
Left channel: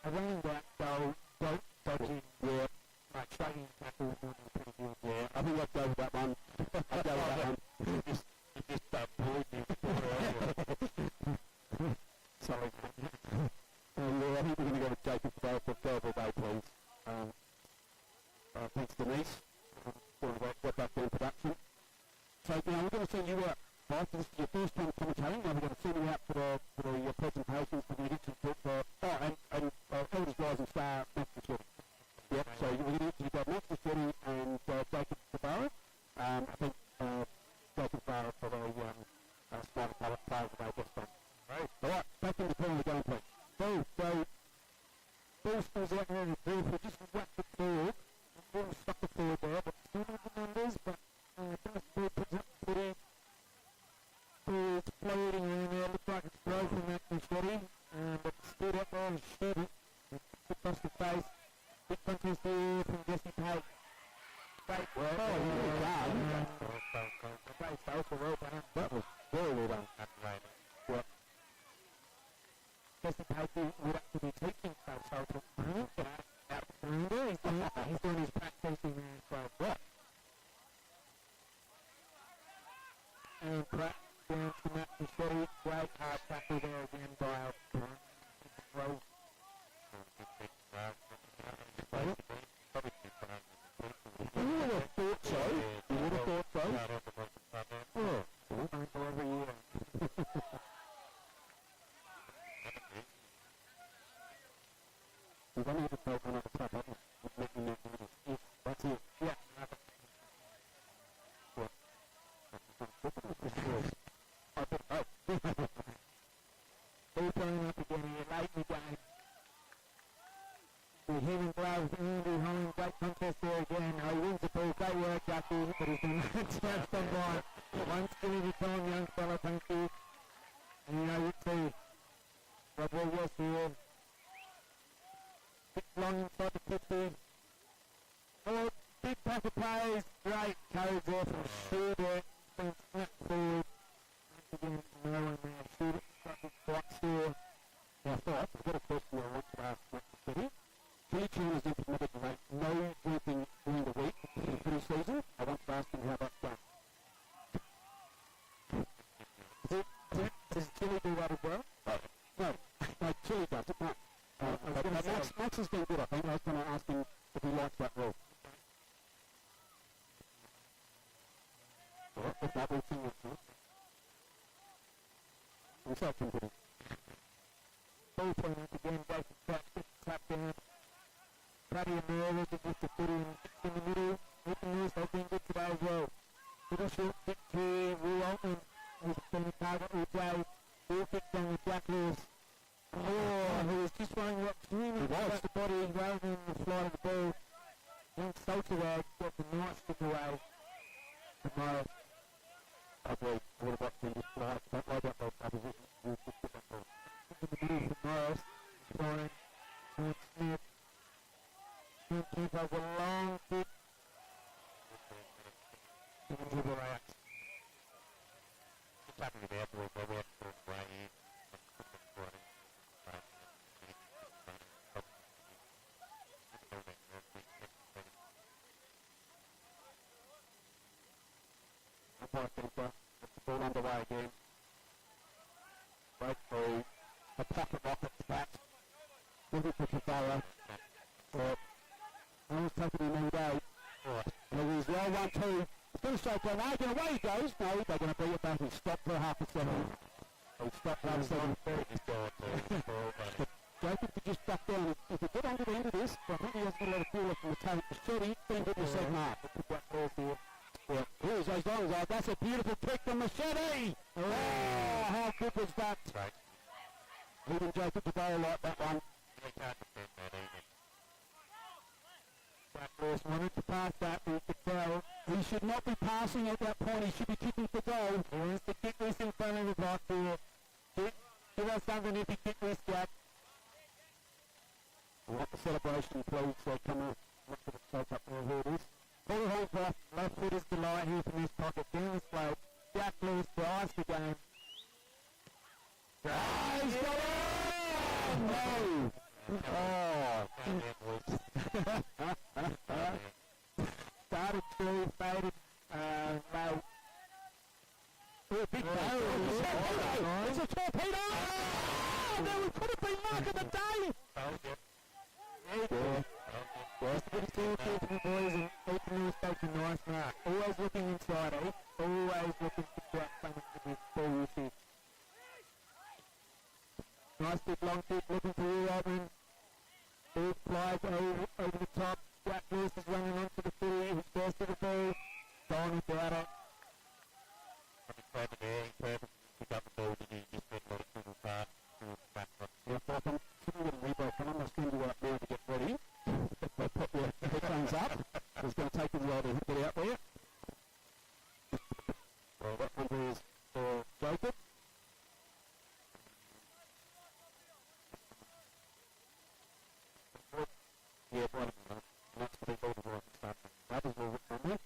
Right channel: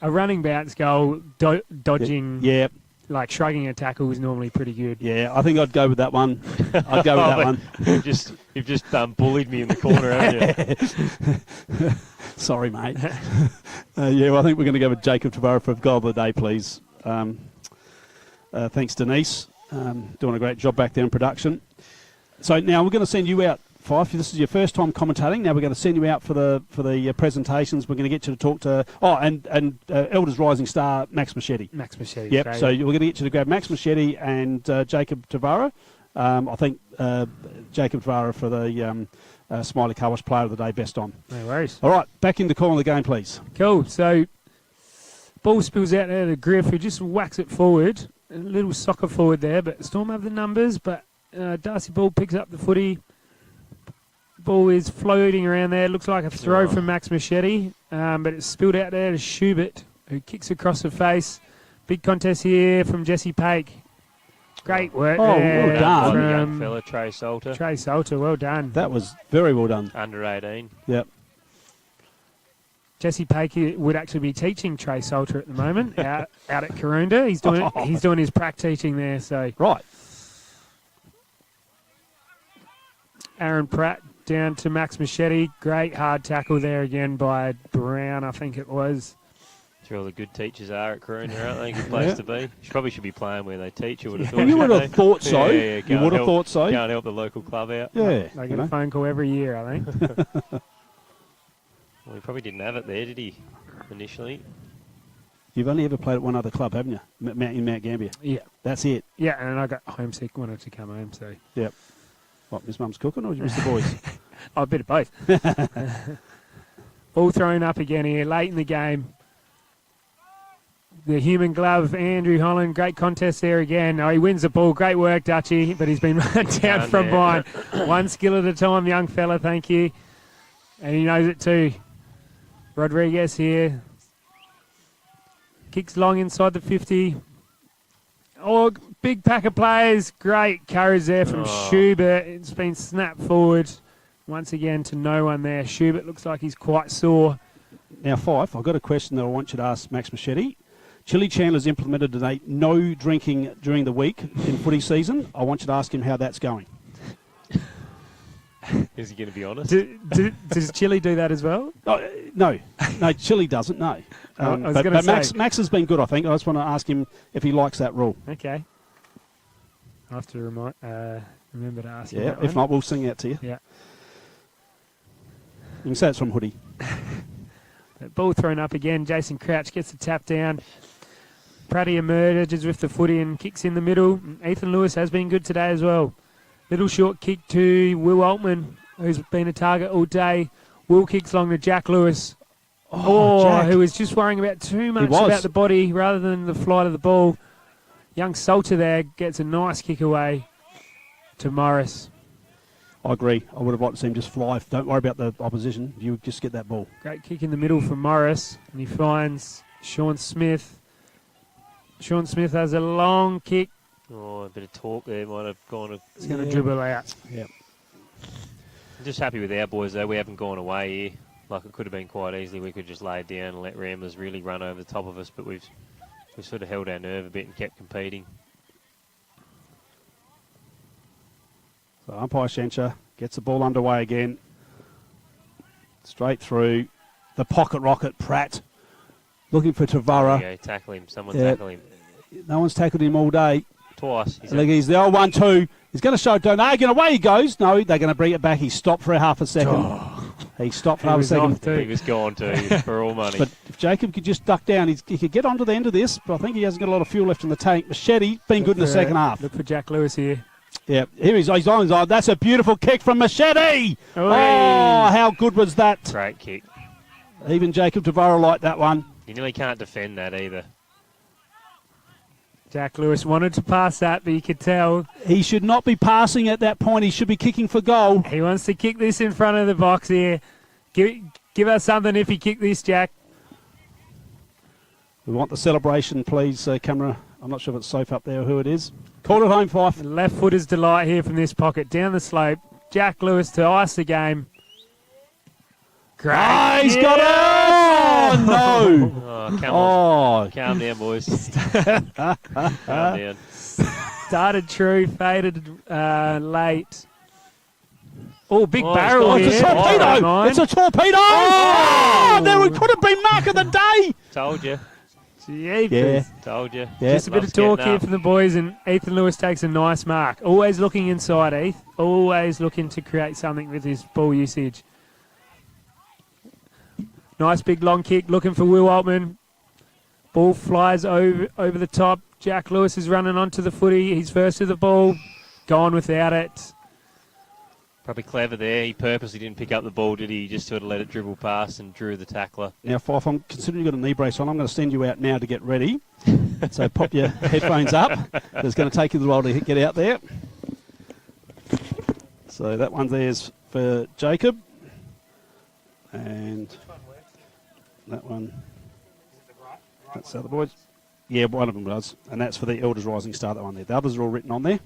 A running bounce goal, dodging, like shrugging a tackle is normally pretty good. Yeah, I think I'd go with that one. I'd go with that one. You've just bullied me in the corner, haven't you? Sorry, mate. I think we're going to go with Jacob Tavara for goal of the day, please. Thanks, Denise. Doing a great job back there in production. So now we're going to send you out, Fife. This is your first time commentating. Now we're going to send you out for the presentations. We're going to get you to talk to Elders Rising Star Max Machete. Max Machete. Yep. So we're going to get you to grab Max Machete and Jacob Tavara. I think Jacob Tavara for the Smiley Car Wash Player of the Day, best on. No worries. All right, back in the call of the game, please. Cool. So ball spills out there to Griff, who just whacks it forward. A little soccer forward there, but Storm have the numbers. But Darcy Ball picks up the footy. Ball is floating around there. Looks like a throw from Max Machete, but it's spilled out there to Schubert, who kicks across the face. Big contest here from Jesse Pake. Great work there. Well done. From young fella, Trey Salter. Trey Salter, well done. That was very well done. Under 18. Yep. Jesse Pake would actually be teaching Trey Salter at the moment out at Karoonda. He's doing his prac teaching there. So right. Aaron Pratt down to Max Machete. Great hard tackle there again by Brown, I think it was. That's where all the good teachers are at Karoonda, aren't they? Good place to be. You probably should be playing where they teach. You would have thought. You would have thought so. You would have thought so. Go and help the local club out. Yeah. They get a phone call every year, I think. Well, he probably didn't have it there, did he, initially? You've only ever played at one other club, haven't you? In Mount Gambier. Yeah. That's it. Yeah, and I got homesick, wanted to come home, so. Yep. What, Miss Mum's cooking or Miss the boys? Oh, a bit of both. Ball thrown up again here, late in the game. The human glove, Andrew Holland, great contest there again. Oh, he wins the ball. Great work, Dutchy, but he's been run down from behind. One skill at a time, young fella, thank you. And he knows it too. Rodriguez here. Kicks long inside the 50. Oh, big pack of players. Great courage there from Schubert. It's been snapped forward once again to no one there. Schubert looks like he's quite sore. Now, Fife, I've got a question that I want you to ask Max Machete. Chili Chandler's implemented today no drinking during the week in footy season. I want you to ask him how that's going. Is he going to be honest? Does Chili do that as well? No, Chili doesn't, no. I was But gonna say. Max has been good, I think. I just want to ask him if he likes that rule. Okay. I'll have to remember to ask you Yeah, that if one. not, we'll sing out to you. Yeah. You can say it's from Hoodie. That ball thrown up again. Jason Crouch gets the tap down. Pratty emerges with the footy and kicks in the middle. Ethan Lewis has been good today as well. Little short kick to Will Altman, who's been a target all day. Will kicks along to Jack Lewis. Jack. Who was just worrying about too much about the body rather than the flight of the ball. Young Salter there gets a nice kick away to Morris. I agree. I would have liked to see him just fly. Don't worry about the opposition. You just get that ball. Great kick in the middle from Morris, and he finds Sean Smith. Sean Smith has a long kick. Oh, a bit of talk there. Might have gone. He's going to dribble out. Yep. I'm just happy with our boys, though. We haven't gone away here. Like, it could have been quite easily. We could just lay it down and let Ramblers really run over the top of us, but we've sort of held our nerve a bit and kept competing. So umpire Shencher gets the ball underway again. Straight through. The pocket rocket, Pratt. Looking for Tavara. There you go, tackle him. Someone tackle him. No one's tackled him all day. Twice. He's the old 1-2. He's going to show Donegan. Away he goes. No, they're going to bring it back. He stopped for a half a second. He stopped for half a second. He was gone too, for all money. But if Jacob could just duck down, he could get onto the end of this, but I think he hasn't got a lot of fuel left in the tank. Machete, been good in the second half. Look for Jack Lewis here. Yeah, here he's on his eye. That's a beautiful kick from Machete. Oh, how good was that? Great kick. Even Jacob Tavara liked that one. You nearly can't defend that either. Jack Lewis wanted to pass that, but you could tell. He should not be passing at that point. He should be kicking for goal. He wants to kick this in front of the box here. Give us something if you kick this, Jack. We want the celebration, please, camera. I'm not sure if it's safe up there or who it is. Call it home, Fife. Left footer's delight here from this pocket. Down the slope. Jack Lewis to ice the game. Great. Oh, he's got it! Oh, no! Oh, come on. Calm down, boys. Calm down. Started true, faded late. Oh, big barrel It's here. a torpedo! It's a torpedo! Oh, there could have been mark of the day! Told you. Yeah. Told you. Yeah. Just a bit of talk here from the boys, and Ethan Lewis takes a nice mark. Always looking inside, Heath. Always looking to create something with his ball usage. Nice big long kick, looking for Will Altman. Ball flies over the top. Jack Lewis is running onto the footy. He's first to the ball. Gone without it. Probably clever there. He purposely didn't pick up the ball, did he? He just sort of let it dribble past and drew the tackler. Now, Fife, I'm considering you've got a knee brace on. I'm going to send you out now to get ready. So pop your headphones up. It's going to take you a while to get out there. So that one there's for Jacob. And that one, that's the other boys. Yeah, one of them does. And that's for the Elders Rising Star, that one there. The others are all written on there.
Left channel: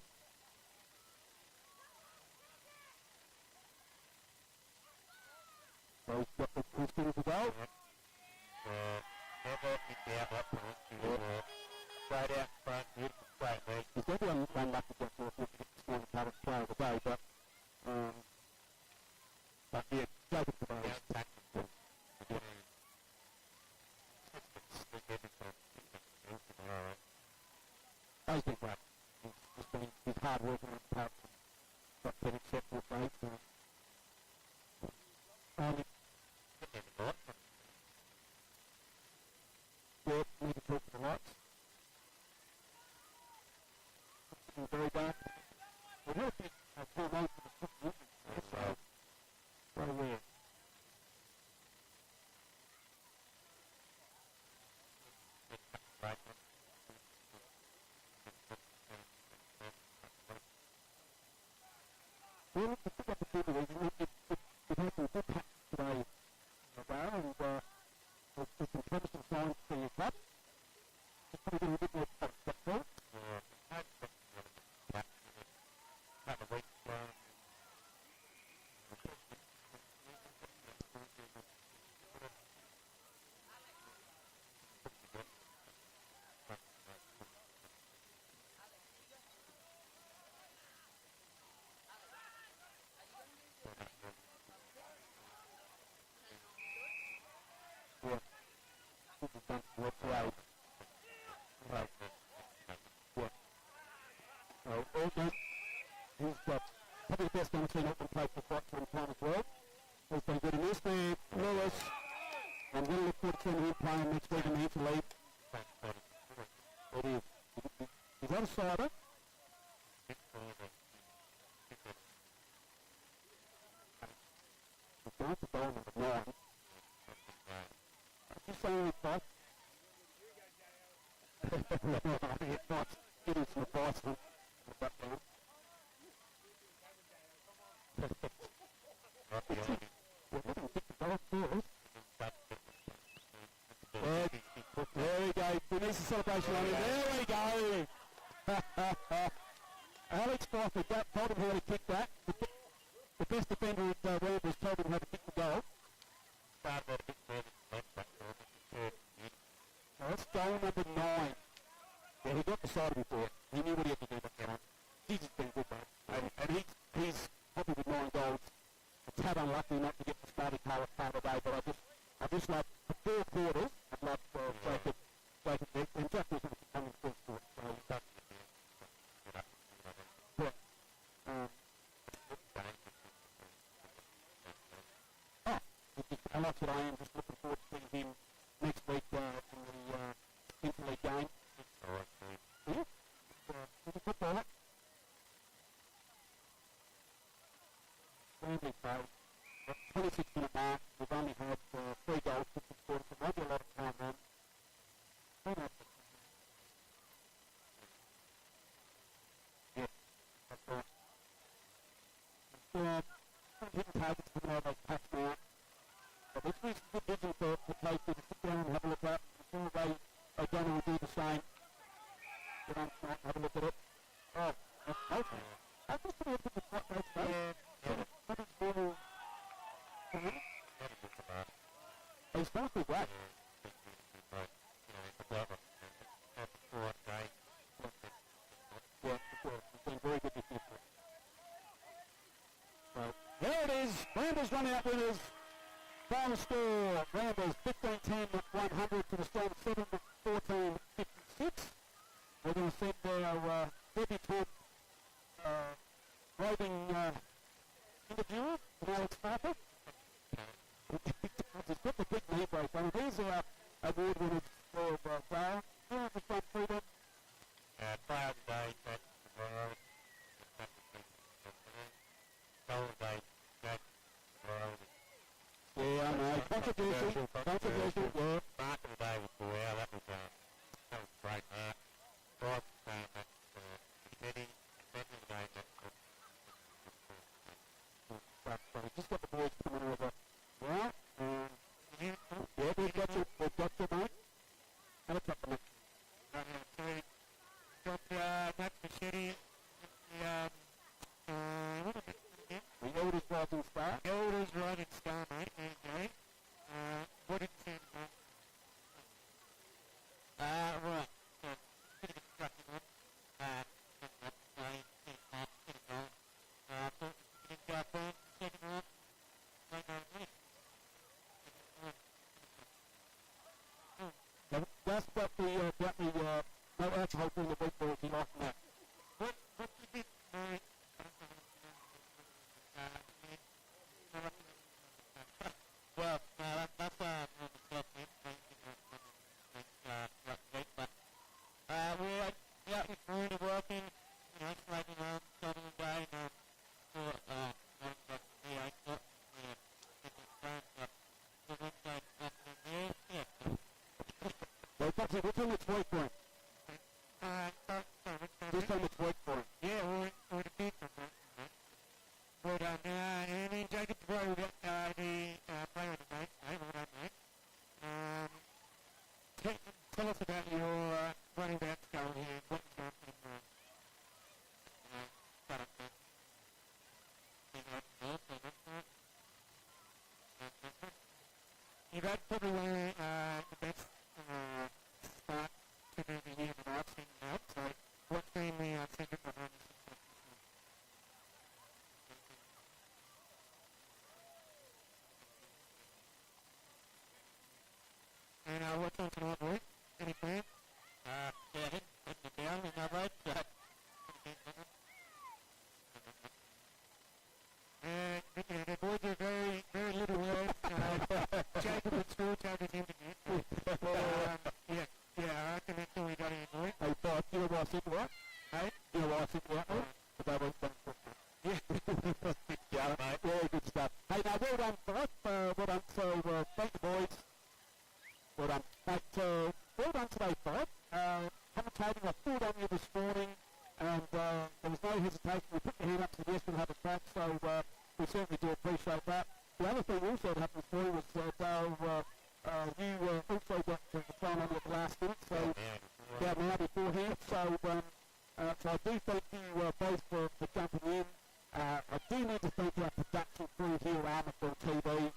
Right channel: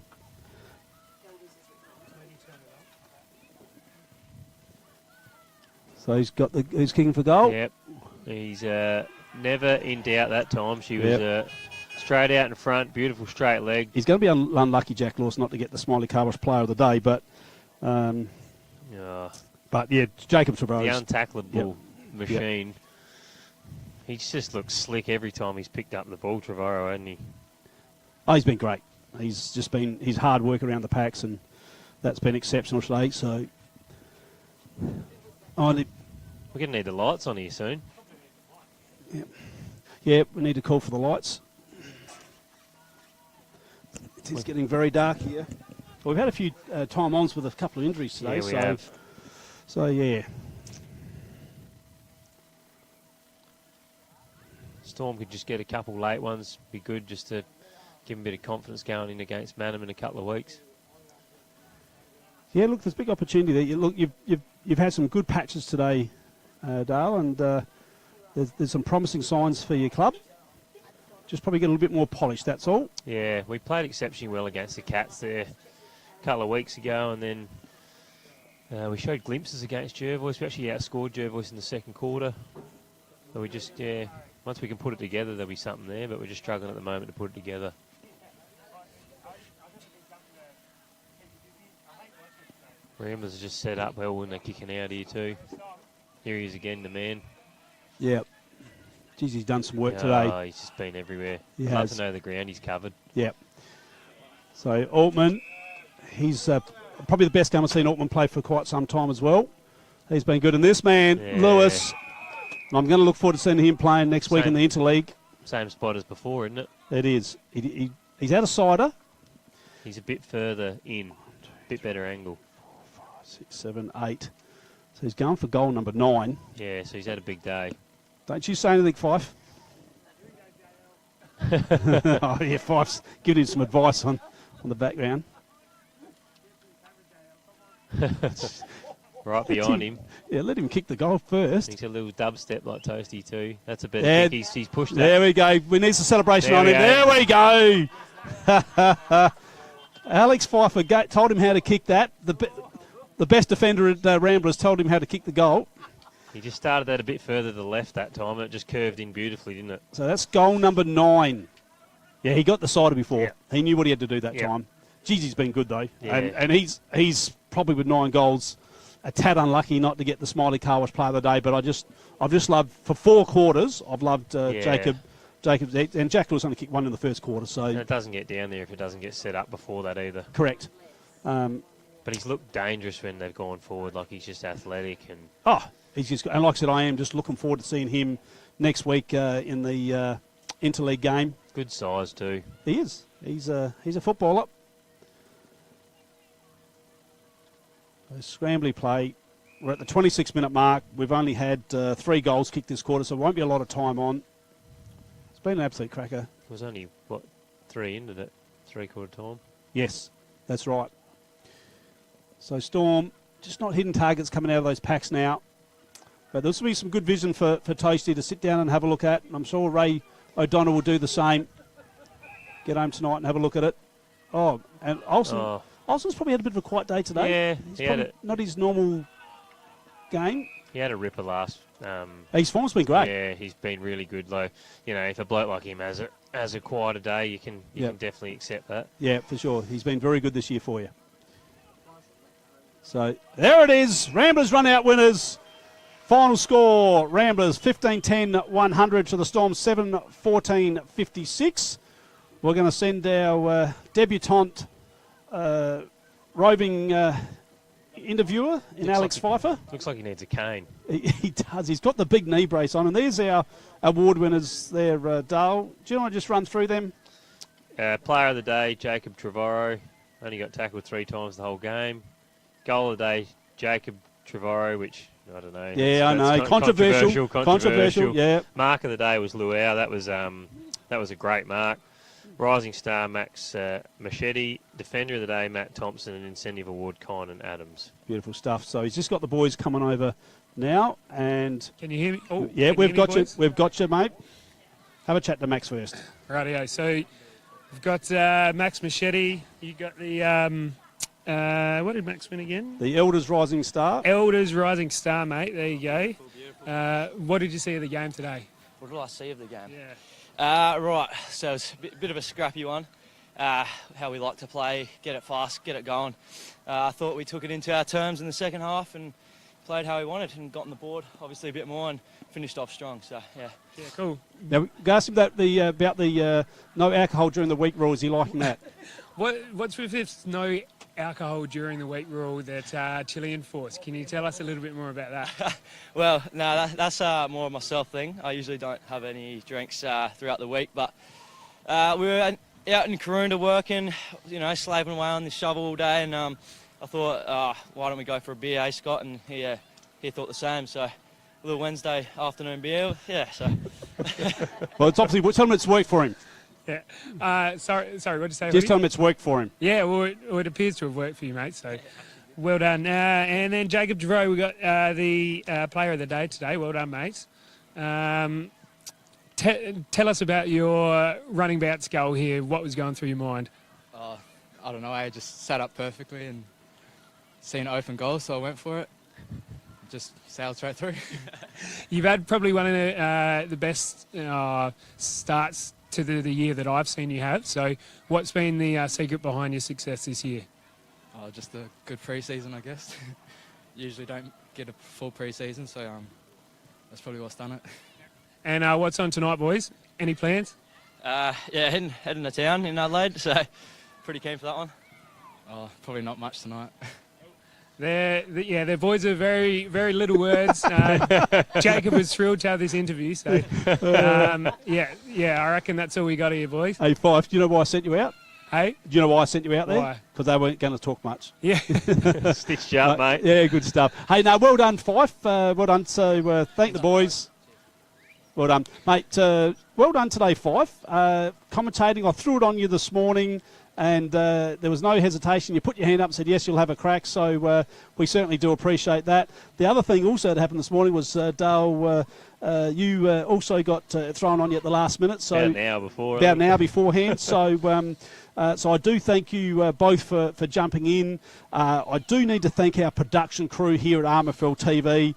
So he's kicking for goal. Yep. He's never in doubt that time. She was straight out in front, beautiful straight leg. He's going to be unlucky, Jack Lewis, not to get the Smiley Carlos Player of the Day, but yeah, Jacob Trevorrow. The untacklable machine. Yep. He just looks slick every time he's picked up the ball, Trevorrow, hasn't he? Oh, he's been great. He's just been his hard work around the packs, and that's been exceptional today. So, we're going to need the lights on here soon. Yeah, we need to call for the lights. It's getting very dark here. Well, we've had a few time-ons with a couple of injuries today. Yeah, we have. So, yeah. Storm could just get a couple late ones. Be good just to give them a bit of confidence going in against Manham in a couple of weeks. Yeah, look, there's a big opportunity there. You've had some good patches today, Dale, and there's some promising signs for your club. Just probably get a little bit more polish, that's all. Yeah, we played exceptionally well against the Cats there a couple of weeks ago, and then we showed glimpses against Jervois. We actually outscored Jervois in the second quarter. So we just, Once we can put it together, there'll be something there, but we're just struggling at the moment to put it together. Ramblers just set up well when they're kicking out here too. Here he is again, the man. Yep. Geez, he's done some work today. He's just been everywhere. He Love has. to know the ground he's covered. Yep. So Altman, he's probably the best game I've seen Altman play for quite some time as well. He's been good. And this man, Lewis, I'm going to look forward to seeing him playing next week in the Interleague. Same spot as before, isn't it? It is. He's out of cider. He's a bit further in, bit better angle. 6, 7, 8. So he's going for goal number 9. Yeah, so he's had a big day. Don't you say anything, Fife. Oh, yeah, Fife's giving him some advice on the background. Right behind him. Yeah, let him kick the goal first. He's a little dubstep like Toasty too. That's a better kick. He's pushed that. There we go. We need some celebration on him. There we go. Alex Pfeiffer told him how to kick that. The best defender at Ramblers told him how to kick the goal. He just started that a bit further to the left that time, and it just curved in beautifully, didn't it? So that's goal number 9. Yeah, he got the cider before. Yeah. He knew what he had to do that Yeah. time. Jeez, he's been good though. Yeah. And he's probably with 9 goals a tad unlucky not to get the Smiley Car Wash Player of the Day, but I've just loved, for 4 quarters, I've loved Jacob, and Jack was only kicked 1 in the first quarter, so... And it doesn't get down there if it doesn't get set up before that either. Correct. But he's looked dangerous when they've gone forward, like he's just athletic and... Oh, he's just, and like I said, I am just looking forward to seeing him next week in the Interleague game. Good size too. He is. He's a footballer. Scrambly play. We're at the 26-minute mark. We've only had 3 goals kicked this quarter, so it won't be a lot of time on. It's been an absolute cracker. It was only, 3 into it? 3/4 time? Yes, that's right. So Storm, just not hitting targets coming out of those packs now. But this will be some good vision for Toasty to sit down and have a look at. And I'm sure Ray O'Donnell will do the same. Get home tonight and have a look at it. Oh, and Olsen. Olsen's probably had a bit of a quiet day today. Yeah, He's probably not his normal game. He had a ripper last. His form's been great. Yeah, he's been really good. Like, if a bloke like him has a quieter day, you can definitely accept that. Yeah, for sure. He's been very good this year for you. So there it is. Ramblers run out winners. Final score: Ramblers 15-10-100 to the Storm 7-14-56. We're going to send our debutante roving interviewer in Alex Pfeiffer. Looks like he needs a cane. He does. He's got the big knee brace on. And there's our award winners there, Dale. Do you want to just run through them? Player of the day, Jacob Trevorrow. Only got tackled 3 times the whole game. Goal of the day, Jacob Trevorrow, which, I don't know. Yeah, I know. Controversial, yeah. Mark of the day was Luau. That was a great mark. Rising star, Max Machete. Defender of the day, Matt Thompson. And incentive award, Conan Adams. Beautiful stuff. So he's just got the boys coming over now. And can you hear me? Oh, yeah, we've got you. We've got you, mate. Have a chat to Max first. Rightio. So we've got Max Machete. You got the... what did Max win again? The Elders Rising Star. Elders Rising Star, mate. There you go. What did you see of the game today? What did I see of the game? Yeah. Right, so it's a bit of a scrappy one. How we like to play, get it fast, get it going. I thought we took it into our terms in the second half and played how we wanted and got on the board, obviously a bit more, and finished off strong. So yeah. Yeah, cool. Now, ask him about the no alcohol during the week rule. Is he liking that? What's with this no alcohol during the week rule that Chile enforced? Can you tell us a little bit more about that? Well, no, that's more of a myself thing. I usually don't have any drinks throughout the week, but we were out in Karoonda working, slaving away on this shovel all day, and I thought, why don't we go for a beer, Scott? And he thought the same, so a little Wednesday afternoon beer, yeah, so. Well, it's obviously, tell him it's worked for him. Yeah. Sorry, what did you say? Just tell him it's worked for him. Yeah, well, it appears to have worked for you, mate, so well done. And then Jacob Trevorrow, we got the player of the day today. Well done, mate. Tell us about your running bouts goal here. What was going through your mind? I don't know. I just sat up perfectly and seen an open goal, so I went for it. just sailed straight through. You've had probably one of the best starts to the year that I've seen you have. So what's been the secret behind your success this year? Just a good pre-season, I guess. Usually don't get a full pre-season, so that's probably what's done it. And what's on tonight, boys? Any plans? Yeah, heading to town in Adelaide, so pretty keen for that one. Probably not much tonight. Their boys are very, very little words. Jacob was thrilled to have this interview, so I reckon that's all we got here, boys. Hey, Fife, do you know why I sent you out? Hey? Do you know why I sent you out there? Why? Because they weren't going to talk much. Yeah. Stitched you up, mate. Yeah, good stuff. Hey, no, well done, Fife. Well done. So thank the boys. Well done, mate. Well done today, Fife. Commentating, I threw it on you this morning, and there was no hesitation. You put your hand up and said, yes, you'll have a crack. So we certainly do appreciate that. The other thing also that happened this morning was, Dale, you also got thrown on you at the last minute. So about an hour beforehand. So I do thank you both for jumping in. I do need to thank our production crew here at RMFL TV.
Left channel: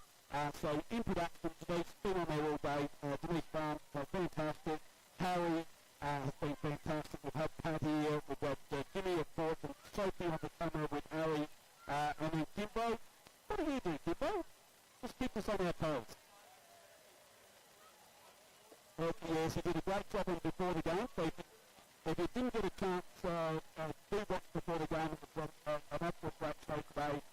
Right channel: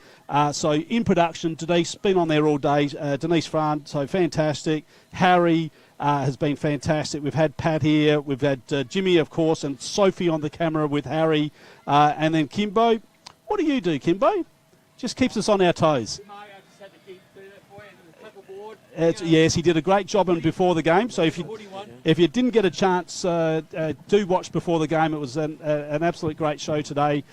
So in production, Denise, been on there all day. Denise Fry, so fantastic. Harry has been fantastic. We've had Pat here. We've had Jimmy, of course, and Sophie on the camera with Harry. And then Kimbo. What do you do, Kimbo? Just keeps us on our toes. Yes, he did a great job before the game. So if you didn't get a chance, do watch before the game. It was an absolute great show today.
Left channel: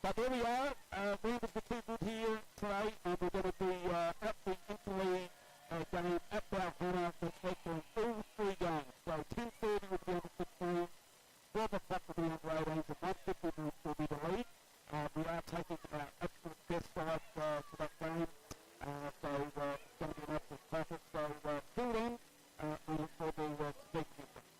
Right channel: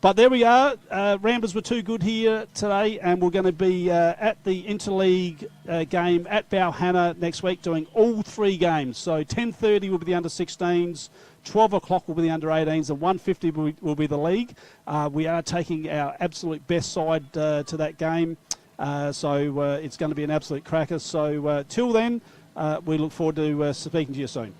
But there we are. Ramblers were too good here today, and we're going to be at the Interleague game at Balhanna next week, doing all 3 games. So 10:30 will be the under-16s, 12 o'clock will be the under-18s, and 1:50 will be the league. We are taking our absolute best side to that game. So it's going to be an absolute cracker. So till then, we look forward to speaking to you soon.